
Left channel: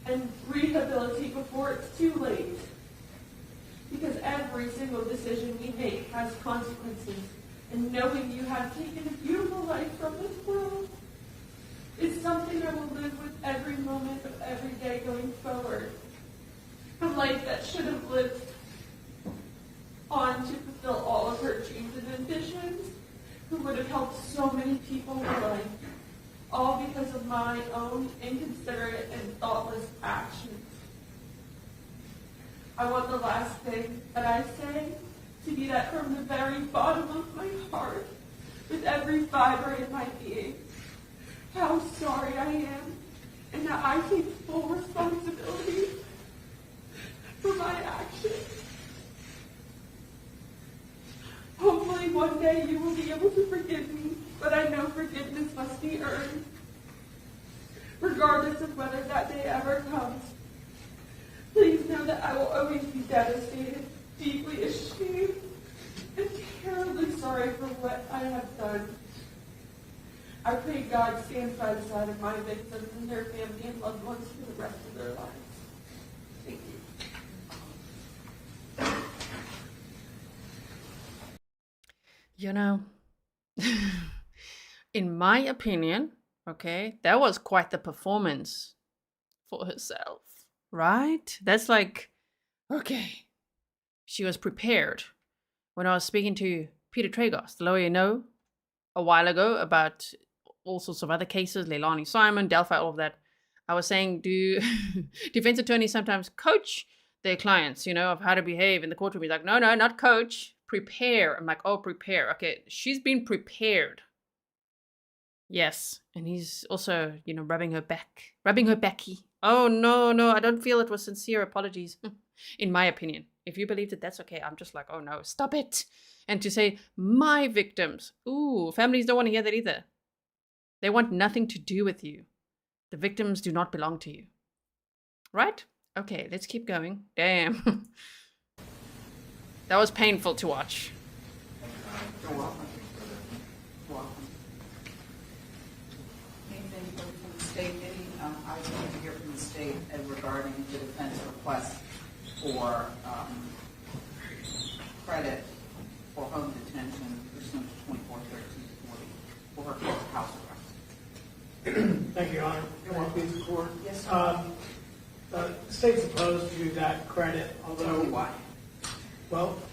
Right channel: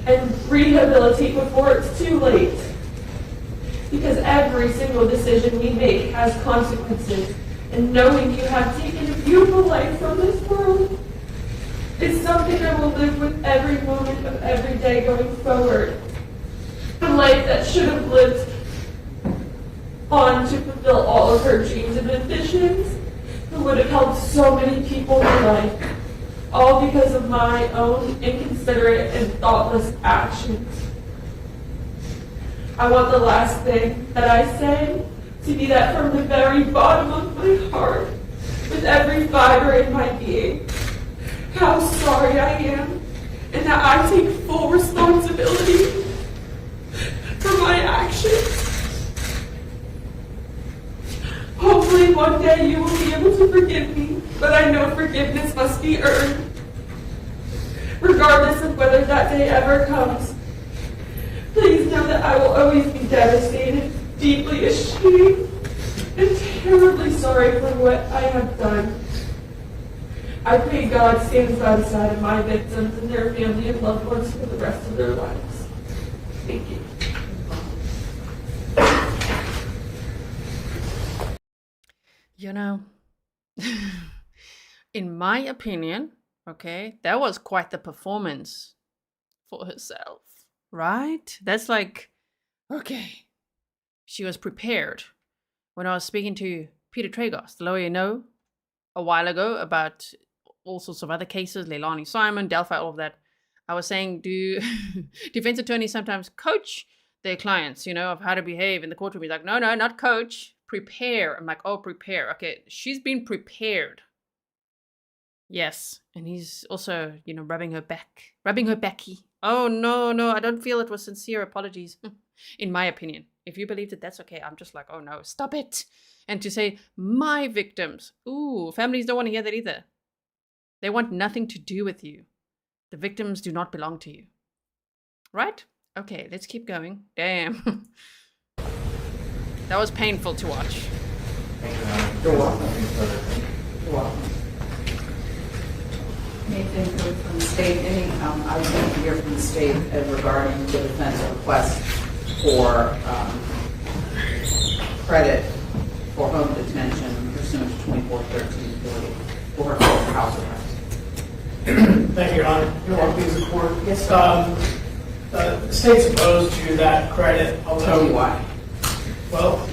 and rehabilitate before it's too late. Because every single decision we make has consequences. And knowing you have taken a beautiful life from this world is something I will live with every moment of every day going forward. A life that should have lived on to fulfill all of her dreams and ambitions, who would have helped so many people in life, all because of my own inconsiderate and thoughtless actions. I want the last thing that I say to be that from the very bottom of my heart, with every fiber in my being, how sorry I am, and that I take full responsibility for my actions. Hopefully one day you will be able to forgive me, but I know forgiveness must be earned. Regardless of whether that day ever comes, please know that I will always be devastated, deeply ashamed, and terribly sorry for what I have done. I pray God stands by the side of my victims and their family and loved ones for the rest of their lives. Thank you. You know, in my opinion, okay, that was quite the performance for herself, right? That's like, okay, she was prepared. When I was speaking to Peter Tragos, the lawyer you know, a while ago about all sorts of other cases, Leilani Simon, Delphi, all of that, I was saying, do defense attorneys sometimes coach their clients, you know, of how to behave in the courtroom? He's like, no, not coach, prepare. I'm like, oh, prepare. Okay, she's been prepared. Yes, and he's also, you know, rubbing her backy. Oh, no, I don't feel it was sincere apologies, in my opinion. If you believed it, that's okay. I'm just like, oh no, stop it. And to say, my victims, ooh, families don't want to hear that either. They want nothing to do with you. The victims do not belong to you. Right? Okay, let's keep going. Damn. That was painful to watch. You're welcome. You're welcome. Anything from the state? I was going to hear from the state regarding the defense request for credit for home detention pursuant to 241340 for her house arrest. Thank you, Your Honor. Your Honor, please report. Yes. The state's opposed to that credit, although... Tell me why. Well,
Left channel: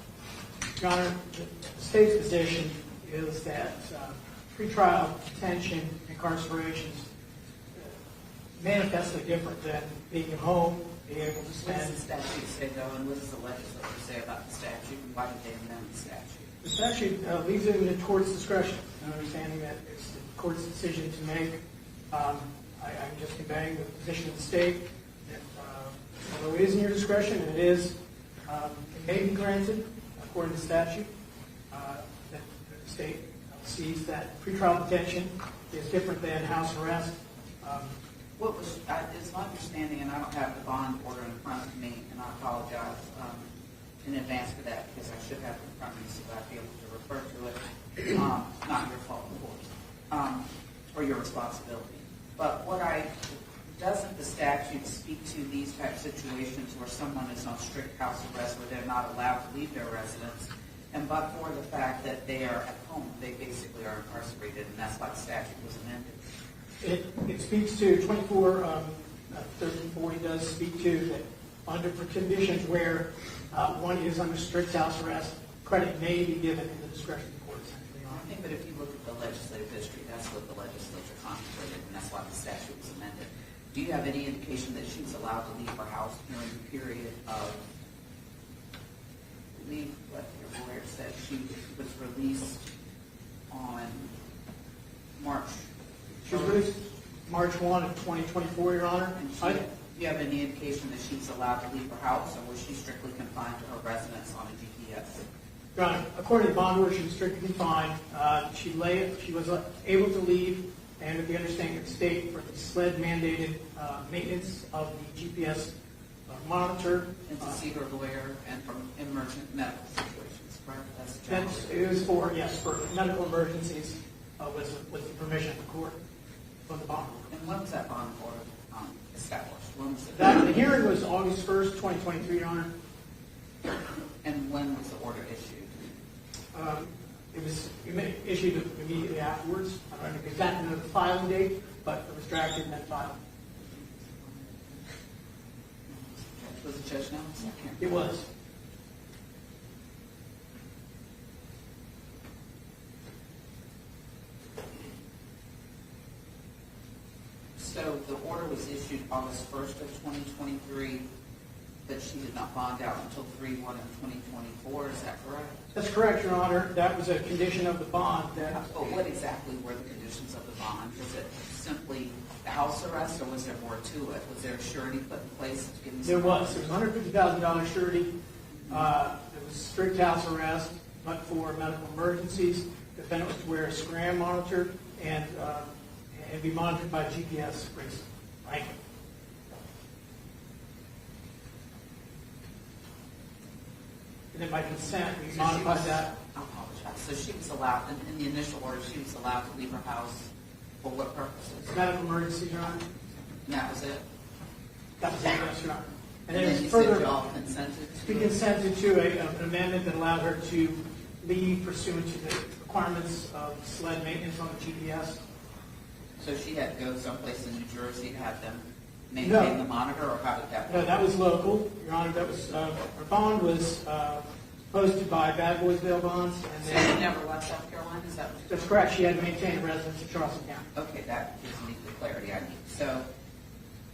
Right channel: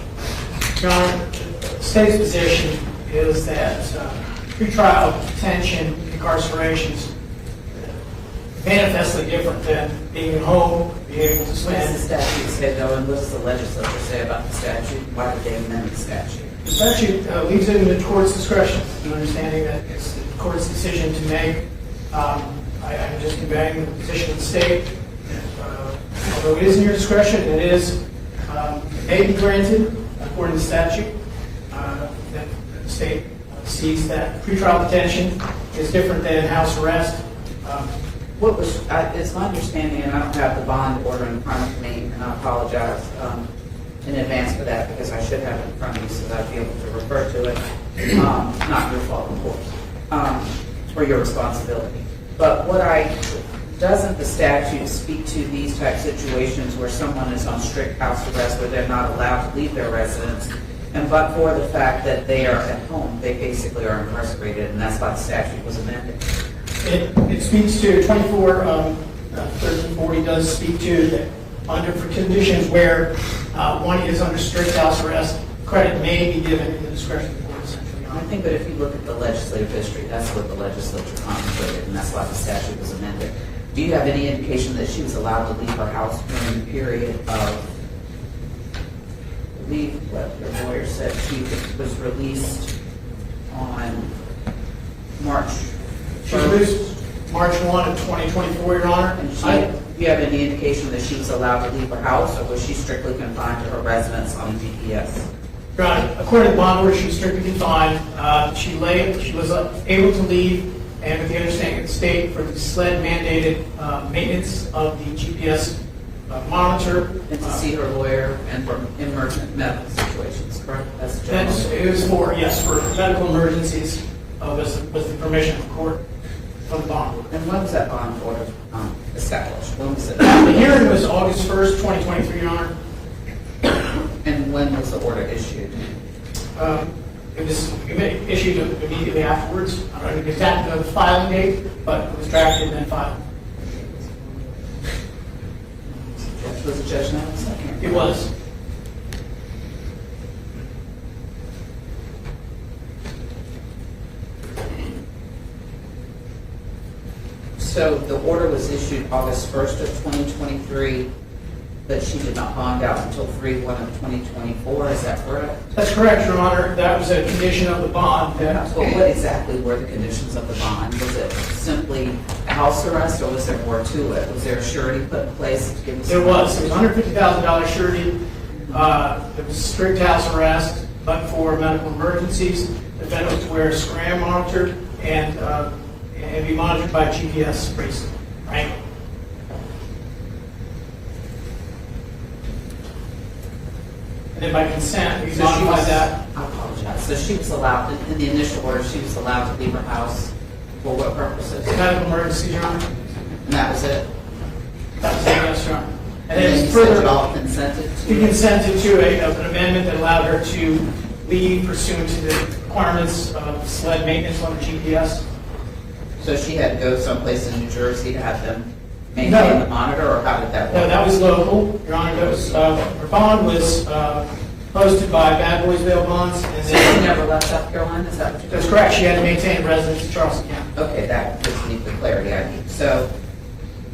Your Honor, the state's position is that pretrial detention, incarcerations, manifestly different than being at home, being able to spend... What does the statute say, though, and what does the legislature say about the statute? Why did they amend the statute? The statute leaves it in the court's discretion, an understanding that it's the court's decision to make. I'm just conveying the position of the state. Although it is in your discretion, it may be granted according to statute. That the state sees that pretrial detention is different than house arrest. It's my understanding, and I don't have the bond order in front of me, and I apologize in advance for that because I should have it in front of me so that I'd be able to refer to it. Not your fault, of course, or your responsibility. But doesn't the statute speak to these type situations where someone is on strict house arrest, where they're not allowed to leave their residence, And but for the fact that they are at home, they basically are incarcerated, and that's why the statute was amended. It speaks to 1340 does speak to that under for conditions where one is under strict house arrest, credit may be given in the discretion of the court, essentially. I think that if you look at the legislative history, that's what the legislature contemplated, and that's why the statute was amended. Do you have any indication that she was allowed to leave her house during the period of, I believe what your lawyer said, she was released on March She was released March 1 of 2024, Your Honor. And do you have any indication that she was allowed to leave her house, or was she strictly confined to her residence on GPS? Your Honor, according to the bond order, she was strictly confined. She was able to leave, and with the understanding of the state for the SLED mandated maintenance of the GPS monitor. And to see her lawyer and for emergent medical situations, correct? That's the general. It was for, yes, for medical emergencies, was the permission of the court for the bond order. And when was that bond order established? When was it? The hearing was August 1st, 2023, Your Honor. And when was the order issued? It was issued immediately afterwards. I don't know the exact filing date, but it was drafted and then filed. Was the judge now? It was. So the order was issued August 1st of 2023, but she did not bond out until 3/1 of 2024, is that correct? That's correct, Your Honor. That was a condition of the bond. Well, what exactly were the conditions of the bond? Was it simply a house arrest, or was there more to it? Was there a surety put in place to give us? There was. It was $150,000 surety. It was strict house arrest, but for medical emergencies, the defendant was to wear a scram monitor and be monitored by GPS bracelet, right? And then by consent, we modified that. I apologize. So she was allowed, in the initial order, she was allowed to leave her house for what purposes? Medical emergency, Your Honor. And that was it? That was it, yes, Your Honor. And then then you further, said y'all consented to? we consented to an amendment that allowed her to leave pursuant to the requirements of SLED maintenance on the GPS. So she had to go someplace in New Jersey to have them maintain the monitor, or how did that work? No, that was local, Your Honor. That was, her bond was posted by Bad Boys Bail Bonds. And So then, she never left South Carolina, is that what you're that's saying? correct. She had to maintain a residence in Charleston County. Okay, that just needs the clarity I need. So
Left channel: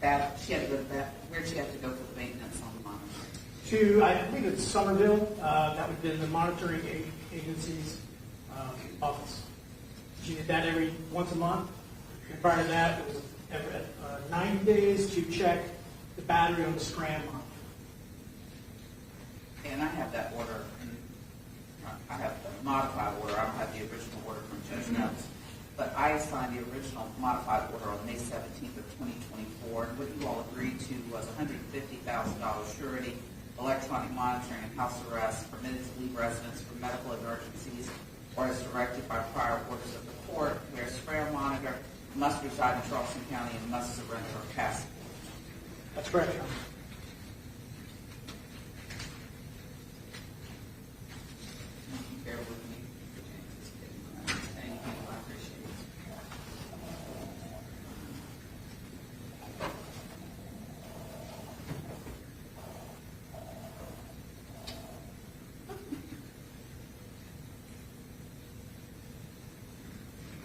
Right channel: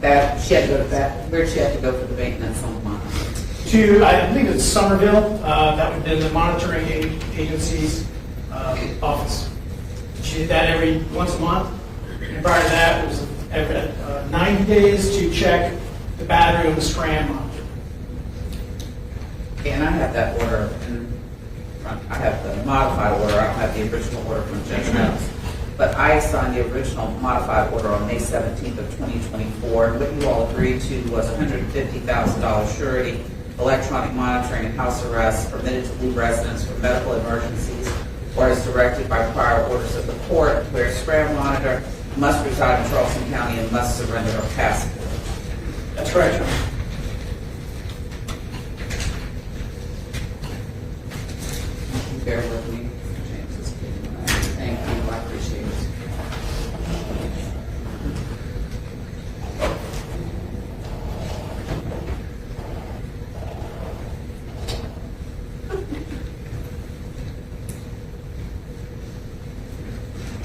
that, she had to go to that, where'd she have to go for the maintenance on the monitor? To, I believe it's Somerville. That would have been the monitoring agency's office. She did that every once a month. And prior to that, it was every 90 days to check the battery on the scram monitor. And I have that order in front, I have the modified order, I don't have the original order from Judge Mills. But I signed the original modified order on May 17th of 2024, and what you all agreed to was $150,000 surety, electronic monitoring and house arrest, permitted to leave residence for medical emergencies, or as directed by prior orders of the court, where a scram monitor must reside in Charleston County and must surrender her passport. That's correct, Your Honor. Bear with me. Thank you, I appreciate it.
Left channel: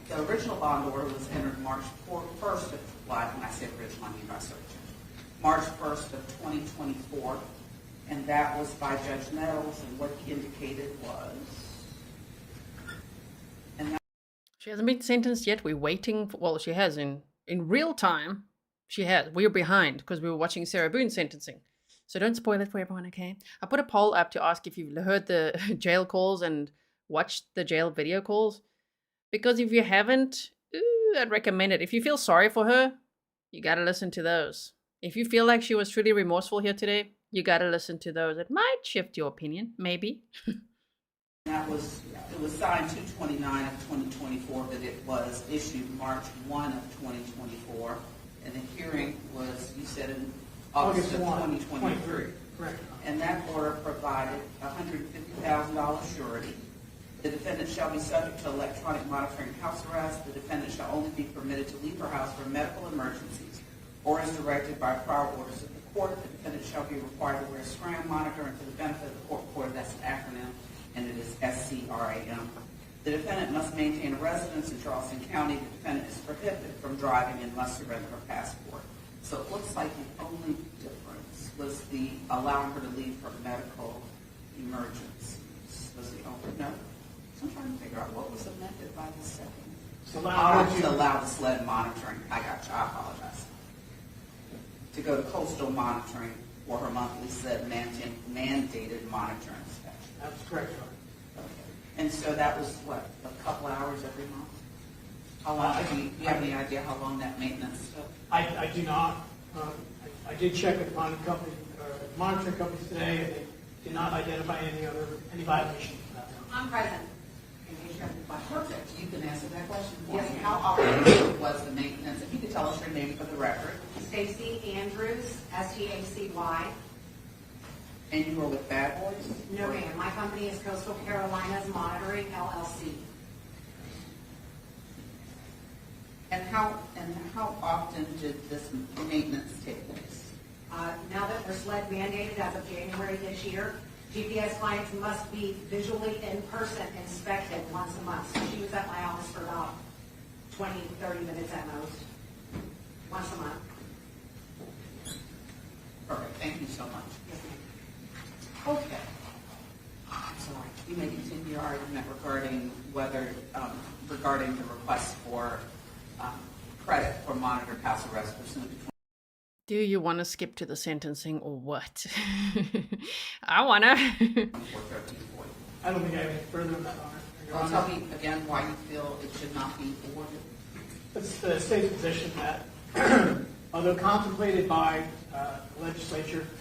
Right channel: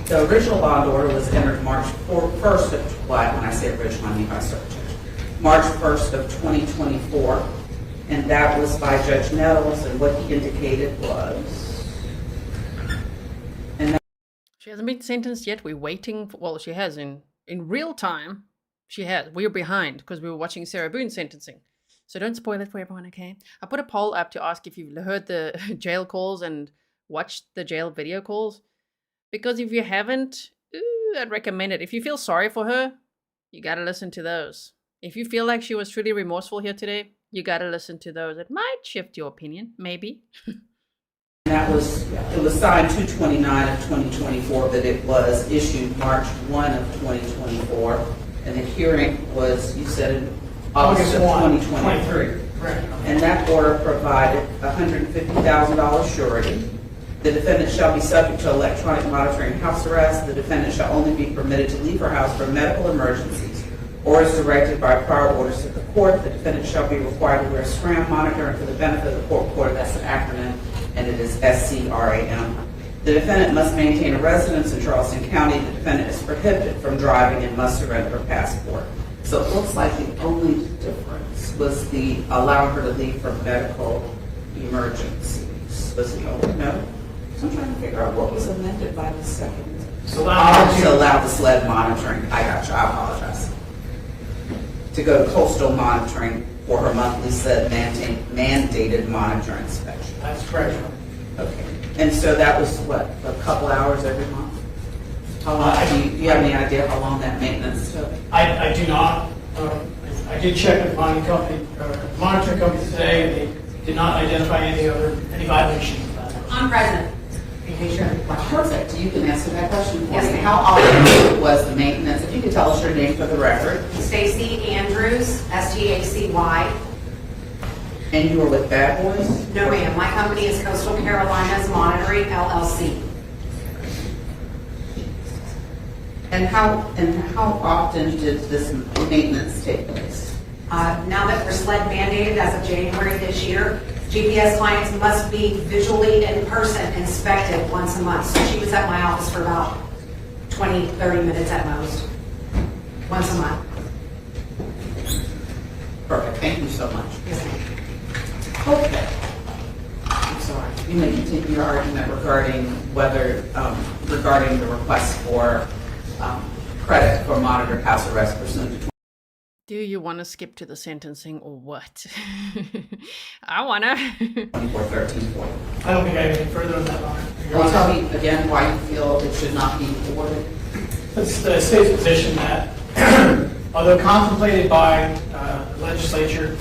The original bond order was entered March 1st of, when I say original, I mean by search. March 1st of 2024, and that was by Judge Nettles, and what he indicated was, She hasn't been sentenced yet. We're waiting for, well, she has in real time. She has. We're behind because we were watching Sarah Boone's sentencing. So don't spoil it for everyone, okay? I put a poll up to ask if you've heard the jail calls and watched the jail video calls. Because if you haven't, I'd recommend it. If you feel sorry for her, you got to listen to those. If you feel like she was truly remorseful here today, you got to listen to those. It might shift your opinion, maybe. that was, it was signed 2/29 of 2024, but it was issued March 1 of 2024, and the hearing was, you said, in August of 2023. Correct. And that order provided $150,000 surety. The defendant shall be subject to electronic monitoring house arrest. The defendant shall only be permitted to leave her house for medical emergencies or as directed by prior orders of the court. The defendant shall be required to wear a SCRAM monitor, and for the benefit of the court reporter, that's an acronym, and it is SCRAM. The defendant must maintain a residence in Charleston County. The defendant is prohibited from driving and must surrender her passport. So it looks like the only difference was the allowing her to leave for medical emergencies. Was the only no? So I'm trying to figure out what was amended by the second. So To allow the sled monitoring. I got you. I apologize. To go to coastal monitoring for her monthly sled mandated monitor inspection. That's correct. Okay. And so that was what, a couple hours every month? How long, do you have any idea how long that maintenance took? I do not. I did check with the monitoring company today, and they did not identify any violations of that. I'm present. In case you have any questions. Perfect. You can answer that question for Yes, me. ma'am. How often was the maintenance? If you could tell us your name for the record. Stacy Andrews, STACY. And you were with Bad Boys? No, ma'am. My company is Coastal Carolinas Monitoring, LLC. And how often did this maintenance take place? Now that we're sled mandated as of January this year, GPS clients must be visually in person inspected once a month. So she was at my office for about 20, 30 minutes at most, once a month. Perfect. Thank you so much. Yes, ma'am. Okay. I'm sorry. You may continue your argument regarding whether, regarding the request for credit for monitored house arrest pursuant to. Do you want to skip to the sentencing or what? I want to. 241340. I don't think I have anything further on that line. Well, tell me again why you feel it should not be awarded. It's the state's position that, although contemplated by the legislature,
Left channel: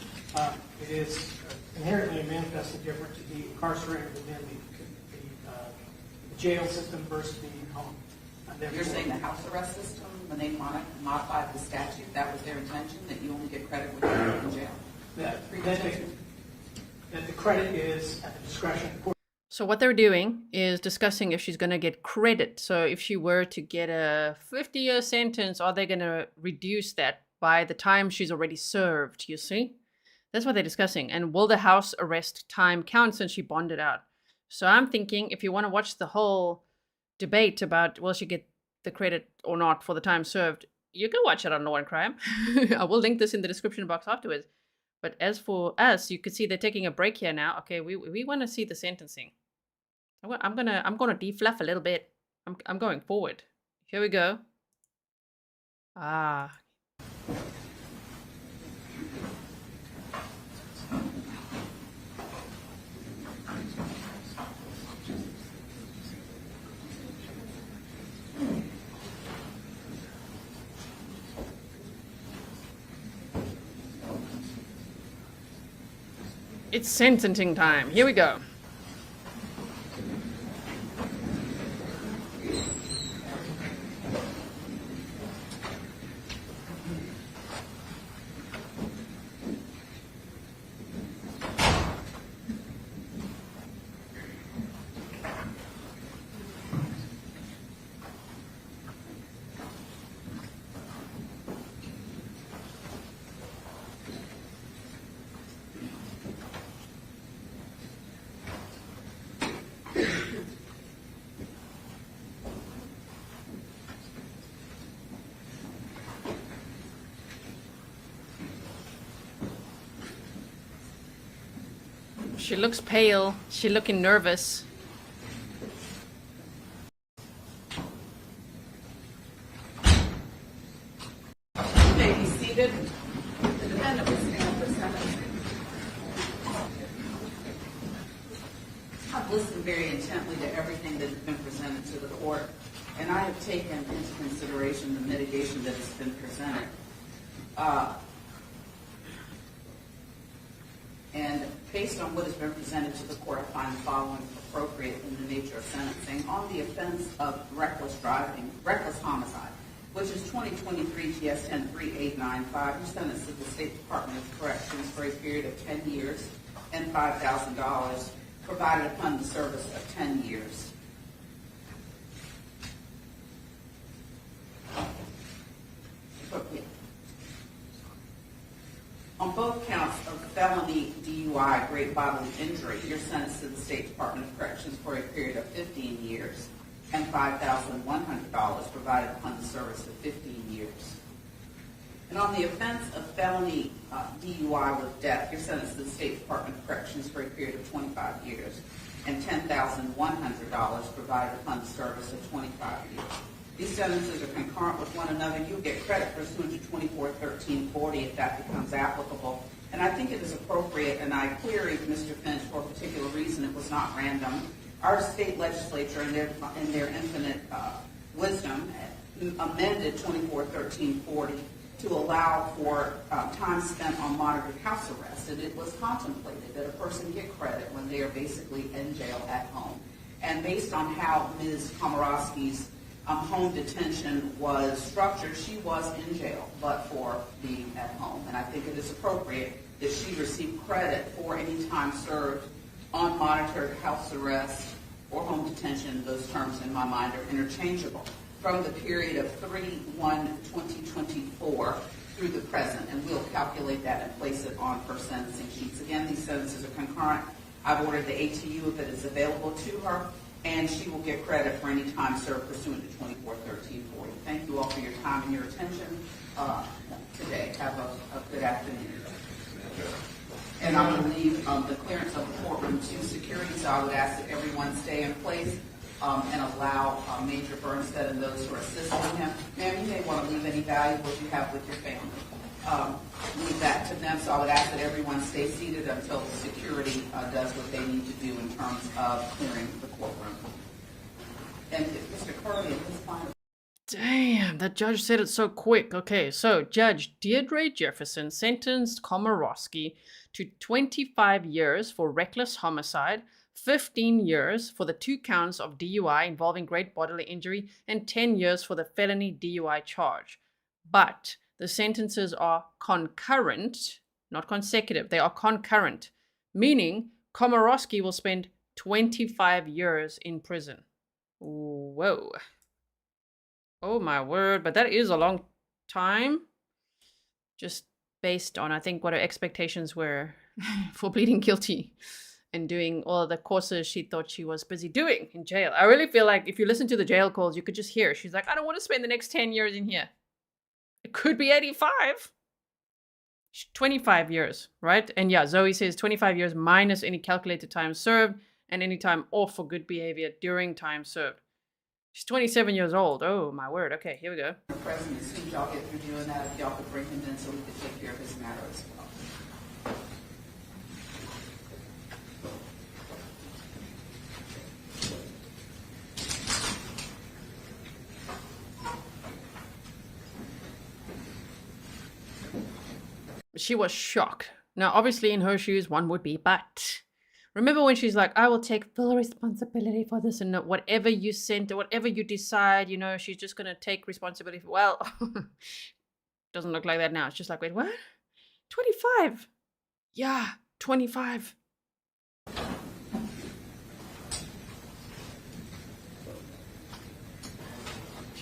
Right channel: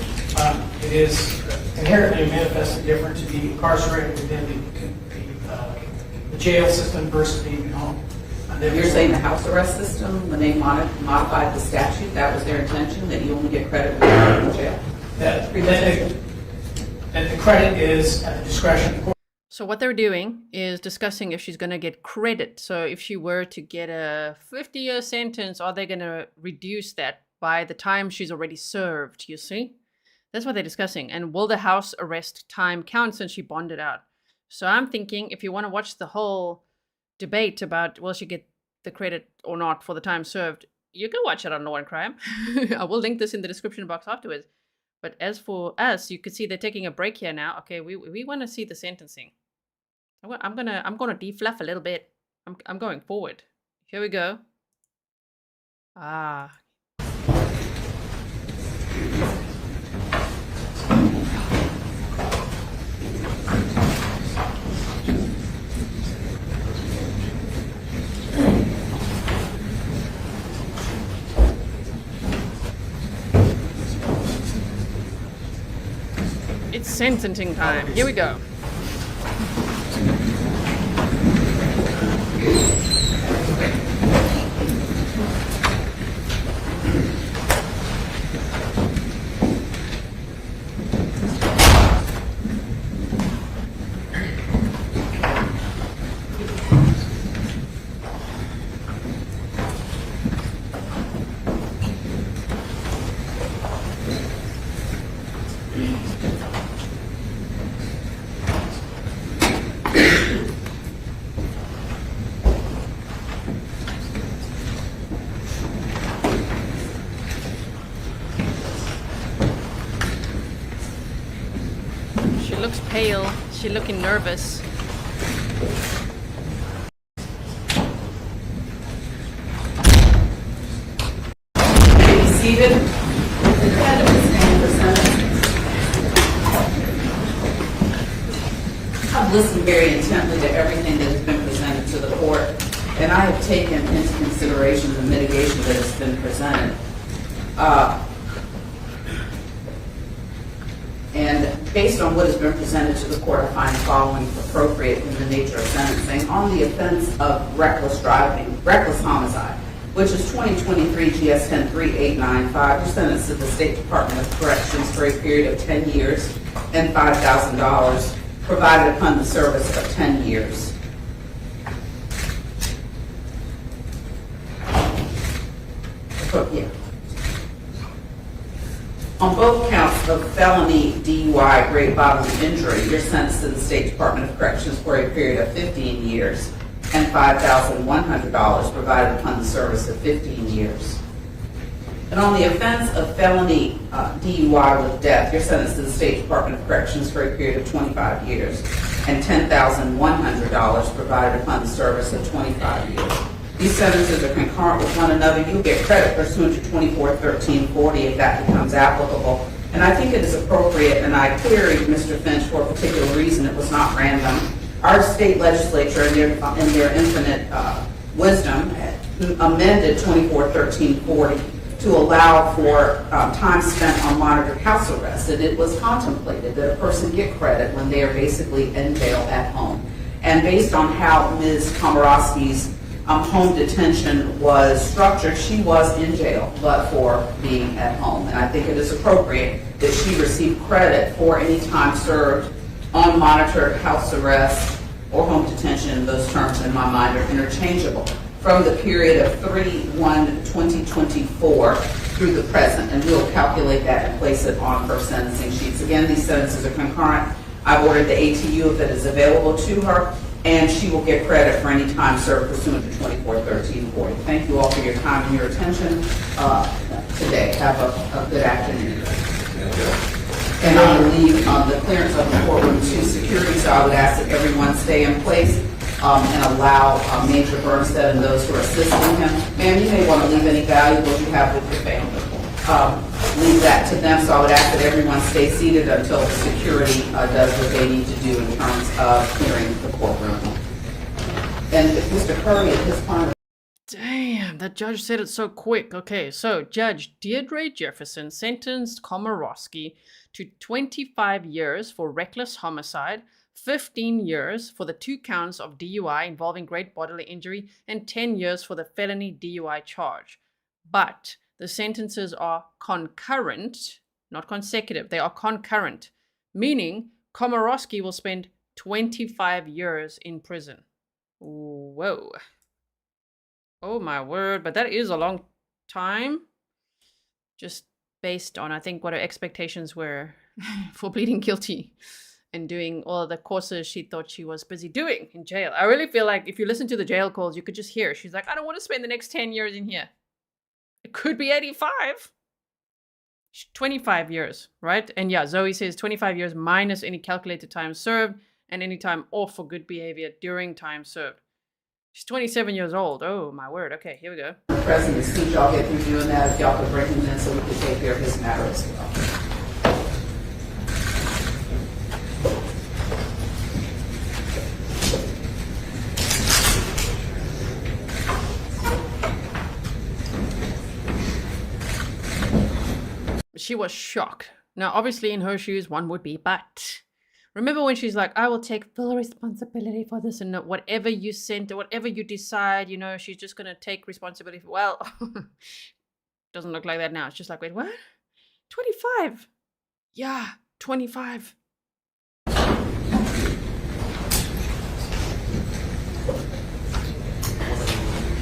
it is inherently manifestly different to be incarcerated within the jail system versus being at home. You're saying the house arrest system, when they modified the statute, that was their intention, that you only get credit when you're in jail? That the credit is at the discretion of the court. So what they're doing is discussing if she's going to get credit. So if she were to get a 50-year sentence, are they going to reduce that by the time she's already served, you see? That's what they're discussing. And will the house arrest time count since she bonded out? So I'm thinking if you want to watch the whole debate about will she get the credit or not for the time served, you can watch it on Law and Crime. I will link this in the description box afterwards. But as for us, you can see they're taking a break here now. Okay, we want to see the sentencing. I'm gonna defluff a little bit. I'm going forward. Here we go. Ah. It's sentencing time. Here we go. She looks pale. She's looking nervous. Be seated. The defendant stand for sentence. I've listened very intently to everything that has been presented to the court, and I have taken into consideration the mitigation that has been presented. And based on what has been presented to the court, I find the following appropriate in the nature of sentencing. On the offense of reckless driving, reckless homicide, which is 2023 GS 103895. You're sentenced to the State Department of Corrections for a period of 10 years and $5,000 provided upon the service of 10 years. Yeah. On both counts of felony DUI grave bodily injury, you're sentenced to the State Department of Corrections for a period of 15 years and $5,100 provided upon the service of 15 years. And on the offense of felony DUI with death, you're sentenced to the State Department of Corrections for a period of 25 years and $10,100 provided upon the service of 25 years. These sentences are concurrent with one another. You'll get credit pursuant to 241340 if that becomes applicable. And I think it is appropriate, and I queried Mr. Finch for a particular reason. It was not random. Our state legislature, in their infinite wisdom, amended 241340 to allow for time spent on monitored house arrest. And it was contemplated that a person get credit when they are basically in jail at home. And based on how Ms. Komoroski's home detention was structured, she was in jail, but for being at home. And I think it is appropriate that she receive credit for any time served on monitored house arrest or home detention. Those terms in my mind are interchangeable, from the period of 3/1/2024 through the present. And we'll calculate that and place it on her sentencing sheets. Again, these sentences are concurrent. I've ordered the ATU if it is available to her, and she will get credit for any time served pursuant to 241340. Thank you all for your time and your attention today. Have a good afternoon. And I will leave the clearance of the courtroom to security, so I would ask that everyone stay in place and allow Major Bernstead and those who are assisting him. Ma'am, you may want to leave any valuables you have with your family. Leave that to them, so I would ask that everyone stay seated until the security does what they need to do in terms of clearing the courtroom. And if Mr. Curry at this point... Damn, that judge said it so quick. Okay, so Judge Deirdre Jefferson sentenced Komoroski to 25 years for reckless homicide, 15 years for the 2 counts of DUI involving great bodily injury, and 10 years for the felony DUI charge. But the sentences are concurrent, not consecutive. They are concurrent, meaning Komoroski will spend 25 years in prison. Whoa. Oh my word, but that is a long time. Just based on, I think, what her expectations were for pleading guilty and doing all the courses she thought she was busy doing in jail. I really feel like if you listen to the jail calls, you could just hear. She's like, I don't want to spend the next 10 years in here. It could be 85. 25 years, right? And yeah, Zoe says 25 years minus any calculated time served and any time off for good behavior during time served. She's 27 years old. Oh, my word. Okay, here we go. President, since y'all get through doing that, if y'all could bring him in so we can take care of his matter as well. She was shocked. Now, obviously, in her shoes, one would be, but remember when she's like, I will take full responsibility for this, and whatever you sent or whatever you decide, you know, she's just going to take responsibility for, well, doesn't look like that now. It's just like, wait, what? 25. Yeah, 25.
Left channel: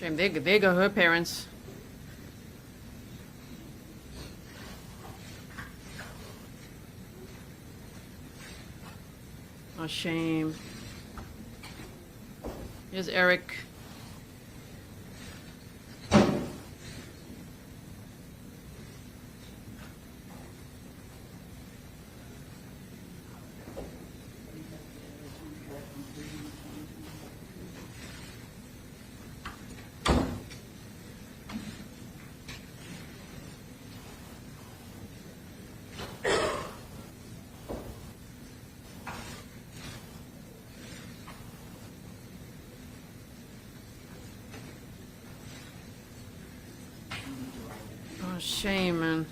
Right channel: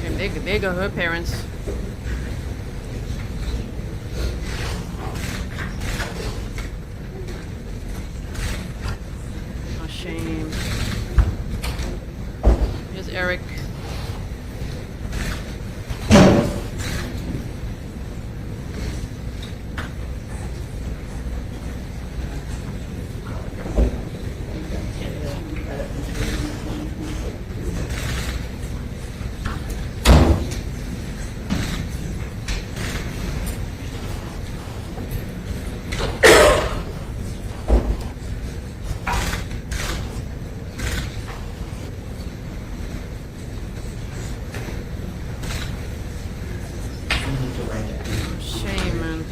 Shame, there go her parents. Oh, shame. Here's Aric. Shame, man.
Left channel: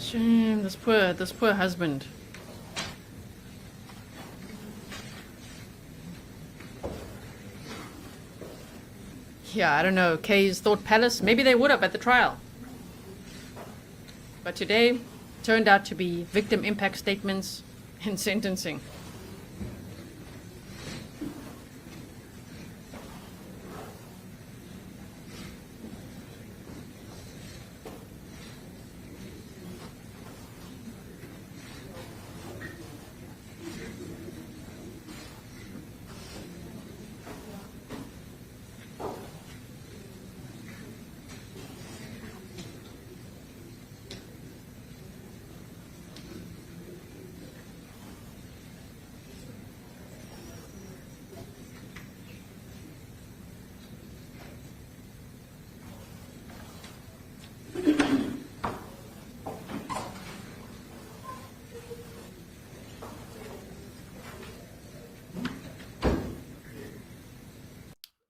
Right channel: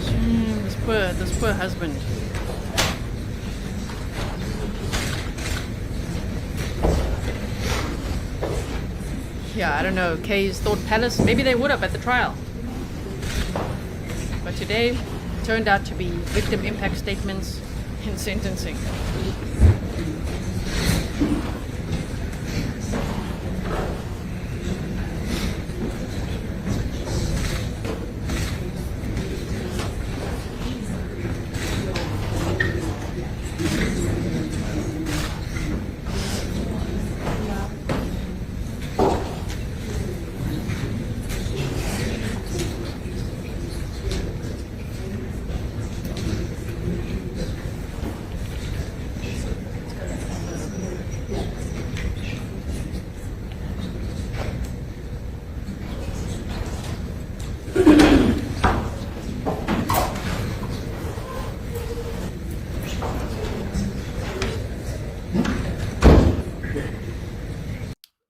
Shame, this poor husband. Yeah, I don't know. Kay's thought palace. Maybe they would have at the trial. But today turned out to be victim impact statements and sentencing.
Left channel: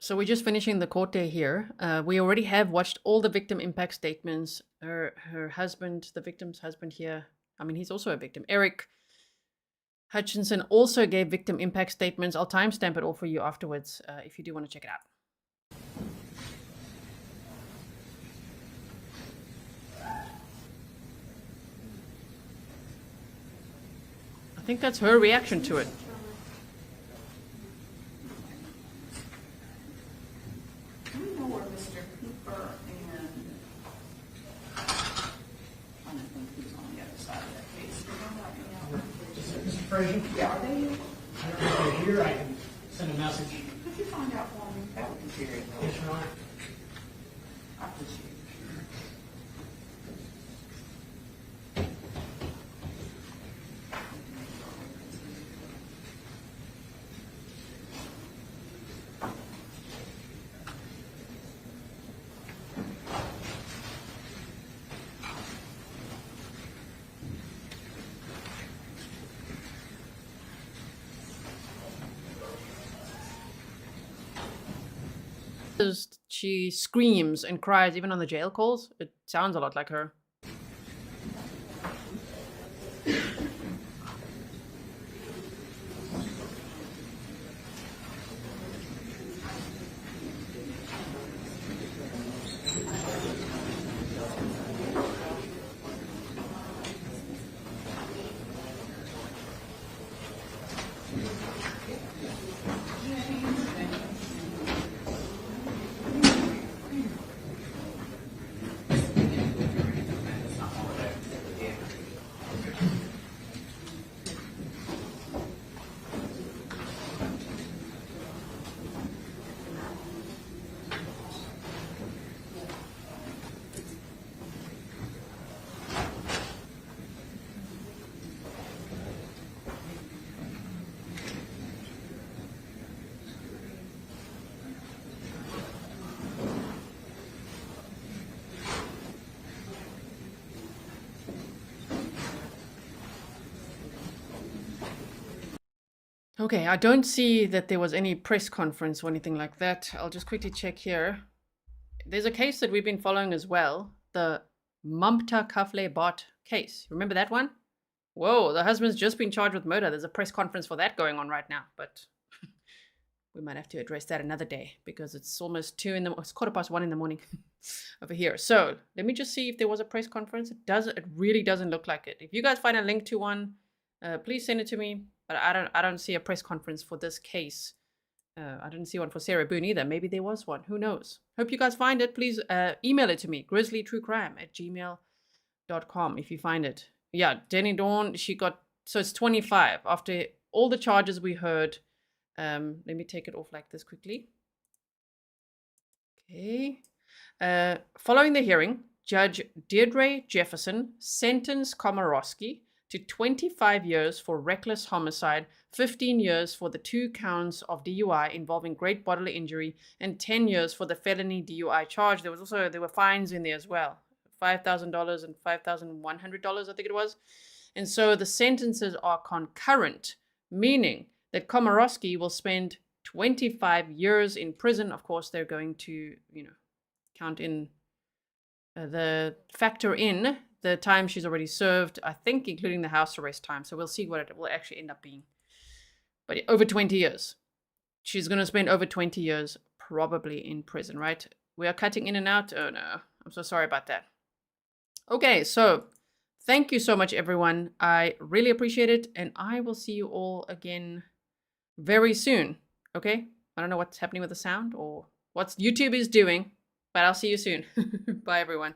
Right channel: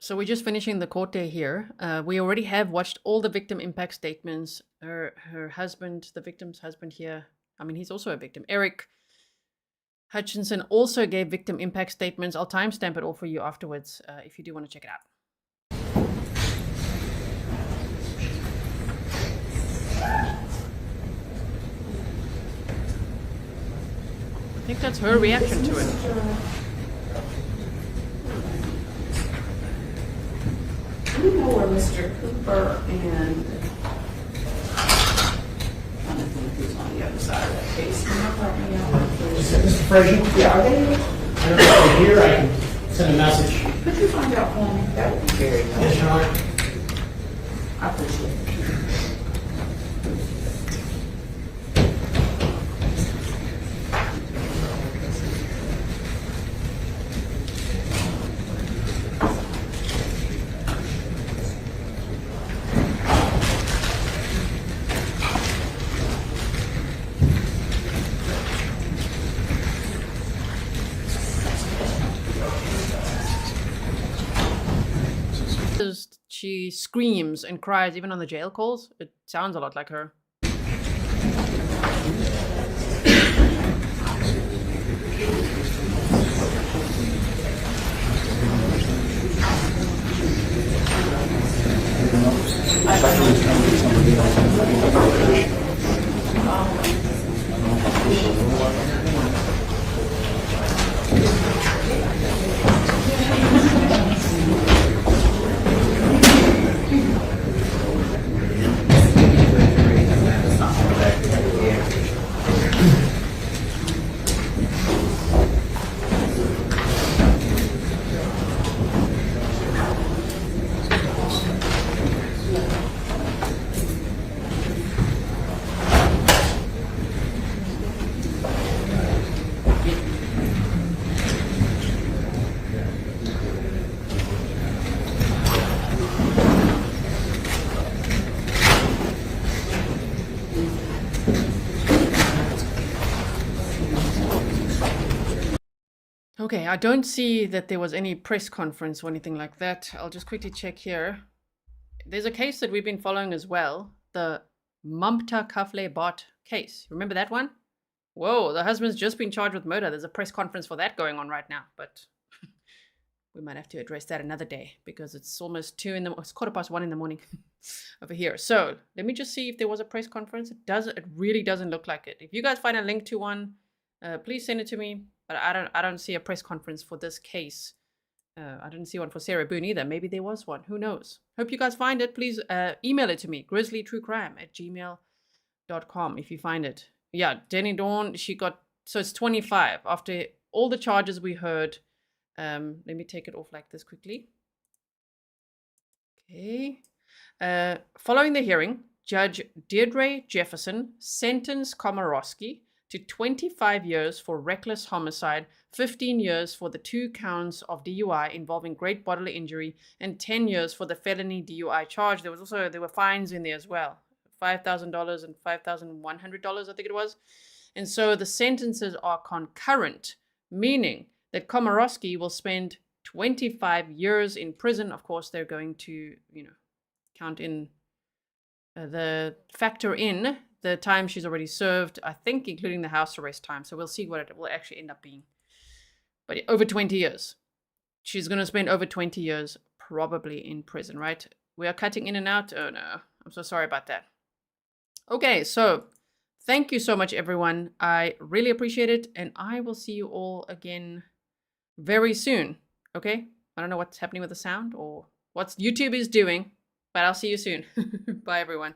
So we're just finishing the court day here. We already have watched all the victim impact statements. Her husband, the victim's husband here, I mean, he's also a victim. Aric Hutchinson also gave victim impact statements. I'll timestamp it all for you afterwards if you do want to check it out. I think that's her reaction to it. Do you know where Mr. Cooper and I don't think who's on the other side of that case? Can you help me out? Mr. Frazier? Yeah, are they? I don't know if they're here. I can send a message. Could you find out for me? That would be very helpful. Yes, Your Honor. I appreciate it. She screams and cries even on the jail calls. It sounds a lot like her. Okay, I don't see that there was any press conference or anything like that. I'll just quickly check here. There's a case that we've been following as well, the Mumpta Kafle Bot case. Remember that one? Whoa, the husband's just been charged with murder. There's a press conference for that going on right now, but we might have to address that another day because it's almost it's 1:15 in the morning over here. So let me just see if there was a press conference. It really doesn't look like it. If you guys find a link to one, please send it to me. But I don't see a press conference for this case. I didn't see one for Sarah Boone either. Maybe there was one. Who knows? Hope you guys find it. Please email it to me. grizzlytruecrime@gmail.com if you find it. Yeah, Denny Dawn, she got, so it's 25 after all the charges we heard. Let me take it off like this quickly. Okay. Following the hearing, Judge Deirdre Jefferson sentenced Komoroski to 25 years for reckless homicide, 15 years for the 2 counts of DUI involving great bodily injury, and 10 years for the felony DUI charge. There were fines in there as well, $5,000 and $5,100, I think it was. And so the sentences are concurrent, meaning that Komoroski will spend 25 years in prison. Of course, they're going to, count in factor in the time she's already served, I think, including the house arrest time. So we'll see what it will actually end up being. But over 20 years. She's going to spend over 20 years probably in prison, right? We are cutting in and out. Oh, no. I'm so sorry about that. Okay, so thank you so much, everyone. I really appreciate it. And I will see you all again very soon. Okay? I don't know what's happening with the sound or what YouTube is doing, but I'll see you soon. Bye, everyone.